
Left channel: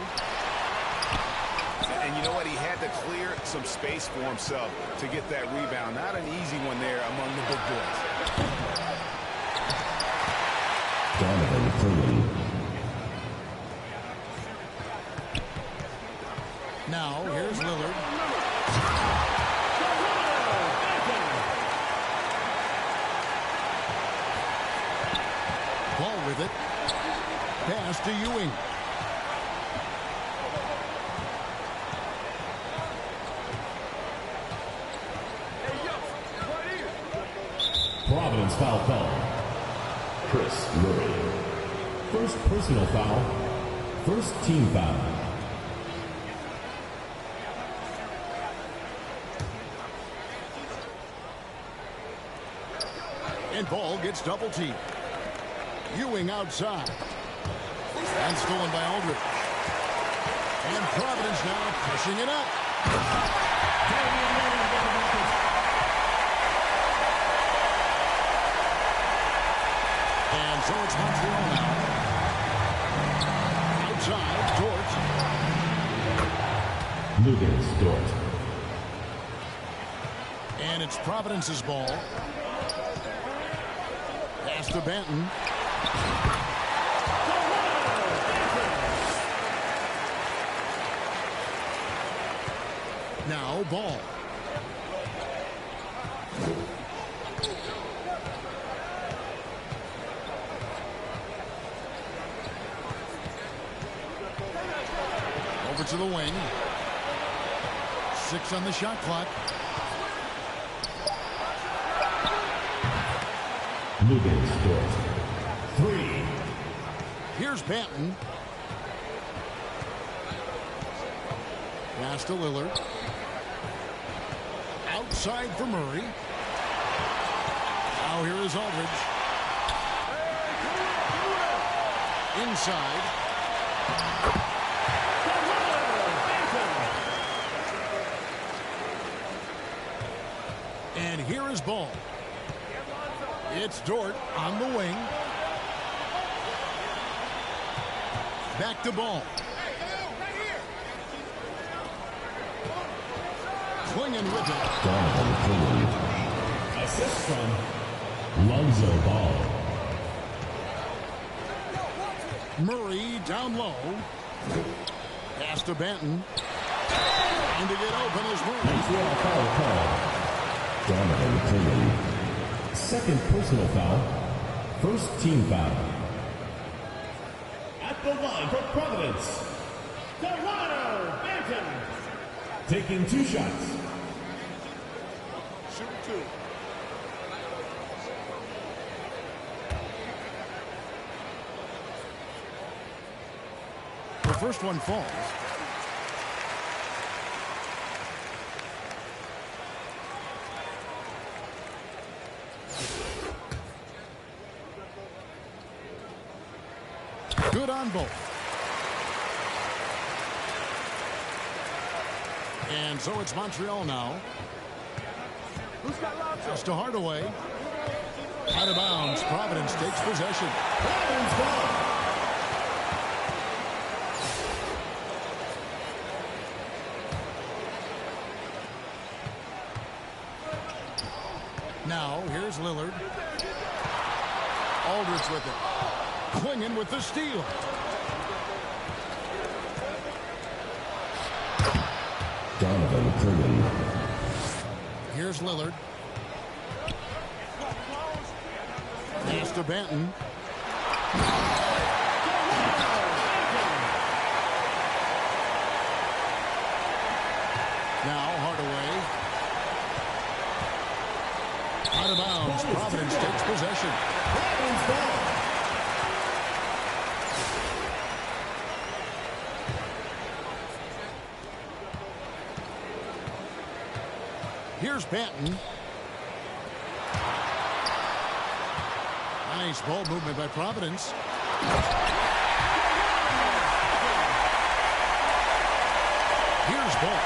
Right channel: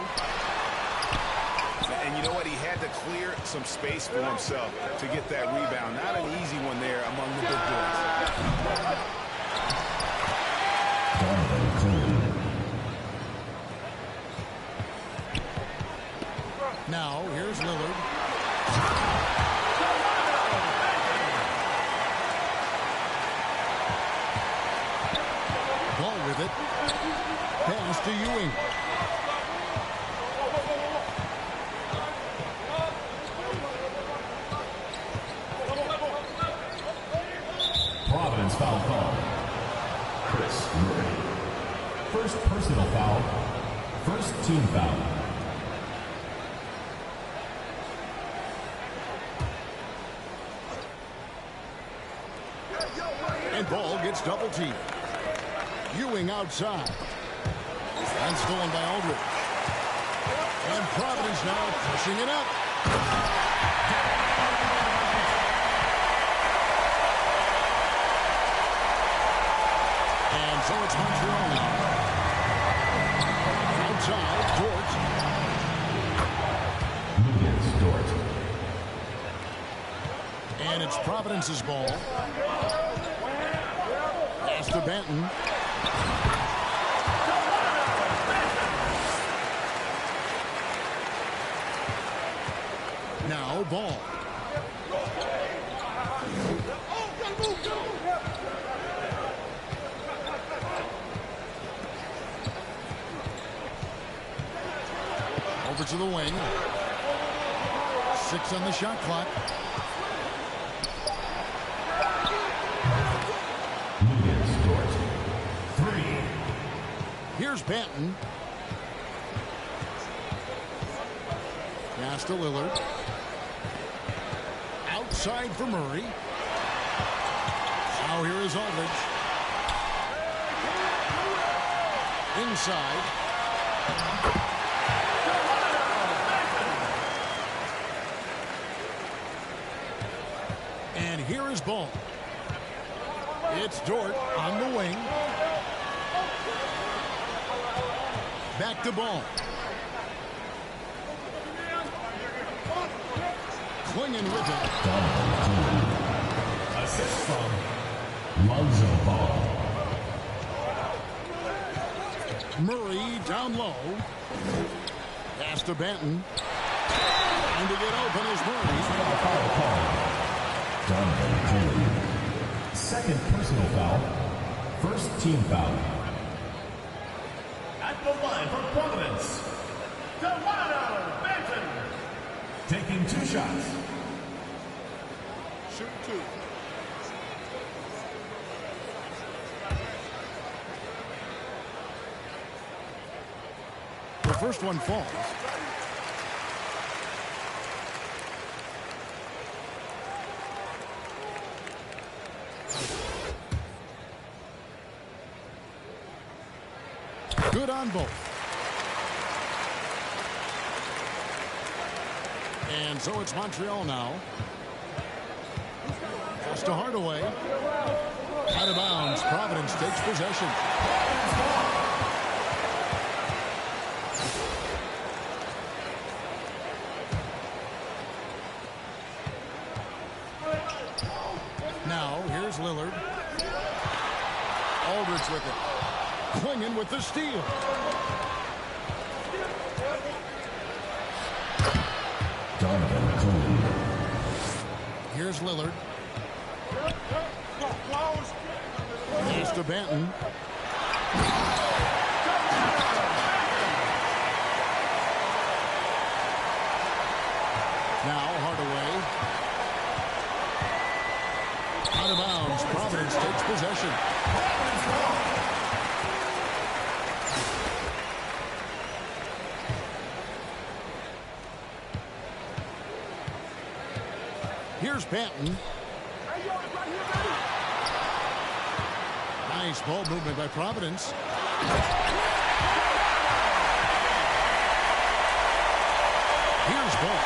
And you know what? He had to clear some space for himself to get that rebound. Not an easy one there among the big boys. Donovan Clean. Now, here's Lillard. Ball with it. Pass to Ewing. Providence foul call. Chris Murray. First personal foul. First team foul. And ball gets double teamed. Ewing outside. And stolen by Aldridge. And Providence now pushing it up. And so it's Montreal now. Outside, Dort. Lucas Dort. And it's Providence's ball. Pass to Benton. Now ball. Over to the wing. 6 on the shot clock. Lucas Dort. 3. Here's Benton. Pass to Lillard. Outside for Murray. Now here is Aldridge. Inside. And here is Ball. It's Dort on the wing. Back to Ball. Clinging with it. Donovan Clingan. Assist from Lonzo Ball. Murray down low. Pass to Benton. Trying to get open is Murray. Montreal foul call. Donovan Clingan. Second personal foul. First team foul. At the line for Providence, Toronto Benton. Taking 2 shots. Shoot 2. The first one falls. Good on both. And so it's Montreal now. Pass to Hardaway. Out of bounds. Providence takes possession. Providence ball. Now here's Lillard. Aldridge with it. Clinging with the steal. Donovan Clingan. Here's Lillard. Pass to Benton. Now Hardaway. Out of bounds. Providence takes possession. Providence ball. Here's Benton. Nice ball movement by Providence. Here's Ball.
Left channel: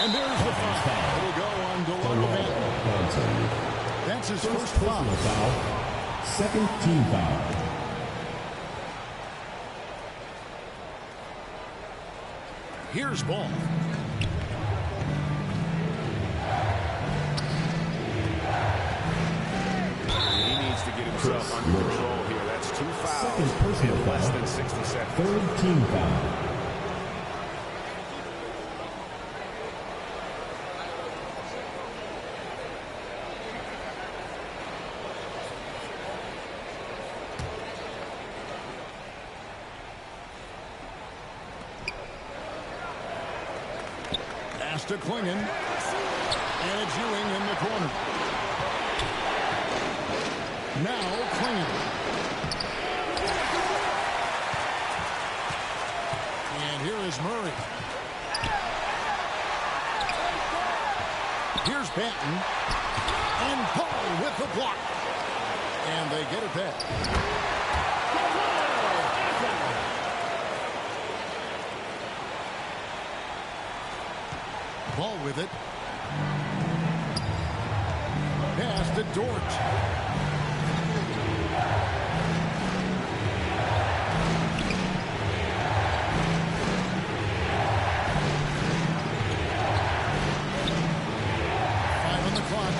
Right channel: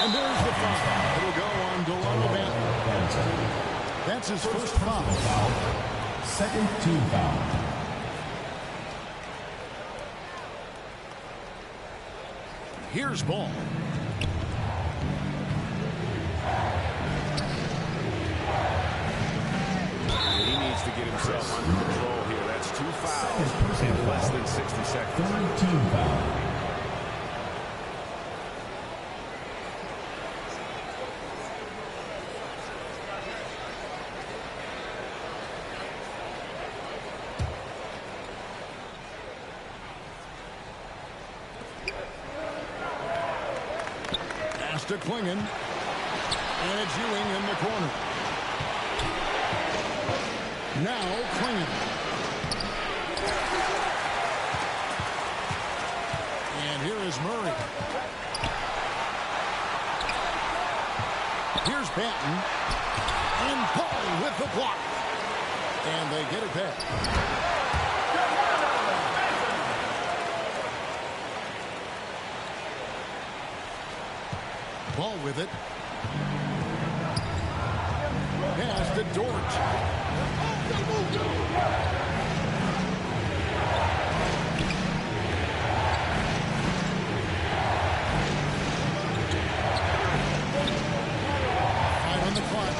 And there's the foul. It'll go on Delano Benton. That's his first foul. Second team foul. Here's Ball. He needs to get himself under control here. That's 2 fouls in less than 60 seconds. Third team foul. Pass to Klingon. And it's Ewing in the corner. Now Klingon. And here is Murray. Here's Banton. And Paul with the block. And they get it back. Ball with it. Pass to Dort. Five on the clock.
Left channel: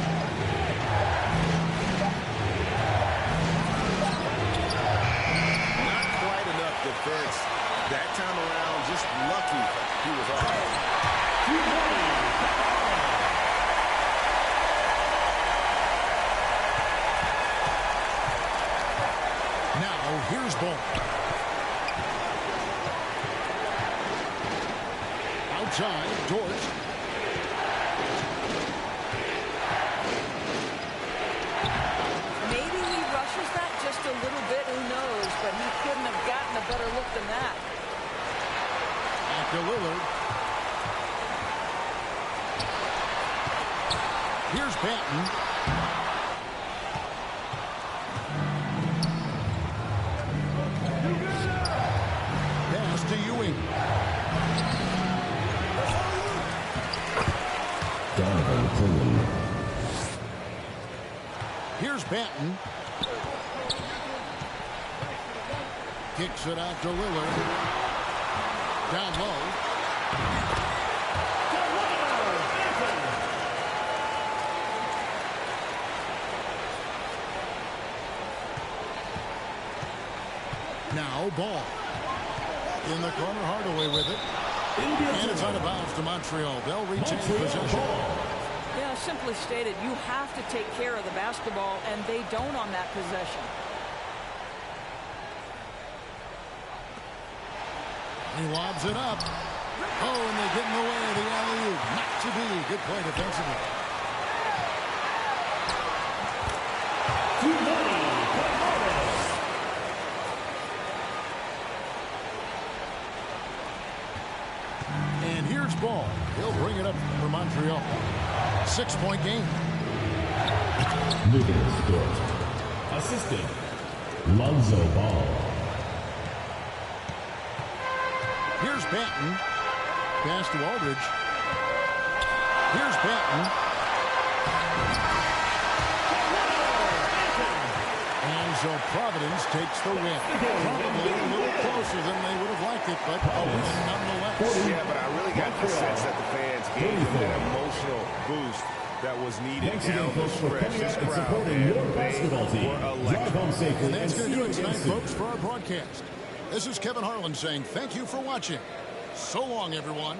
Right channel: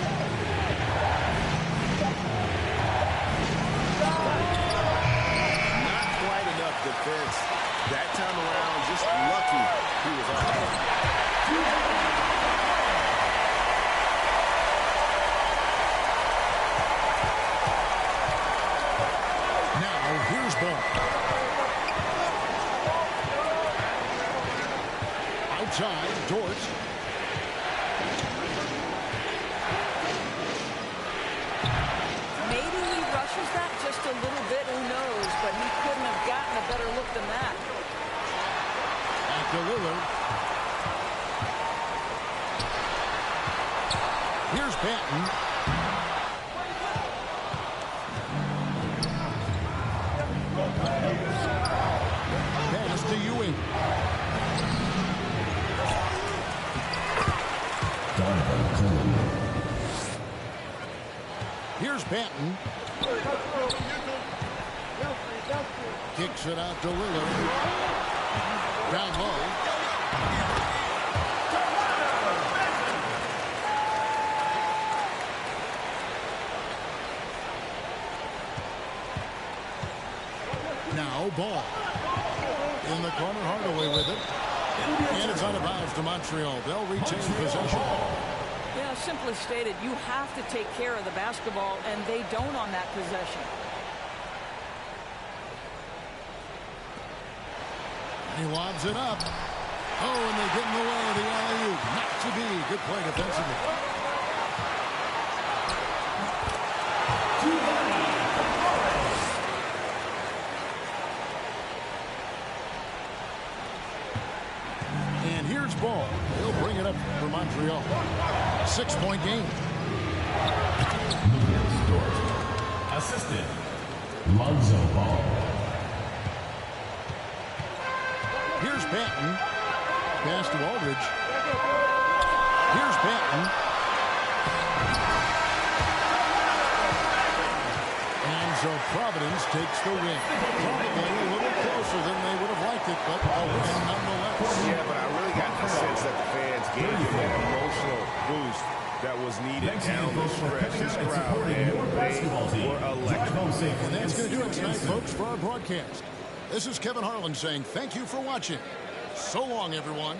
Not quite enough defense that time around. Just lucky he was off. Now here's Ball. Outside, Dort. Maybe he rushes that just a little bit, who knows, but he couldn't have gotten a better look than that. Back to Lillard. Here's Banton. Pass to Ewing. Donovan Clean. Here's Banton. Kicks it out to Lillard. Down low. Now Ball. In the corner, Hardaway with it. And it's out of bounds to Montreal. They'll retain possession. Yeah, simply stated, you have to take care of the basketball, and they don't on that possession. He lobs it up. Oh, and they get in the way of the alley-oop. Not to be. Good play defensively. And here's Ball. He'll bring it up for Montreal. 6-point game. Lucas Dort. Assistant, Lonzo Ball. Here's Banton. Pass to Aldridge. Here's Banton. And so Providence takes the win. Probably a little closer than they would have liked it, but a win nonetheless. Yeah, but I really got the sense that the fans gave them that emotional boost that was needed down the stretch. This crowd, man, they were electric. And that's going to do it tonight, folks, for our broadcast. This is Kevin Harlan saying thank you for watching. So long, everyone.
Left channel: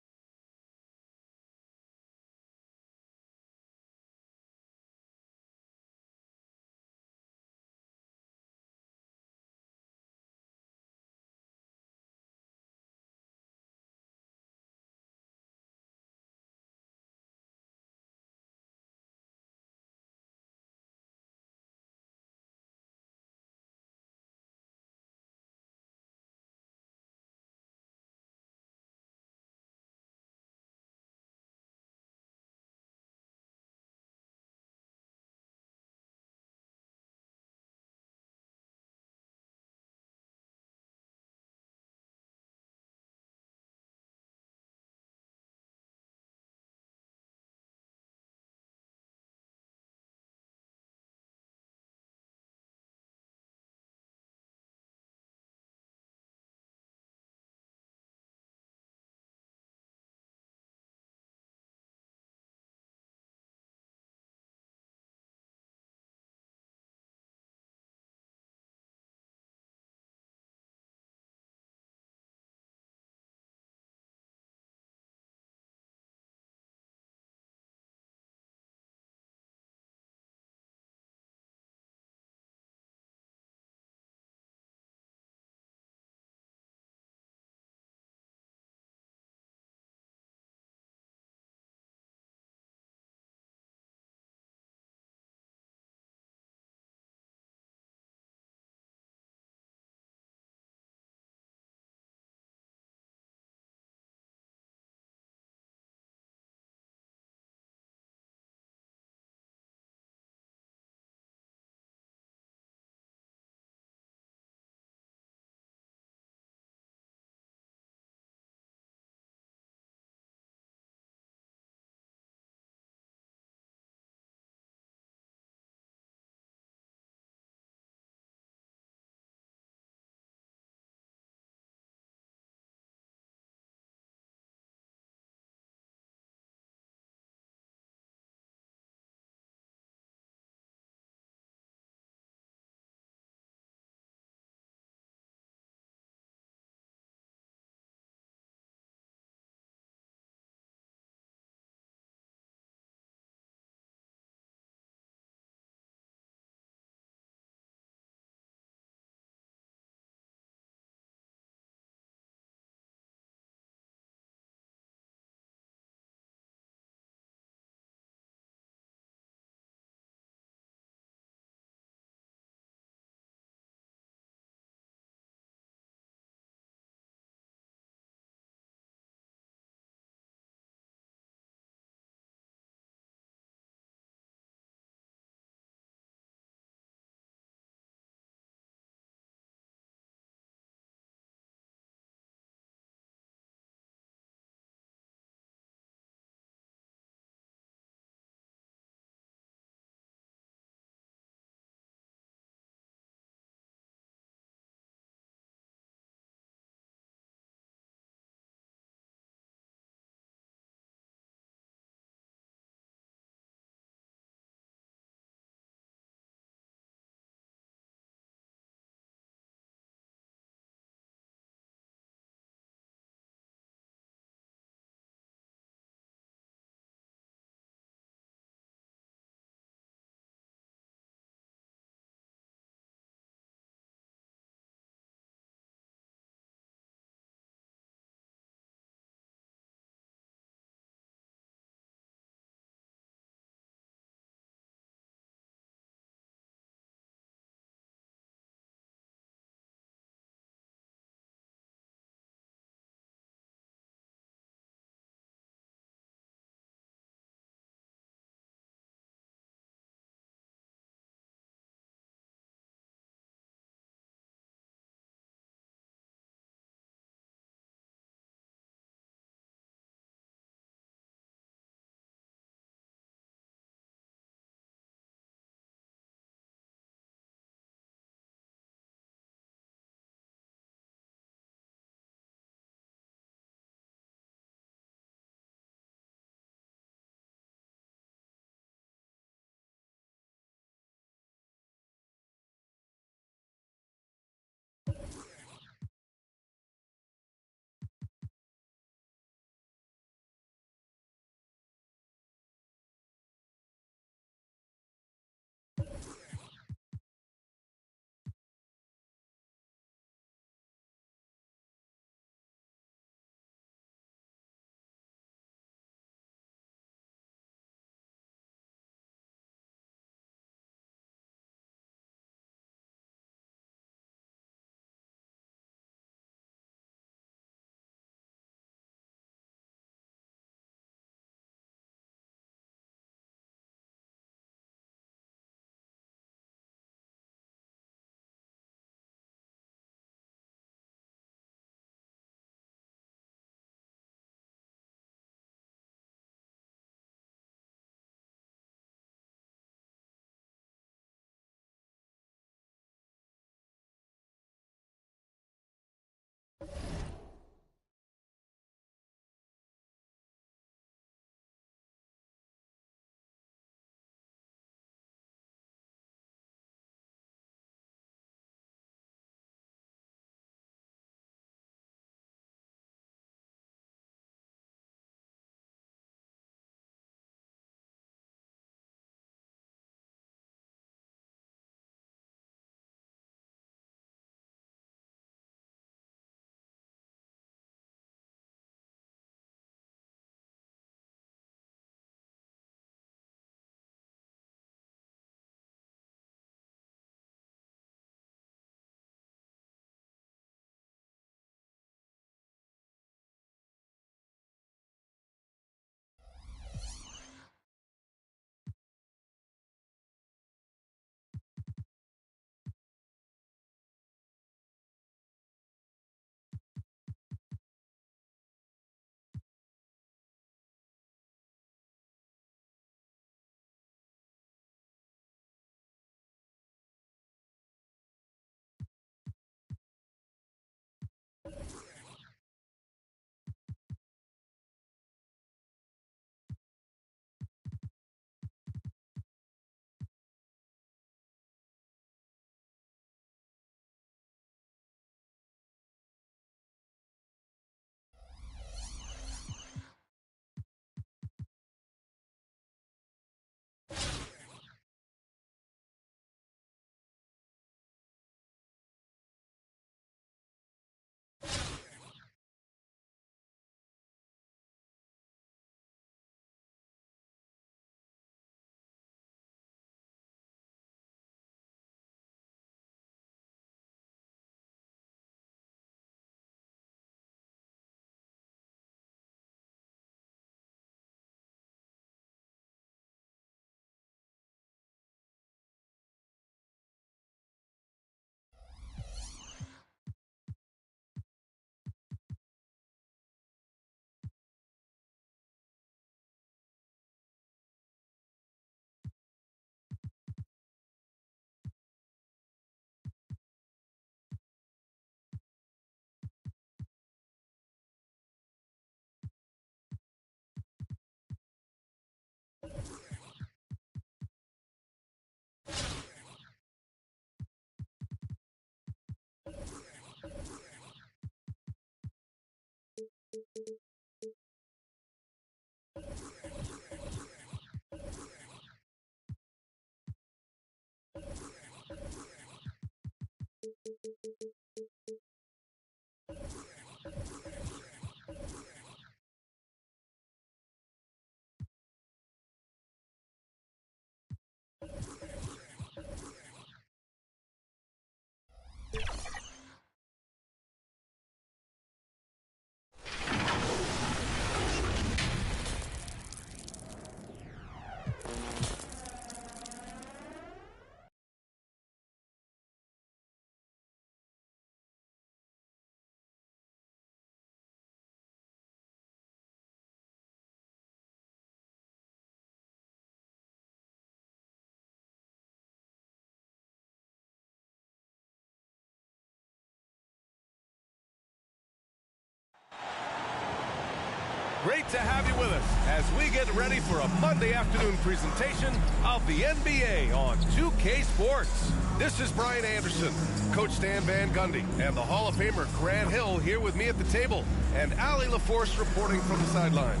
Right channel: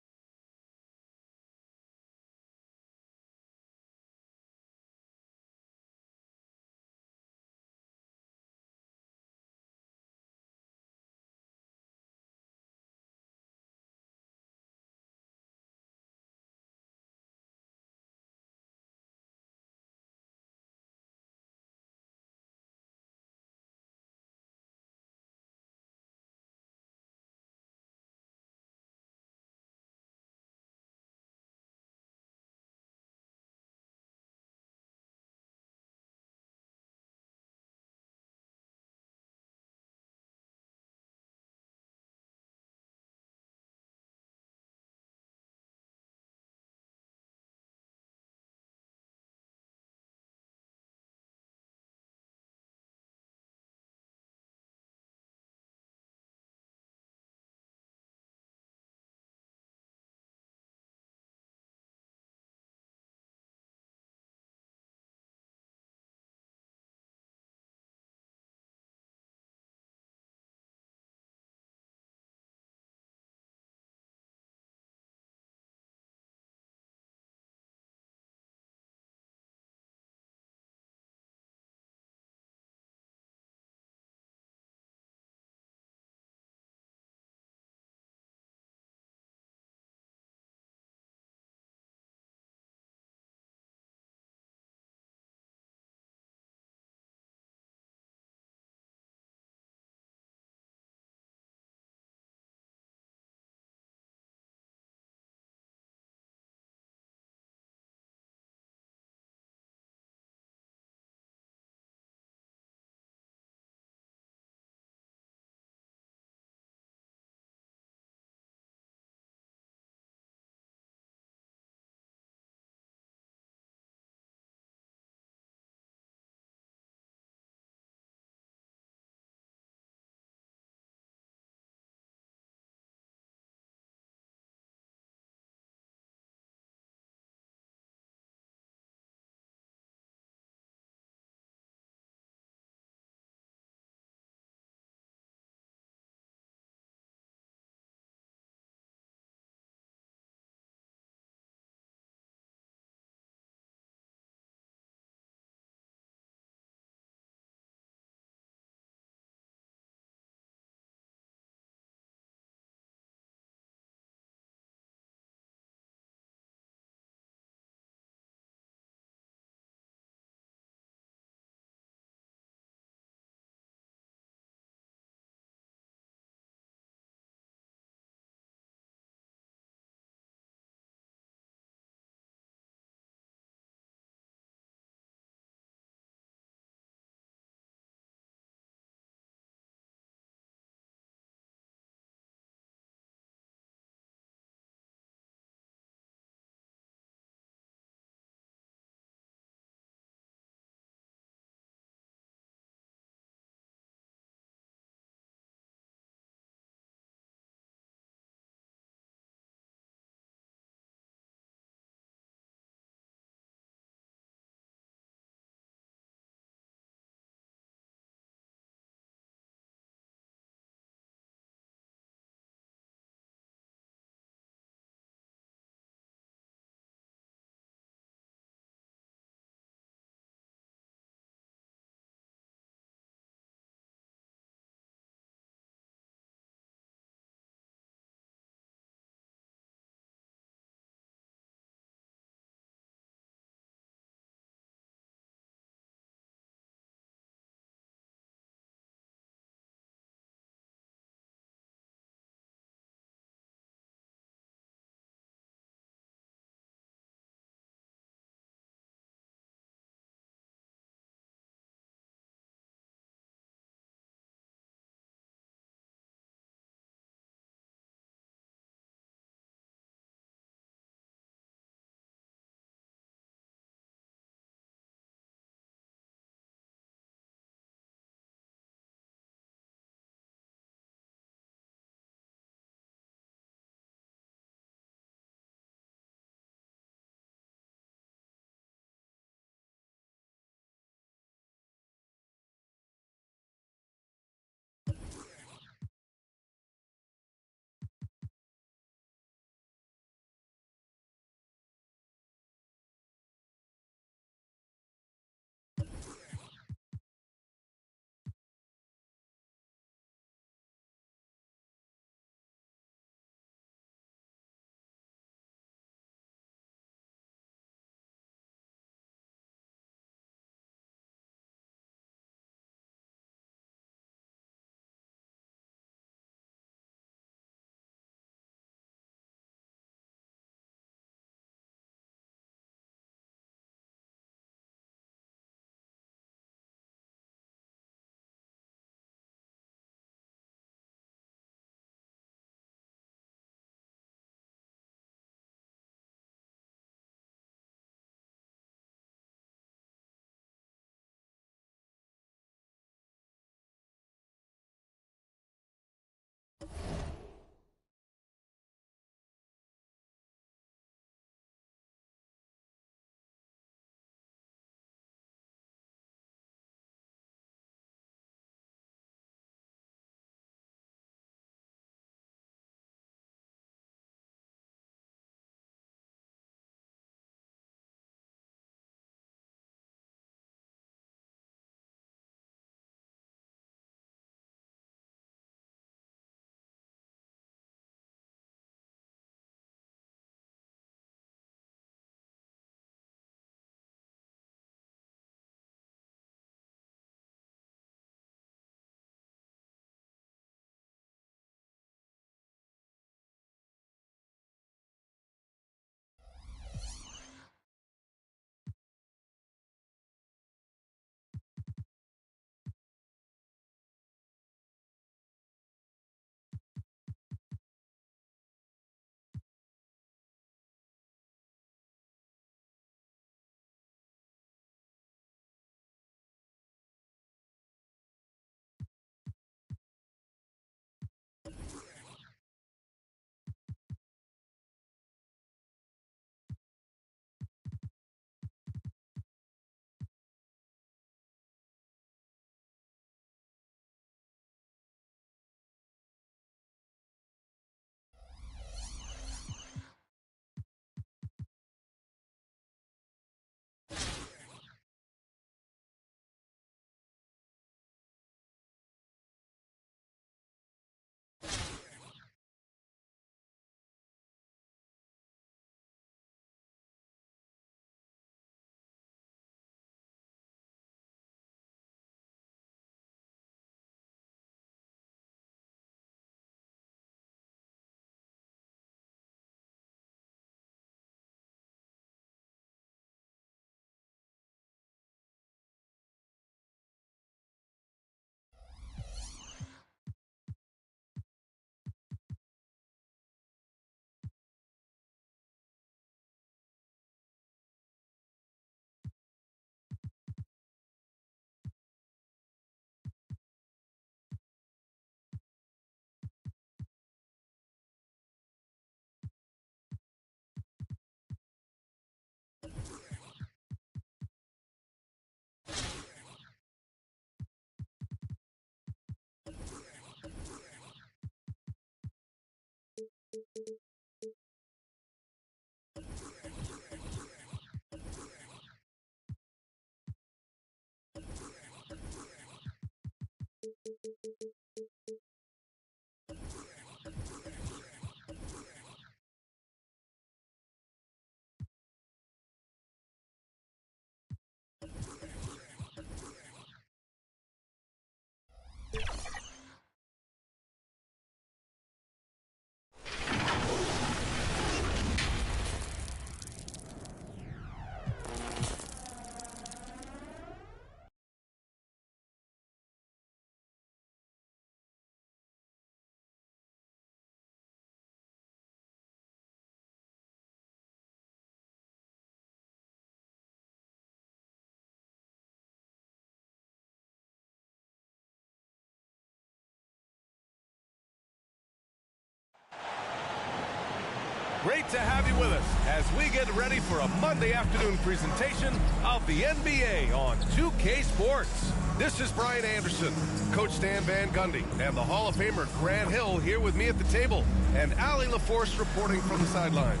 Great to have you with us as we get ready for a Monday afternoon presentation of the NBA on 2K Sports. This is Brian Anderson, Coach Stan Van Gundy, and the Hall of Famer Grant Hill here with me at the table, and Allie LaForce reporting from the sidelines.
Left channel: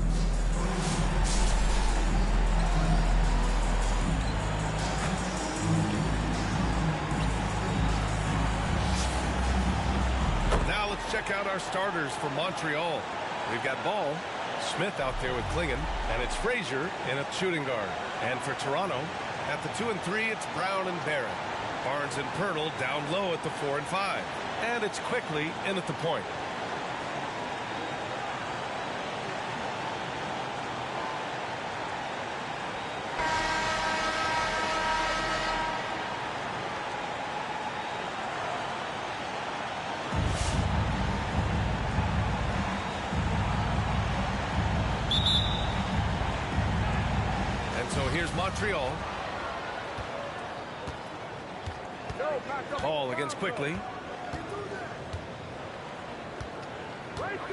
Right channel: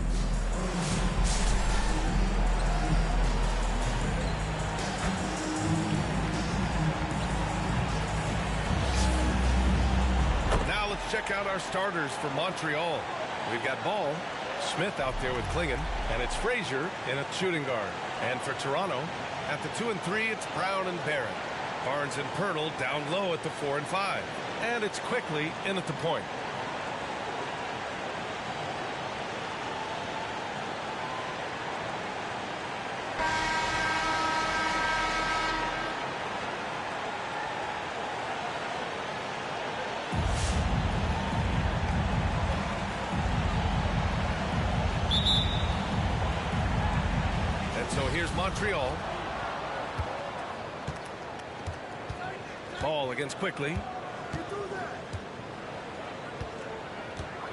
Now let's check out our starters for Montreal. We've got Ball, Smith out there with Klingon, and it's Frazier in a shooting guard. And for Toronto, at the 2 and 3, it's Brown and Barrett. Barnes and Pirtle down low at the 4 and 5. And it's Quickly in at the point. So here's Montreal. Ball against Quickly.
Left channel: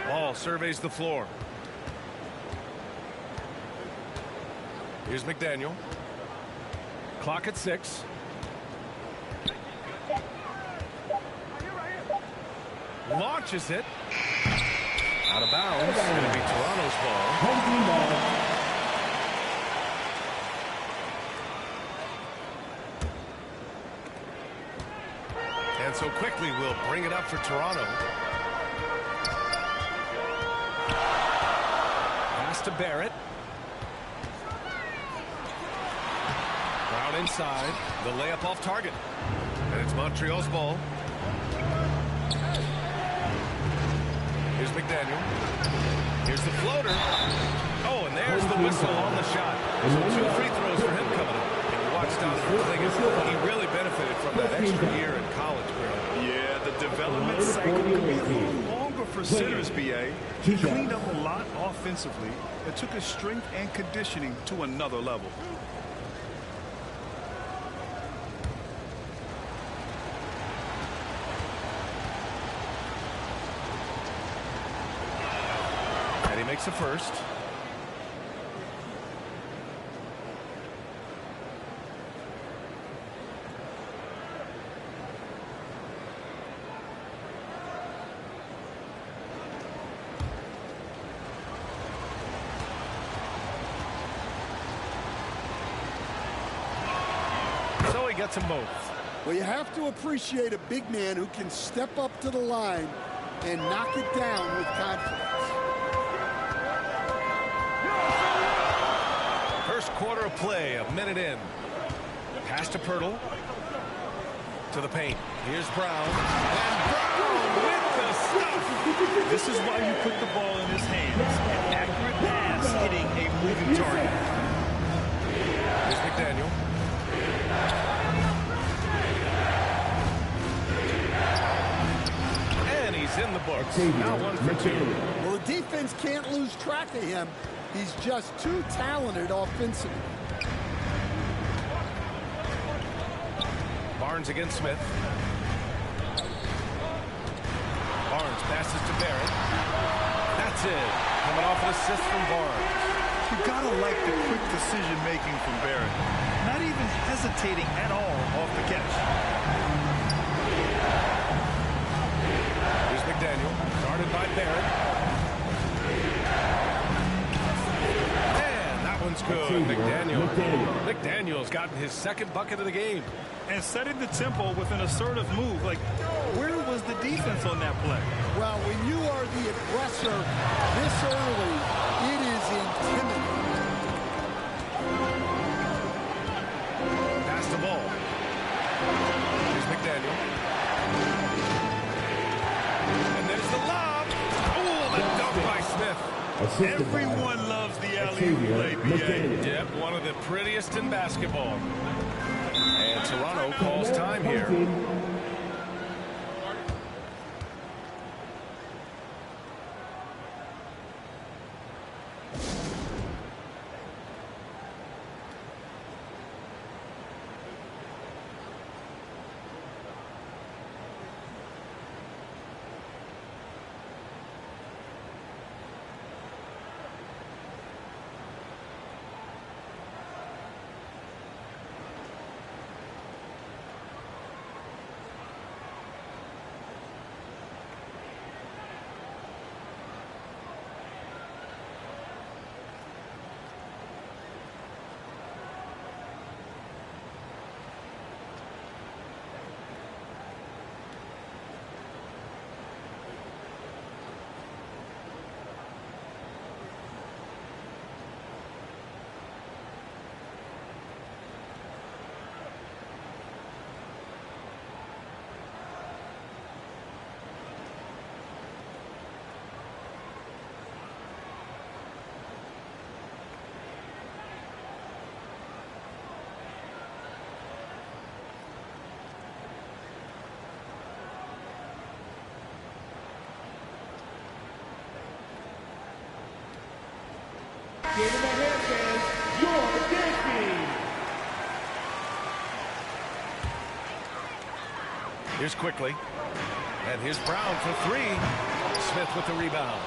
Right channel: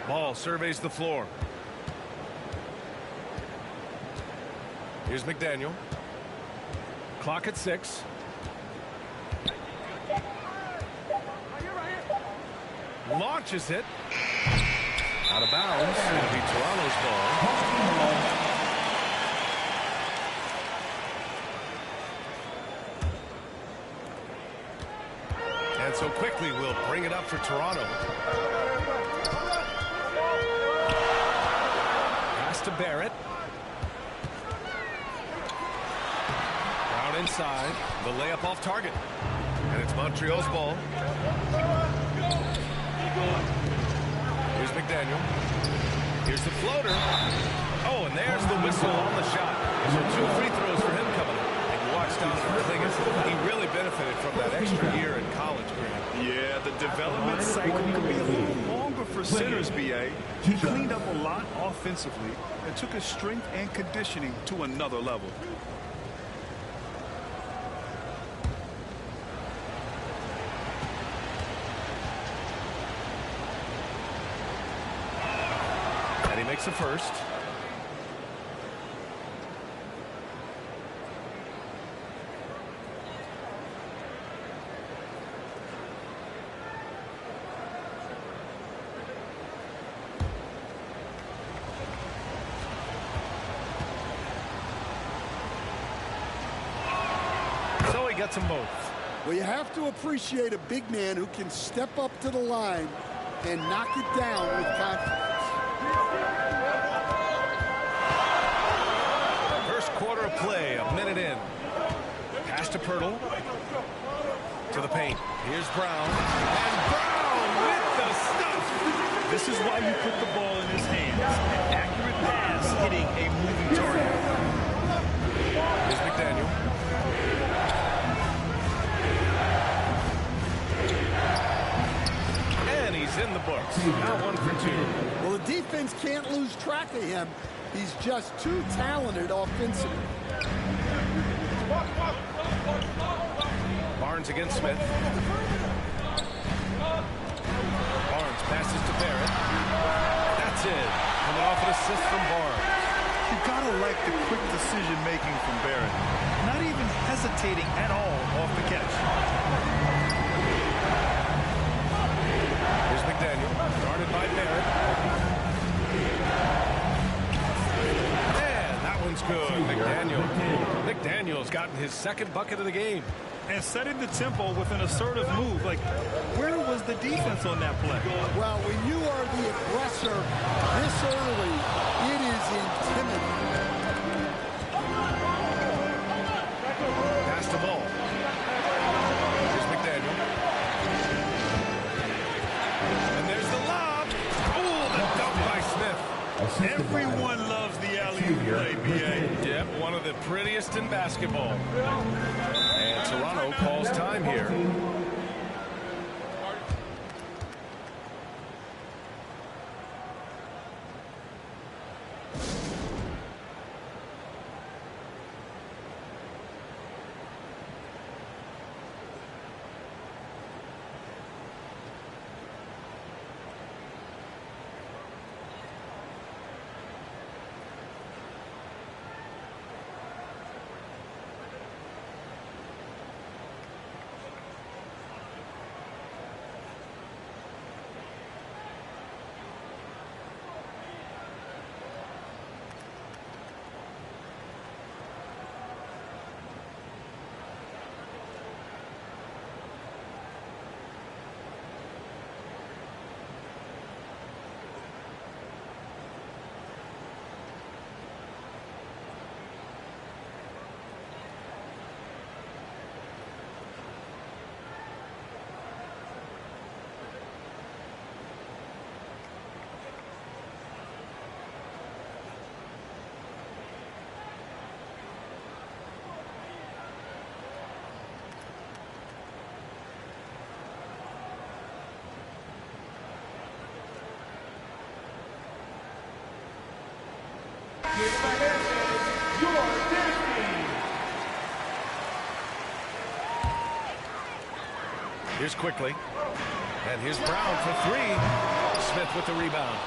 Ball surveys the floor. Here's McDaniel. Clock at 6. Launches it. Out of bounds. It'll be Toronto's ball. And so Quickly will bring it up for Toronto. Pass to Barrett. Brown inside. The layup off target. And it's Montreal's ball. Here's McDaniel. Here's the floater. Oh, and there's the whistle on the shot. So 2 free throws for him coming up. Watch Donovan Klingon. He really benefited from that extra year in college, Grant. Yeah, the development cycle could be a little longer for centers, B.A. He cleaned up a lot offensively and took his strength and conditioning to another level. And he makes the first. So he gets them both. Well, you have to appreciate a big man who can step up to the line and knock it down with confidence. First quarter of play, a minute in. Pass to Pirtle. To the paint. Here's Brown. And Brown with the stuff. This is why you put the ball in his hands. An accurate pass hitting a moving target. Here's McDaniel. And he's in the books. Now 1 for 2. Well, the defense can't lose track of him. He's just too talented offensively. Barnes against Smith. Barnes passes to Barrett. That's it. Coming off an assist from Barnes. You gotta like the quick decision making from Barrett. Not even hesitating at all off the catch. Here's McDaniel, guarded by Barrett. one's good. McDaniel's gotten his second bucket of the game. And setting the tempo with an assertive move. Like, where was the defense on that play? Well, when you are the aggressor this early, it is intimidating. Pass the ball. Here's McDaniel. And there's the lob. Oh, the dunk by Smith. Everyone loves the alley-oop play, B.A. Yep, one of the prettiest in basketball. And Toronto calls time here. Give him a hand, fans. You're dancing. Here's Quickly. And here's Brown for three. Smith with the rebound.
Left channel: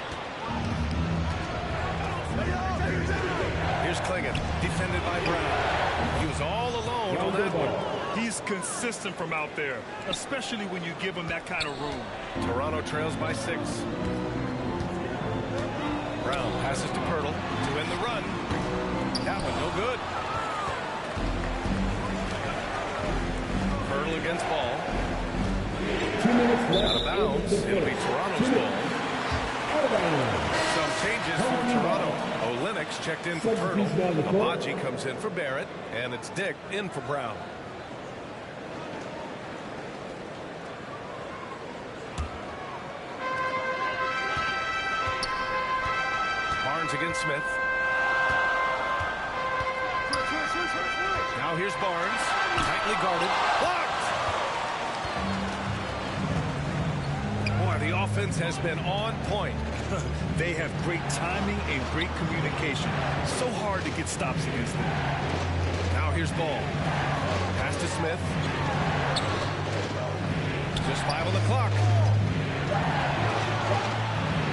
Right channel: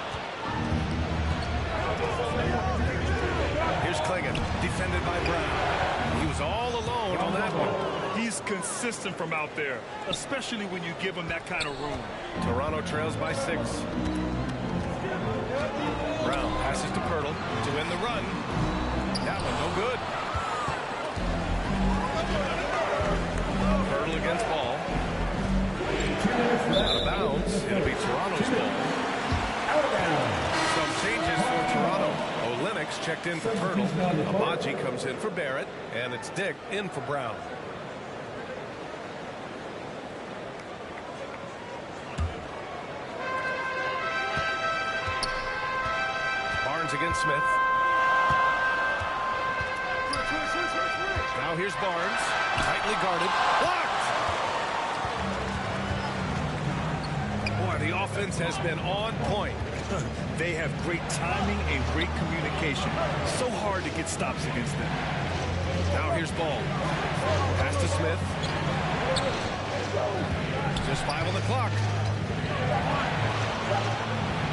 Here's Klingon, defended by Brown. He was all alone on that one. He's consistent from out there, especially when you give him that kind of room. Toronto trails by 6. Brown passes to Pirtle to end the run. That one no good. Pirtle against Ball. Out of bounds. It'll be Toronto's ball. Some changes for Toronto. Olenix checked in for Pirtle. Abaji comes in for Barrett. And it's Dick in for Brown. Barnes against Smith. Now here's Barnes. Tightly guarded. Blocked! Boy, the offense has been on point. They have great timing and great communication. So hard to get stops against them. Now here's Ball. Pass to Smith. Just 5 on the clock.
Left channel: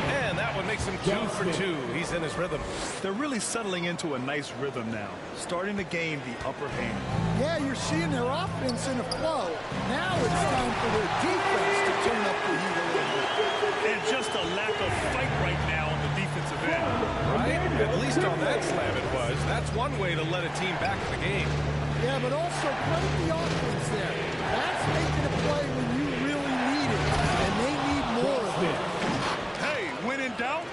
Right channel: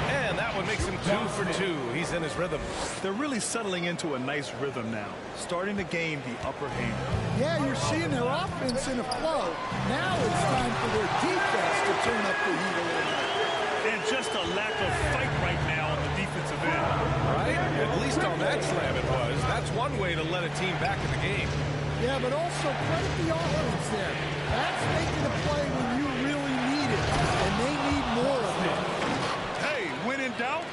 And that one makes him 2 for 2. He's in his rhythm. They're really settling into a nice rhythm now, starting to gain the upper hand. Yeah, you're seeing their offense in a flow. Now it's time for their defense to turn up the heat a little more. And just a lack of fight right now on the defensive end. Right? At least on that slam it was. That's one way to let a team back in the game. Yeah, but also credit the offense there. That's making a play when you really need it, and they need more of it. Hey, when in doubt,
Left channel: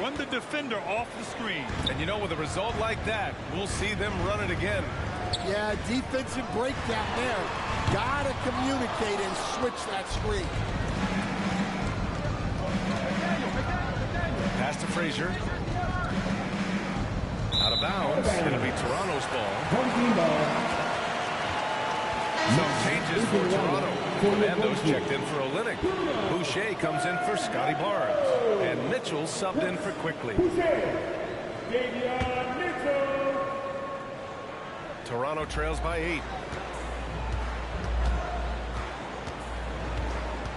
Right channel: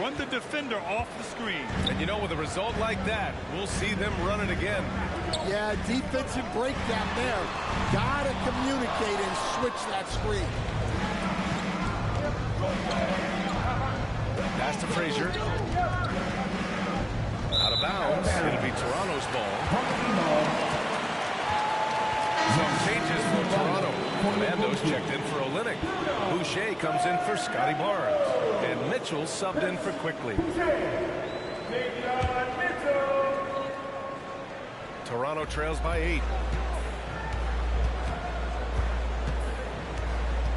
run the defender off the screen. And you know, with a result like that, we'll see them run it again. Yeah, defensive breakdown there. Gotta communicate and switch that screen. Pass to Frazier. Out of bounds. It'll be Toronto's ball. Some changes for Toronto. Fernando's checked in for Olynyk. Boucher comes in for Scotty Barnes. And Mitchell subbed in for Quickly. Toronto trails by 8.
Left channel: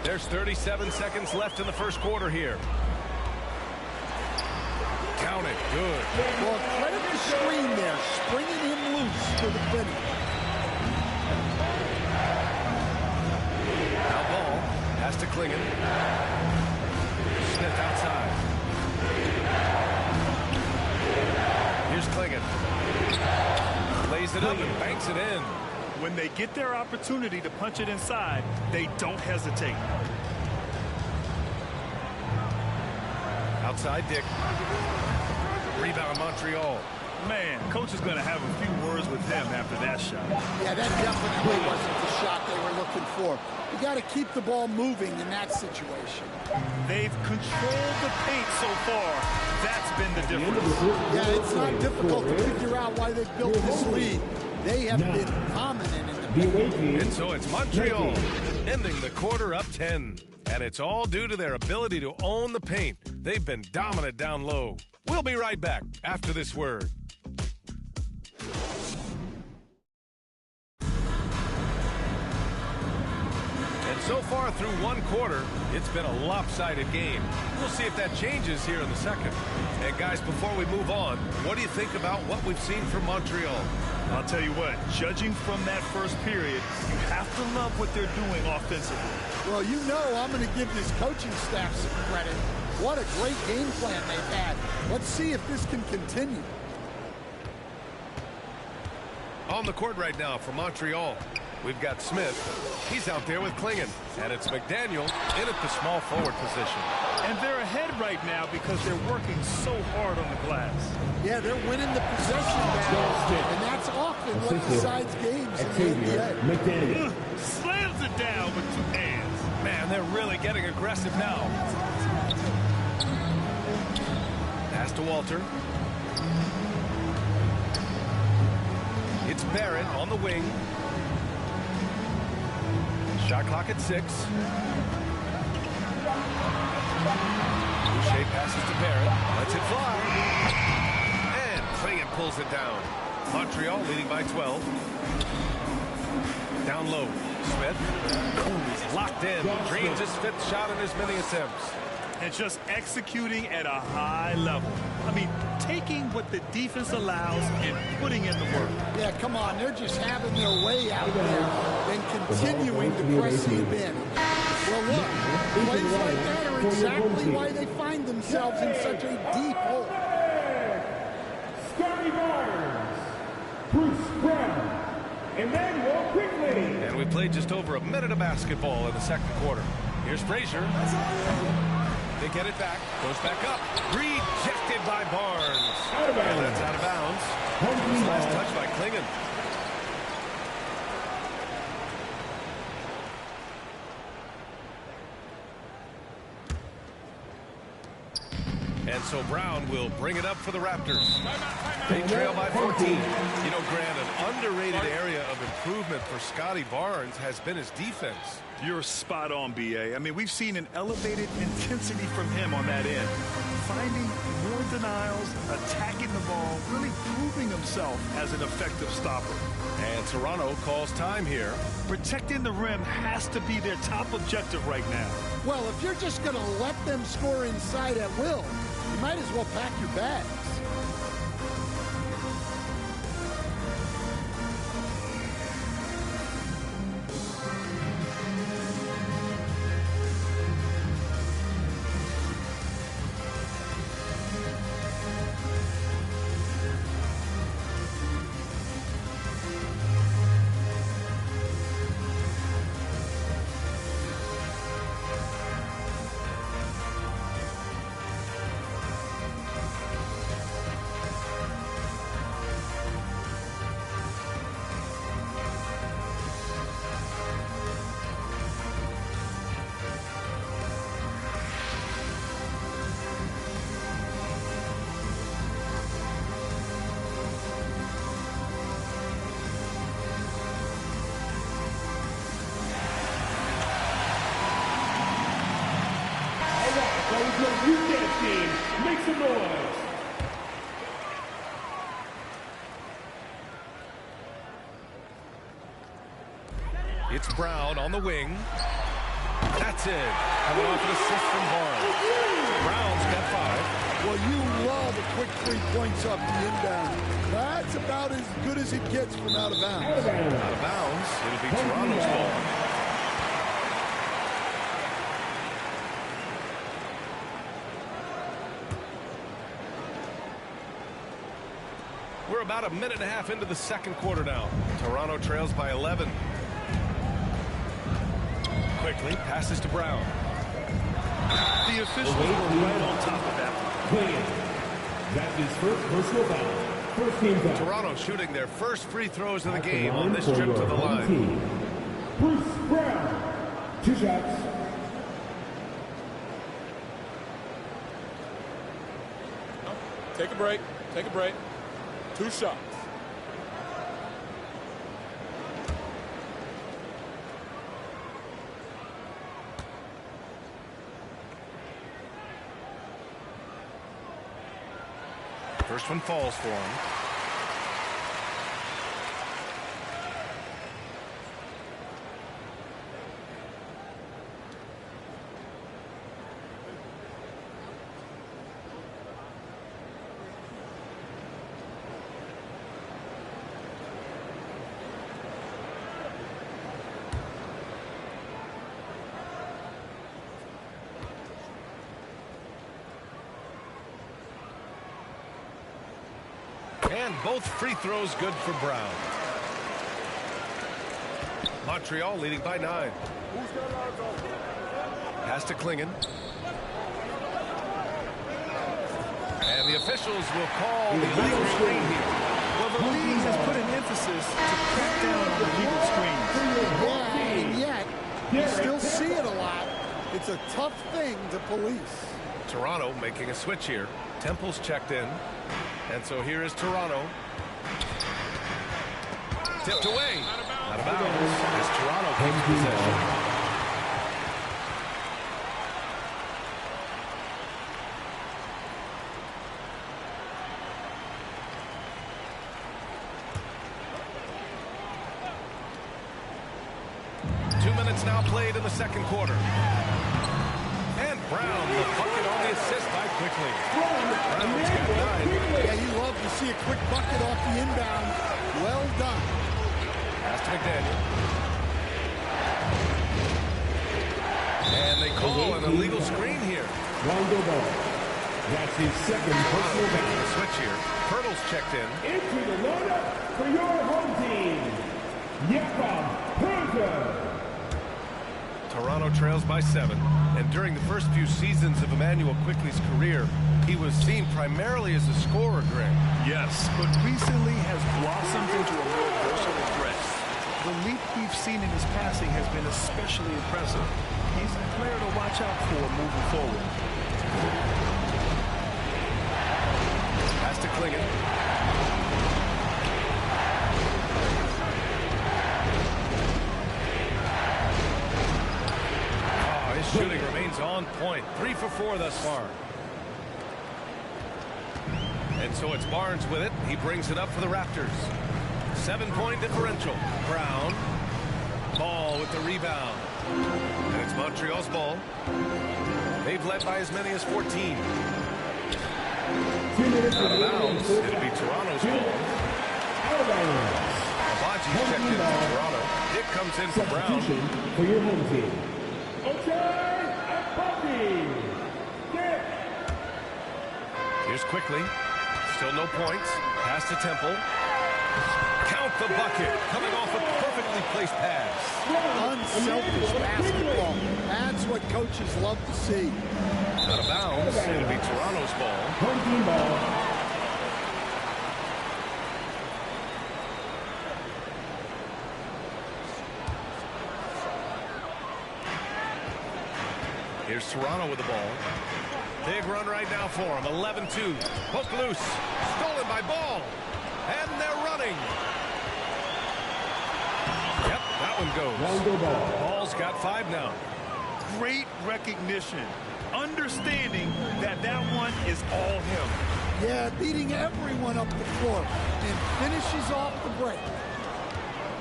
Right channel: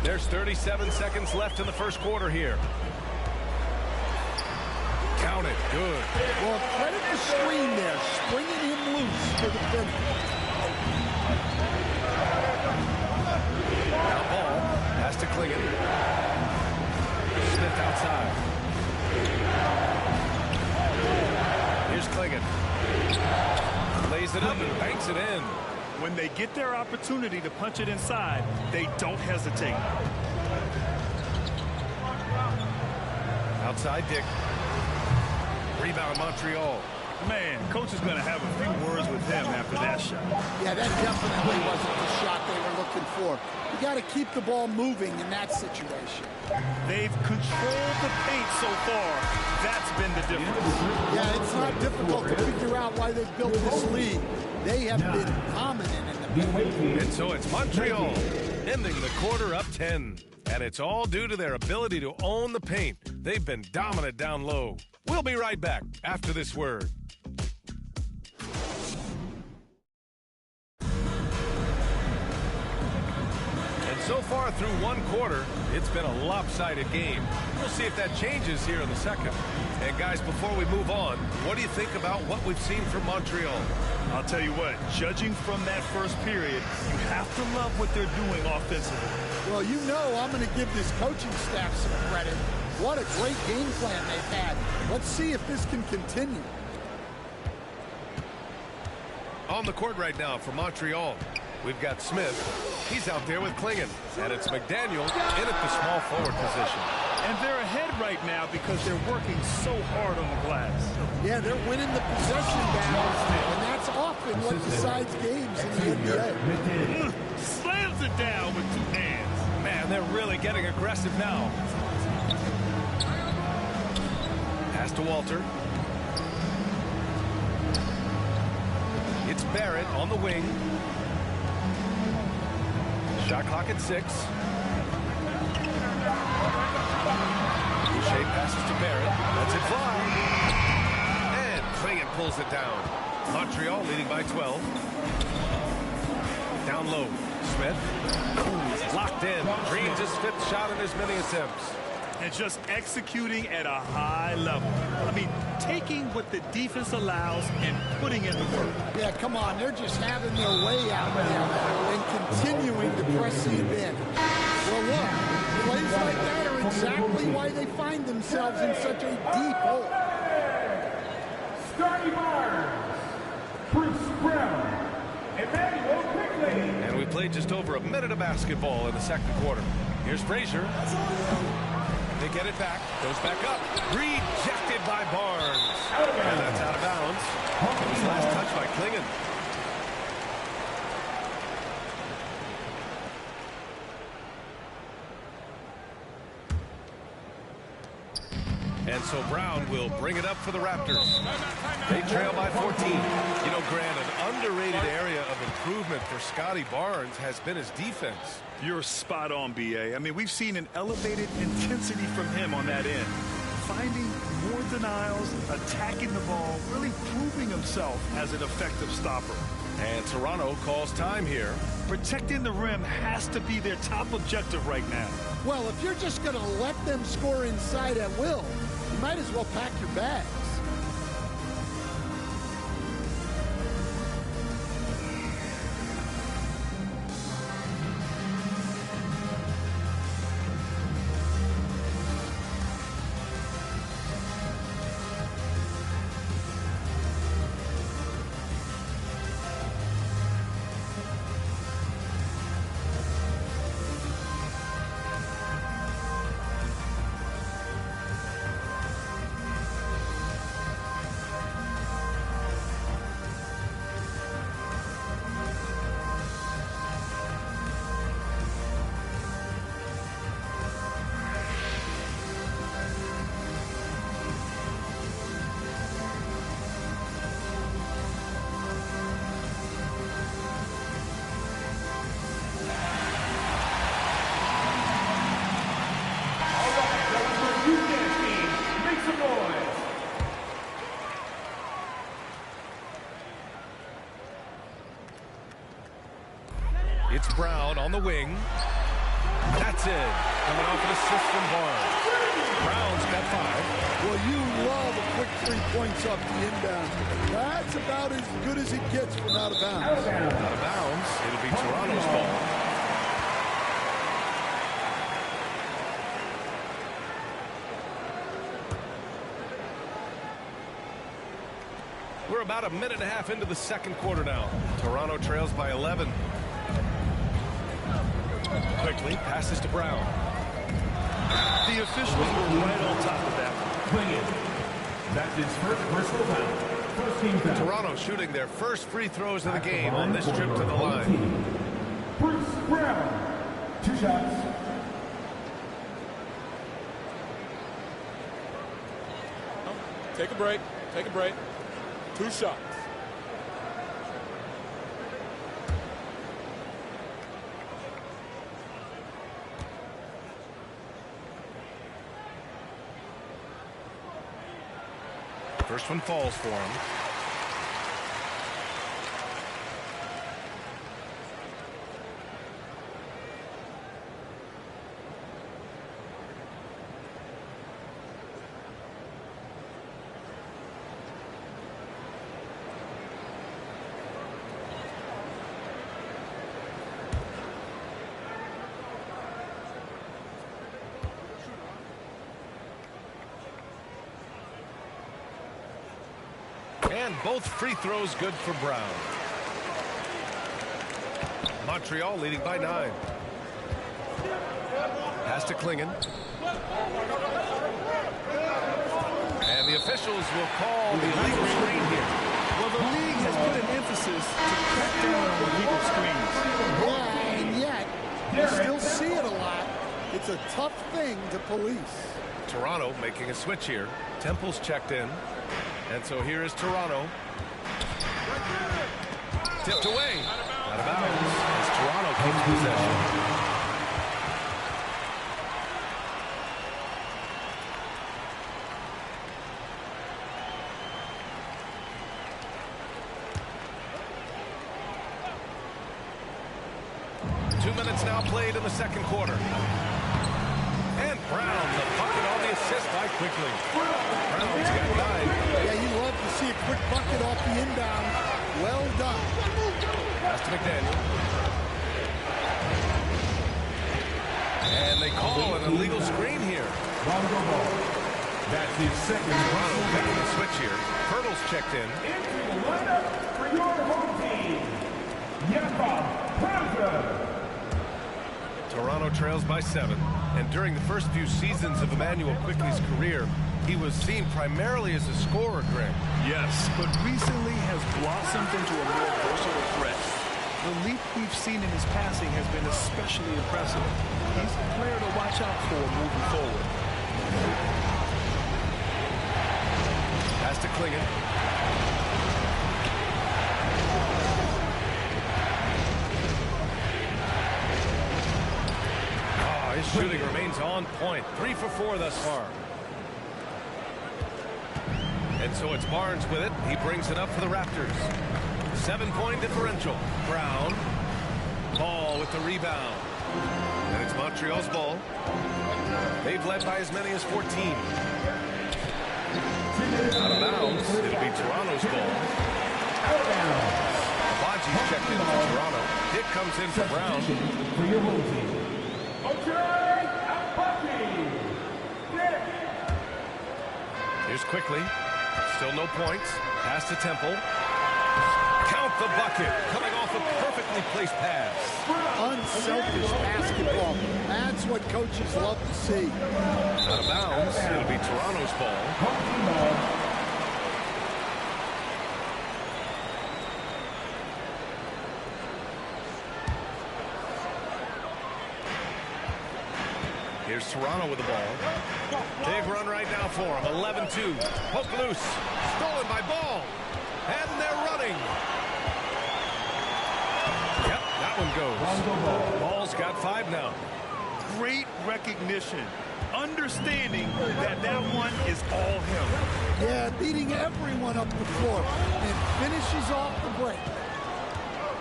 There's 37 seconds left in the first quarter here. Count it. Good. Well, credit the screen there, springing him loose for the finish. Now Ball. Pass to Klingon. Smith outside. Here's Klingon. Lays it up and banks it in. When they get their opportunity to punch it inside, they don't hesitate. Outside Dick. Rebound Montreal. Man, coach is going to have a few words with him after that shot. Yeah, that definitely wasn't the shot they were looking for. You got to keep the ball moving in that situation. They've controlled the paint so far. That's been the difference. Yeah, it's not difficult to figure out why they've built this lead. They have been dominant in the paint. And so it's Montreal ending the quarter up 10. And it's all due to their ability to own the paint. They've been dominant down low. We'll be right back after this word. And so far through one quarter, it's been a lopsided game. We'll see if that changes here in the second. And guys, before we move on, what do you think about what we've seen from Montreal? I'll tell you what, judging from that first period, you have to love what they're doing offensively. Well, you know I'm going to give this coaching staff some credit. What a great game plan they've had. Let's see if this can continue. On the court right now for Montreal, we've got Smith. He's out there with Klingon. And it's McDaniel in at the small forward position. And they're ahead right now because they're working so hard on the glass. Yeah, they're winning the possession battle, and that's often what decides games in the NBA. Slams it down with two hands. Man, they're really getting aggressive now. Pass to Walter. It's Barrett on the wing. Shot clock at 6. Boucher passes to Barrett. Lets it fly. And Klingon pulls it down. Montreal leading by 12. Down low. Smith. He's locked in. Dreams his 5th shot in as many attempts. And just executing at a high level. I mean, taking what the defense allows and putting in the work. Yeah, come on. They're just having their way out there and continuing to press the advantage. Well, look, plays like that are exactly why they find themselves in such a deep hole. Scotty Barnes, Bruce Brown, Emmanuel quickly. And we played just over a minute of basketball in the second quarter. Here's Frazier. They get it back. Goes back up. Rejected by Barnes. And that's out of bounds. It was last touch by Klingon. And so Brown will bring it up for the Raptors. They trail by 14. You know, Grant, an underrated area of improvement for Scotty Barnes has been his defense. You're spot on, B.A. I mean, we've seen an elevated intensity from him on that end. Finding more denials, attacking the ball, really proving himself as an effective stopper. And Toronto calls time here. Protecting the rim has to be their top objective right now. Well, if you're just going to let them score inside at will, you might as well pack your bags. Make some noise. It's Brown on the wing. That's it. Coming off an assist from Barnes. Brown's got 5. Well, you love a quick 3 points off the inbound. That's about as good as it gets from out of bounds. Out of bounds. It'll be Toronto's ball. We're about a minute and a half into the second quarter now. Toronto trails by 11. Quickly passes to Brown. The officials were right on top of that one. That's his first personal foul. First team foul. Toronto shooting their first free throws of the game on this trip to the line. Team. Bruce Brown. 2 shots. Take a break. Take a break. 2 shots. First one falls for him. And both free throws good for Brown. Montreal leading by 9. Pass to Klingon. And the officials will call the illegal screen here. Well, the league has put an emphasis to crack down on illegal screens. Yeah, and yet, you still see it a lot. It's a tough thing to police. Toronto making a switch here. Temple's checked in. And so here is Toronto. Tipped away. Out of bounds as Toronto keeps possession. Two minutes now played in the second quarter. And Brown, the bucket on the assist by Quickly. Brown's got 9. Yeah, you love to see a quick bucket off the inbounds. Well done. Pass to McDaniel. And they call an illegal screen here. Longo ball. That's his second Toronto making a switch here. Pirtle's checked in. Into the lineup for your home team, Jakob Peralta. Toronto trails by 7. And during the first few seasons of Emmanuel Quickly's career, he was seen primarily as a scorer, Greg. Yes, but recently has blossomed into a more versatile threat. The leap we've seen in his passing has been especially impressive. He's a player to watch out for moving forward. Pass to Klingon. His shooting remains on point. 3 for 4 thus far. And so it's Barnes with it. He brings it up for the Raptors. 7-point differential. Brown. Ball with the rebound. And it's Montreal's ball. They've led by as many as 14. Out of bounds. It'll be Toronto's ball. Abaji's checked in for Toronto. Dick comes in for Brown. For your home team. Here's Quickly. Still no points. Pass to Temple. Count the bucket. Coming off a perfectly placed pass. Unselfish basketball. That's what coaches love to see. Out of bounds. It'll be Toronto's ball. Home team ball. Here's Toronto with the ball. Big run right now for him. 11-2. Poke loose. Stolen by Ball. And they're running. Yep, that one goes. Ball's got 5 now. Great recognition. Understanding that that one is all him. Yeah, beating everyone up the floor and finishes off the break.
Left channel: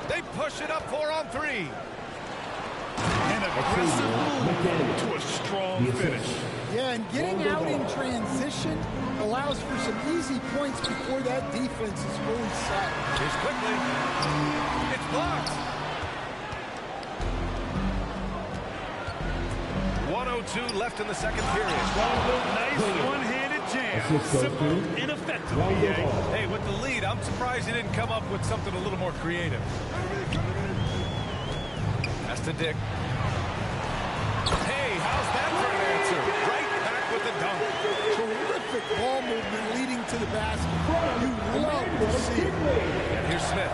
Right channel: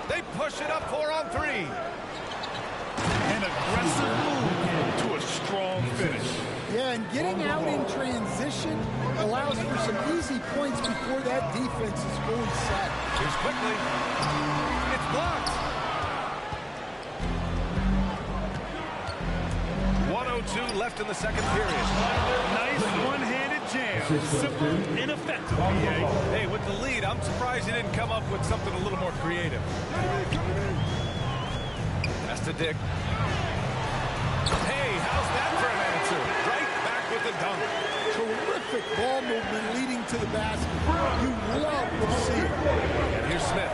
They push it up 4 on 3. An aggressive move to a strong finish. Yeah, and getting out in transition allows for some easy points before that defense is fully set. Here's Quickly. It's blocked. 1:02 left in the second period. Nice one-handed jam. Bam! Simple and effective, BA. Hey, with the lead, I'm surprised he didn't come up with something a little more creative. That's to Dick. Hey, how's that for an answer? Right back with the dunk. Terrific ball movement leading to the basket. You love to see it. And here's Smith.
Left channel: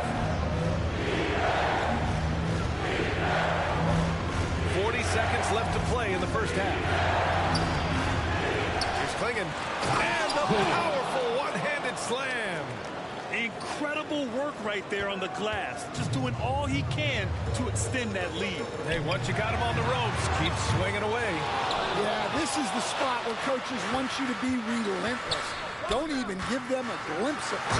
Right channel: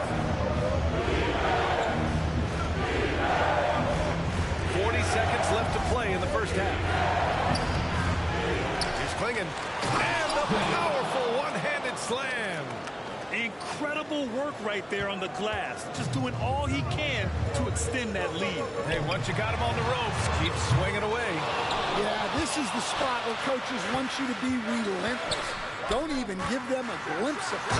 40 seconds left to play in the first half. Here's Klingon. And the powerful one-handed slam. Incredible work right there on the glass. Just doing all he can to extend that lead. Hey, once you got him on the ropes, keep swinging away. Yeah, this is the spot where coaches want you to be relentless. Don't even give them a glimpse of it.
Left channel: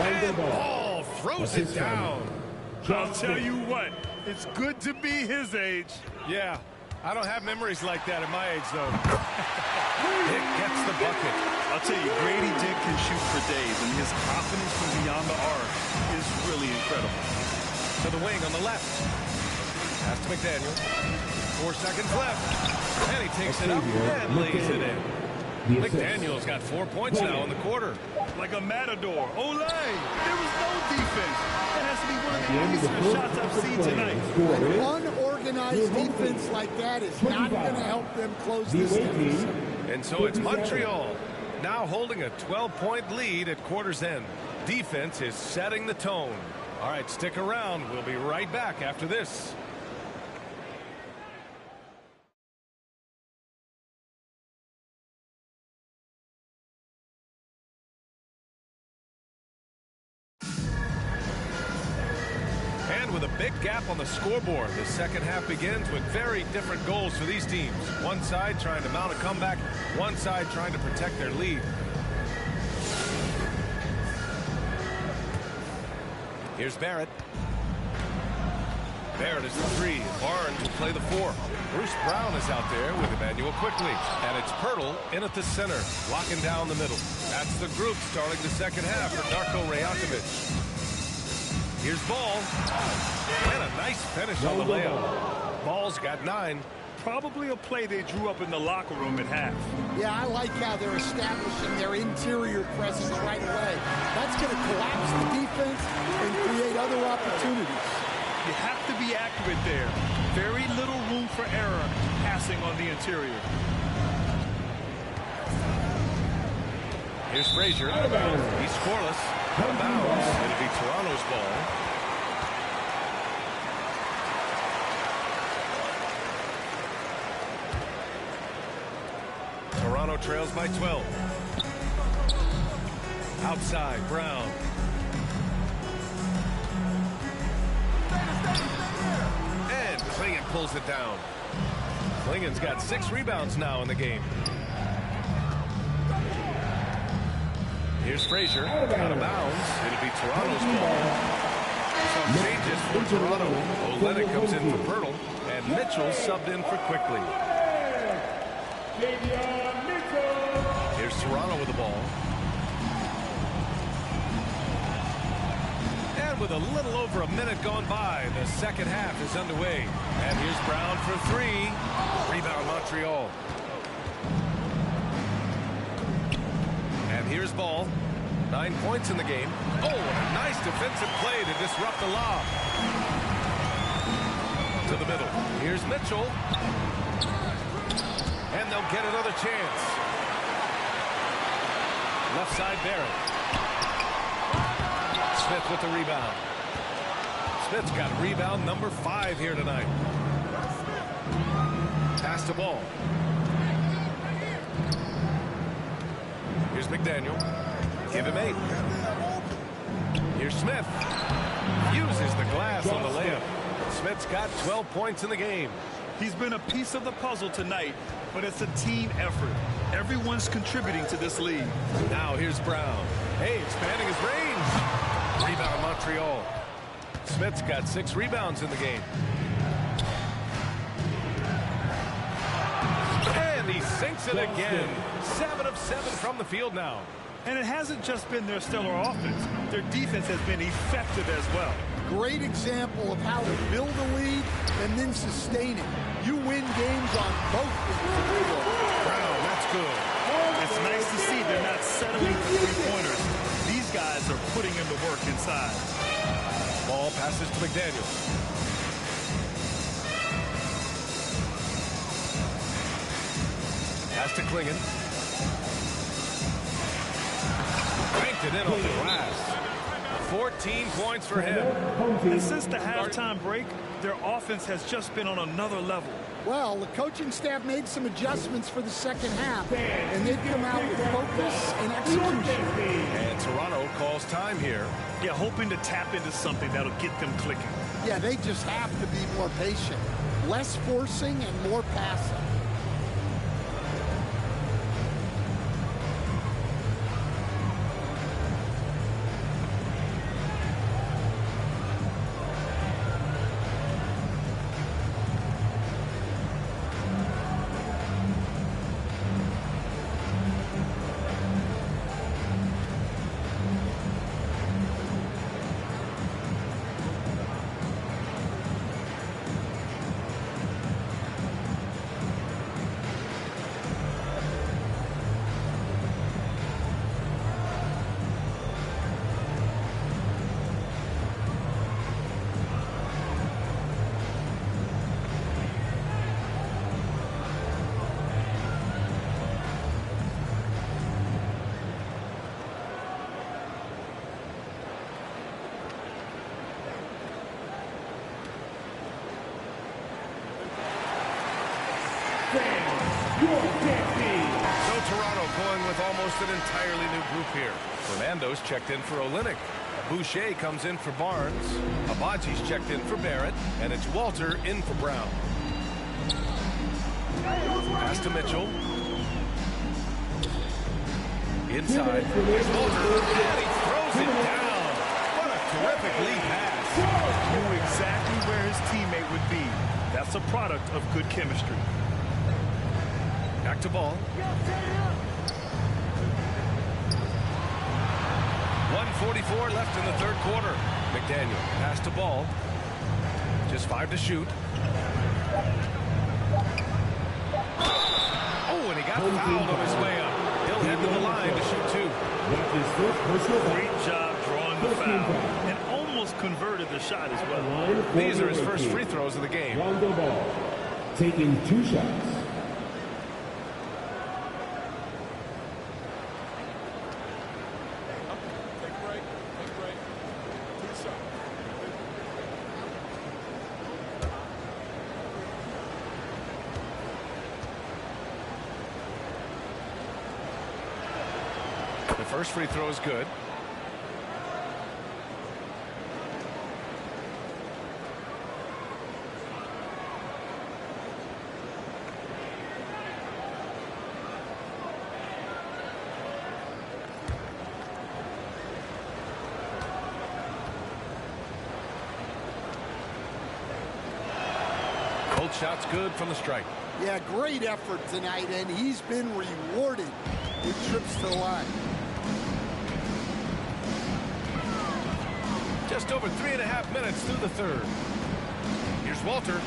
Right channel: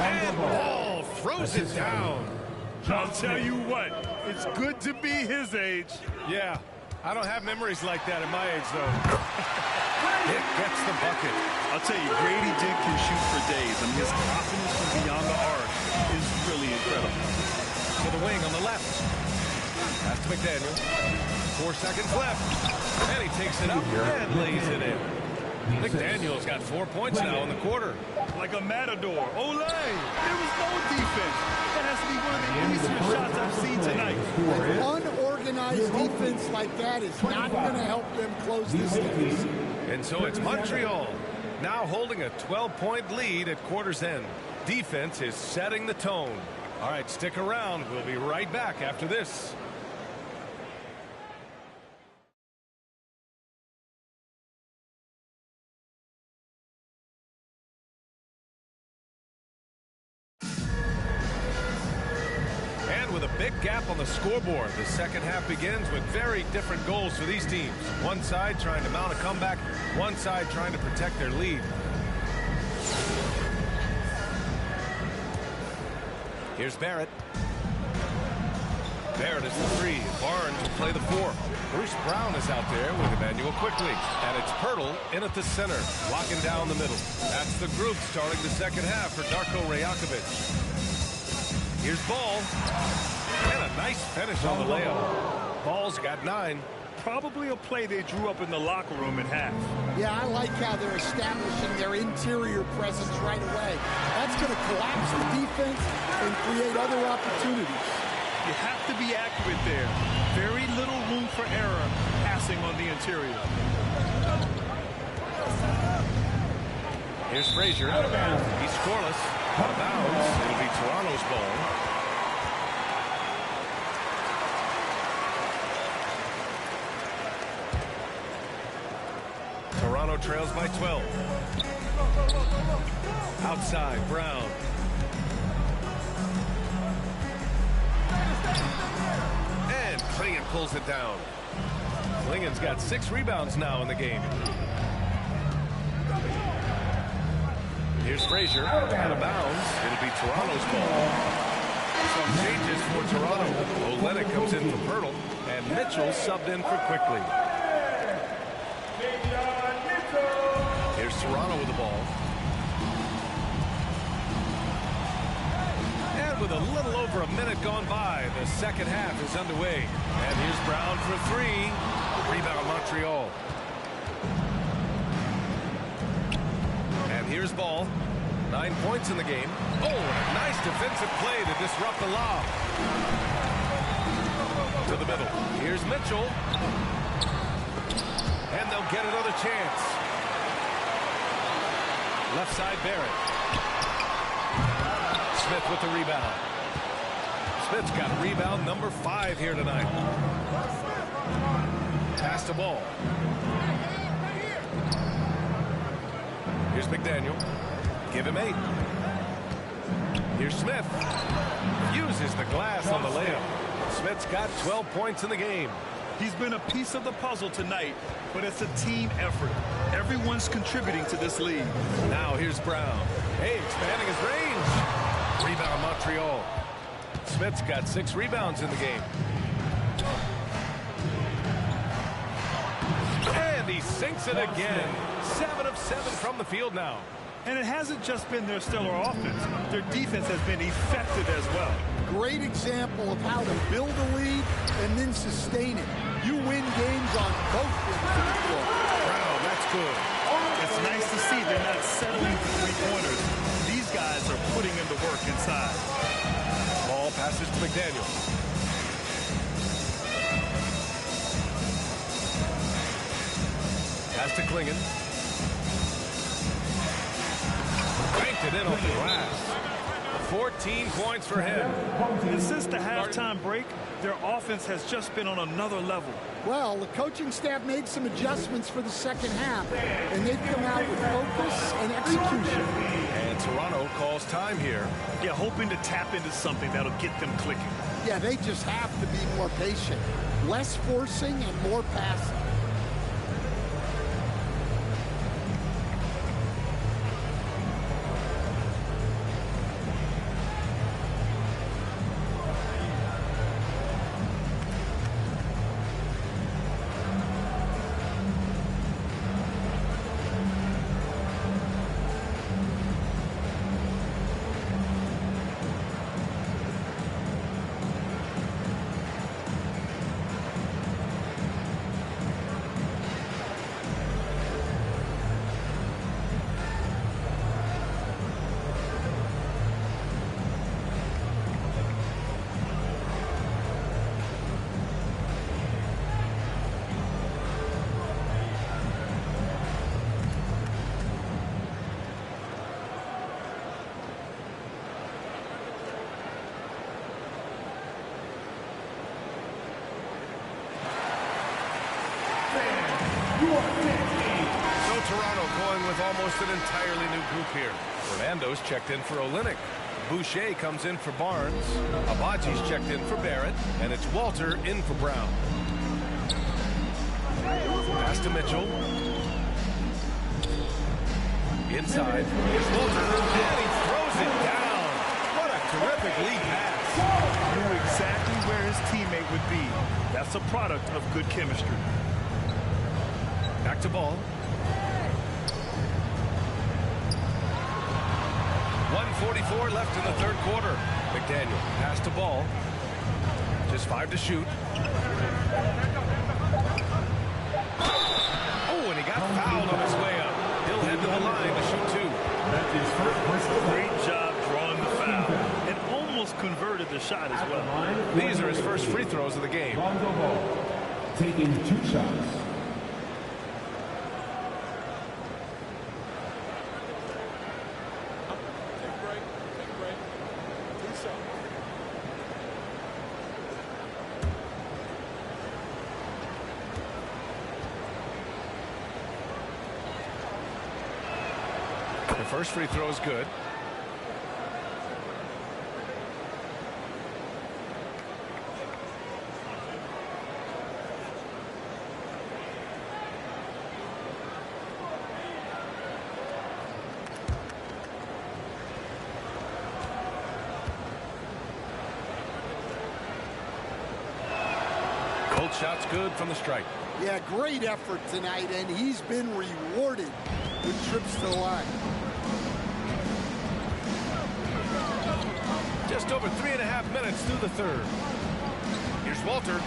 And Ball throws it down. I'll tell you what, it's good to be his age. Yeah, I don't have memories like that at my age, though. Dick gets the bucket. I'll tell you, Grady Dick can shoot for days. I mean, his confidence from beyond the arc is really incredible. To the wing on the left. Pass to McDaniel. 4 seconds left. And he takes it up and lays it in. McDaniel's got 4 points now in the quarter. Like a matador. Ole! There was no defense. That has to be one of the easier shots I've seen tonight. An unorganized defense like that is not going to help them close this deficit. And so it's Montreal now holding a 12-point lead at quarter's end. Defense is setting the tone. All right, stick around. We'll be right back after this. And with a big gap on the scoreboard, the second half begins with very different goals for these teams. One side trying to mount a comeback, one side trying to protect their lead. Here's Barrett. Barrett is the 3, and Barnes will play the 4. Bruce Brown is out there with Emmanuel quickly. And it's Pirtle in at the center, locking down the middle. That's the group starting the second half for Darko Rajakovic. Here's Ball. And a nice finish on the layup. Ball's got 9. Probably a play they drew up in the locker room at half. Yeah, I like how they're establishing their interior presence right away. That's going to collapse the defense and create other opportunities. You have to be accurate there. Very little room for error passing on the interior. Here's Frazier. He's scoreless. Out of bounds. It'll be Toronto's ball. Toronto trails by 12. Outside, Brown. And Klingon pulls it down. Klingon's got 6 rebounds now in the game. Here's Frazier, out of bounds. It'll be Toronto's ball. Some changes for Toronto. Olenek comes in for Pirtle, and Mitchell subbed in for Quickly. Here's Toronto with the ball. And with a little over a minute gone by, the second half is underway. And here's Brown for 3. Rebound Montreal. And here's Ball. 9 points in the game. Oh, and a nice defensive play to disrupt the lob. To the middle. Here's Mitchell. And they'll get another chance. Left side, Barrett. Smith with the rebound. Smith's got rebound number 5 here tonight. Pass to Ball. Here's McDaniel. Give him 8. Here's Smith. Uses the glass on the layup. Smith's got 12 points in the game. He's been a piece of the puzzle tonight, but it's a team effort. Everyone's contributing to this lead. Now here's Brown. Hey, expanding his range. Rebound Montreal. Smith's got 6 rebounds in the game. And he sinks it again. 7 of 7 from the field now. And it hasn't just been their stellar offense. Their defense has been effective as well. Great example of how to build a lead and then sustain it. You win games on both ends of the floor. Brown, that's good. It's nice to see they're not settling for three-pointers. These guys are putting in the work inside. Ball passes to McDaniel. Pass to Klingon. Banked it in off the glass. 14 points for him. And since the halftime break, their offense has just been on another level. Well, the coaching staff made some adjustments for the second half, and they've come out with focus and execution. And Toronto calls time here. Yeah, hoping to tap into something that'll get them clicking. Yeah, they just have to be more patient. Less forcing and more passing. So Toronto going with almost an entirely new group here. Fernando's checked in for Olynyk. Boucher comes in for Barnes. Abaji's checked in for Barrett. And it's Walter in for Brown. Pass to Mitchell. Inside. Here's Walter. And he throws it down. What a terrific lead pass. Knew exactly where his teammate would be. That's a product of good chemistry. Back to ball. 1:44 left in the third quarter. McDaniel pass to ball. Just 5 to shoot. Oh, and he got fouled on his way up. He'll head to the line to shoot 2. That's his first personal foul. Great job drawing the foul. And almost converted the shot as well. These are his first free throws of the game. Rondo Ball taking 2 shots. Take a break. Take a break. 2 shots. The first free throw is good. Cold shot's good from the stripe. Yeah, great effort tonight, and he's been rewarded with trips to the line. Just over 3.5 minutes through the third. Here's Walter.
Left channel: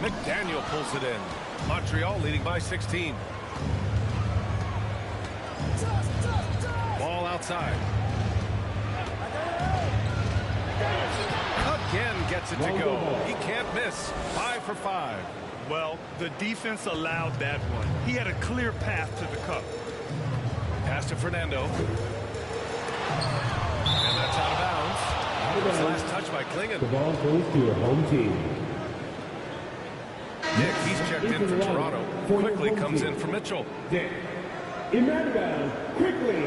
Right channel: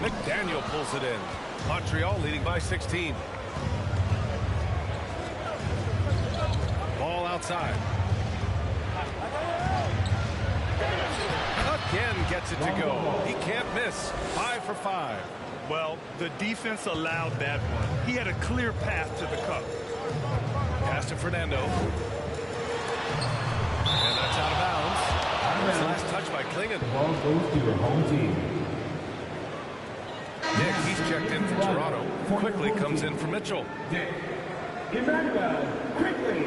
McDaniel pulls it in. Montreal leading by 16. Ball outside. Again gets it to go. He can't miss. 5 for 5. Well, the defense allowed that one. He had a clear path to the cup. Pass to Fernando. And that's out of bounds. His last touch by Klingon. The ball goes to your home team. Nick, he's checked in for Toronto. Quickly comes in for Mitchell. Dick. Emmanuel, quickly.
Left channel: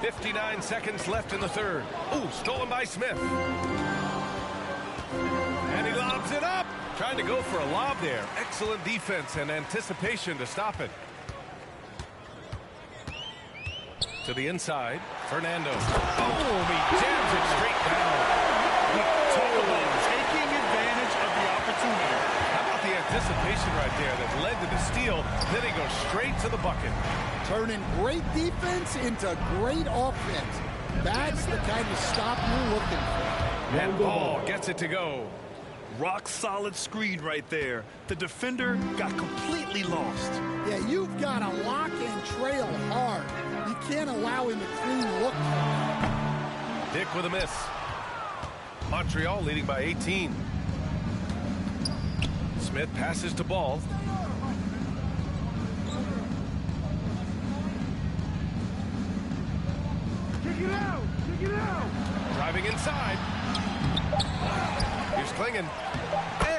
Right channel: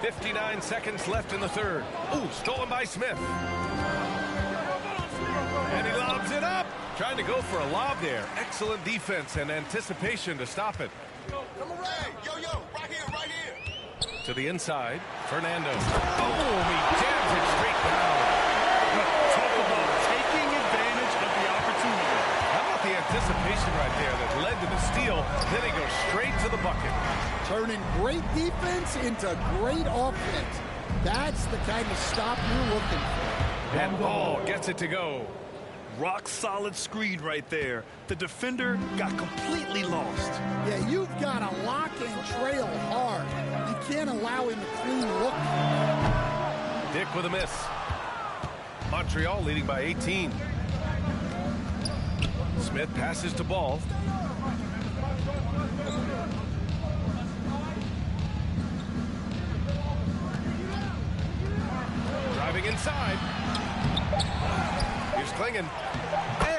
.59 seconds left in the third. Ooh, stolen by Smith. And he lobs it up. Trying to go for a lob there. Excellent defense and anticipation to stop it. To the inside. Fernando. Oh, he jams it straight down. Talk about taking advantage of the opportunity. How about the anticipation right there that led to the steal. Then he goes straight to the bucket. Turning great defense into great offense. That's the kind of stop you're looking for. And Ball gets it to go. Rock solid screen right there. The defender got completely lost. Yeah, you've got to lock and trail hard. You can't allow him a clean look. Dick with a miss. Montreal leading by 18. Smith passes to Ball. Driving inside. Here's Klingen.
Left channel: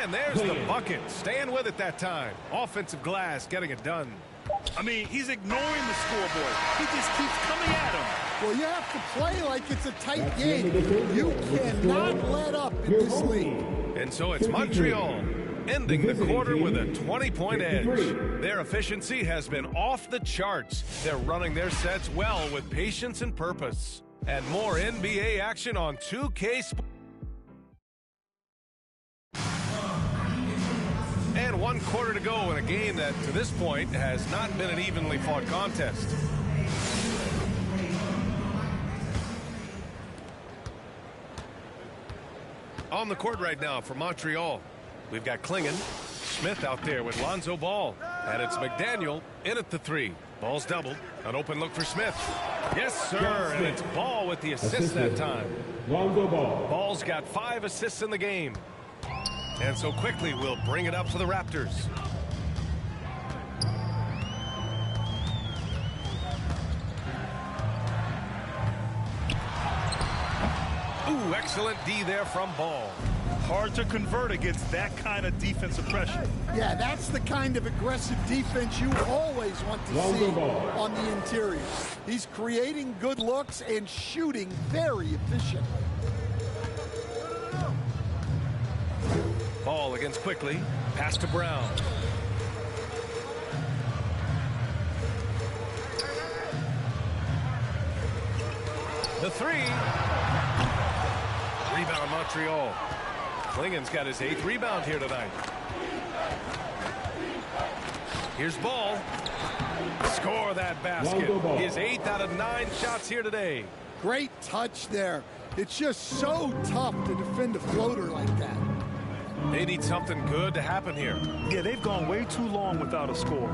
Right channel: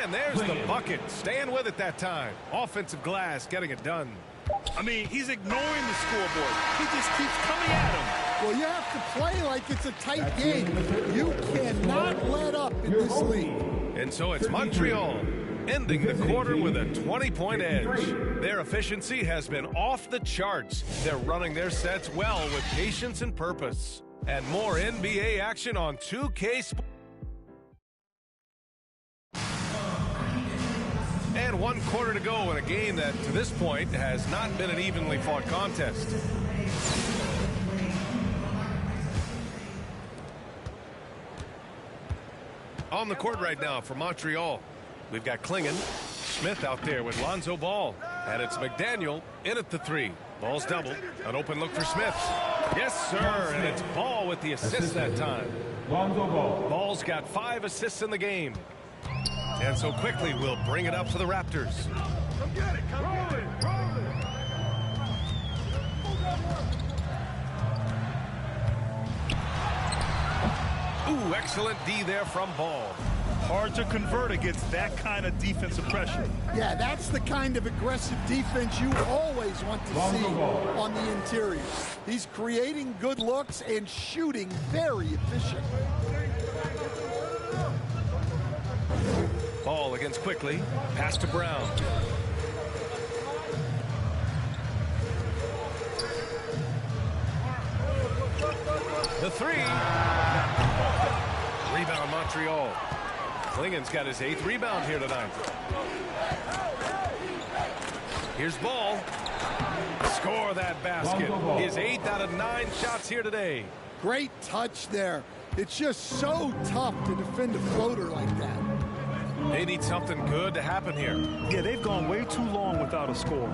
And there's the bucket. Staying with it that time. Offensive glass getting it done. I mean, he's ignoring the scoreboard. He just keeps coming at him. Well, you have to play like it's a tight game. You cannot let up in this league. And so it's Montreal ending the quarter with a 20-point edge. Their efficiency has been off the charts. They're running their sets well with patience and purpose. And more NBA action on 2K Sports. And 1 quarter to go in a game that, to this point, has not been an evenly fought contest. On the court right now for Montreal, we've got Klingen. Smith out there with Lonzo Ball. And it's McDaniel in at the 3. Ball's doubled. An open look for Smith. Yes, sir. And it's Ball with the assist that time. Lonzo Ball. Ball's got 5 assists in the game. And so quickly we'll bring it up for the Raptors. Ooh, excellent D there from Ball. Hard to convert against that kind of defensive pressure. Yeah, that's the kind of aggressive defense you always want to see on the interior. He's creating good looks and shooting very efficiently. Ball against quickly. Pass to Brown. The 3. Rebound Montreal. Klingen's got his 8th rebound here tonight. Here's Ball. Score that basket. His 8th out of 9 shots here today. Great touch there. It's just so tough to defend a floater like that. They need something good to happen here. Yeah, they've gone way too long without a score.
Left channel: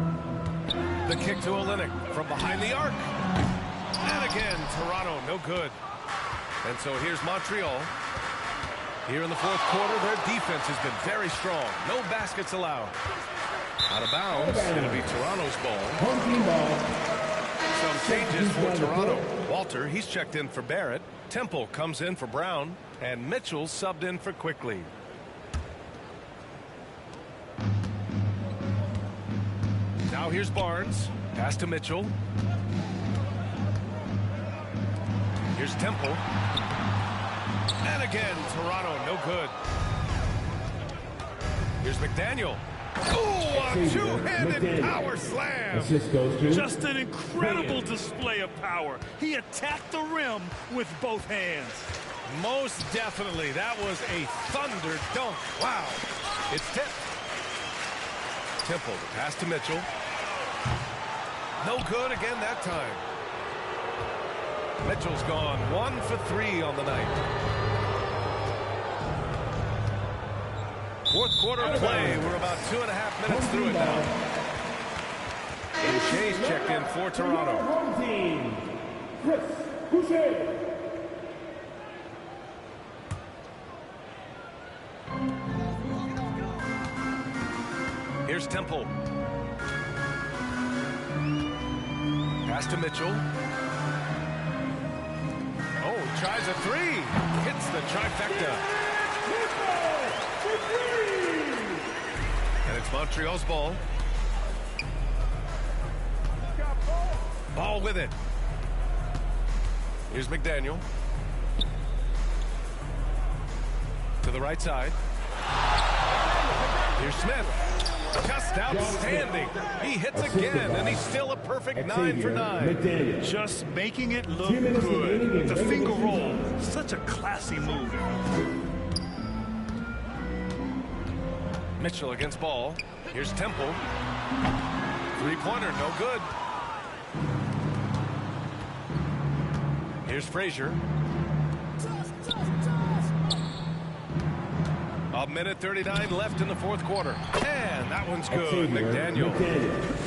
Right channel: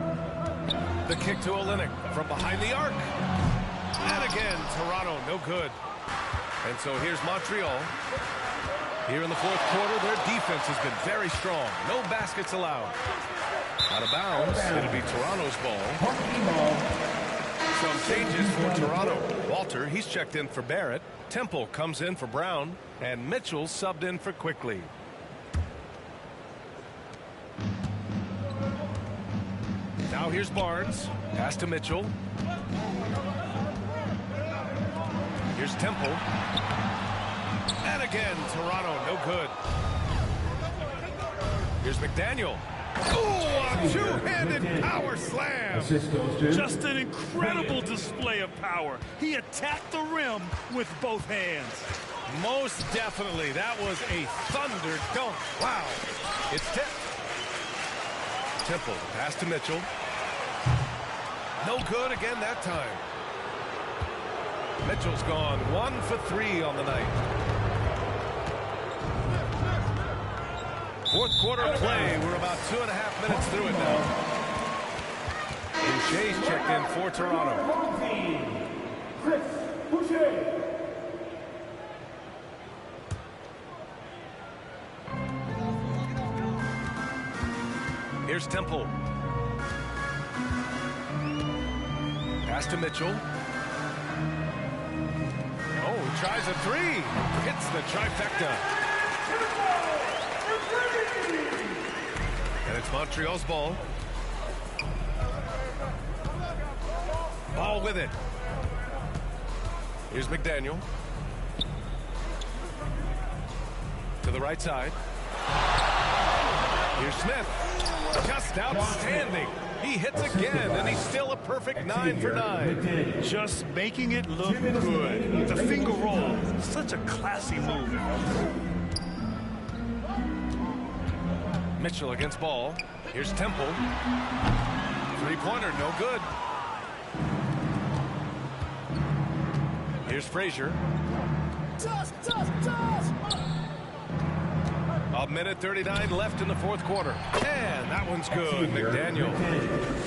The kick to Olynyk from behind the arc. And again, Toronto, no good. And so here's Montreal. Here in the 4th quarter, their defense has been very strong. No baskets allowed. Out of bounds. It'll be Toronto's ball. Some changes for Toronto. Walter, he's checked in for Barrett. Temple comes in for Brown. And Mitchell subbed in for Quickly. Now here's Barnes. Pass to Mitchell. Here's Temple. And again, Toronto, no good. Here's McDaniel. Ooh, a two-handed power slam. Just an incredible display of power. He attacked the rim with both hands. Most definitely. That was a thunder dunk. Wow. It's tipped. Temple, the pass to Mitchell. No good again that time. Mitchell's gone 1 for 3 on the night. 4th quarter play. We're about 2.5 minutes through it now. And Shea's checked in for Toronto. Home team, Chris Boucher. Here's Temple. Pass to Mitchell. Oh, he tries a 3. Hits the trifecta. And it's Montreal's ball. Ball with it. Here's McDaniel. To the right side. Here's Smith. Just outstanding. He hits again, and he's still a perfect 9 for 9. Just making it look good. The finger roll. Such a classy move. Mitchell against ball. Here's Temple. Three-pointer, no good. Here's Frazier. A minute 39 left in the fourth quarter. And that one's good. McDaniel.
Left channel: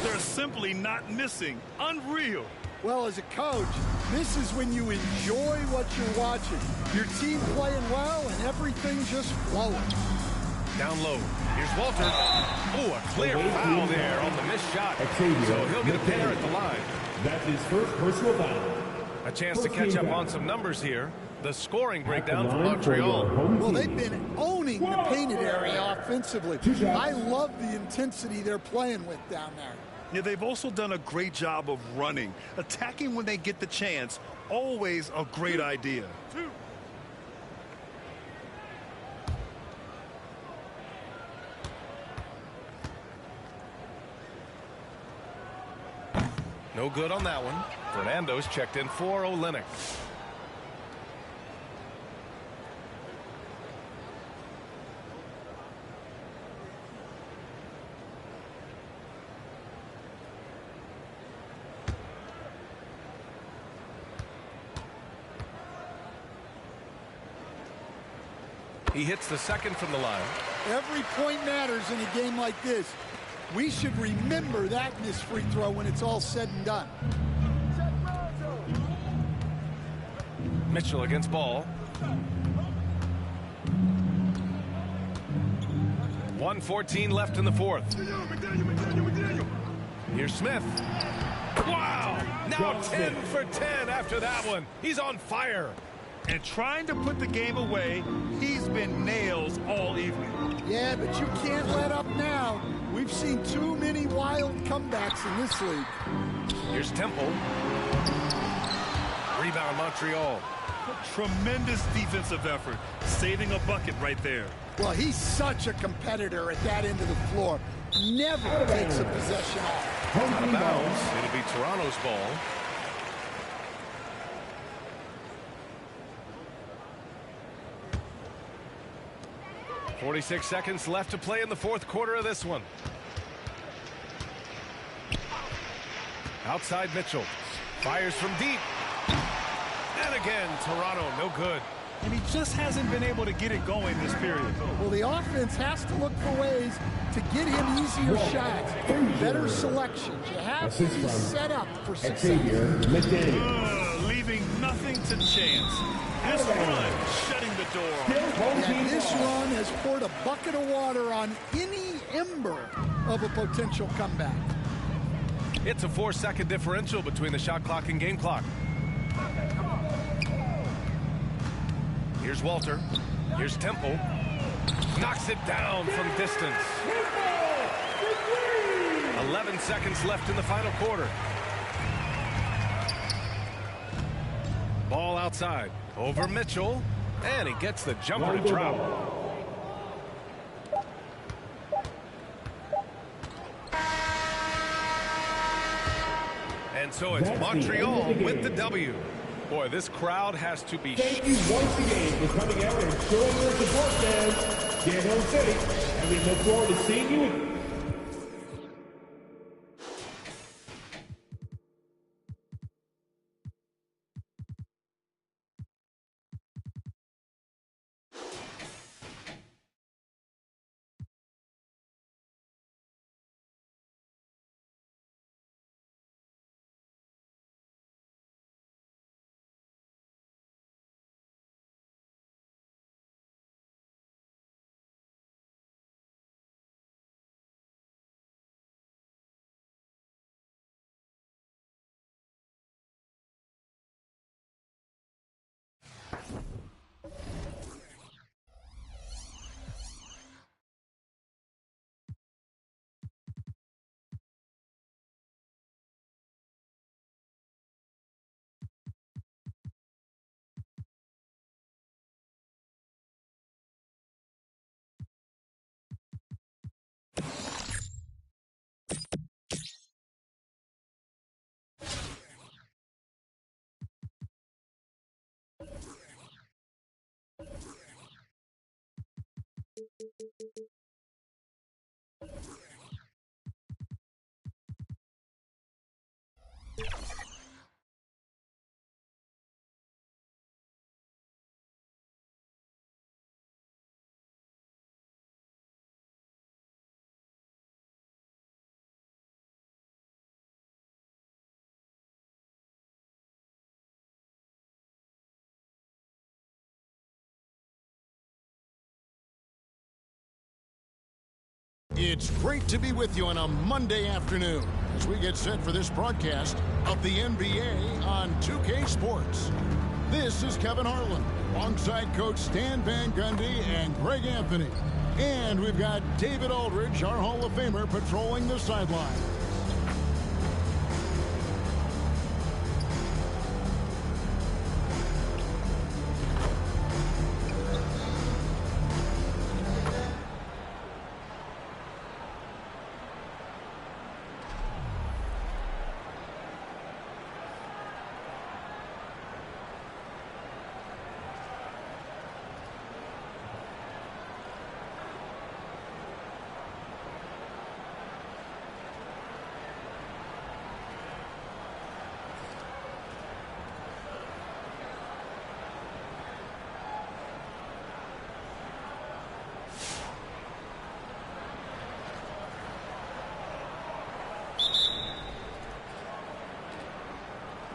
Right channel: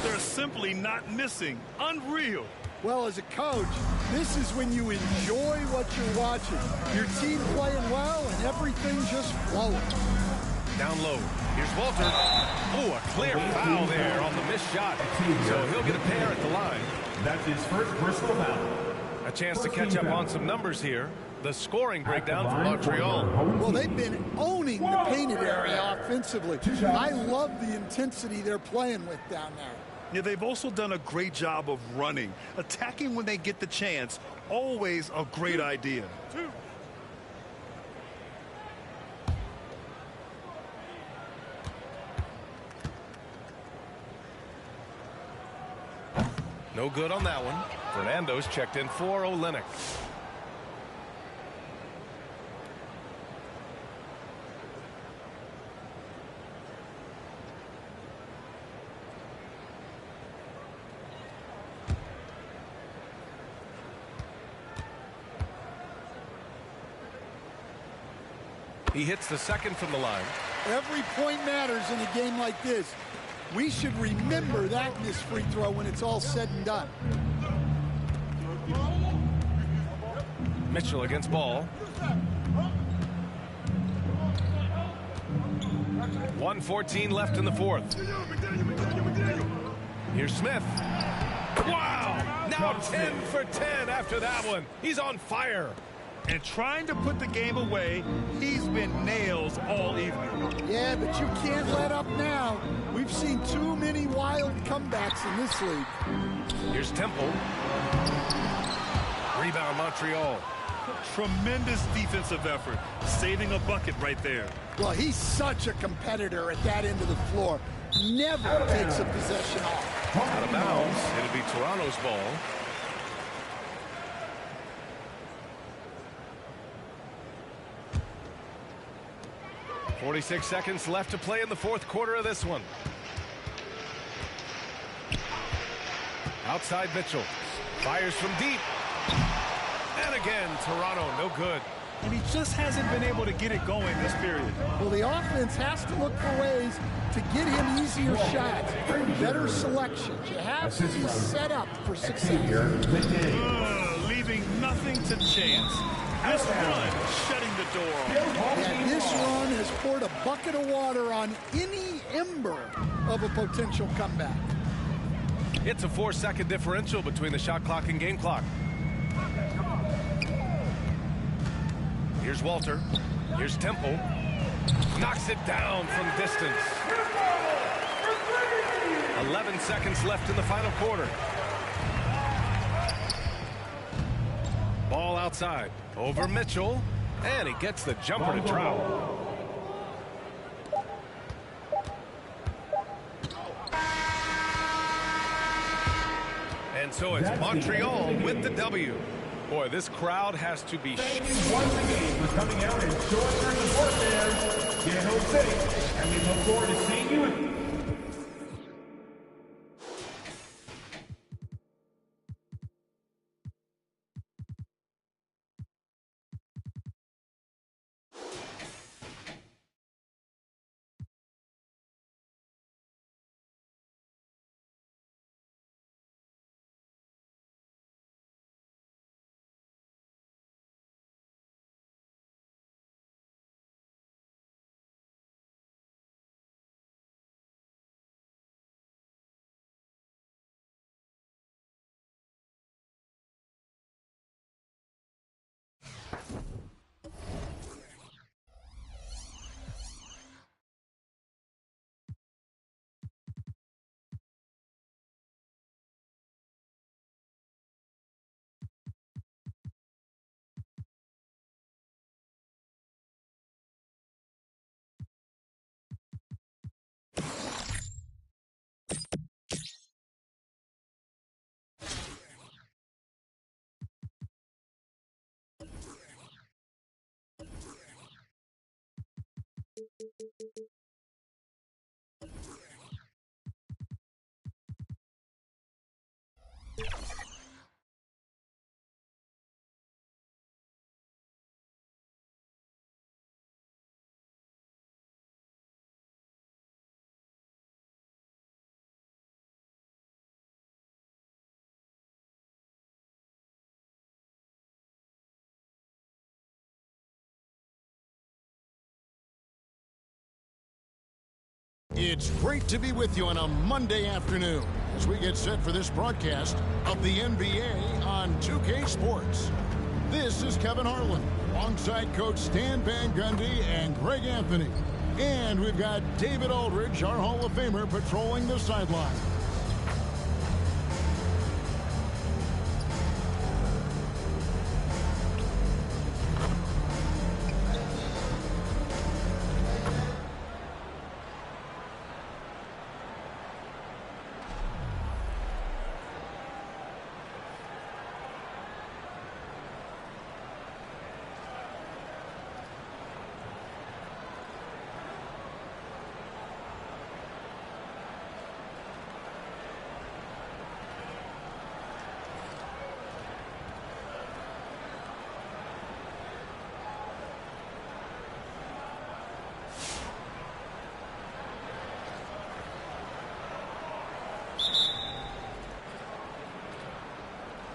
They're simply not missing. Unreal. Well, as a coach, this is when you enjoy what you're watching. Your team playing well and everything just flowing. Down low. Here's Walter. Oh, a clear foul there on the missed shot. So he'll get a pair at the line. That's his first personal foul. A chance to catch up on some numbers here. The scoring breakdown for Montreal. Well, they've been owning the painted area offensively. I love the intensity they're playing with down there. Yeah, they've also done a great job of running. Attacking when they get the chance, always a great idea. No good on that one. Fernando's checked in for Olynyk. He hits the second from the line. Every point matters in a game like this. We should remember that missed free throw when it's all said and done. Mitchell against ball. 1:14 left in the fourth. Here's Smith. Wow! Now 10 for 10 after that one. He's on fire. And trying to put the game away, he's been nails all evening. Yeah, but you can't let up now. We've seen too many wild comebacks in this league. Here's Temple. Rebound Montreal. Tremendous defensive effort, saving a bucket right there. Well, he's such a competitor at that end of the floor. Never takes a possession off. Out of bounds. It'll be Toronto's ball. .46 seconds left to play in the fourth quarter of this one. Outside Mitchell. Fires from deep. And again, Toronto, no good. And he just hasn't been able to get it going this period. Well, the offense has to look for ways to get him easier shots, better selections. You have to be set up for success. Leaving nothing to chance. This run shutting the door off. Yeah, this run has poured a bucket of water on any ember of a potential comeback. It's a 4-second differential between the shot clock and game clock. Here's Walter. Here's Temple. Knocks it down from distance. 11 seconds left in the final quarter. Ball outside. Over Mitchell. And he gets the jumper to drop. And so it's Montreal with the W. Boy, this crowd has to be... Thank you once again for coming out and showing your support, fans. Get home safe, and we look forward to seeing you It's great to be with you on a Monday afternoon as we get set for this broadcast of the NBA on 2K Sports. This is Kevin Harlan alongside Coach Stan Van Gundy and Greg Anthony. And we've got David Aldridge, our Hall of Famer, patrolling the sideline.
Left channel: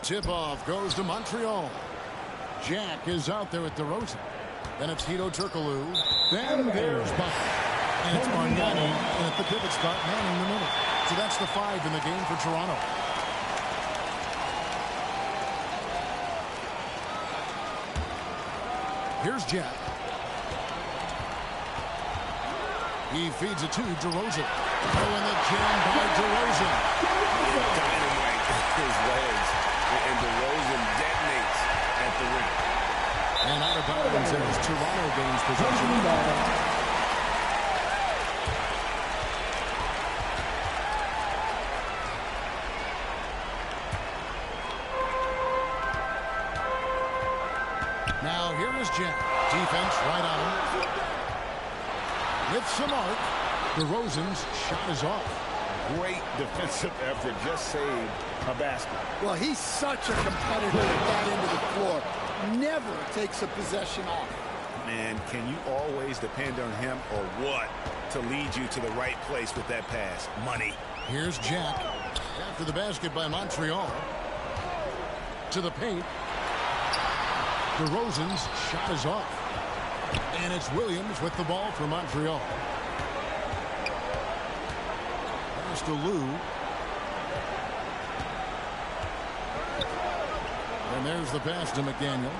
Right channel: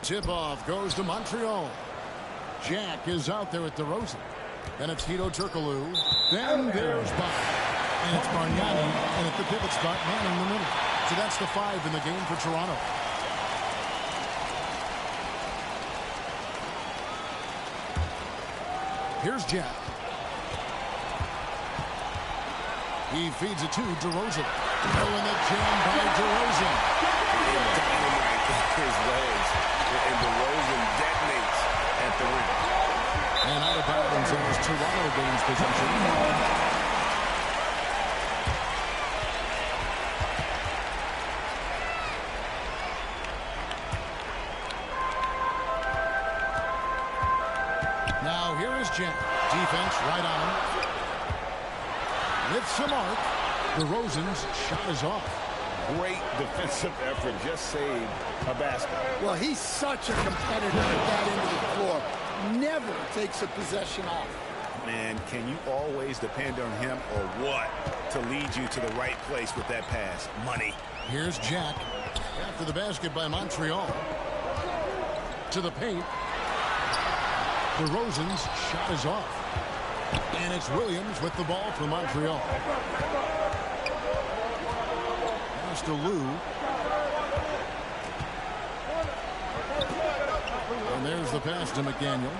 Tip-off goes to Montreal. Jack is out there at DeRozan. Then it's Hedo Turkoglu. Then there's Bob. And it's Bargnani and at the pivot spot, manning the middle. So that's the 5 in the game for Toronto. Here's Jack. He feeds it to DeRozan. Oh, and the jam by DeRozan. And dynamite his legs. And DeRozan detonates at the rim. And out of bounds as Toronto gains possession. Now here is Jack. Defense right on him. With some arc, DeRozan's shot is off. Great defensive effort, just saved a basket. Well, he's such a competitor at that end of the floor. Never takes a possession off. Man, can you always depend on him or what to lead you to the right place with that pass? Money. Here's Jack after the basket by Montreal. To the paint. DeRozan's shot is off. And it's Williams with the ball for Montreal. Pass to Lou. And there's the pass to McDaniel.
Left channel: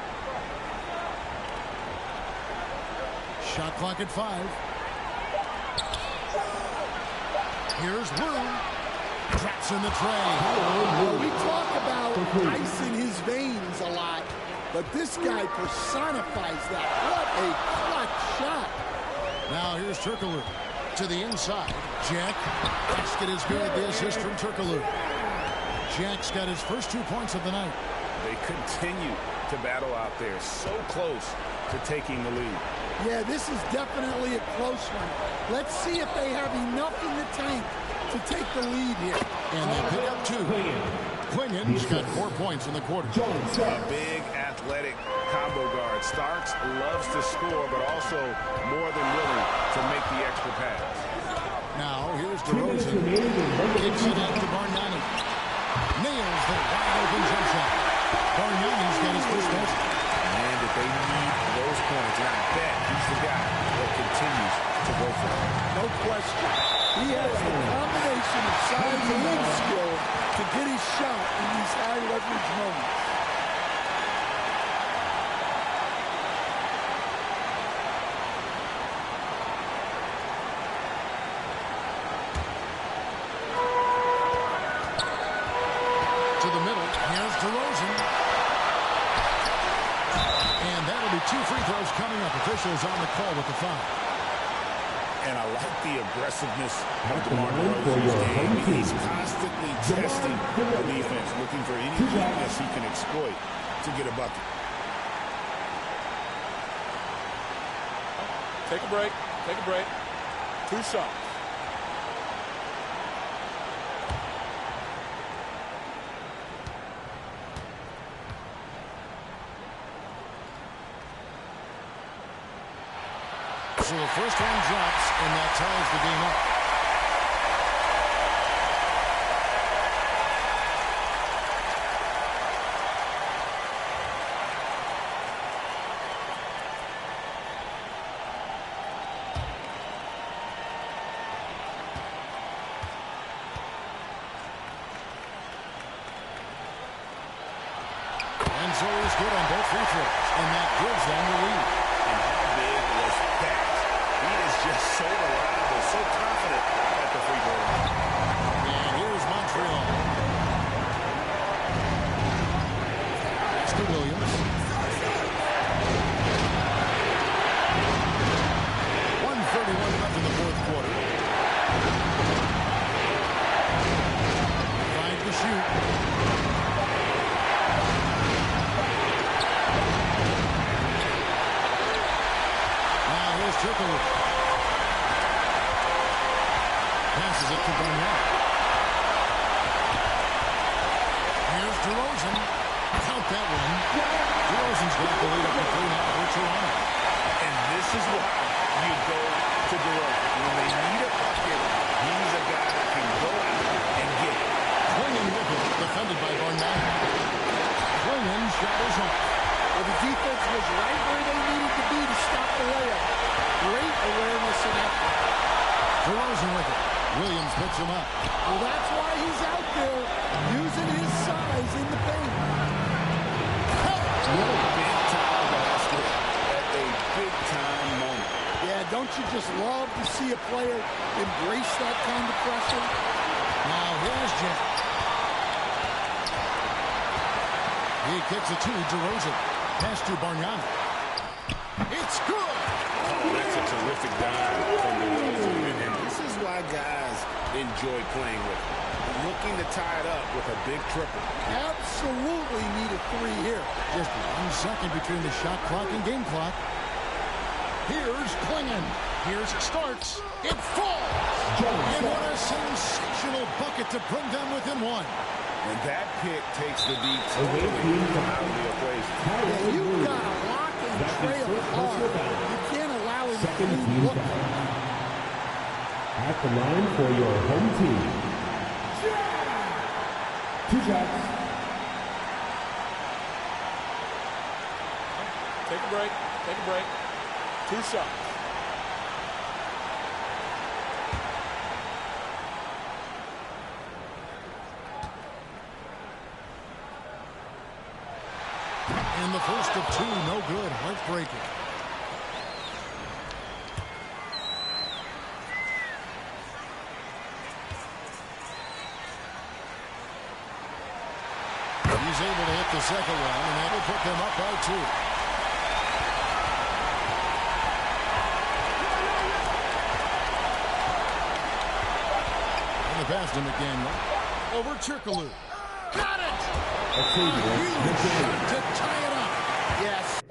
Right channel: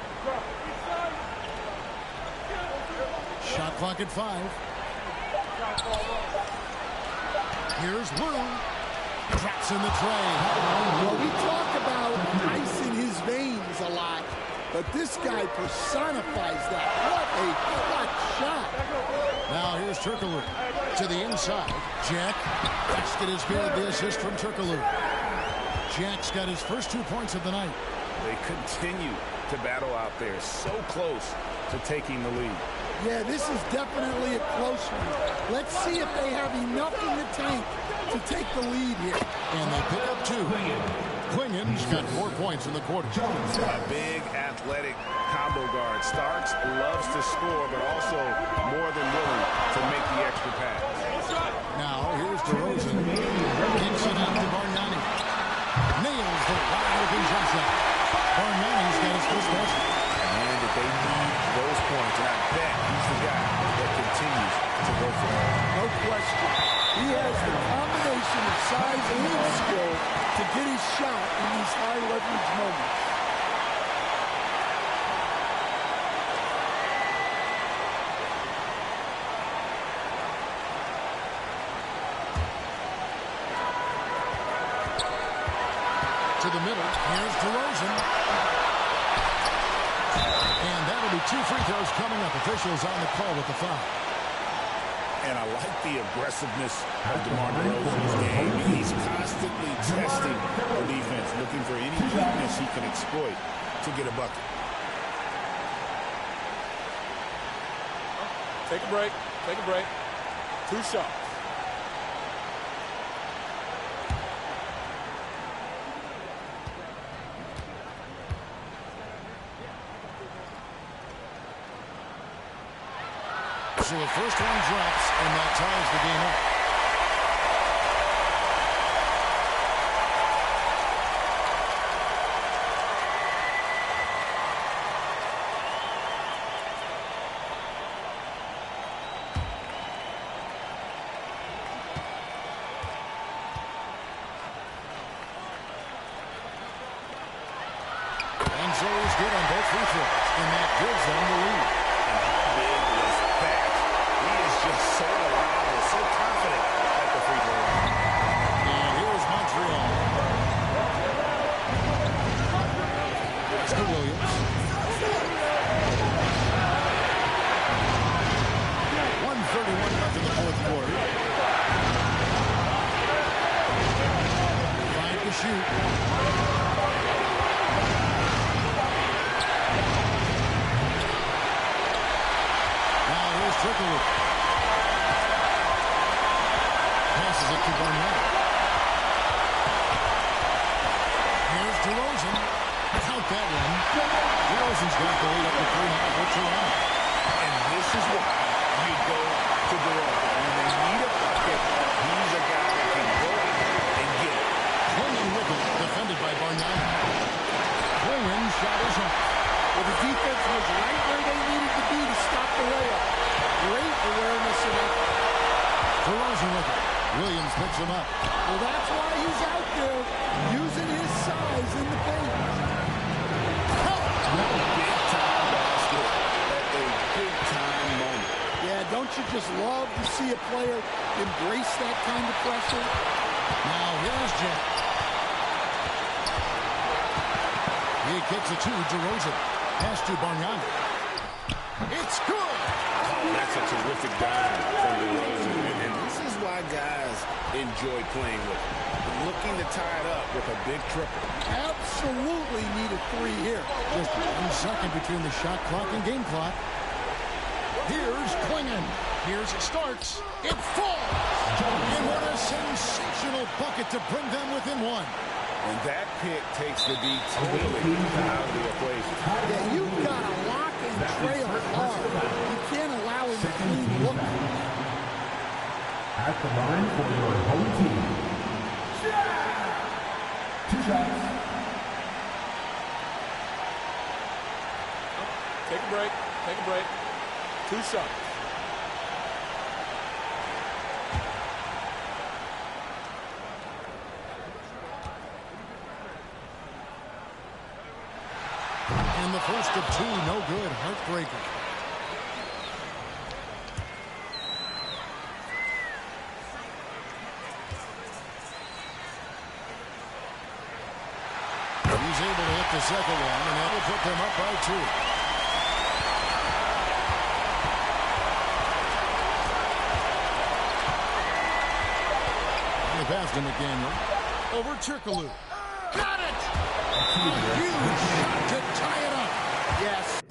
Shot clock at 5. Here's Lou. Drops in the tray. Well, we talk about ice in his veins a lot, but this guy personifies that. What a clutch shot. Now here's Turkoglu to the inside. Jack. Basket is good. The assist from Turkoglu. Jack's got his first 2 points of the night. They continue to battle out there, so close to taking the lead. Yeah, this is definitely a close one. Let's see if they have enough in the tank to take the lead here. And they pick up 2. Quingen's got 4 points in the quarter. A big athletic combo guard. Starks loves to score, but also more than willing to make the extra pass. Now here's DeRozan. Kicks it out to Bargnani. Nails the wide open jump shot. Bargnani's got his first basket. Man, that they need those points, and I bet he's the guy that continues to go for it. No question. He has the combination of size and skill to get his shot in these high leverage moments. To the middle, here's DeRozan. And that'll be 2 free throws coming up. Officials on the call with the foul. And I like the aggressiveness of DeMar DeRozan's game. He's constantly testing the defense, looking for any weakness he can exploit to get a bucket. Take a break. Take a break. 2 shots. So the first one drops, and that ties the game up. And so he's good on both free throws, and that gives them the lead. And how big was that? He is just so reliable, so confident at the free throw line. And here's Montreal. Pass to Williams. 1:31 left in the fourth quarter. 5 to shoot. Now here's Trickery. Passes it to Barnett. Here's DeRozan. Count that one. DeRozan's got the lead up to 3 now for Toronto. And this is why you go to DeRozan. When they need a bucket, he's a guy that can go out and get it. Klingon with it, defended by Barnett. Klingon shot is off. Well, the defense was right where they needed to be to stop the layup. Great awareness and effort. DeRozan with it. Williams picks him up. Well, that's why he's out there using his size in the paint. Big-time basket at a big-time moment. Yeah, don't you just love to see a player embrace that kind of pressure? Now here's Jack. He kicks it to DeRozan. Pass to Bargnani. It's good. Oh, that's a terrific dime from DeRozan. And this is why guys enjoy playing with him. Looking to tie it up with a big triple. Absolutely need a 3 here. Just 1 second between the shot clock and game clock. Here's Klingon. Here's Starks. It falls. And what a sensational bucket to bring them within 1. And that pick takes the D totally out of the equation. Yeah, you've got to lock and trail hard. You can't allow him to clean look. At the line for your home team. 2 shots. Take a break. Take a break. 2 shots. And the first of 2, no good. Heartbreaker. He's able to hit the second one, and that will put them up by 2. On the pass to McDaniel. Over Chirkaloo. Got it! A huge shot to tie it up. Yes.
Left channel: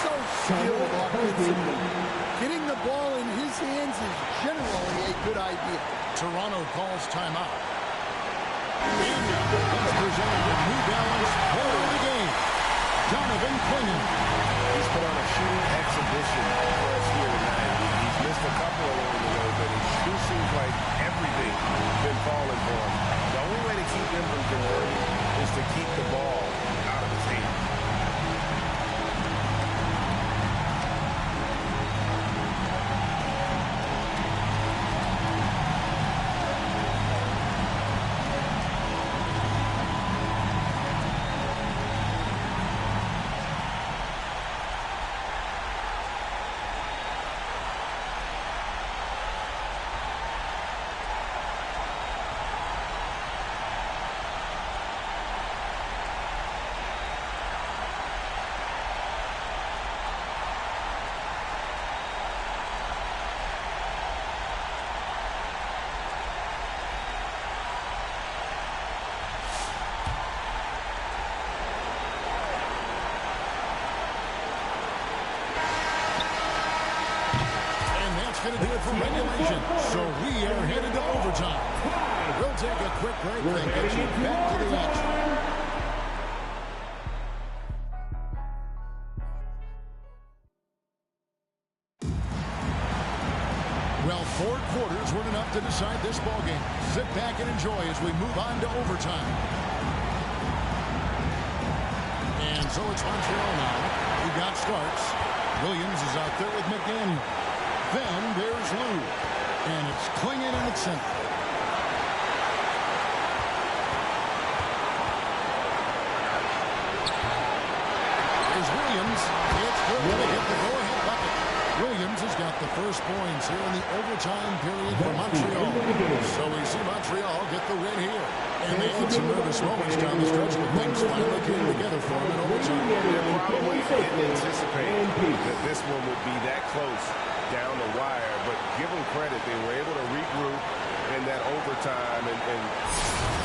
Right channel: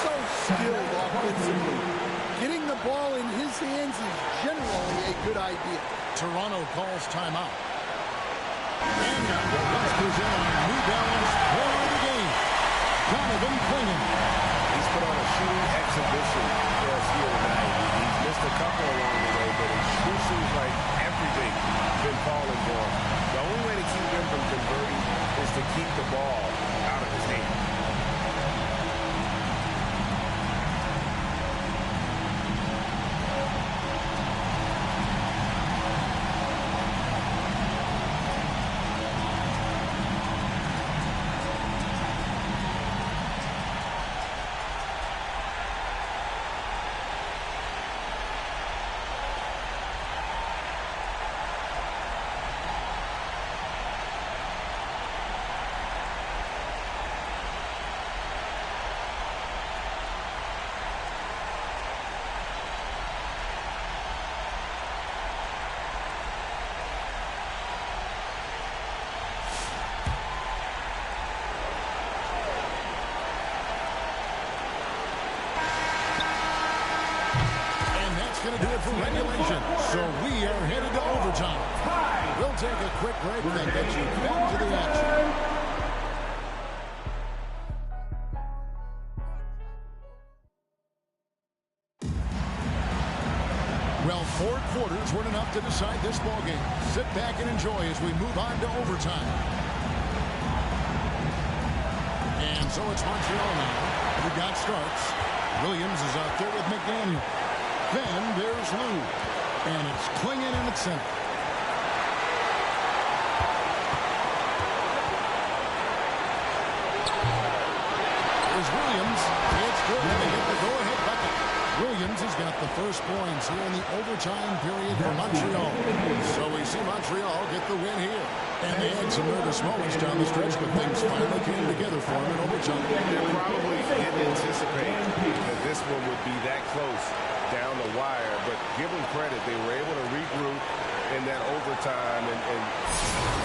So skilled offensively. Getting the ball in his hands is generally a good idea. Toronto calls timeout. And now, let's present our New Balance player of the game, Jonathan Klingon. He's put on a shooting exhibition for us here tonight. He's missed a couple along the way, but it sure seems like everything's been falling for him. The only way to keep him from converting is to keep the ball out of his hands. Going to do it for regulation. So we are headed to overtime. We'll take a quick break and get you back to the action. Well, 4 quarters weren't enough to decide this ballgame. Sit back and enjoy as we move on to overtime. And so it's Montreal now. who got starts. Williams is out there with McDaniel. Then there's Lou. And it's Klingon in its center. Here's Williams. It's good. They hit the go-ahead bucket. Williams has got the first points here in the overtime period for Montreal. So we see Montreal get the win here. And they had some nervous moments down the stretch, but things finally came together for them in overtime. They probably didn't anticipate that this one would be that close down the wire, but give them credit. They were able to regroup in that overtime and